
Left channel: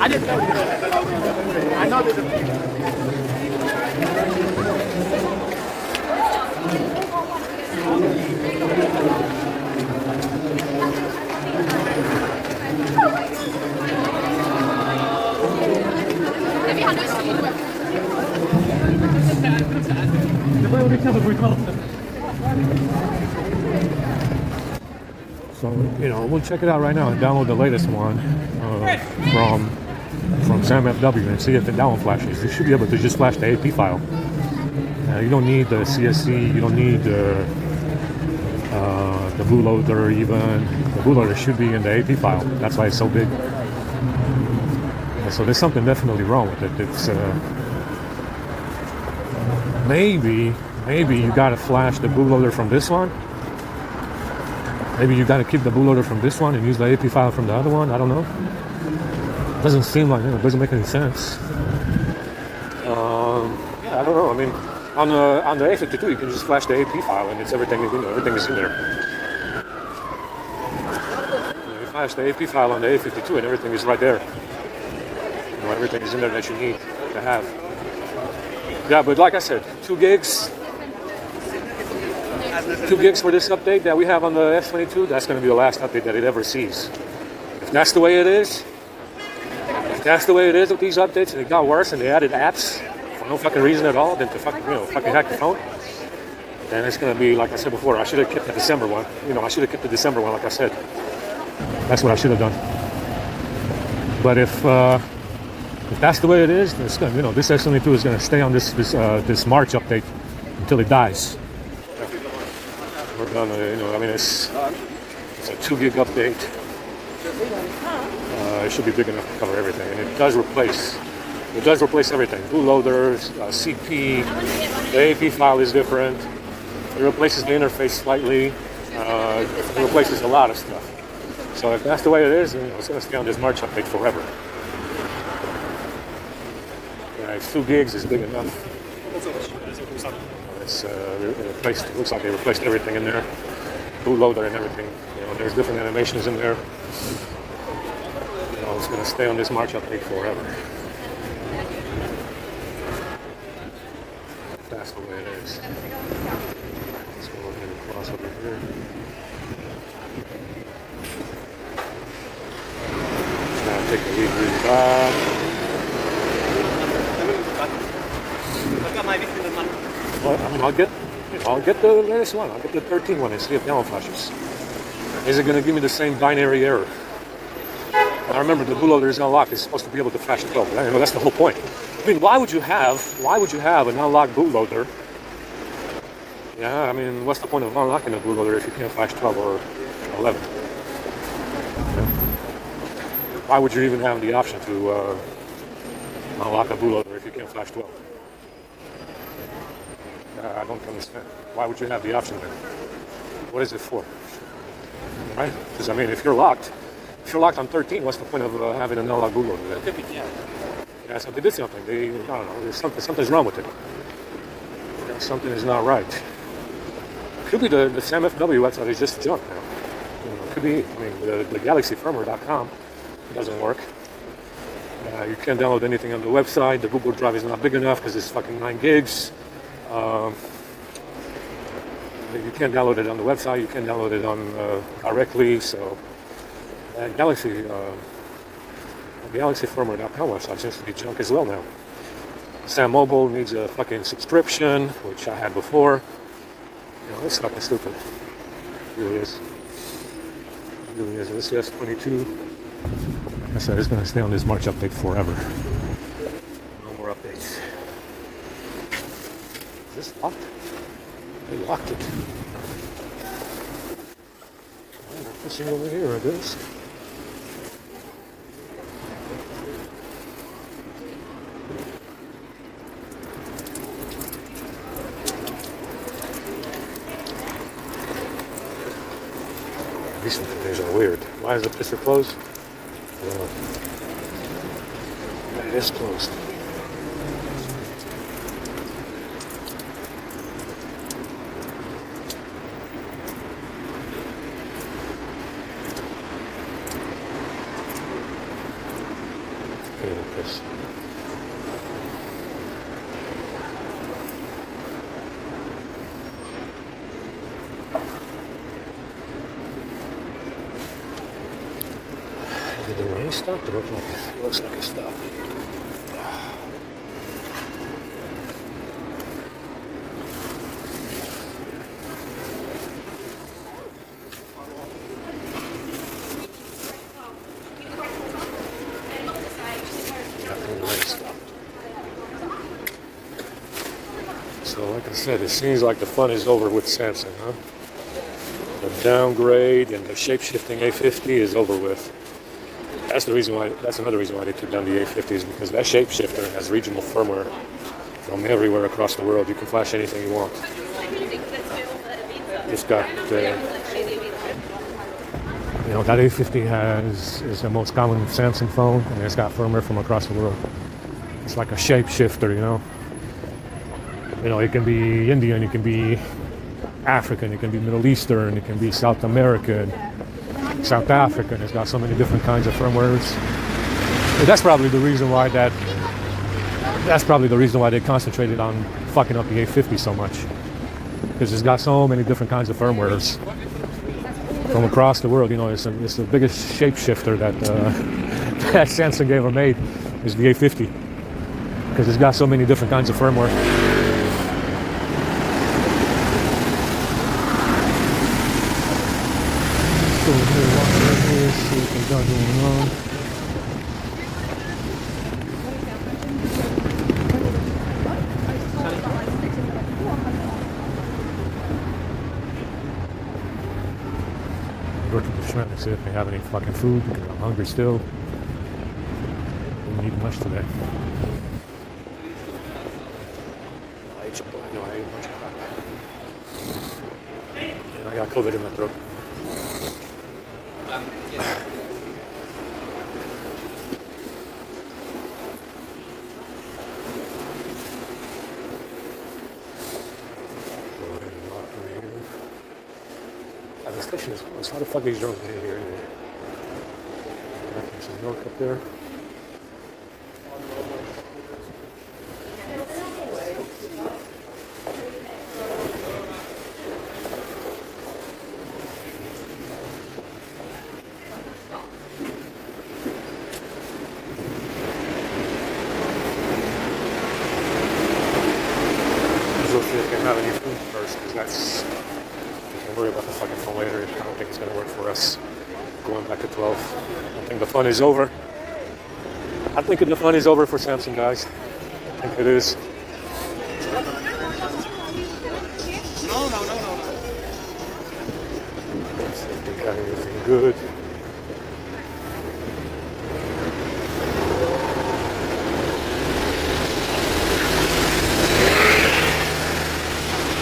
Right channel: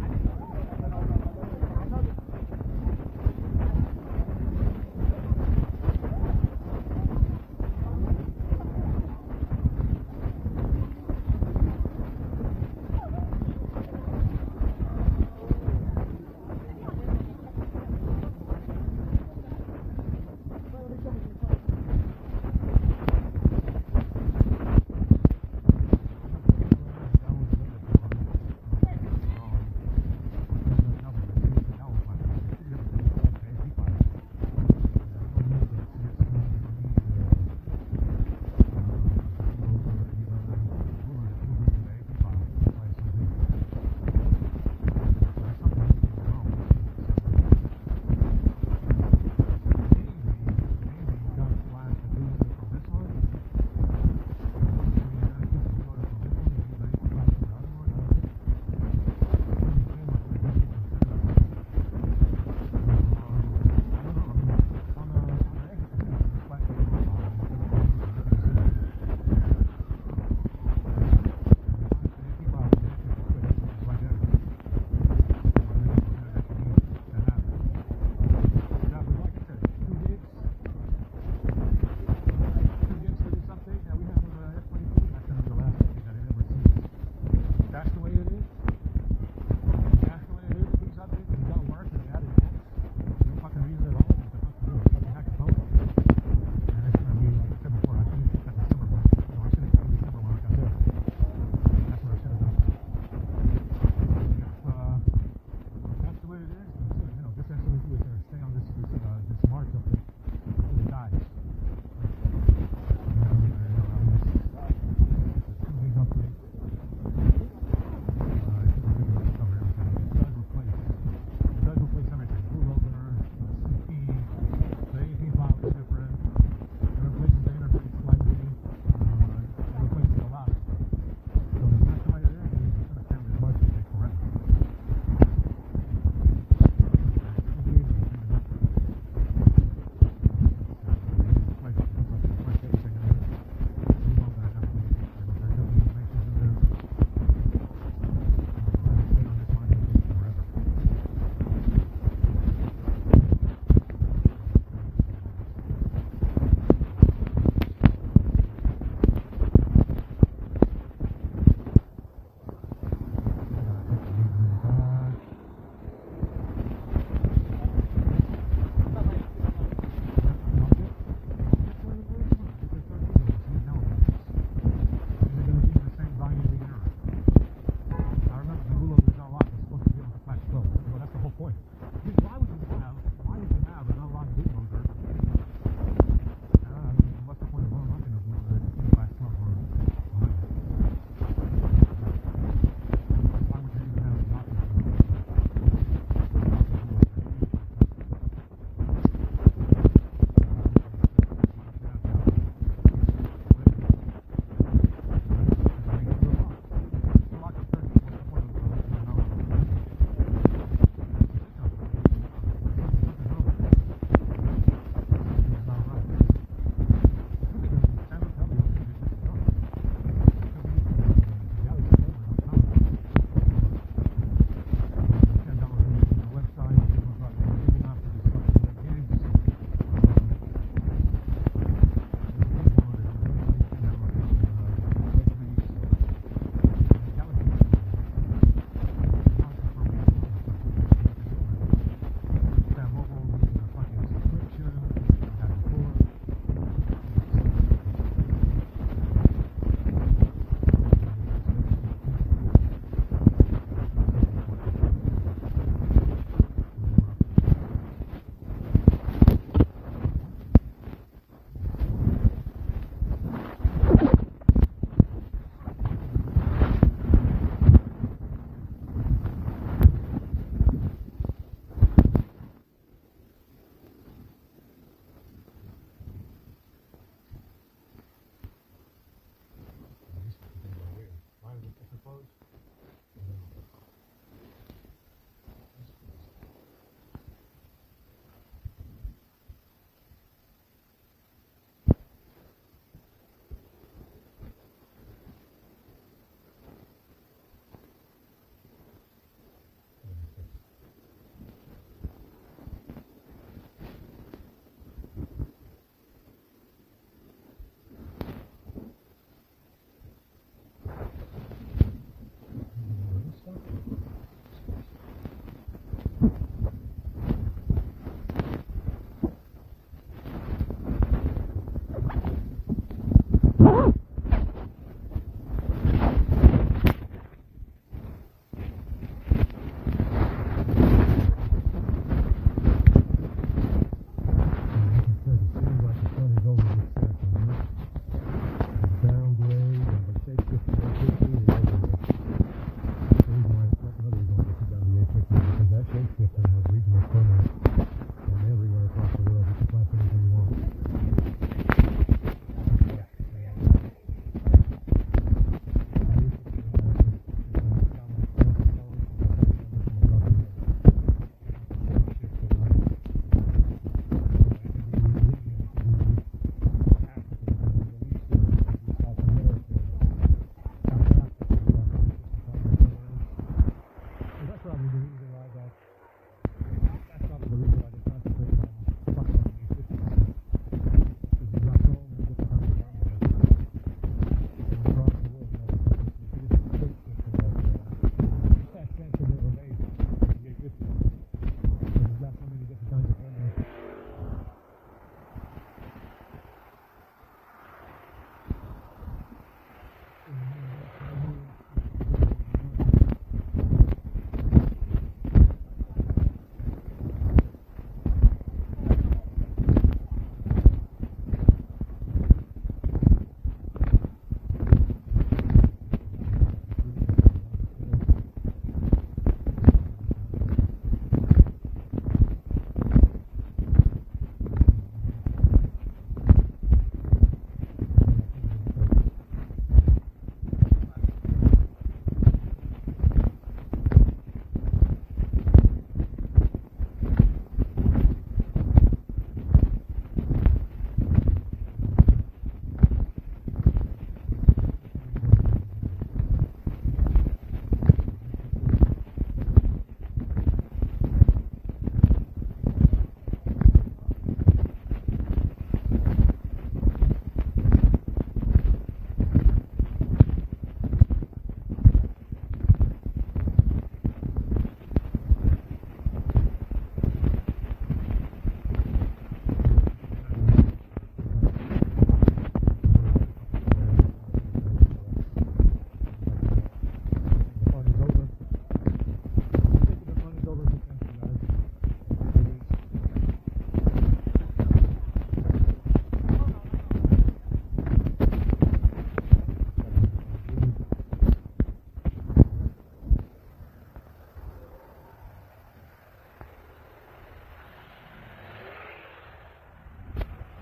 I didn't know. I know that. So, we'll check it out right now and download the latest one from SamFW and see if the download flashes. You should be able to just flash the AP file. You don't need the CSC, you don't need the bootloader even. The bootloader should be in the AP file. That's why it's so big. So there's something definitely wrong with it. It's maybe you gotta flash the bootloader from this one. Maybe you gotta keep the bootloader from this one and use the AP file from the other one. I don't know. Doesn't seem like it doesn't make any sense. I don't know. I mean, on the A52 you can just flash the AP file and it's everything is in there. You flash the AP file on the A52 and everything is right there. Everything is in there that you need to have. Yeah, but like I said, 2 gigs. 2 gigs for this update that we have on the S22. That's going to be the last update that it ever sees. If that's the way it is. If that's the way it is with these updates, and it got worse, and they added apps for no fucking reason at all, than to fucking hack the phone, then it's gonna be like I said before. I should have kept the December one. I should have kept the December one, like I said. That's what I should have done. But if that's the way it is, then it's gonna, this S22 is gonna stay on this March update until it dies. We're gonna, I mean, it's a 2 gig update. It should be big enough to cover everything, and it does replace everything. Bootloaders, CP, the AP file is different. It replaces the interface slightly. It replaces a lot of stuff. So if that's the way it is, it's going to stay on this March update forever. If 2 gigs is big enough. It's replaced. It looks like they replaced everything in there. Bootloader and everything. There's different animations in there. It's going to stay on this March update forever. That's the way it is. Let's go look at it across over here. Now take a read back. Well, I mean, I'll get the latest one. I'll get the 13 one and see if download flashes. Is it going to give me the same binary error? I remember the bootloader is unlocked. It's supposed to be able to flash 12. That's the whole point. I mean, why would you have an unlocked bootloader? Yeah, I mean, what's the point of unlocking a bootloader if you can't flash 12 or 11? Why would you even have the option to unlock a bootloader if you can't flash 12? I don't understand. Why would you have the option there? What is it for? Right? Because I mean, if you're locked on 13, what's the point of having an unlocked bootloader? Yeah, so they did something. I don't know. Something's wrong with it. Something is not right. It could be the SamFW website is just junk now. It could be. I mean, the galaxyfirmware.com doesn't work. You can't download anything on the website. The Google Drive is not big enough because it's fucking 9 gigs. You can't download it on the website. You can't download it on directly. So galaxyfirmware.com website seems to be junk as well now. Sam Mobile needs a fucking subscription, which I had before. It's fucking stupid. It really is. This is S22. I said it's going to stay on this March update forever. No more updates. Is this locked? They locked it. Fishing over here, I guess. These things are weird. Why is the pisser closed? I don't know. It is closed. Okay, piss. Did the rain stop? It looks like it stopped. So, like I said, it seems like the fun is over with Samsung, huh? The downgrade and the shape-shifting A50 is over with. That's another reason why they took down the A50s, because that shapeshifter has regional firmware from everywhere across the world. You can flash anything you want. It's got, that A50 is the most common Samsung phone, and it's got firmware from across the world. It's like a shapeshifter, it can be Indian, it can be African, it can be Middle Eastern, it can be South American, South African. It's got so many different kinds of firmwares. But that's probably the reason why they concentrated on fucking up the A50 so much, because it's got so many different kinds of firmwares from across the world. It's the biggest shapeshifter that that Samsung ever made is the A50, because it's got so many different kinds of firmware. See what we got going on. Go to the restaurant and see if they have any fucking food, because I'm hungry still. Didn't eat much today. I ate much. And I got COVID in my throat. How the fuck are these drones in here? There's a drone up there. We'll see if we can have any food first, because that's... Don't worry about the fucking phone later. I don't think it's going to work for us going back to 12. I think the fun is over. I think the fun is over for Samsung, guys. I think it is. No. Let's see if we got anything good.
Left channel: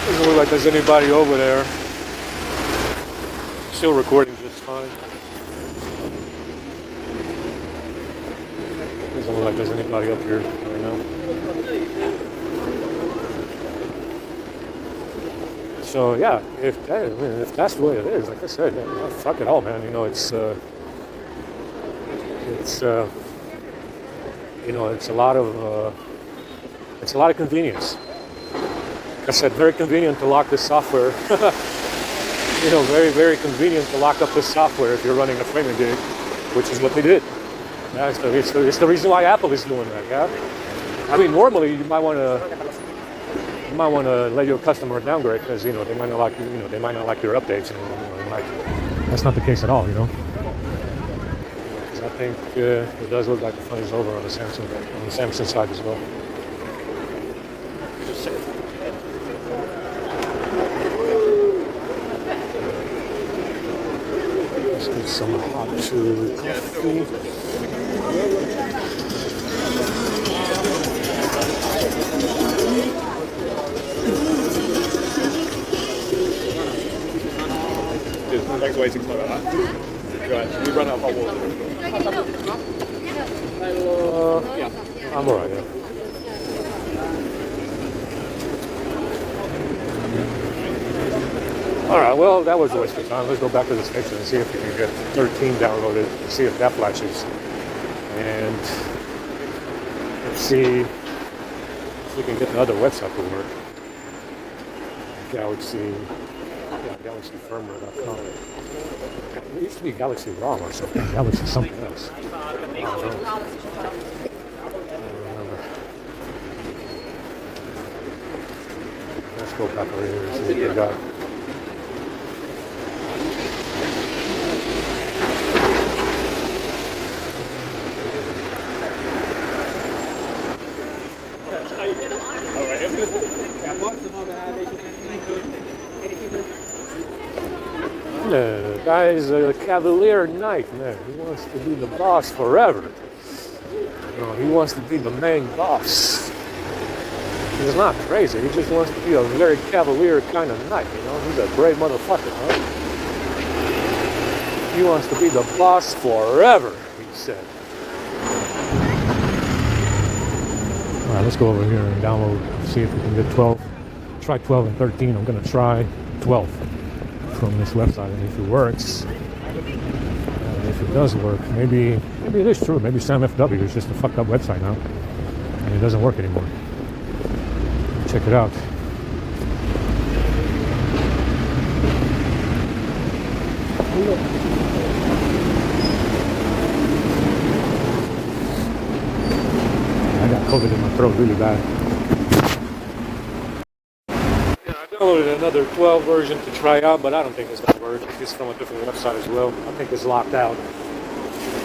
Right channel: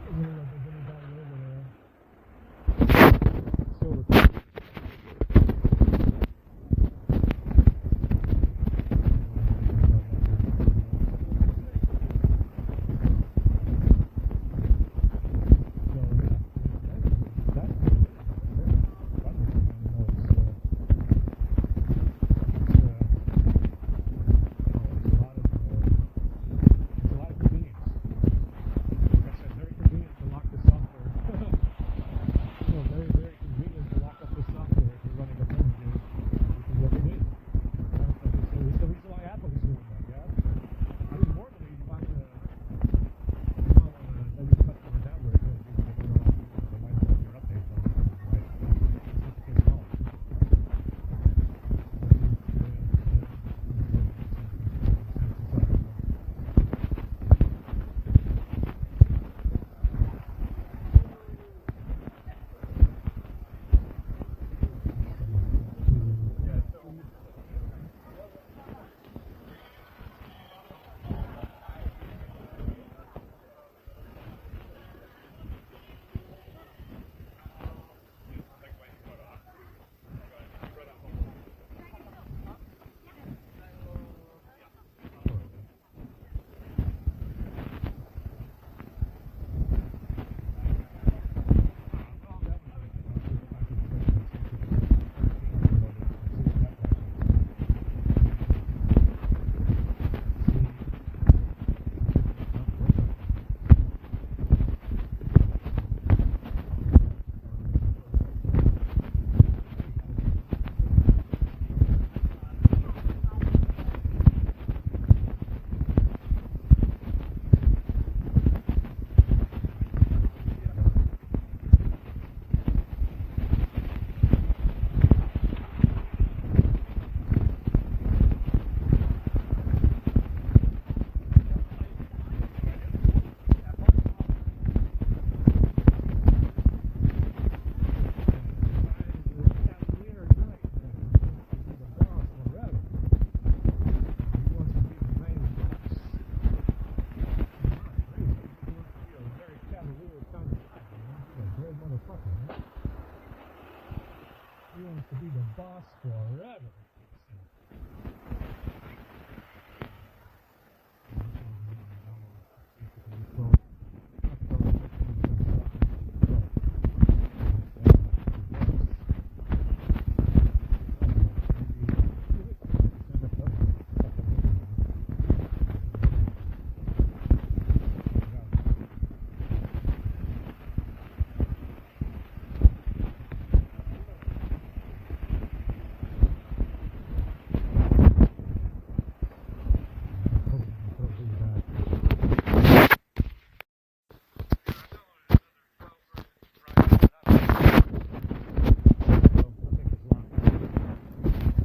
Doesn't look like there's anybody over there. Still recording just fine. Doesn't look like there's anybody up here right now. So yeah, if that's the way it is, like I said, fuck it all, man. It's a lot of convenience. Like I said, very convenient to lock this software. Very, very convenient to lock up this software if you're running a framing gig, which is what they did. Yeah, it's the reason why Apple is doing that. Yeah, I mean, normally you might want to let your customer downgrade because they might not like your updates. That's not the case at all. I think it does look like the fun is over on the Samsung side as well. Just saying. Let's get some hot coffee. Thanks for waiting for that. Right, we run out of hot water. I'm alright, yeah. Alright, well, that was a waste of time. Let's go back to the station and see if we can get 13 downloaded, see if that flashes. And let's see if we can get the other website to work. GalaxyFirmware.com. It used to be Galaxy ROM or something. Galaxy something else. Let's go back over here and see what we got. Guy's a Cavalier Knight, man. He wants to be the boss forever. You know, he wants to be the main boss. He's not crazy. He just wants to be a very Cavalier kind of knight. You know, he's a brave motherfucker, huh? He wants to be the boss forever, he said. All right, let's go over here and download. See if we can get 12. Try 12 and 13. I'm gonna try 12. From this website, and if it works, if it does work, maybe it is true. Maybe SamFW is just a fucked up website now, and it doesn't work anymore. Check it out. I got COVID in my throat really bad. Downloaded another 12 version to try out, but I don't think it's going to work. It's from a different website as well. I think it's locked out.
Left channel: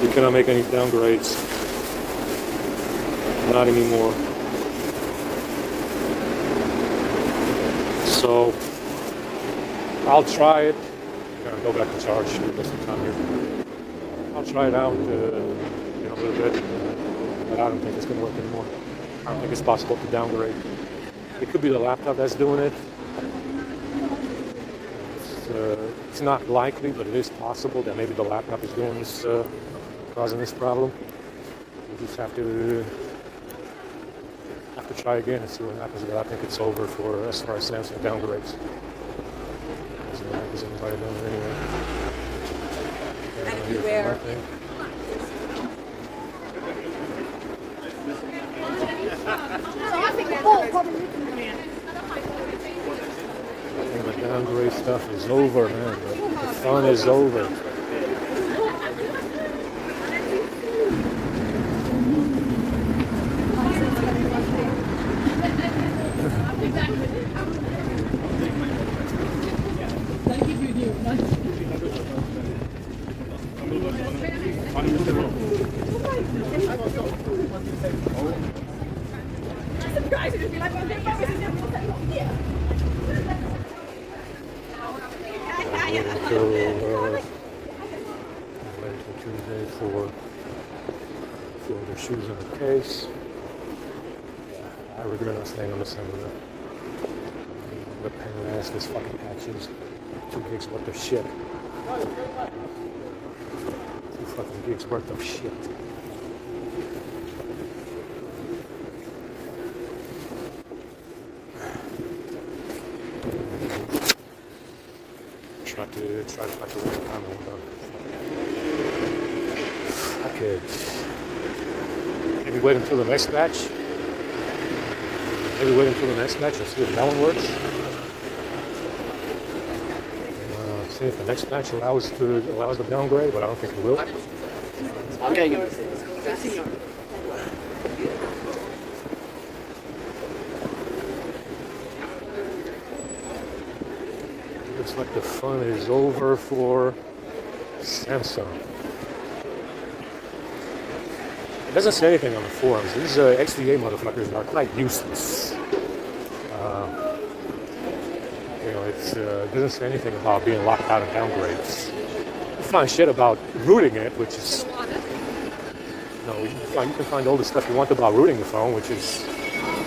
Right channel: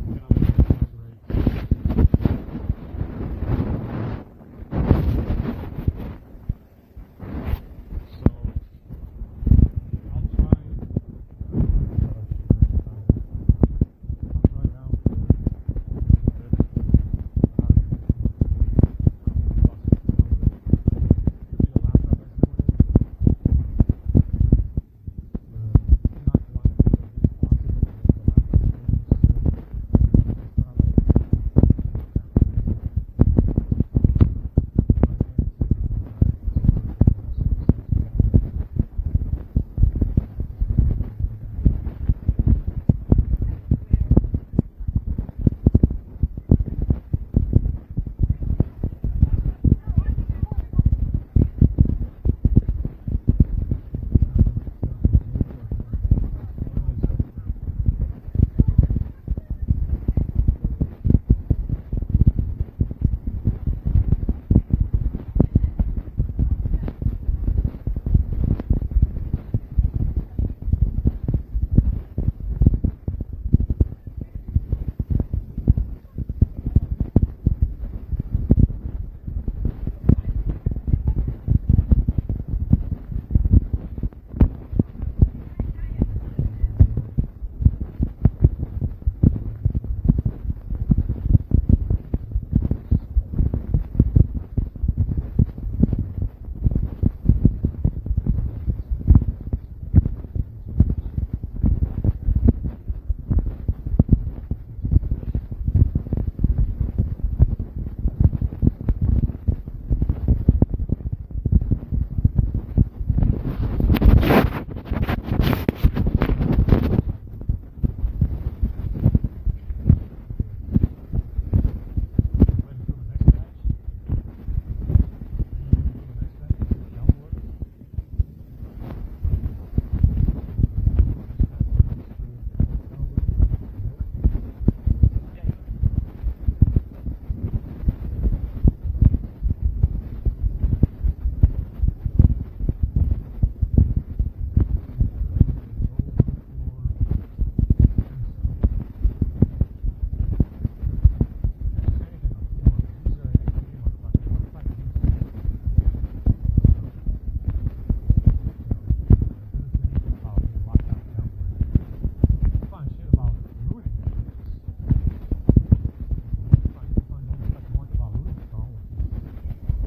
You cannot make any downgrades. Not anymore. So I'll try it. I'm going to go back to charge. I'll try it out a little bit, but I don't think it's going to work anymore. I don't think it's possible to downgrade. It could be the laptop that's doing it. It's not likely, but it is possible that maybe the laptop is doing this, causing this problem. You just have to try again and see what happens. But I think it's over for as far as Samsung downgrades. So is anybody doing it anyway? Everywhere. Stuff is over, man. The fun is over. Wait until the next batch. Maybe wait until the next batch and see if that one works. See if the next batch allows the downgrade, but I don't think it will. Okay. Looks like the fun is over for Samsung. doesn't say anything on the forums. These XDA motherfuckers are quite useless. It doesn't say anything about being locked out of downgrades. You find shit about rooting it, which is, you can find all the stuff you want about rooting the phone, which is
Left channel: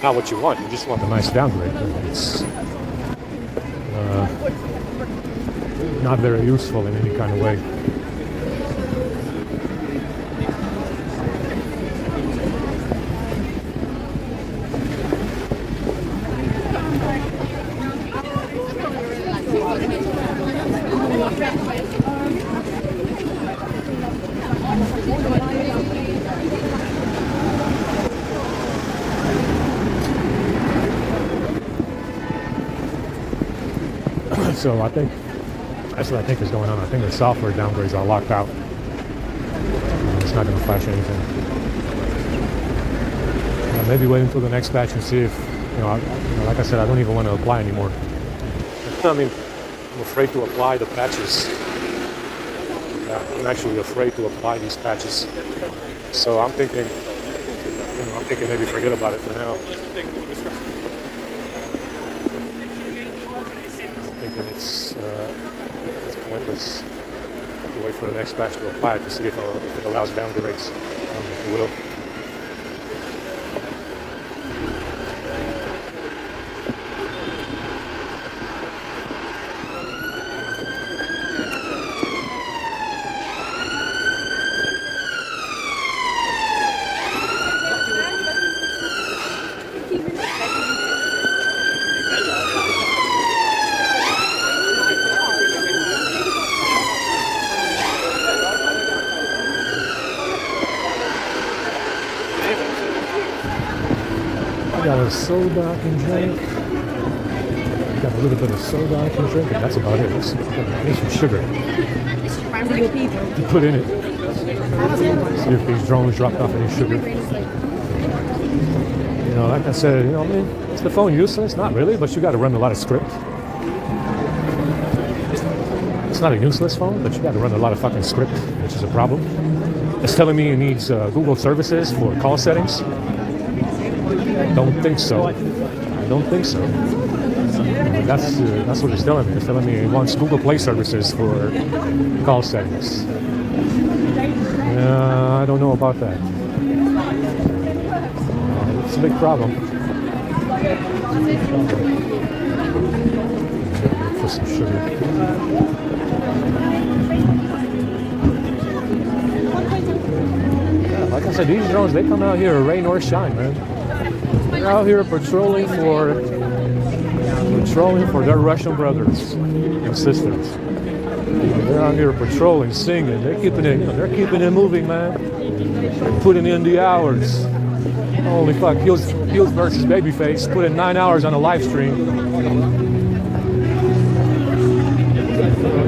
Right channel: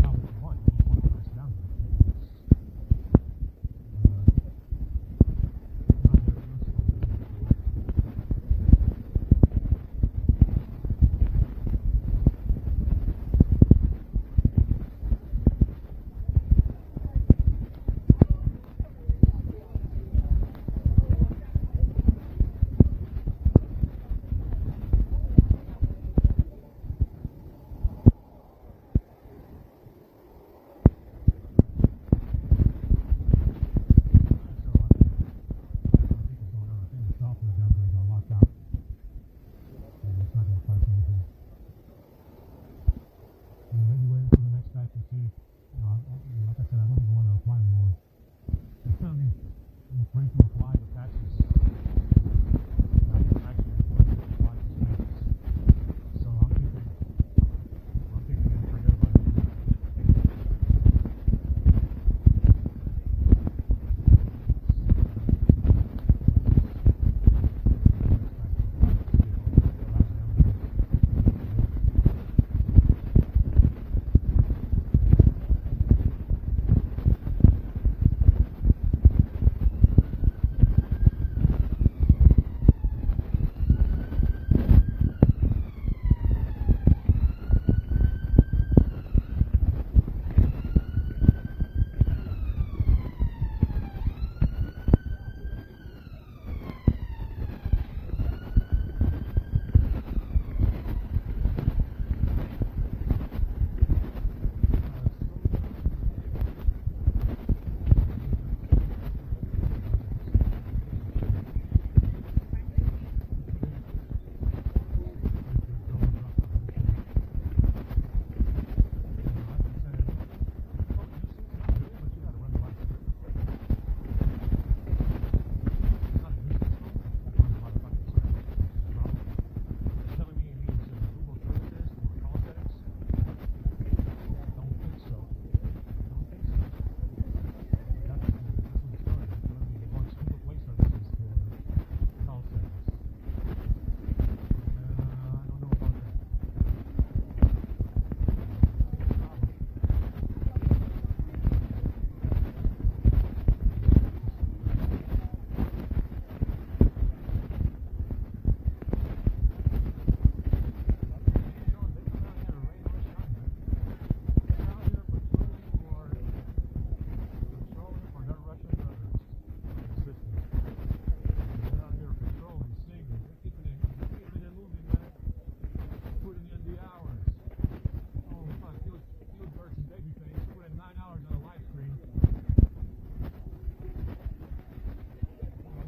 not what you want. You just want a nice downgrade. It's not very useful in any kind of way. So I think that's what I think is going on. I think the software downgrades are locked out. It's not going to flash anything. Maybe wait until the next patch and see if, like I said, I don't even want to apply anymore. I mean, I'm afraid to apply the patches. I'm actually afraid to apply these patches. So I'm thinking maybe forget about it for now. Next batch to apply to see if it allows downgrades. It will. Soda I can drink. Got a little bit of soda I can drink. That's about it. I need some sugar to put in it. See if these drones dropped off any sugar. Like I said, is the phone useless? Not really, but you got to run a lot of script. It's not a useless phone, but you got to run a lot of fucking script, which is a problem. It's telling me it needs Google services for call settings. I don't think so. That's what it's telling me. It's telling me it wants Google Play services for call settings. I don't know about that. It's a big problem. For some sugar. Like I said, these drones, they come out here rain or shine, man. They're out here patrolling for their Russian brothers and sisters. They're out here patrolling, singing. They're keeping it moving, man. They're putting in the hours. Holy fuck! Heels versus Babyface put in 9 hours on a live stream.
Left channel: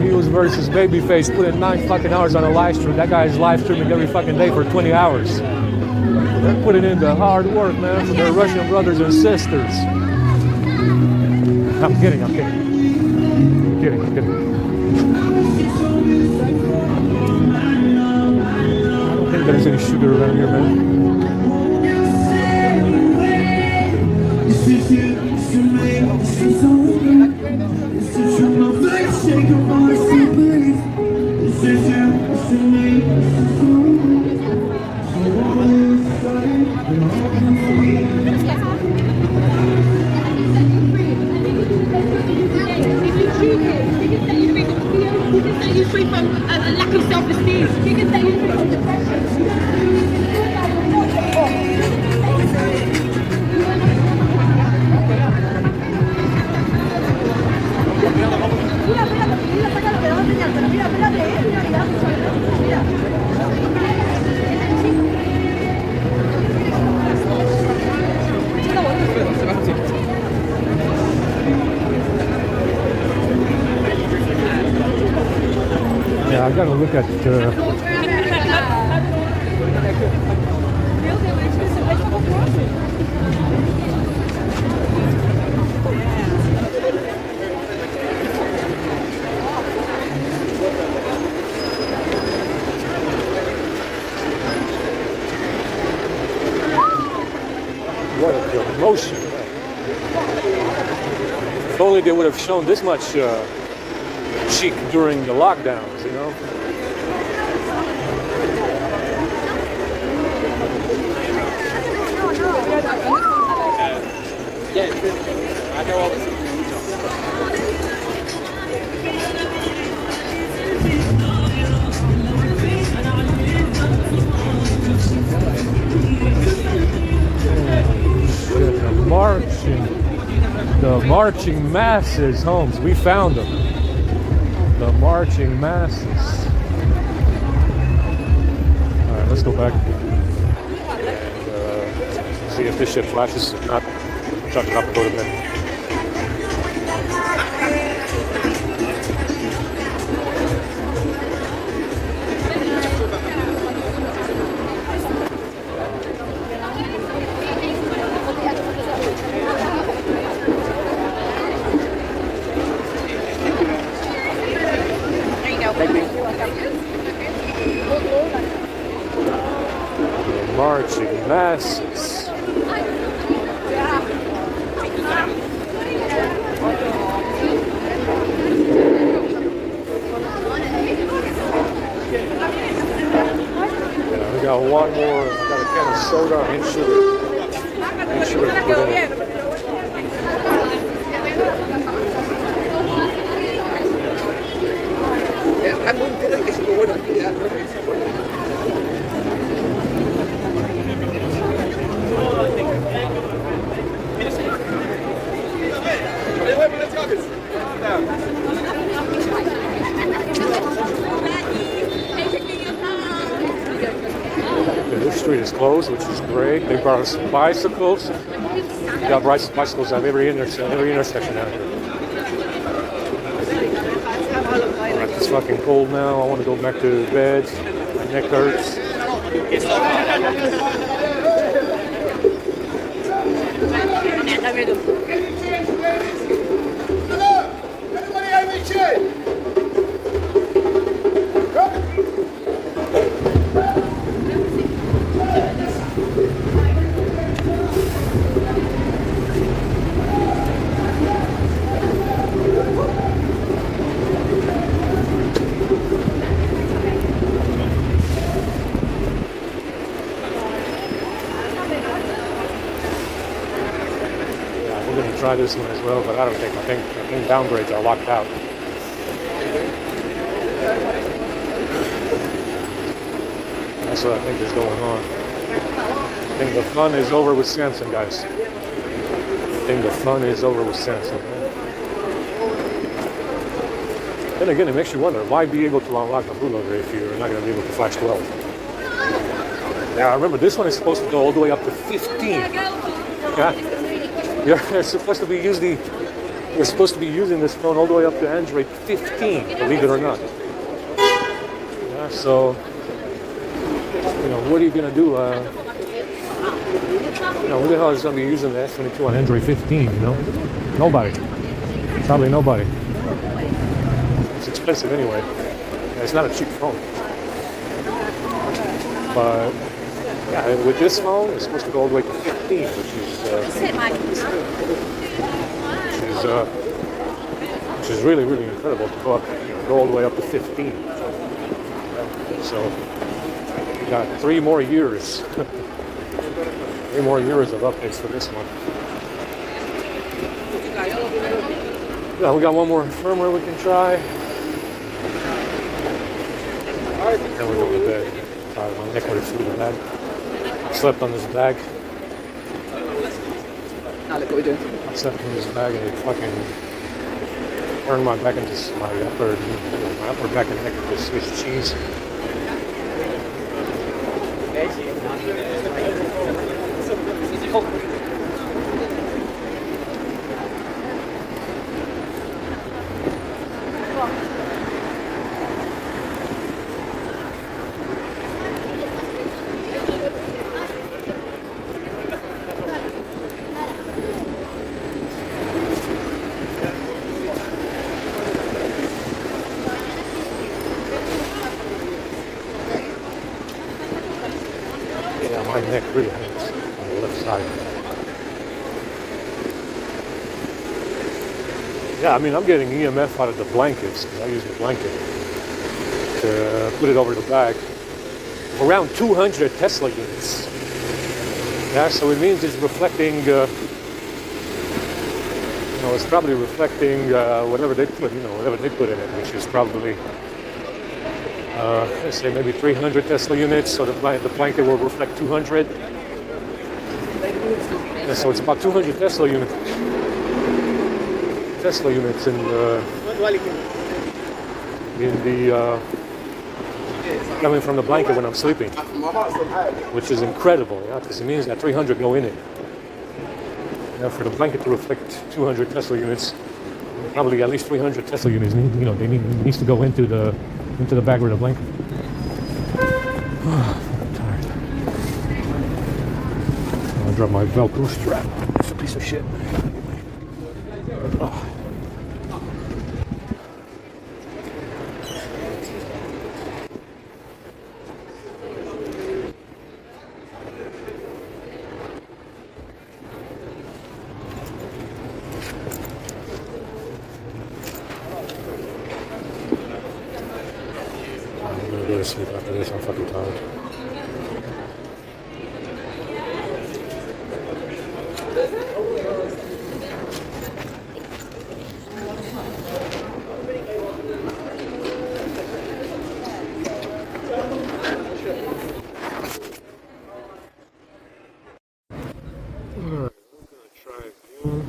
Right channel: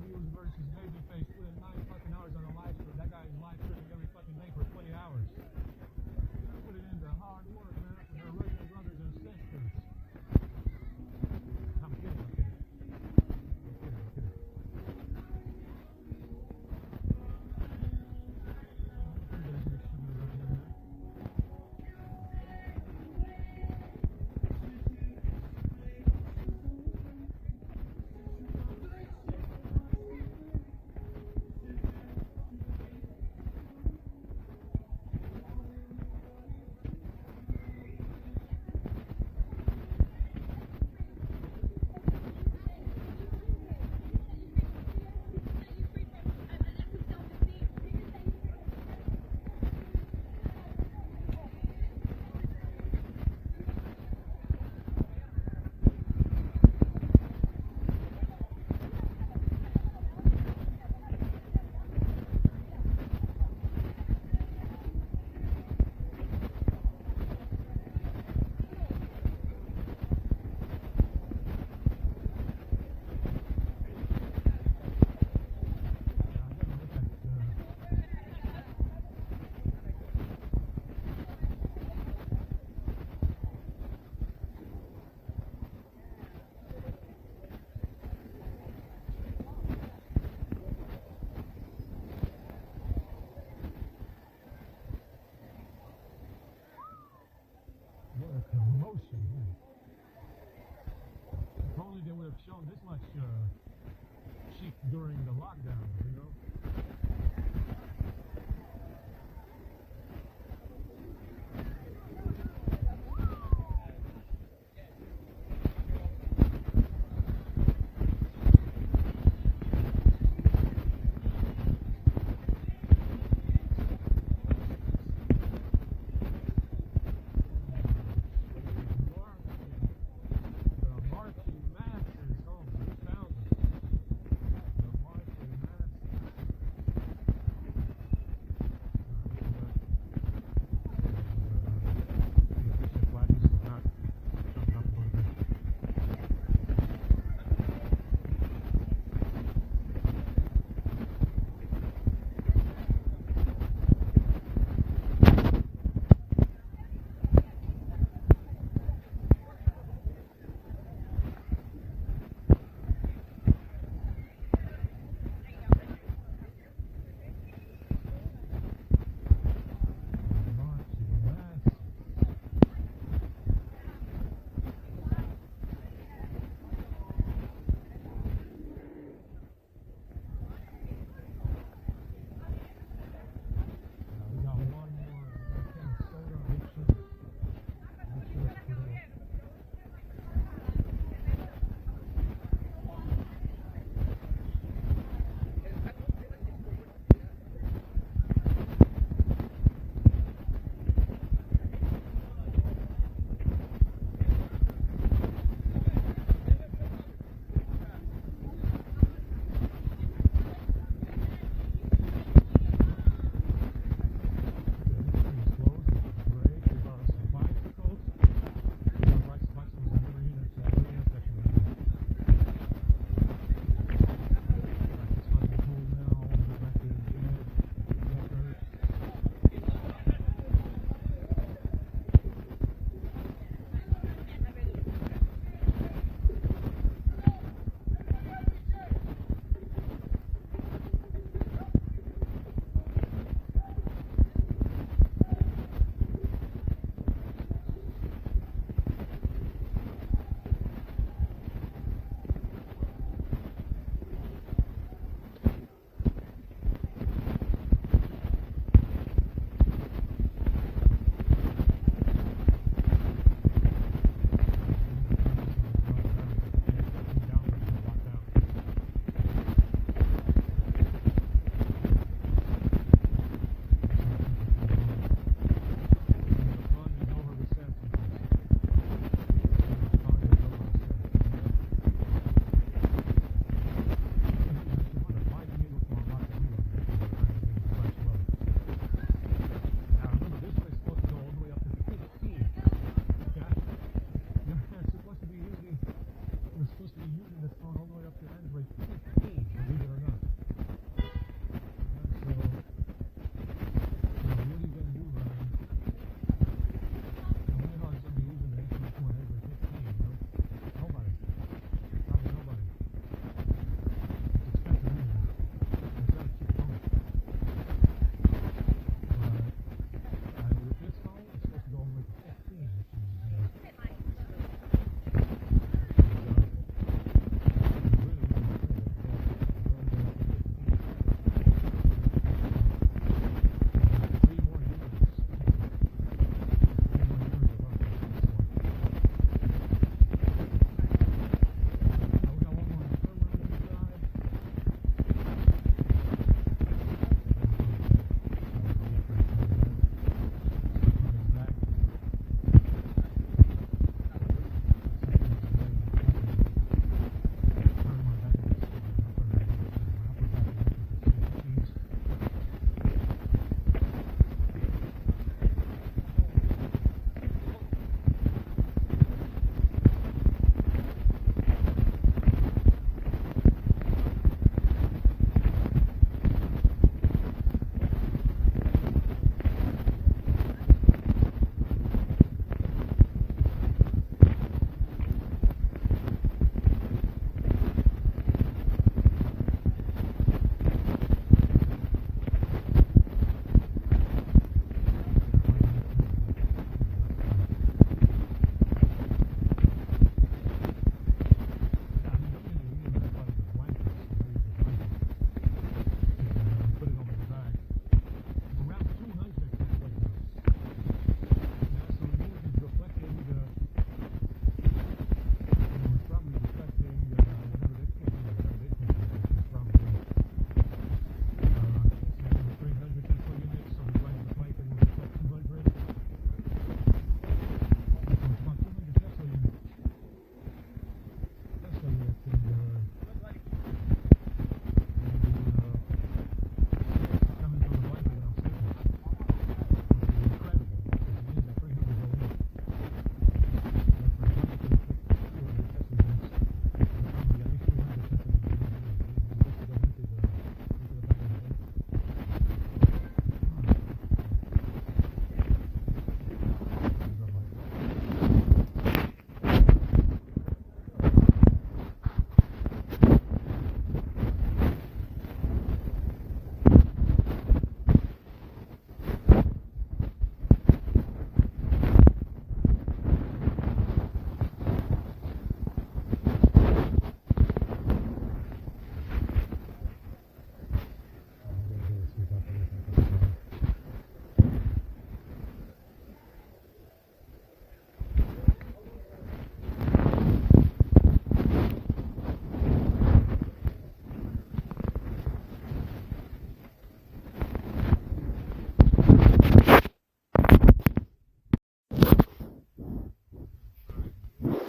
Heels versus Babyface put in 9 fucking hours on a live stream. That guy's live streaming every fucking day for 20 hours. They're putting in the hard work, man, for their Russian brothers and sisters. I'm kidding. I don't think there's any sugar around here, man. Yeah, I gotta look at promotion. If only they would have shown this much cheek during the lockdowns, you know? Yeah, I know all this. The marching masses, Holmes. We found them. The marching masses. All right, let's go back and see if this shit flashes. If not, chuck it up and go to bed. Marching masses. Yeah, we got one more. We got a can of soda and sugar. And sugar. This street is closed, which is great. They brought us bicycles. We got bicycles at every intersection out here. It's fucking cold now. I want to go back to bed. My neck hurts. Try this one as well, but I think downgrades are locked out. That's what I think is going on. I think the fun is over with Samsung, guys. I think the fun is over with Samsung. Then again, it makes you wonder, why be able to unlock the bootloader if you're not going to be able to flash 12? Now, remember, this one is supposed to go all the way up to 15. Yeah. You're supposed to be using this phone all the way up to Android 15, believe it or not. Yeah, so, what are you gonna do? Who the hell is gonna be using the S22 on Android 15? Nobody. Probably nobody. It's expensive anyway. It's not a cheap phone. But yeah, with this phone, it's supposed to go all the way to 15, which is really, really incredible to go all the way up to 15. So, we got 3 more years. 3 more years of updates for this one. Yeah, we got one more firmware we can try. And we're going to bed. My neck would have that. Slept on this bag. I slept on this bag and it fucking turned my back into my upper back and neck into Swiss cheese. neck really hurts on the left side. Yeah, I mean, I'm getting EMF out of the blankets, because I use the blanket to put it over the bag. Around 200 Tesla units. Yeah, so it means it's reflecting, it's probably reflecting whatever they put, whatever they put in it, which is probably, let's say maybe 300 Tesla units, so the blanket will reflect 200. Yeah, so it's about 200 Tesla units in the coming from the blanket when I'm sleeping, which is incredible, because it means that 300 go in it. For the blanket to reflect 200 Tesla units, probably at least 300 Tesla units needs to go into the bag with the blanket. I'm tired. I'll drop my Velcro strap. It's a piece of shit. Sleep after this, I'm fucking tired. Alright, I'm gonna try again.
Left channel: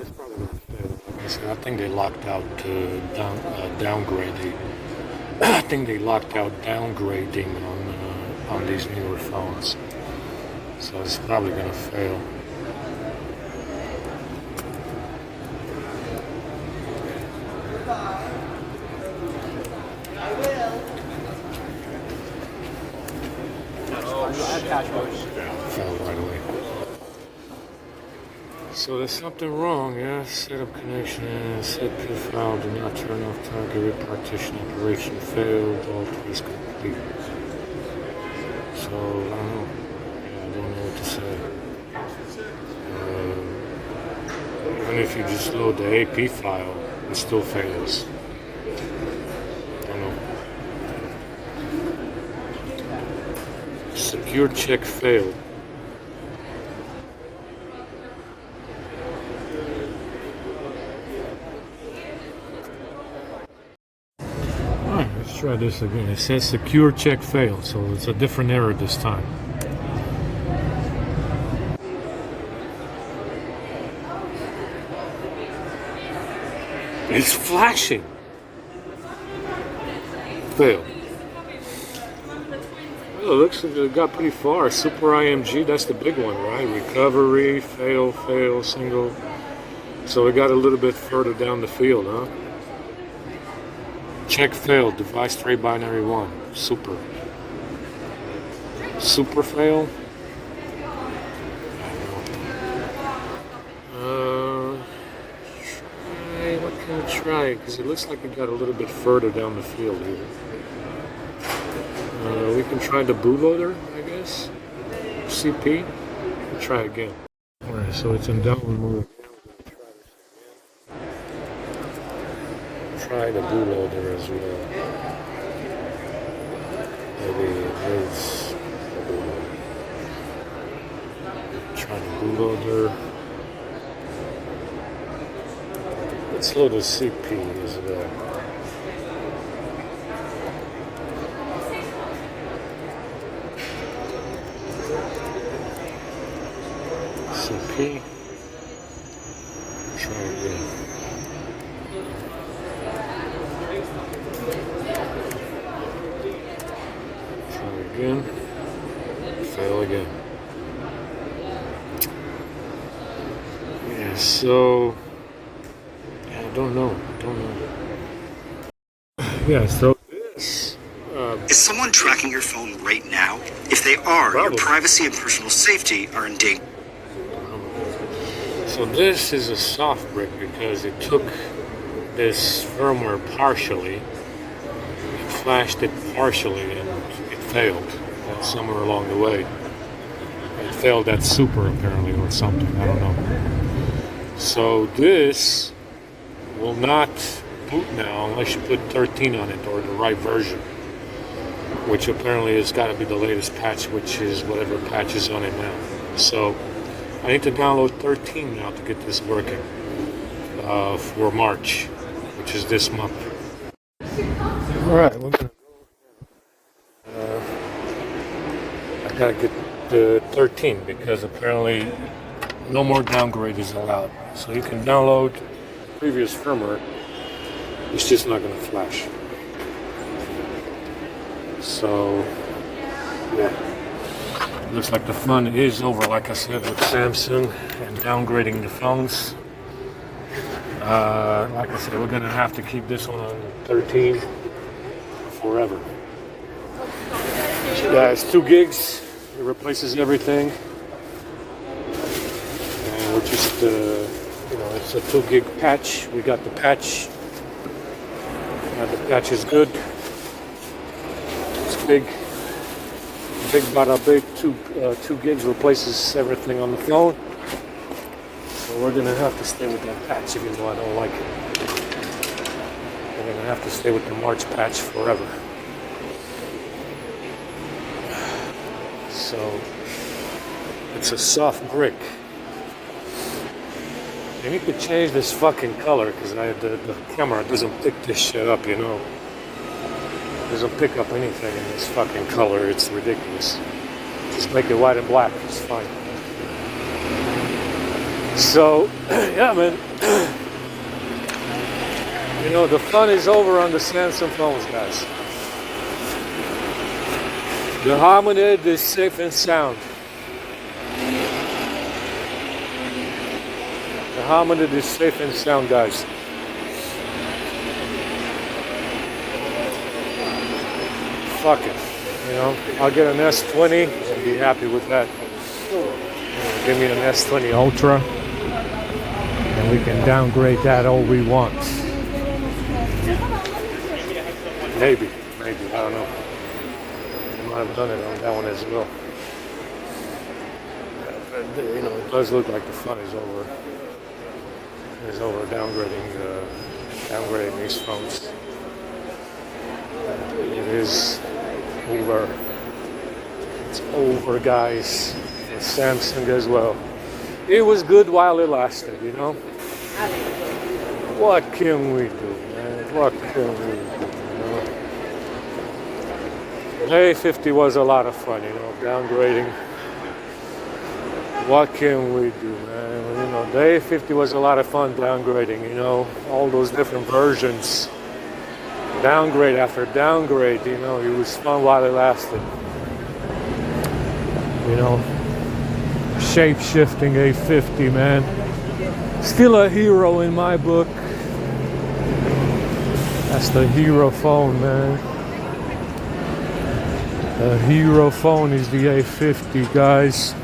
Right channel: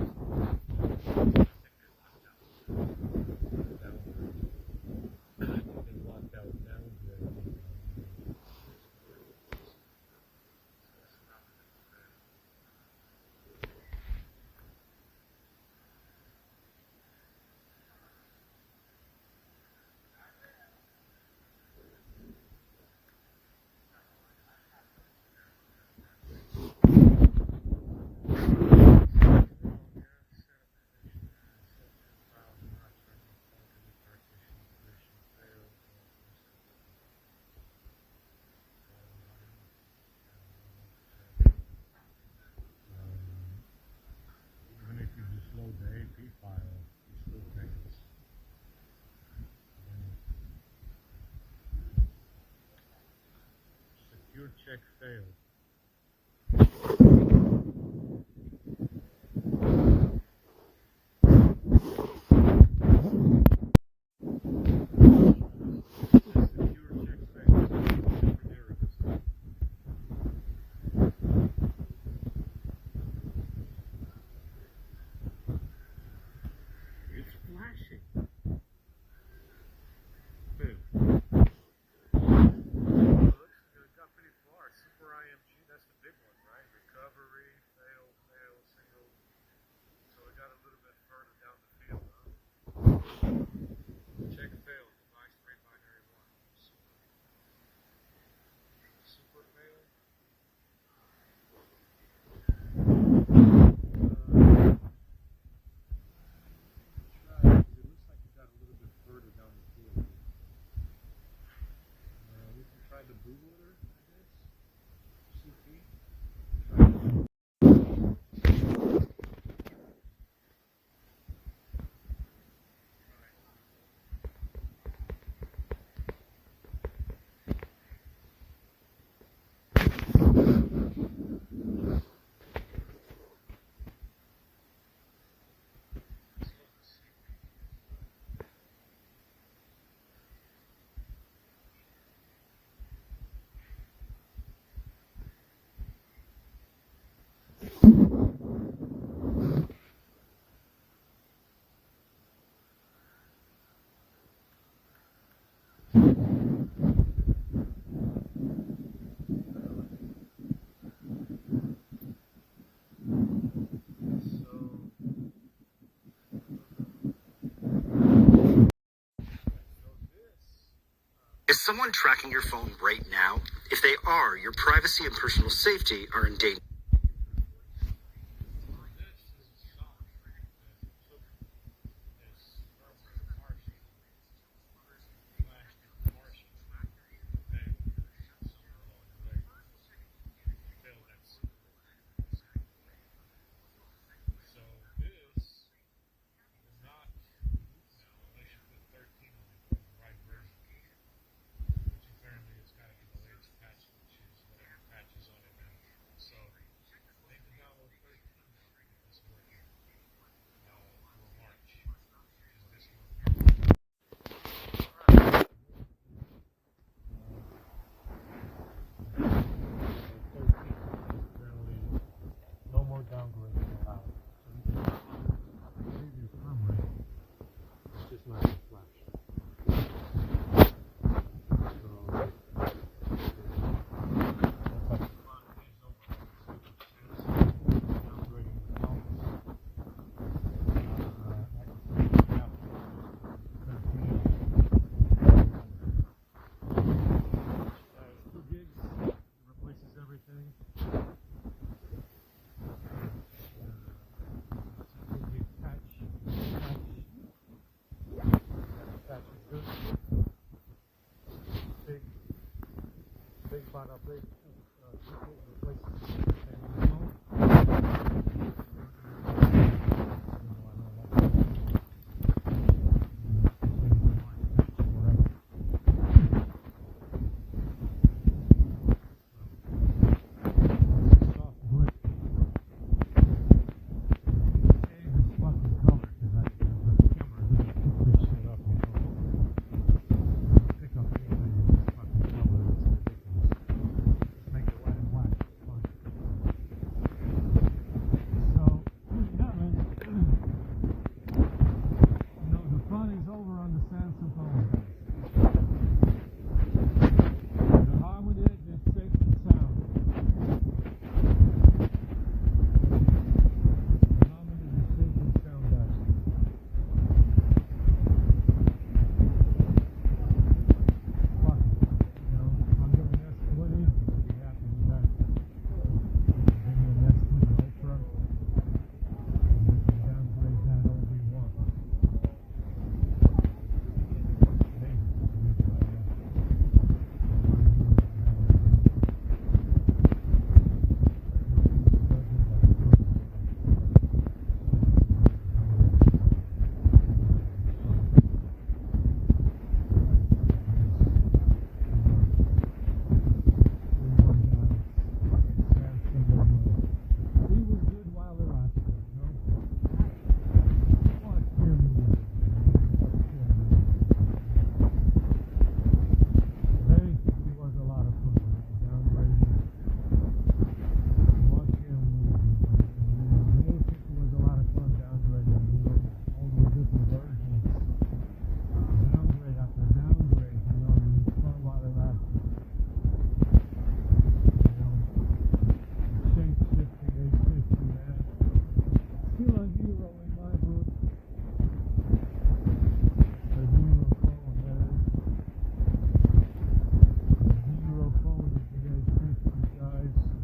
It's probably gonna fail. I think they locked out downgrading. I think they locked out downgrading on these newer phones, so it's probably gonna fail. Fell right away. So there's something wrong, yeah? Setup connection, set file, do not turn off target repartition operation failed, all is complete. So, I don't know. Yeah, I don't know what to say. Even if you just load the AP file, it still fails. I don't know. Secure check failed. Let's try this again. It says secure check failed, so it's a different error this time. It's flashing. Fail. Oh, it looks like it got pretty far. Super IMG, that's the big one, right? Recovery, fail, single. So it got a little bit further down the field, huh? Check failed, device 3 binary 1. Super. Super fail? What can I try? Because it looks like it got a little bit further down the field here. We can try the bootloader, I guess. CP. Try again. Alright, so it's in download mode. Try the bootloader as well. Maybe it's try the bootloader. Let's load the CP as well. CP. Try again. Try again. Fail again. Yeah, so I don't know. Yeah, so this is someone tracking your phone right now? If they are, probably. Your privacy and personal safety are in danger. So this is a soft brick because it took this firmware partially, it flashed it partially, and it failed somewhere along the way. It failed at super apparently or something, I don't know. So this will not boot now unless you put 13 on it, or the right version, which apparently has got to be the latest patch, which is whatever patch is on it now. So I need to download 13 now to get this working for March, which is this month. All right. I gotta get the 13 because apparently no more downgrade is allowed. So you can download previous firmware, it's just not gonna flash. So yeah, looks like the fun is over, like I said, with Samsung and downgrading the phones. Like I said, we're gonna have to keep this one on 13 forever. Yeah, it's 2 gigs. It replaces everything, and we're just, it's a 2 gig patch. We got the patch. The patch is good. It's big. Big bada big. 2 gigs replaces everything on the phone. So we're gonna have to stay with that patch, even though I don't like it. We're gonna have to stay with the March patch forever. So it's a soft brick. They need to change this fucking color because the camera doesn't pick this shit up, you know. It doesn't pick up anything in this fucking color. It's ridiculous. Just make it white and black. It's fine. So, yeah, man. You know, the fun is over on the Samsung phones, guys. The hominid is safe and sound. The hominid is safe and sound, guys. Fuck it. You know, I'll get an S20. I'll be happy with that. Give me an S20 Ultra. And we can downgrade that all we want. Maybe, I don't know. I've done it on that one as well. But, you know, it does look like the fun is over. It's over downgrading these phones. It is over. It's over, guys. And Samsung as well. It was good while it lasted, you know. What can we do, man? What can we do? A50 was a lot of fun, you know, downgrading. What can we do, man? You know, the A50 was a lot of fun downgrading, you know, all those different versions. Downgrade after downgrade, you know, it was fun while it lasted. You know, shape-shifting A50, man. Still a hero in my book. That's the hero phone, man. The hero phone is the A50, guys.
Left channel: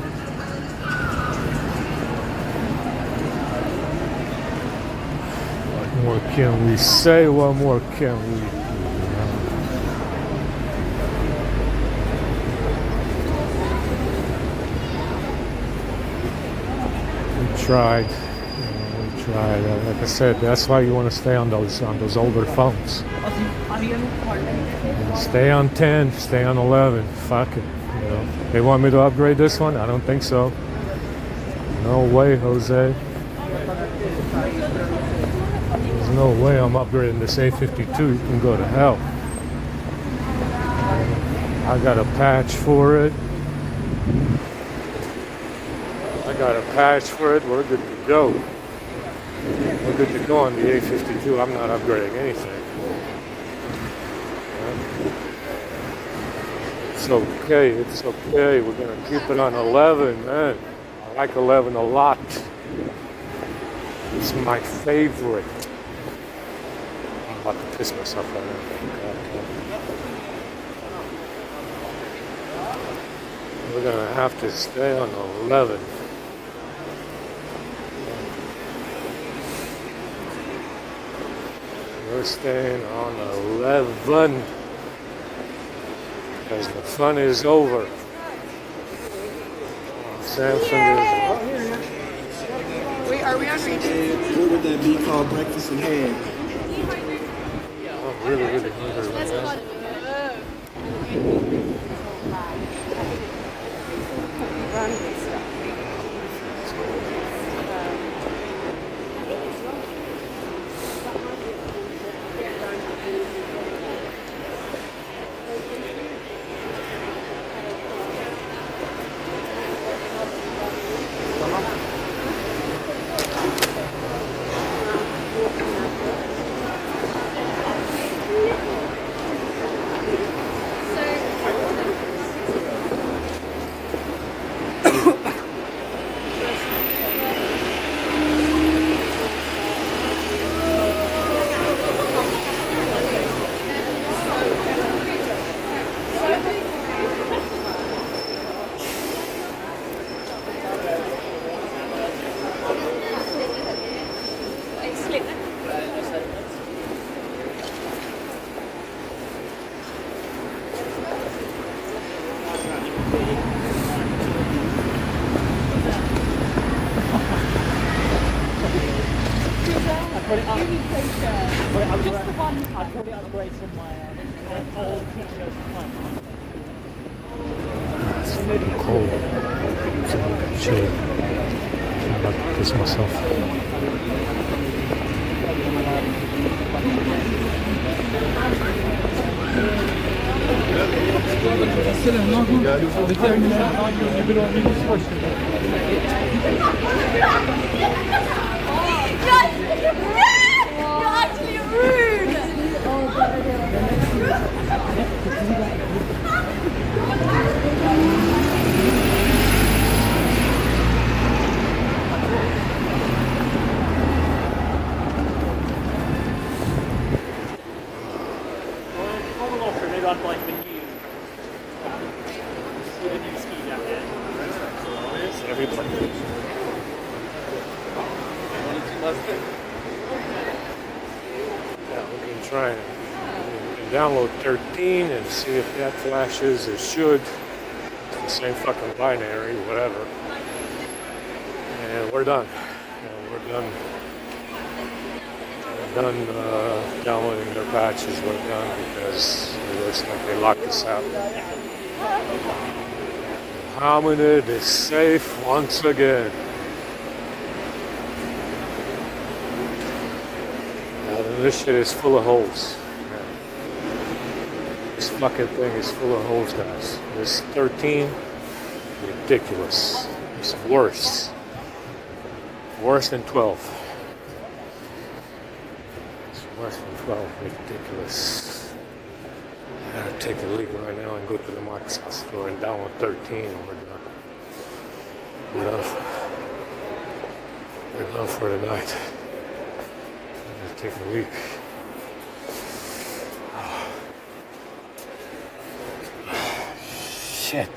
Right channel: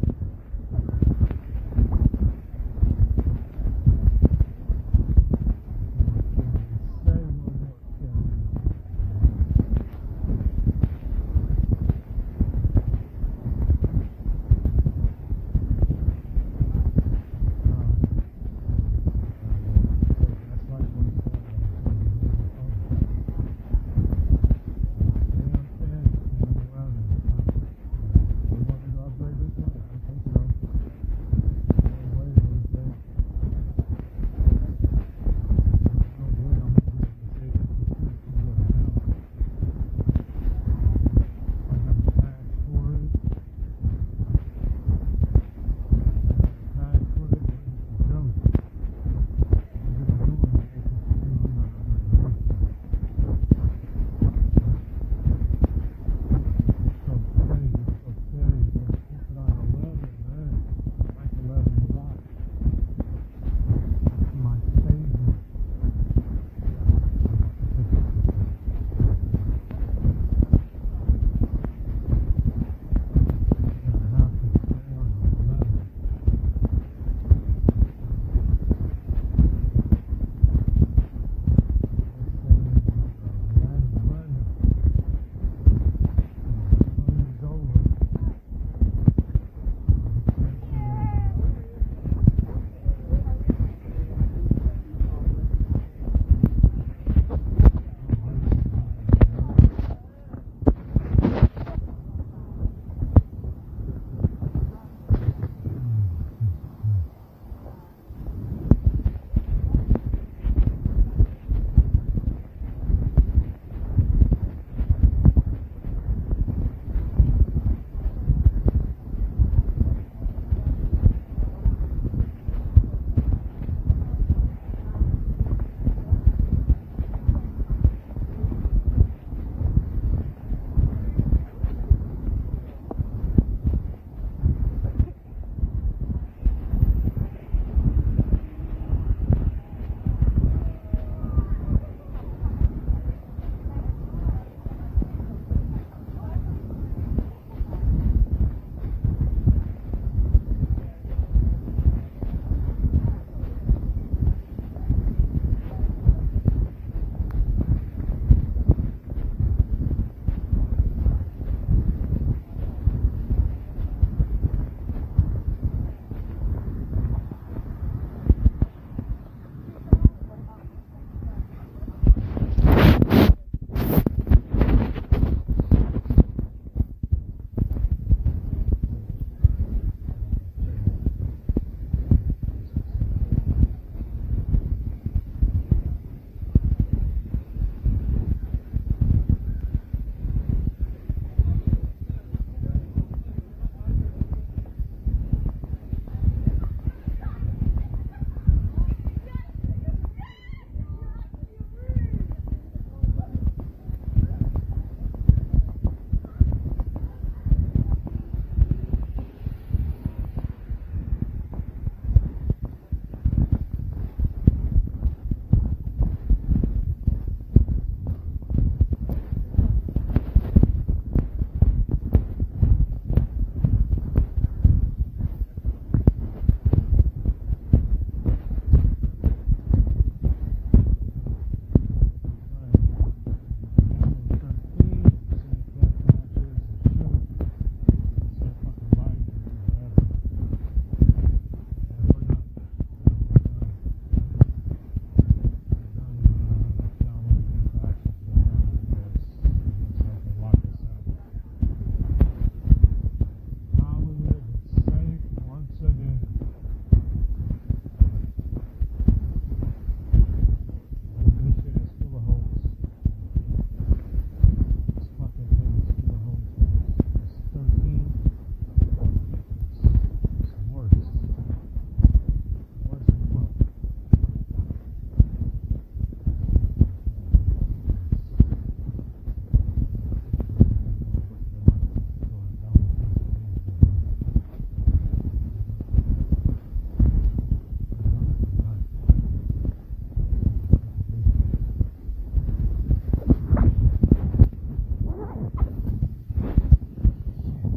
What more can we say? What more can we do? We tried. Like I said, that's why you want to stay on those older phones. Stay on 10, stay on 11. Fuck it. You know, they want me to upgrade this one? I don't think so. No way, Jose. There's no way I'm upgrading this A52. You can go to hell. I got a patch for it. We're good to go. We're good to go on the A52. I'm not upgrading anything. It's okay. We're gonna keep it on 11, man. I like 11 a lot. It's my favorite. I'm about to piss myself out. We're gonna have to stay on 11. We're staying on 11. Because the fun is over. Samsung Wait, are we on reading? What would that be called? Breakfast in ham. I'm really hungry right now. Cold. It's a little bit chilly. I'm about to piss myself. You're actually rude! Try and download 13 and see if that flashes. It should. It's the same fucking binary, whatever. And we're done. We're done downloading their patches. We're done because it looks like they locked us out. Hominid is safe once again. This shit is full of holes. This fucking thing is full of holes, guys. This 13, ridiculous. It's worse. Worse than 12. It's worse than 12. Ridiculous. I gotta take a leak right now and go to the Microsoft store and download 13. We're done. We're done for tonight. Take a week. Shit.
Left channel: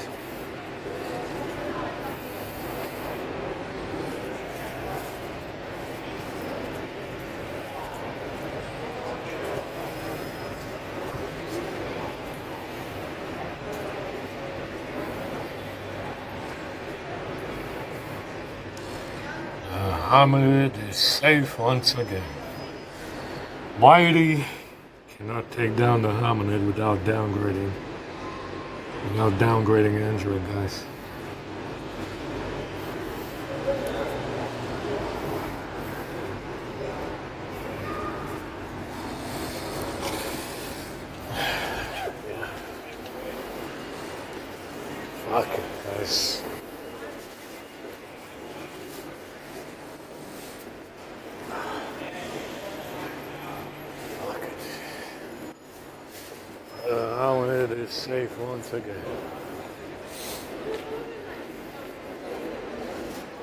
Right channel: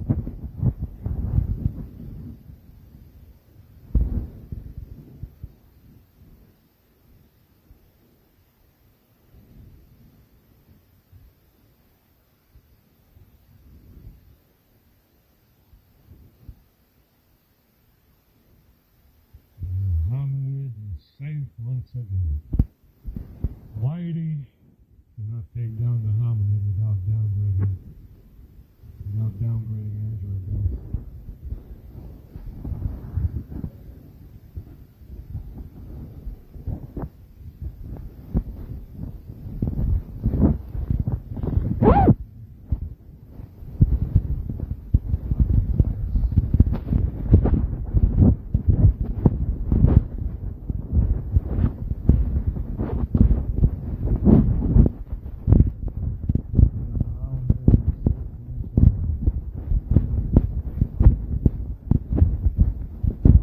Hamid is safe once again. Mighty cannot take down the hominid without downgrading Android, guys. Yeah. Fuck, guys. Safe once again.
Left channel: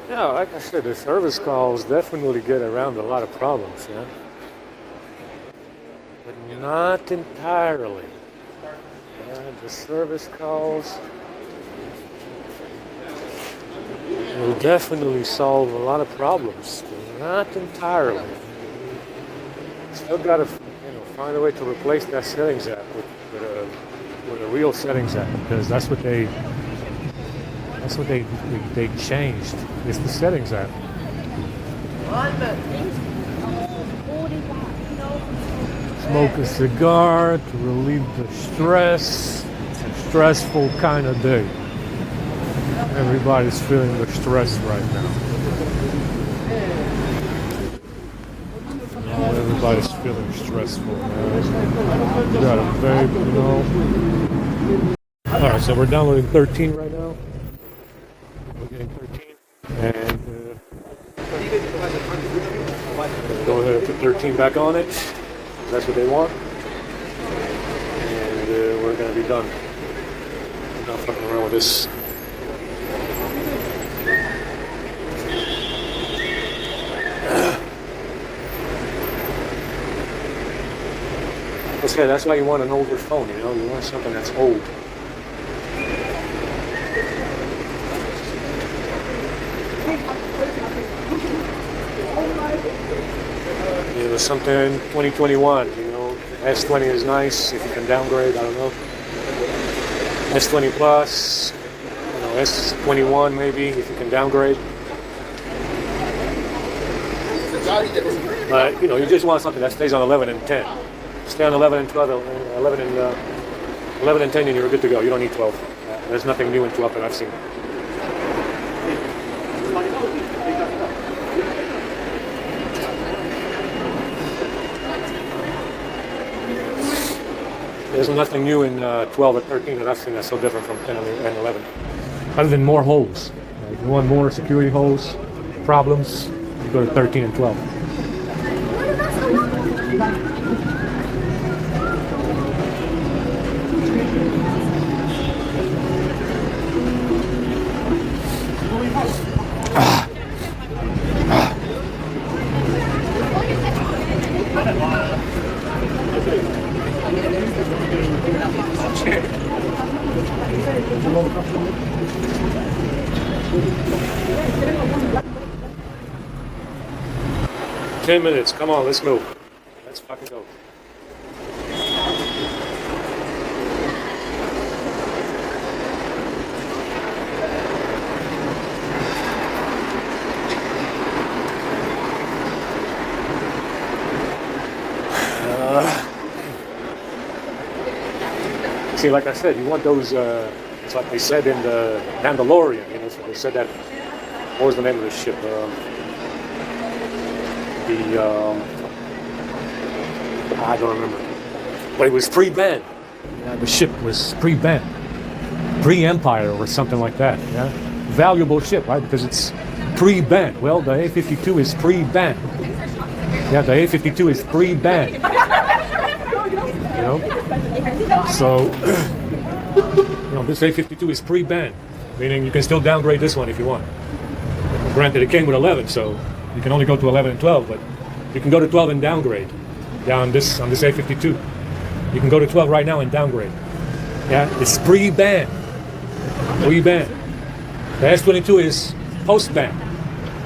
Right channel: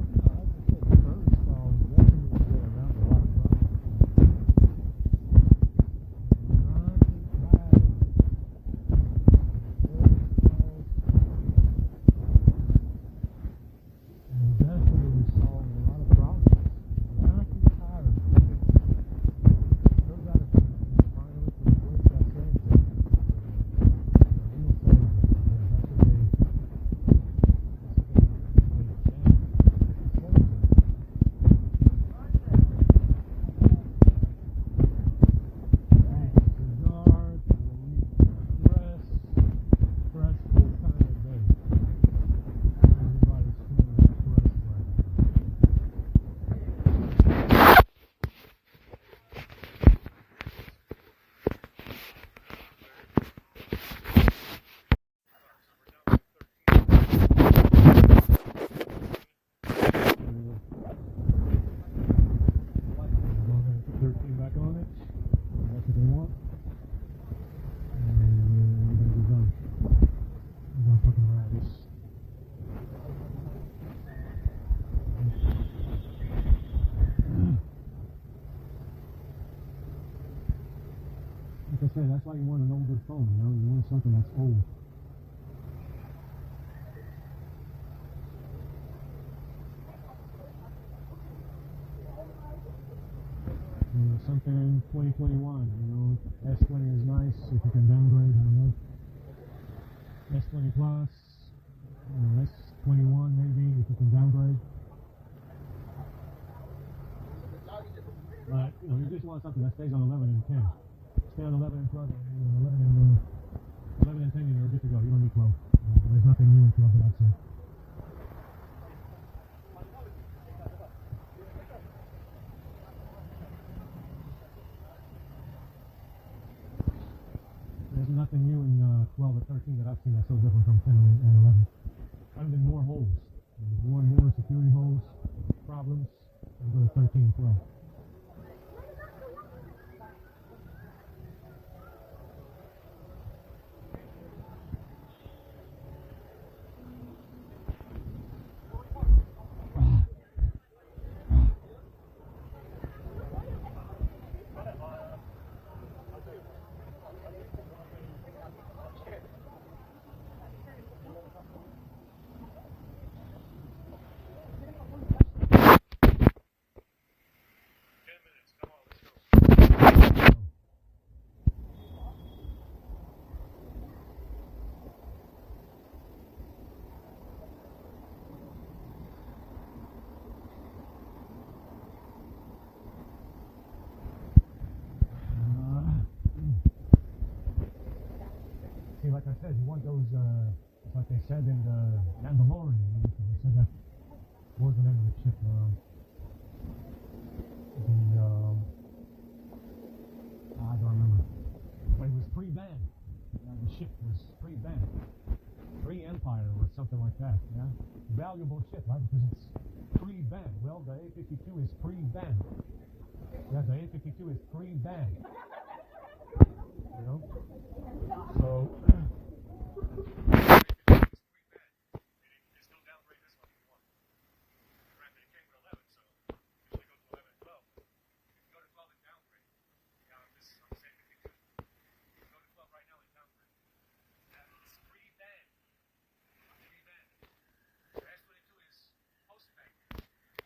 Yeah, like I said, the service calls definitely get around a lot of problems, yeah? But not entirely. Yeah, the service calls will definitely solve a lot of problems, but not entirely. Still gotta, find a way to replace that settings app with a real settings app, because that's what they changed. It's the settings app. Smoke a cigar to relieve the stress. It's a stressful kind of day. Everybody's feeling the stress right now. Everybody's feeling stressful, man. You got a baby, you know. Alright, so we're downloading 13 right now. And go ahead and put 13 back on it. That's what they want. And we're gonna be done. I'm not fucking around with this. Okay, that's why you want an older phone, you know? You want something that's old. You know, something 2021, you know? S20 is nice if you can downgrade, I don't know. S20 Plus, you know, S21 maybe if you can downgrade. But, you know, you just want something that stays on 11 and 10. Stay on 11 and 12, 11 and 10, and you're good to go. You don't need 12. There's nothing new in 12 that I've seen. There's nothing new in 12 or 13 that I've seen that's so different from 10 and 11. Other than more holes. If you want more security holes, problems, you go to 13 and 12. 10 minutes. Come on, let's go. Let's fucking go. See, like I said, you want those, it's like they said in the Mandalorian, you know, so they said that, what was the name of the ship? I don't remember, but it was pre-banned. Yeah, the ship was pre-banned, pre-Empire or something like that. Yeah, valuable ship, right? Because it's pre-banned. Well, the A-52 is pre-banned. Yeah, the A-52 is pre-banned. You know, so this A-52 is pre-banned, meaning you can still downgrade this one if you want. Granted, it came with 11, so you can only go to 11 and 12, but you can go to 12 and downgrade. Yeah, on this A-52. You can go to 12 right now and downgrade. Yeah, it's pre-ban. Pre-ban. The S-22 is post-ban.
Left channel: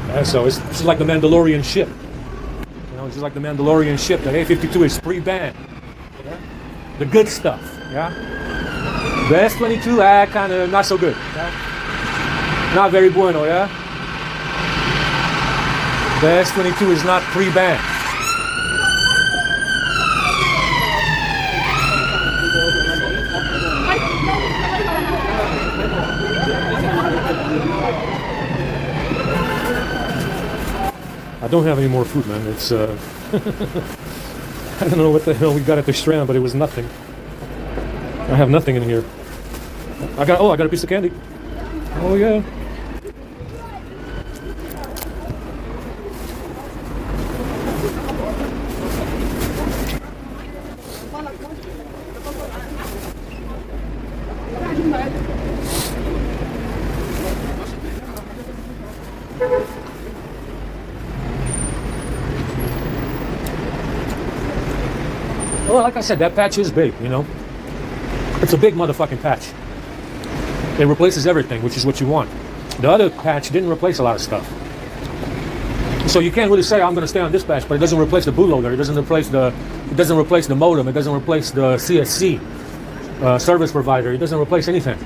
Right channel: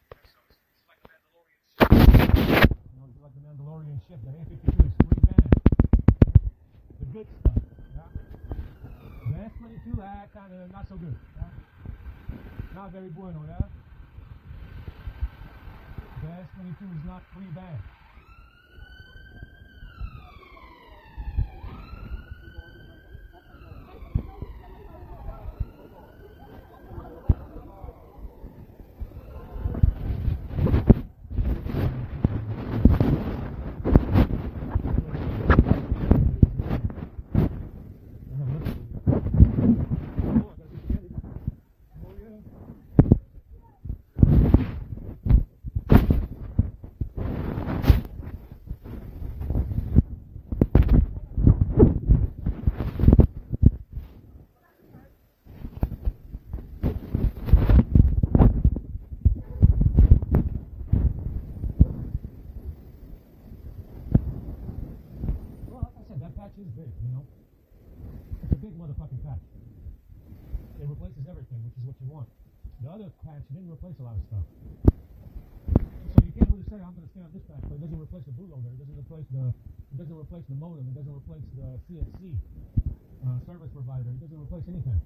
Yeah, so it's just like the Mandalorian ship. You know, it's just like the Mandalorian ship. The A-52 is pre-ban. Yeah? The good stuff. Yeah. The S-22, kind of not so good. Yeah? Not very bueno. Yeah. The S-22 is not pre-ban. I don't have any more food, man. It's I don't know what the hell we got at the Strand, but it was nothing. I have nothing in here. I got a piece of candy. Oh yeah. Well, like I said, that patch is big, you know. It's a big motherfucking patch. It replaces everything, which is what you want. The other patch didn't replace a lot of stuff. So you can't really say I'm going to stay on this patch, but it doesn't replace the bootloader. It doesn't replace the modem. It doesn't replace the CSC service provider. It doesn't replace anything.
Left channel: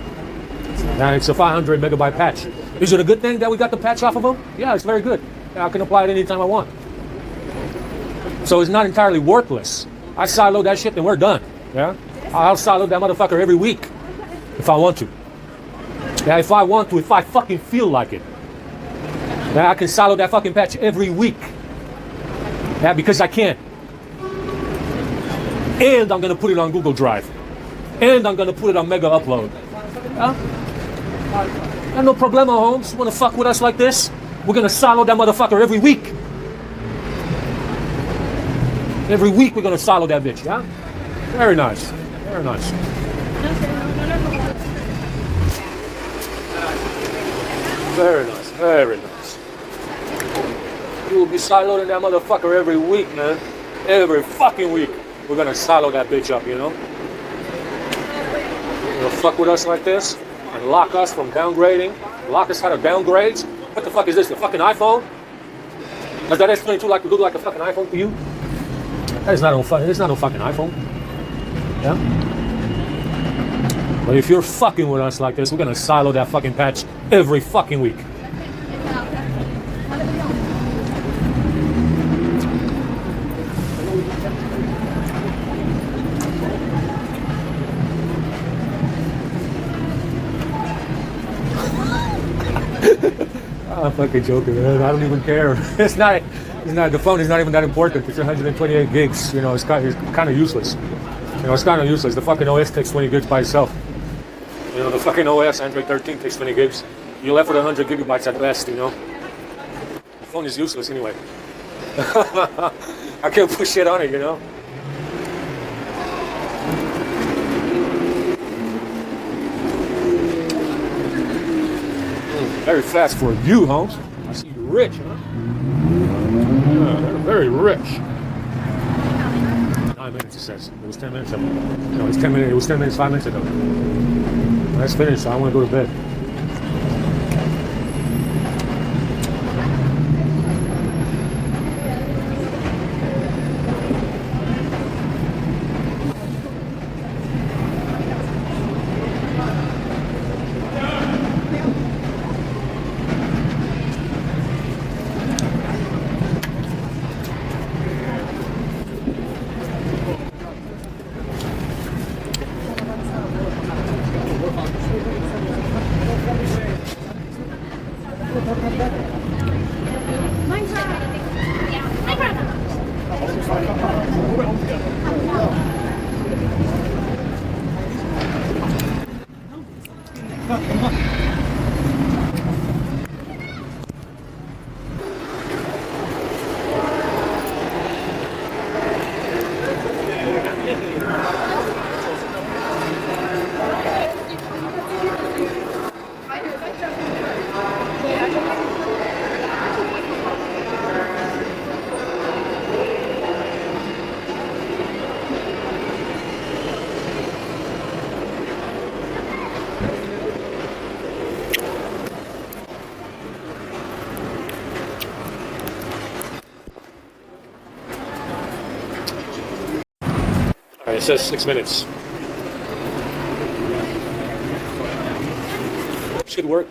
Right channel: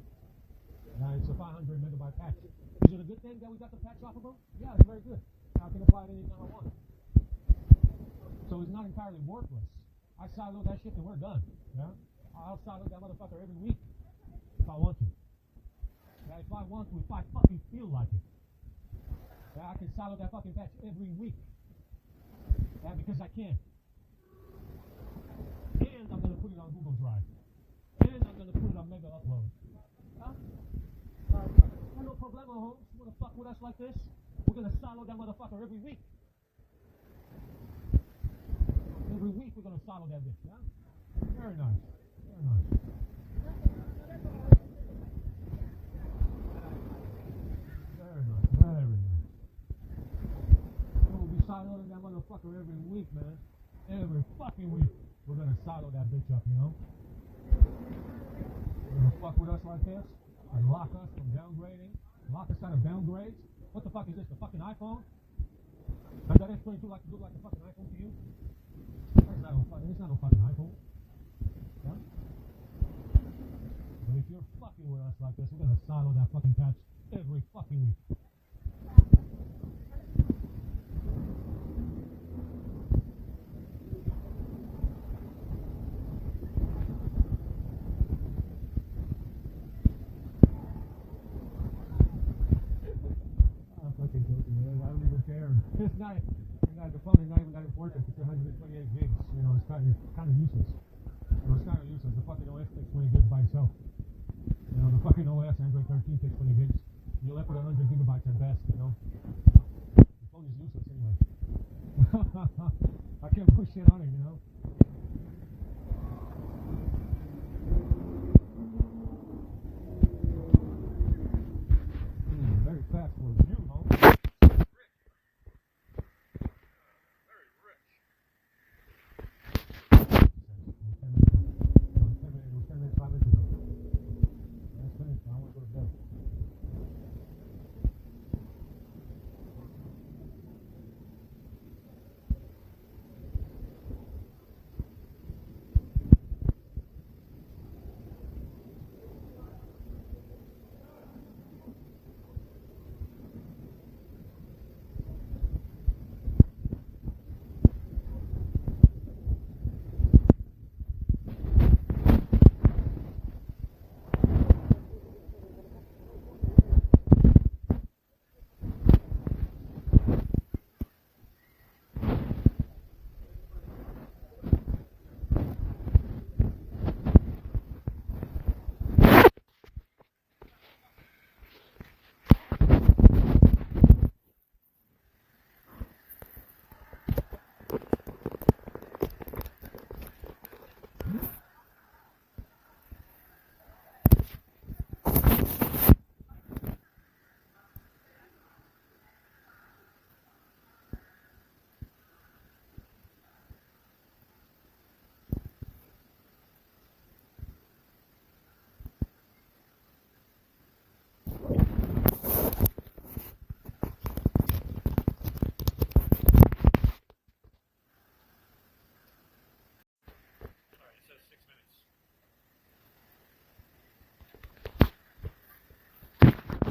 It's a 500 megabyte patch. Is it a good thing that we got the patch off of them? Yeah, it's very good. I can apply it anytime I want. So it's not entirely worthless. I sideload that shit and we're done. Yeah? I'll sideload that motherfucker every week if I want to. Yeah, if I want to, if I fucking feel like it. Yeah, I can sideload that fucking patch every week. Yeah, because I can. And I'm gonna put it on Google Drive. And I'm gonna put it on Mega Upload. Yeah? No problemo, Holmes. You wanna fuck with us like this? We're gonna silo that motherfucker every week. Every week we're gonna silo that bitch, yeah? Very nice. Very nice. Very nice. Very nice. You will be siloing that motherfucker every week, man. Every fucking week. We're gonna silo that bitch up, you know? You know, fuck with us like this and lock us from downgrading. Lock us out of downgrades. What the fuck is this? The fucking iPhone? Does that S22 look like a fucking iPhone to you? That is not no fucking iPhone. Yeah? But if you're fucking with us like this, we're gonna silo that fucking patch every fucking week. I'm fucking joking, man. I don't even care. It's not. The phone is not even that important. It's 128 gigs. You know, it's kind of useless. You know, it's kind of useless. The fucking OS takes 20 gigs by itself. You know, the fucking OS, Android 13, takes 20 gigs. You're left with 100 gigabytes at best. You know, the phone is useless anyway. I can't put shit on it. You know. Very fast for you, Holmes. I see you're rich, huh? Yeah, very rich. 5 minutes, it says. It was 10 minutes ago. No, it's 10 minutes. It was 10 minutes, 5 minutes ago. That's finished, so I want to go to bed. It says 6 minutes. It should work.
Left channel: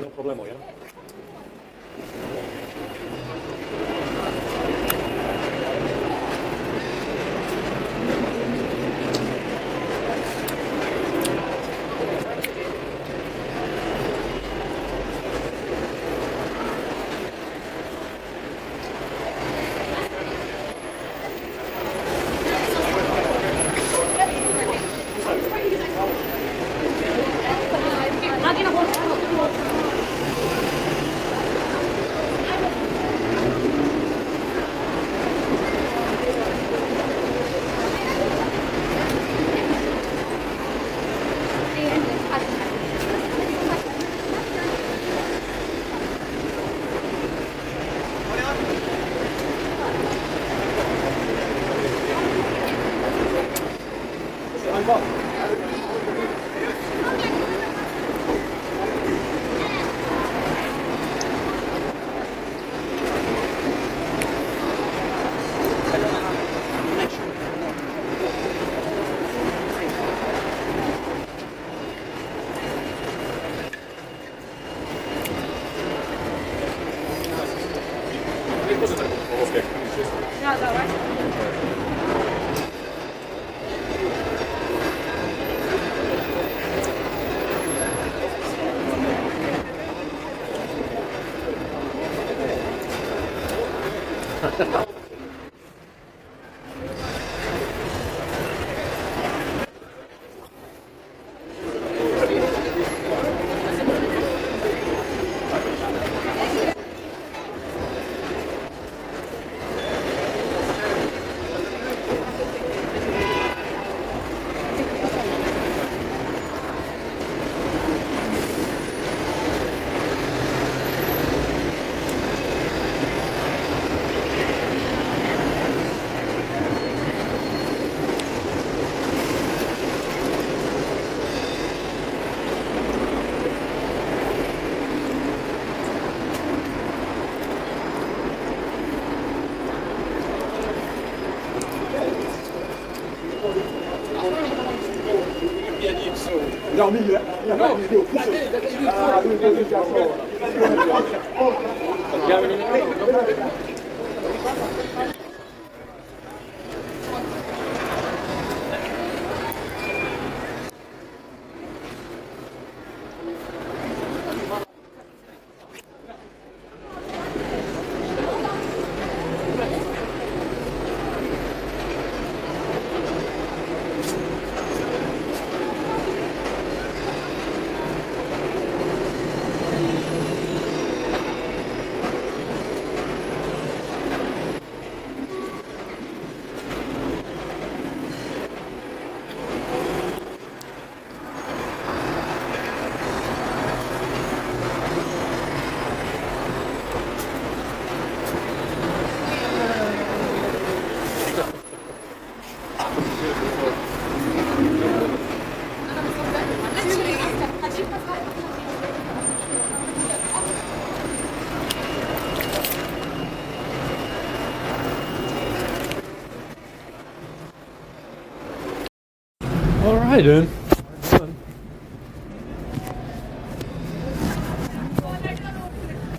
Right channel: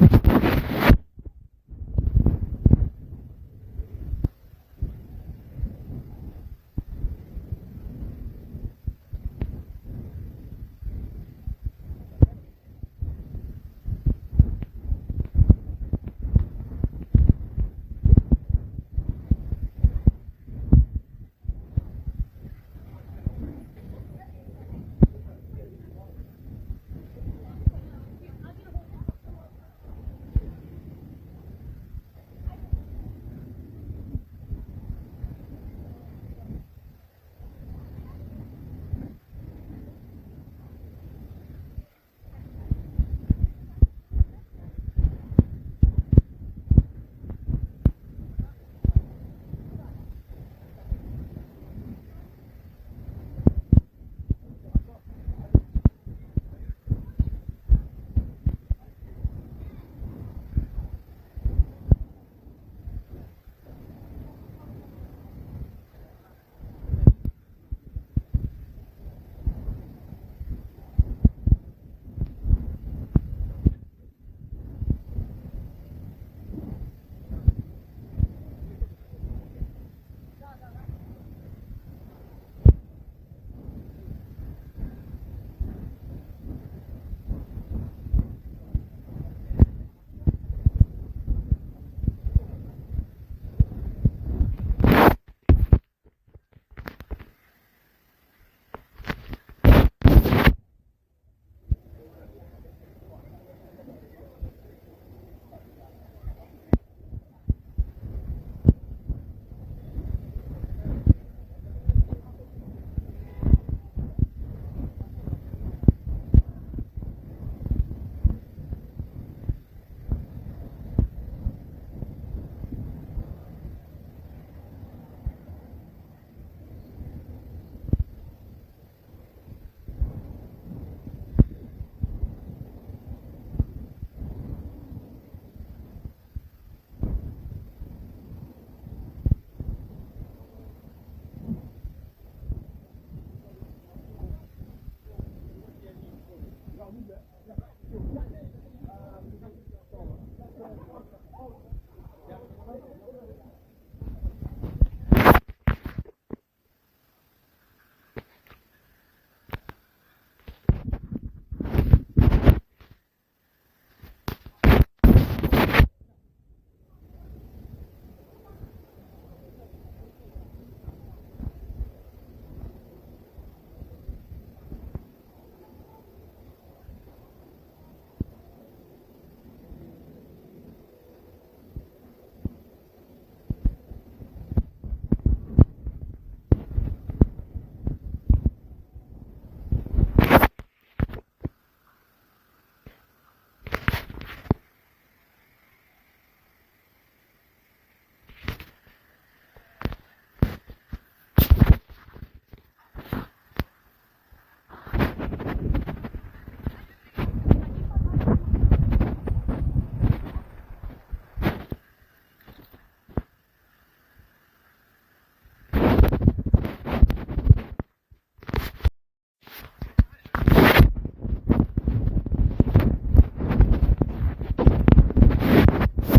All right, then.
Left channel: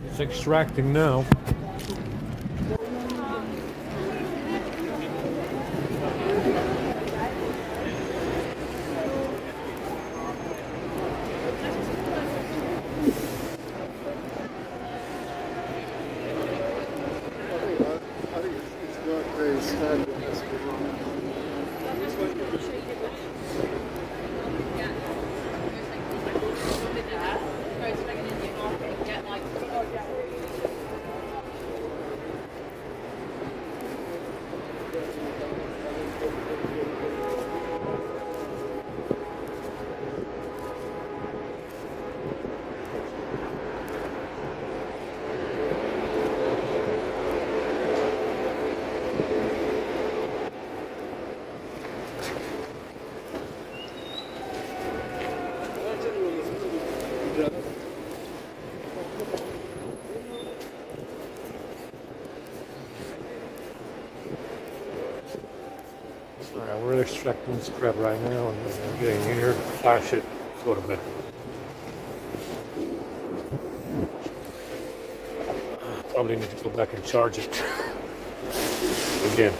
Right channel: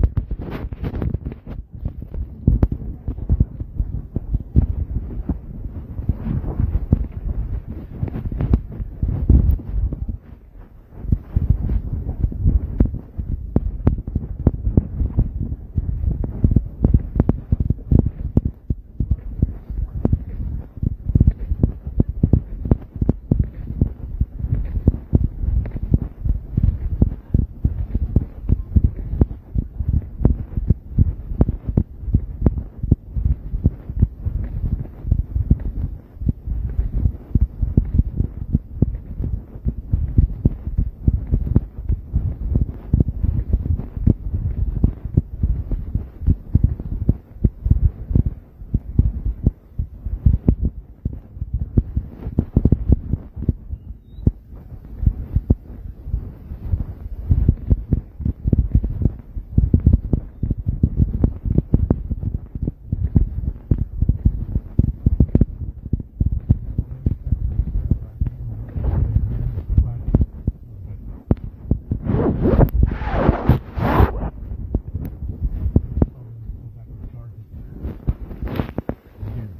It's extracting now. We're extracting this crap right now, and I'm getting here, flash it, go to bed. Probably need to go back and charge it again.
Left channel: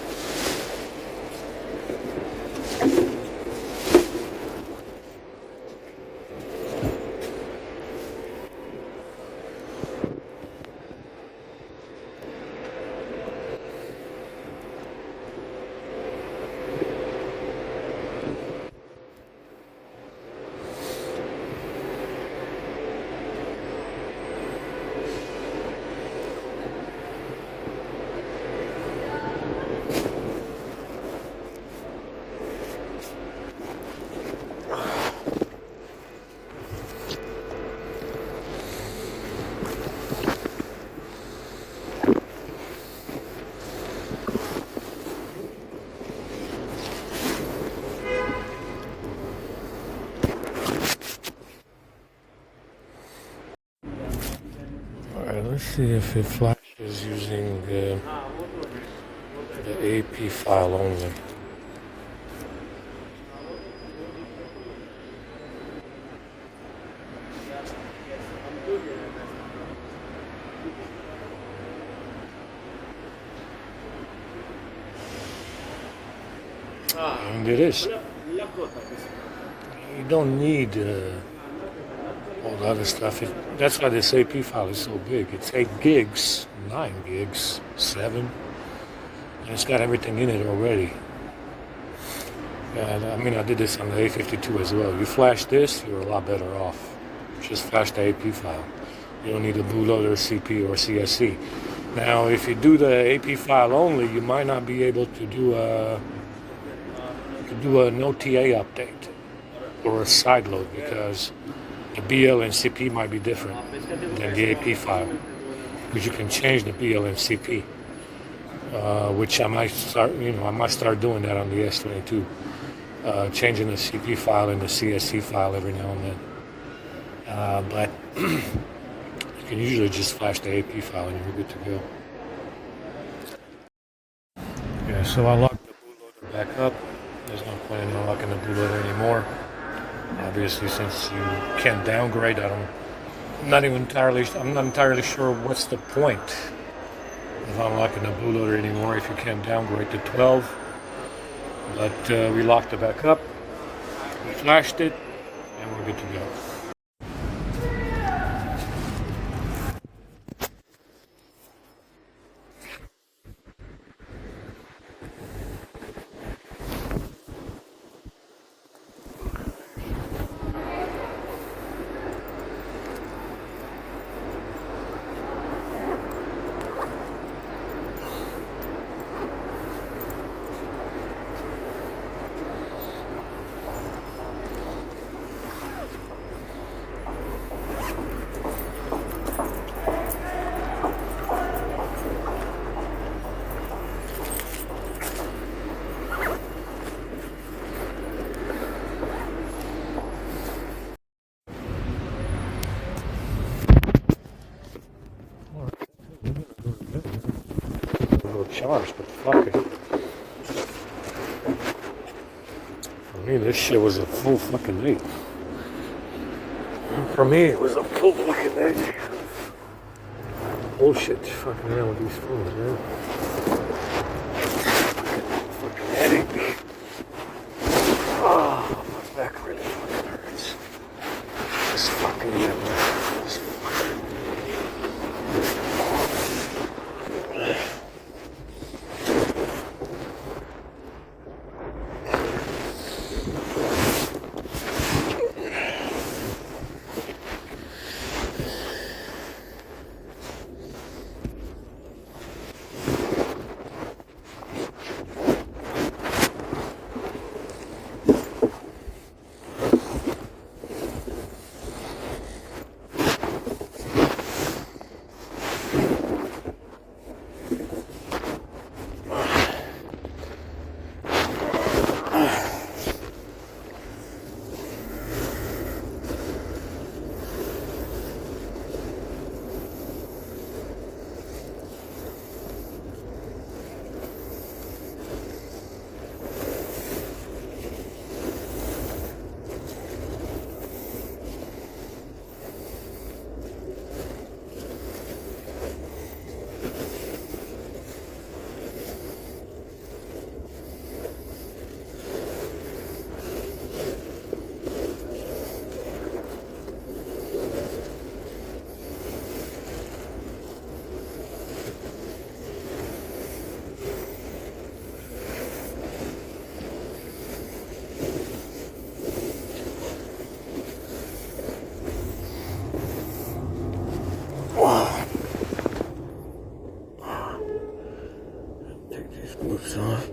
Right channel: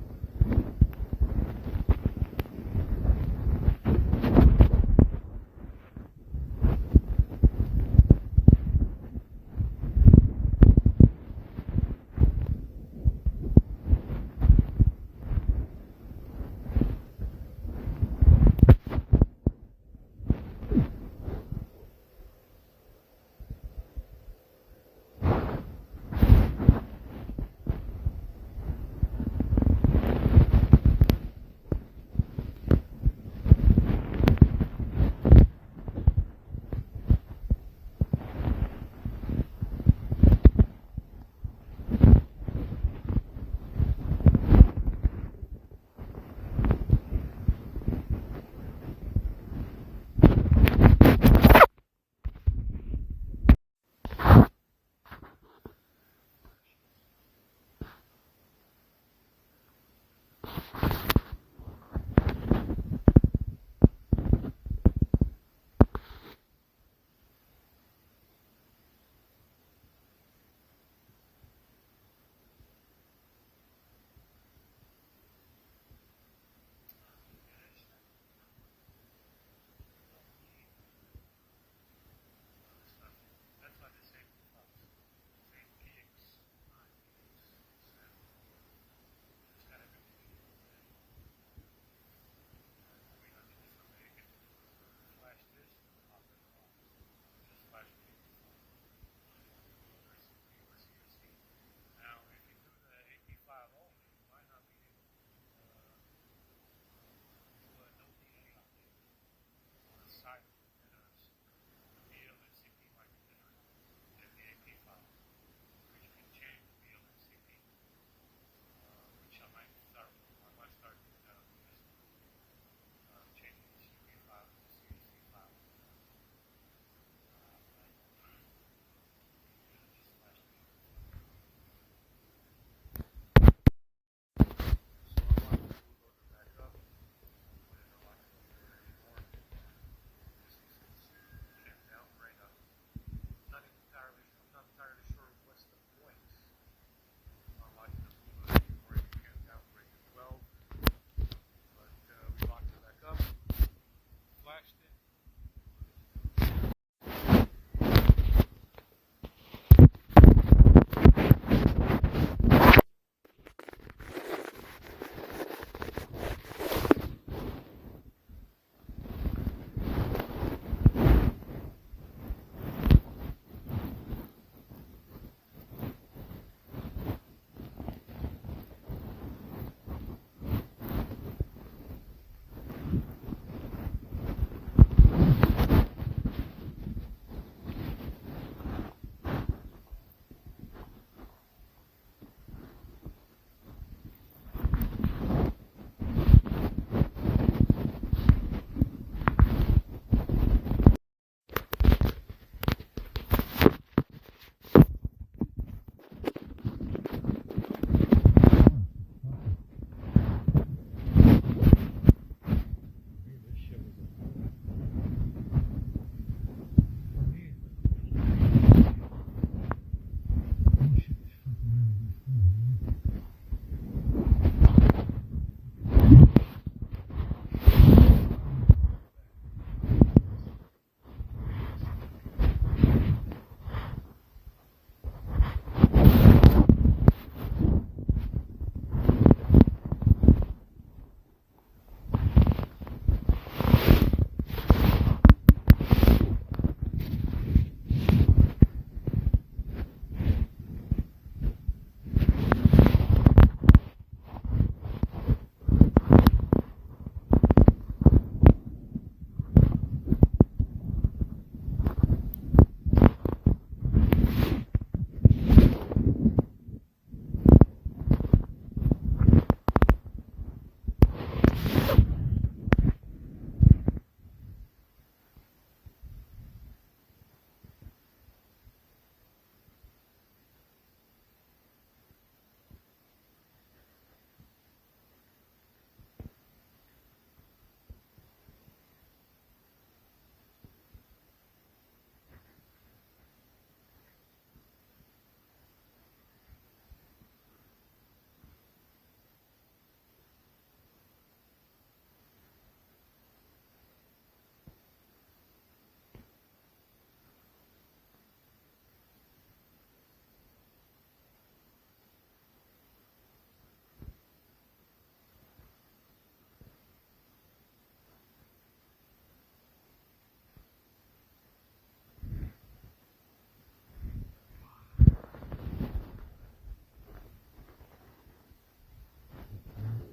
Let's see if it flashes using the AP file only. And it is. You don't need all the other stuff. That's why this AP file is so big. It's 8 gigs, 9 gigs, 7, and it's got everything in it already. And I mean, I did this on the A52 as well. You flash this, you're a lot better off. Just flash the AP file. You don't need a bootloader, CP, or CSC. Now, if you do the AP file only, you might not be able to do an OTA update or a side load, because the BL and CP might be different than the AP file, because you can change the BL and CP, which I might start doing that on the S22, changing the CP file and the CSC file every now and then. But you can usually just flash the AP file and you're good to go. Yeah, so I locked the bootloader back up. There's no point in unlocking the bootloader anymore. Obviously, since you can't downgrade, I'm not entirely sure what's the point of unlocking the bootloader anymore if you can't downgrade to 12. But we locked it back up, we flashed it, and we're good to go. But fuck it. For me, this shit was a full fucking day. For me, it was a full fucking day. Bullshit fucking around with these phones, man. Fucking headache. Oh, my back really fucking hurts. This fucking this fucking. Moves off.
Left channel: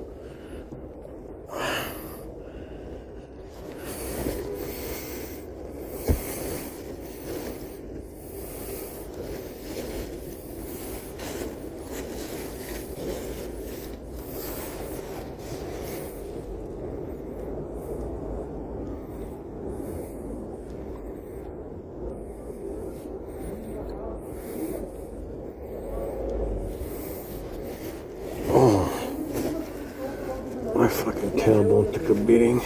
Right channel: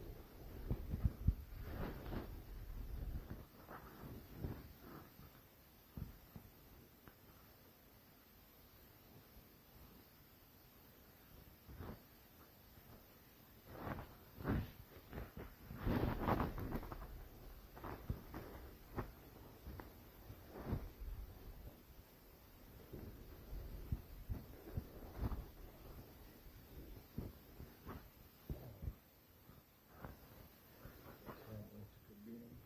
My fucking tailbone took a beating.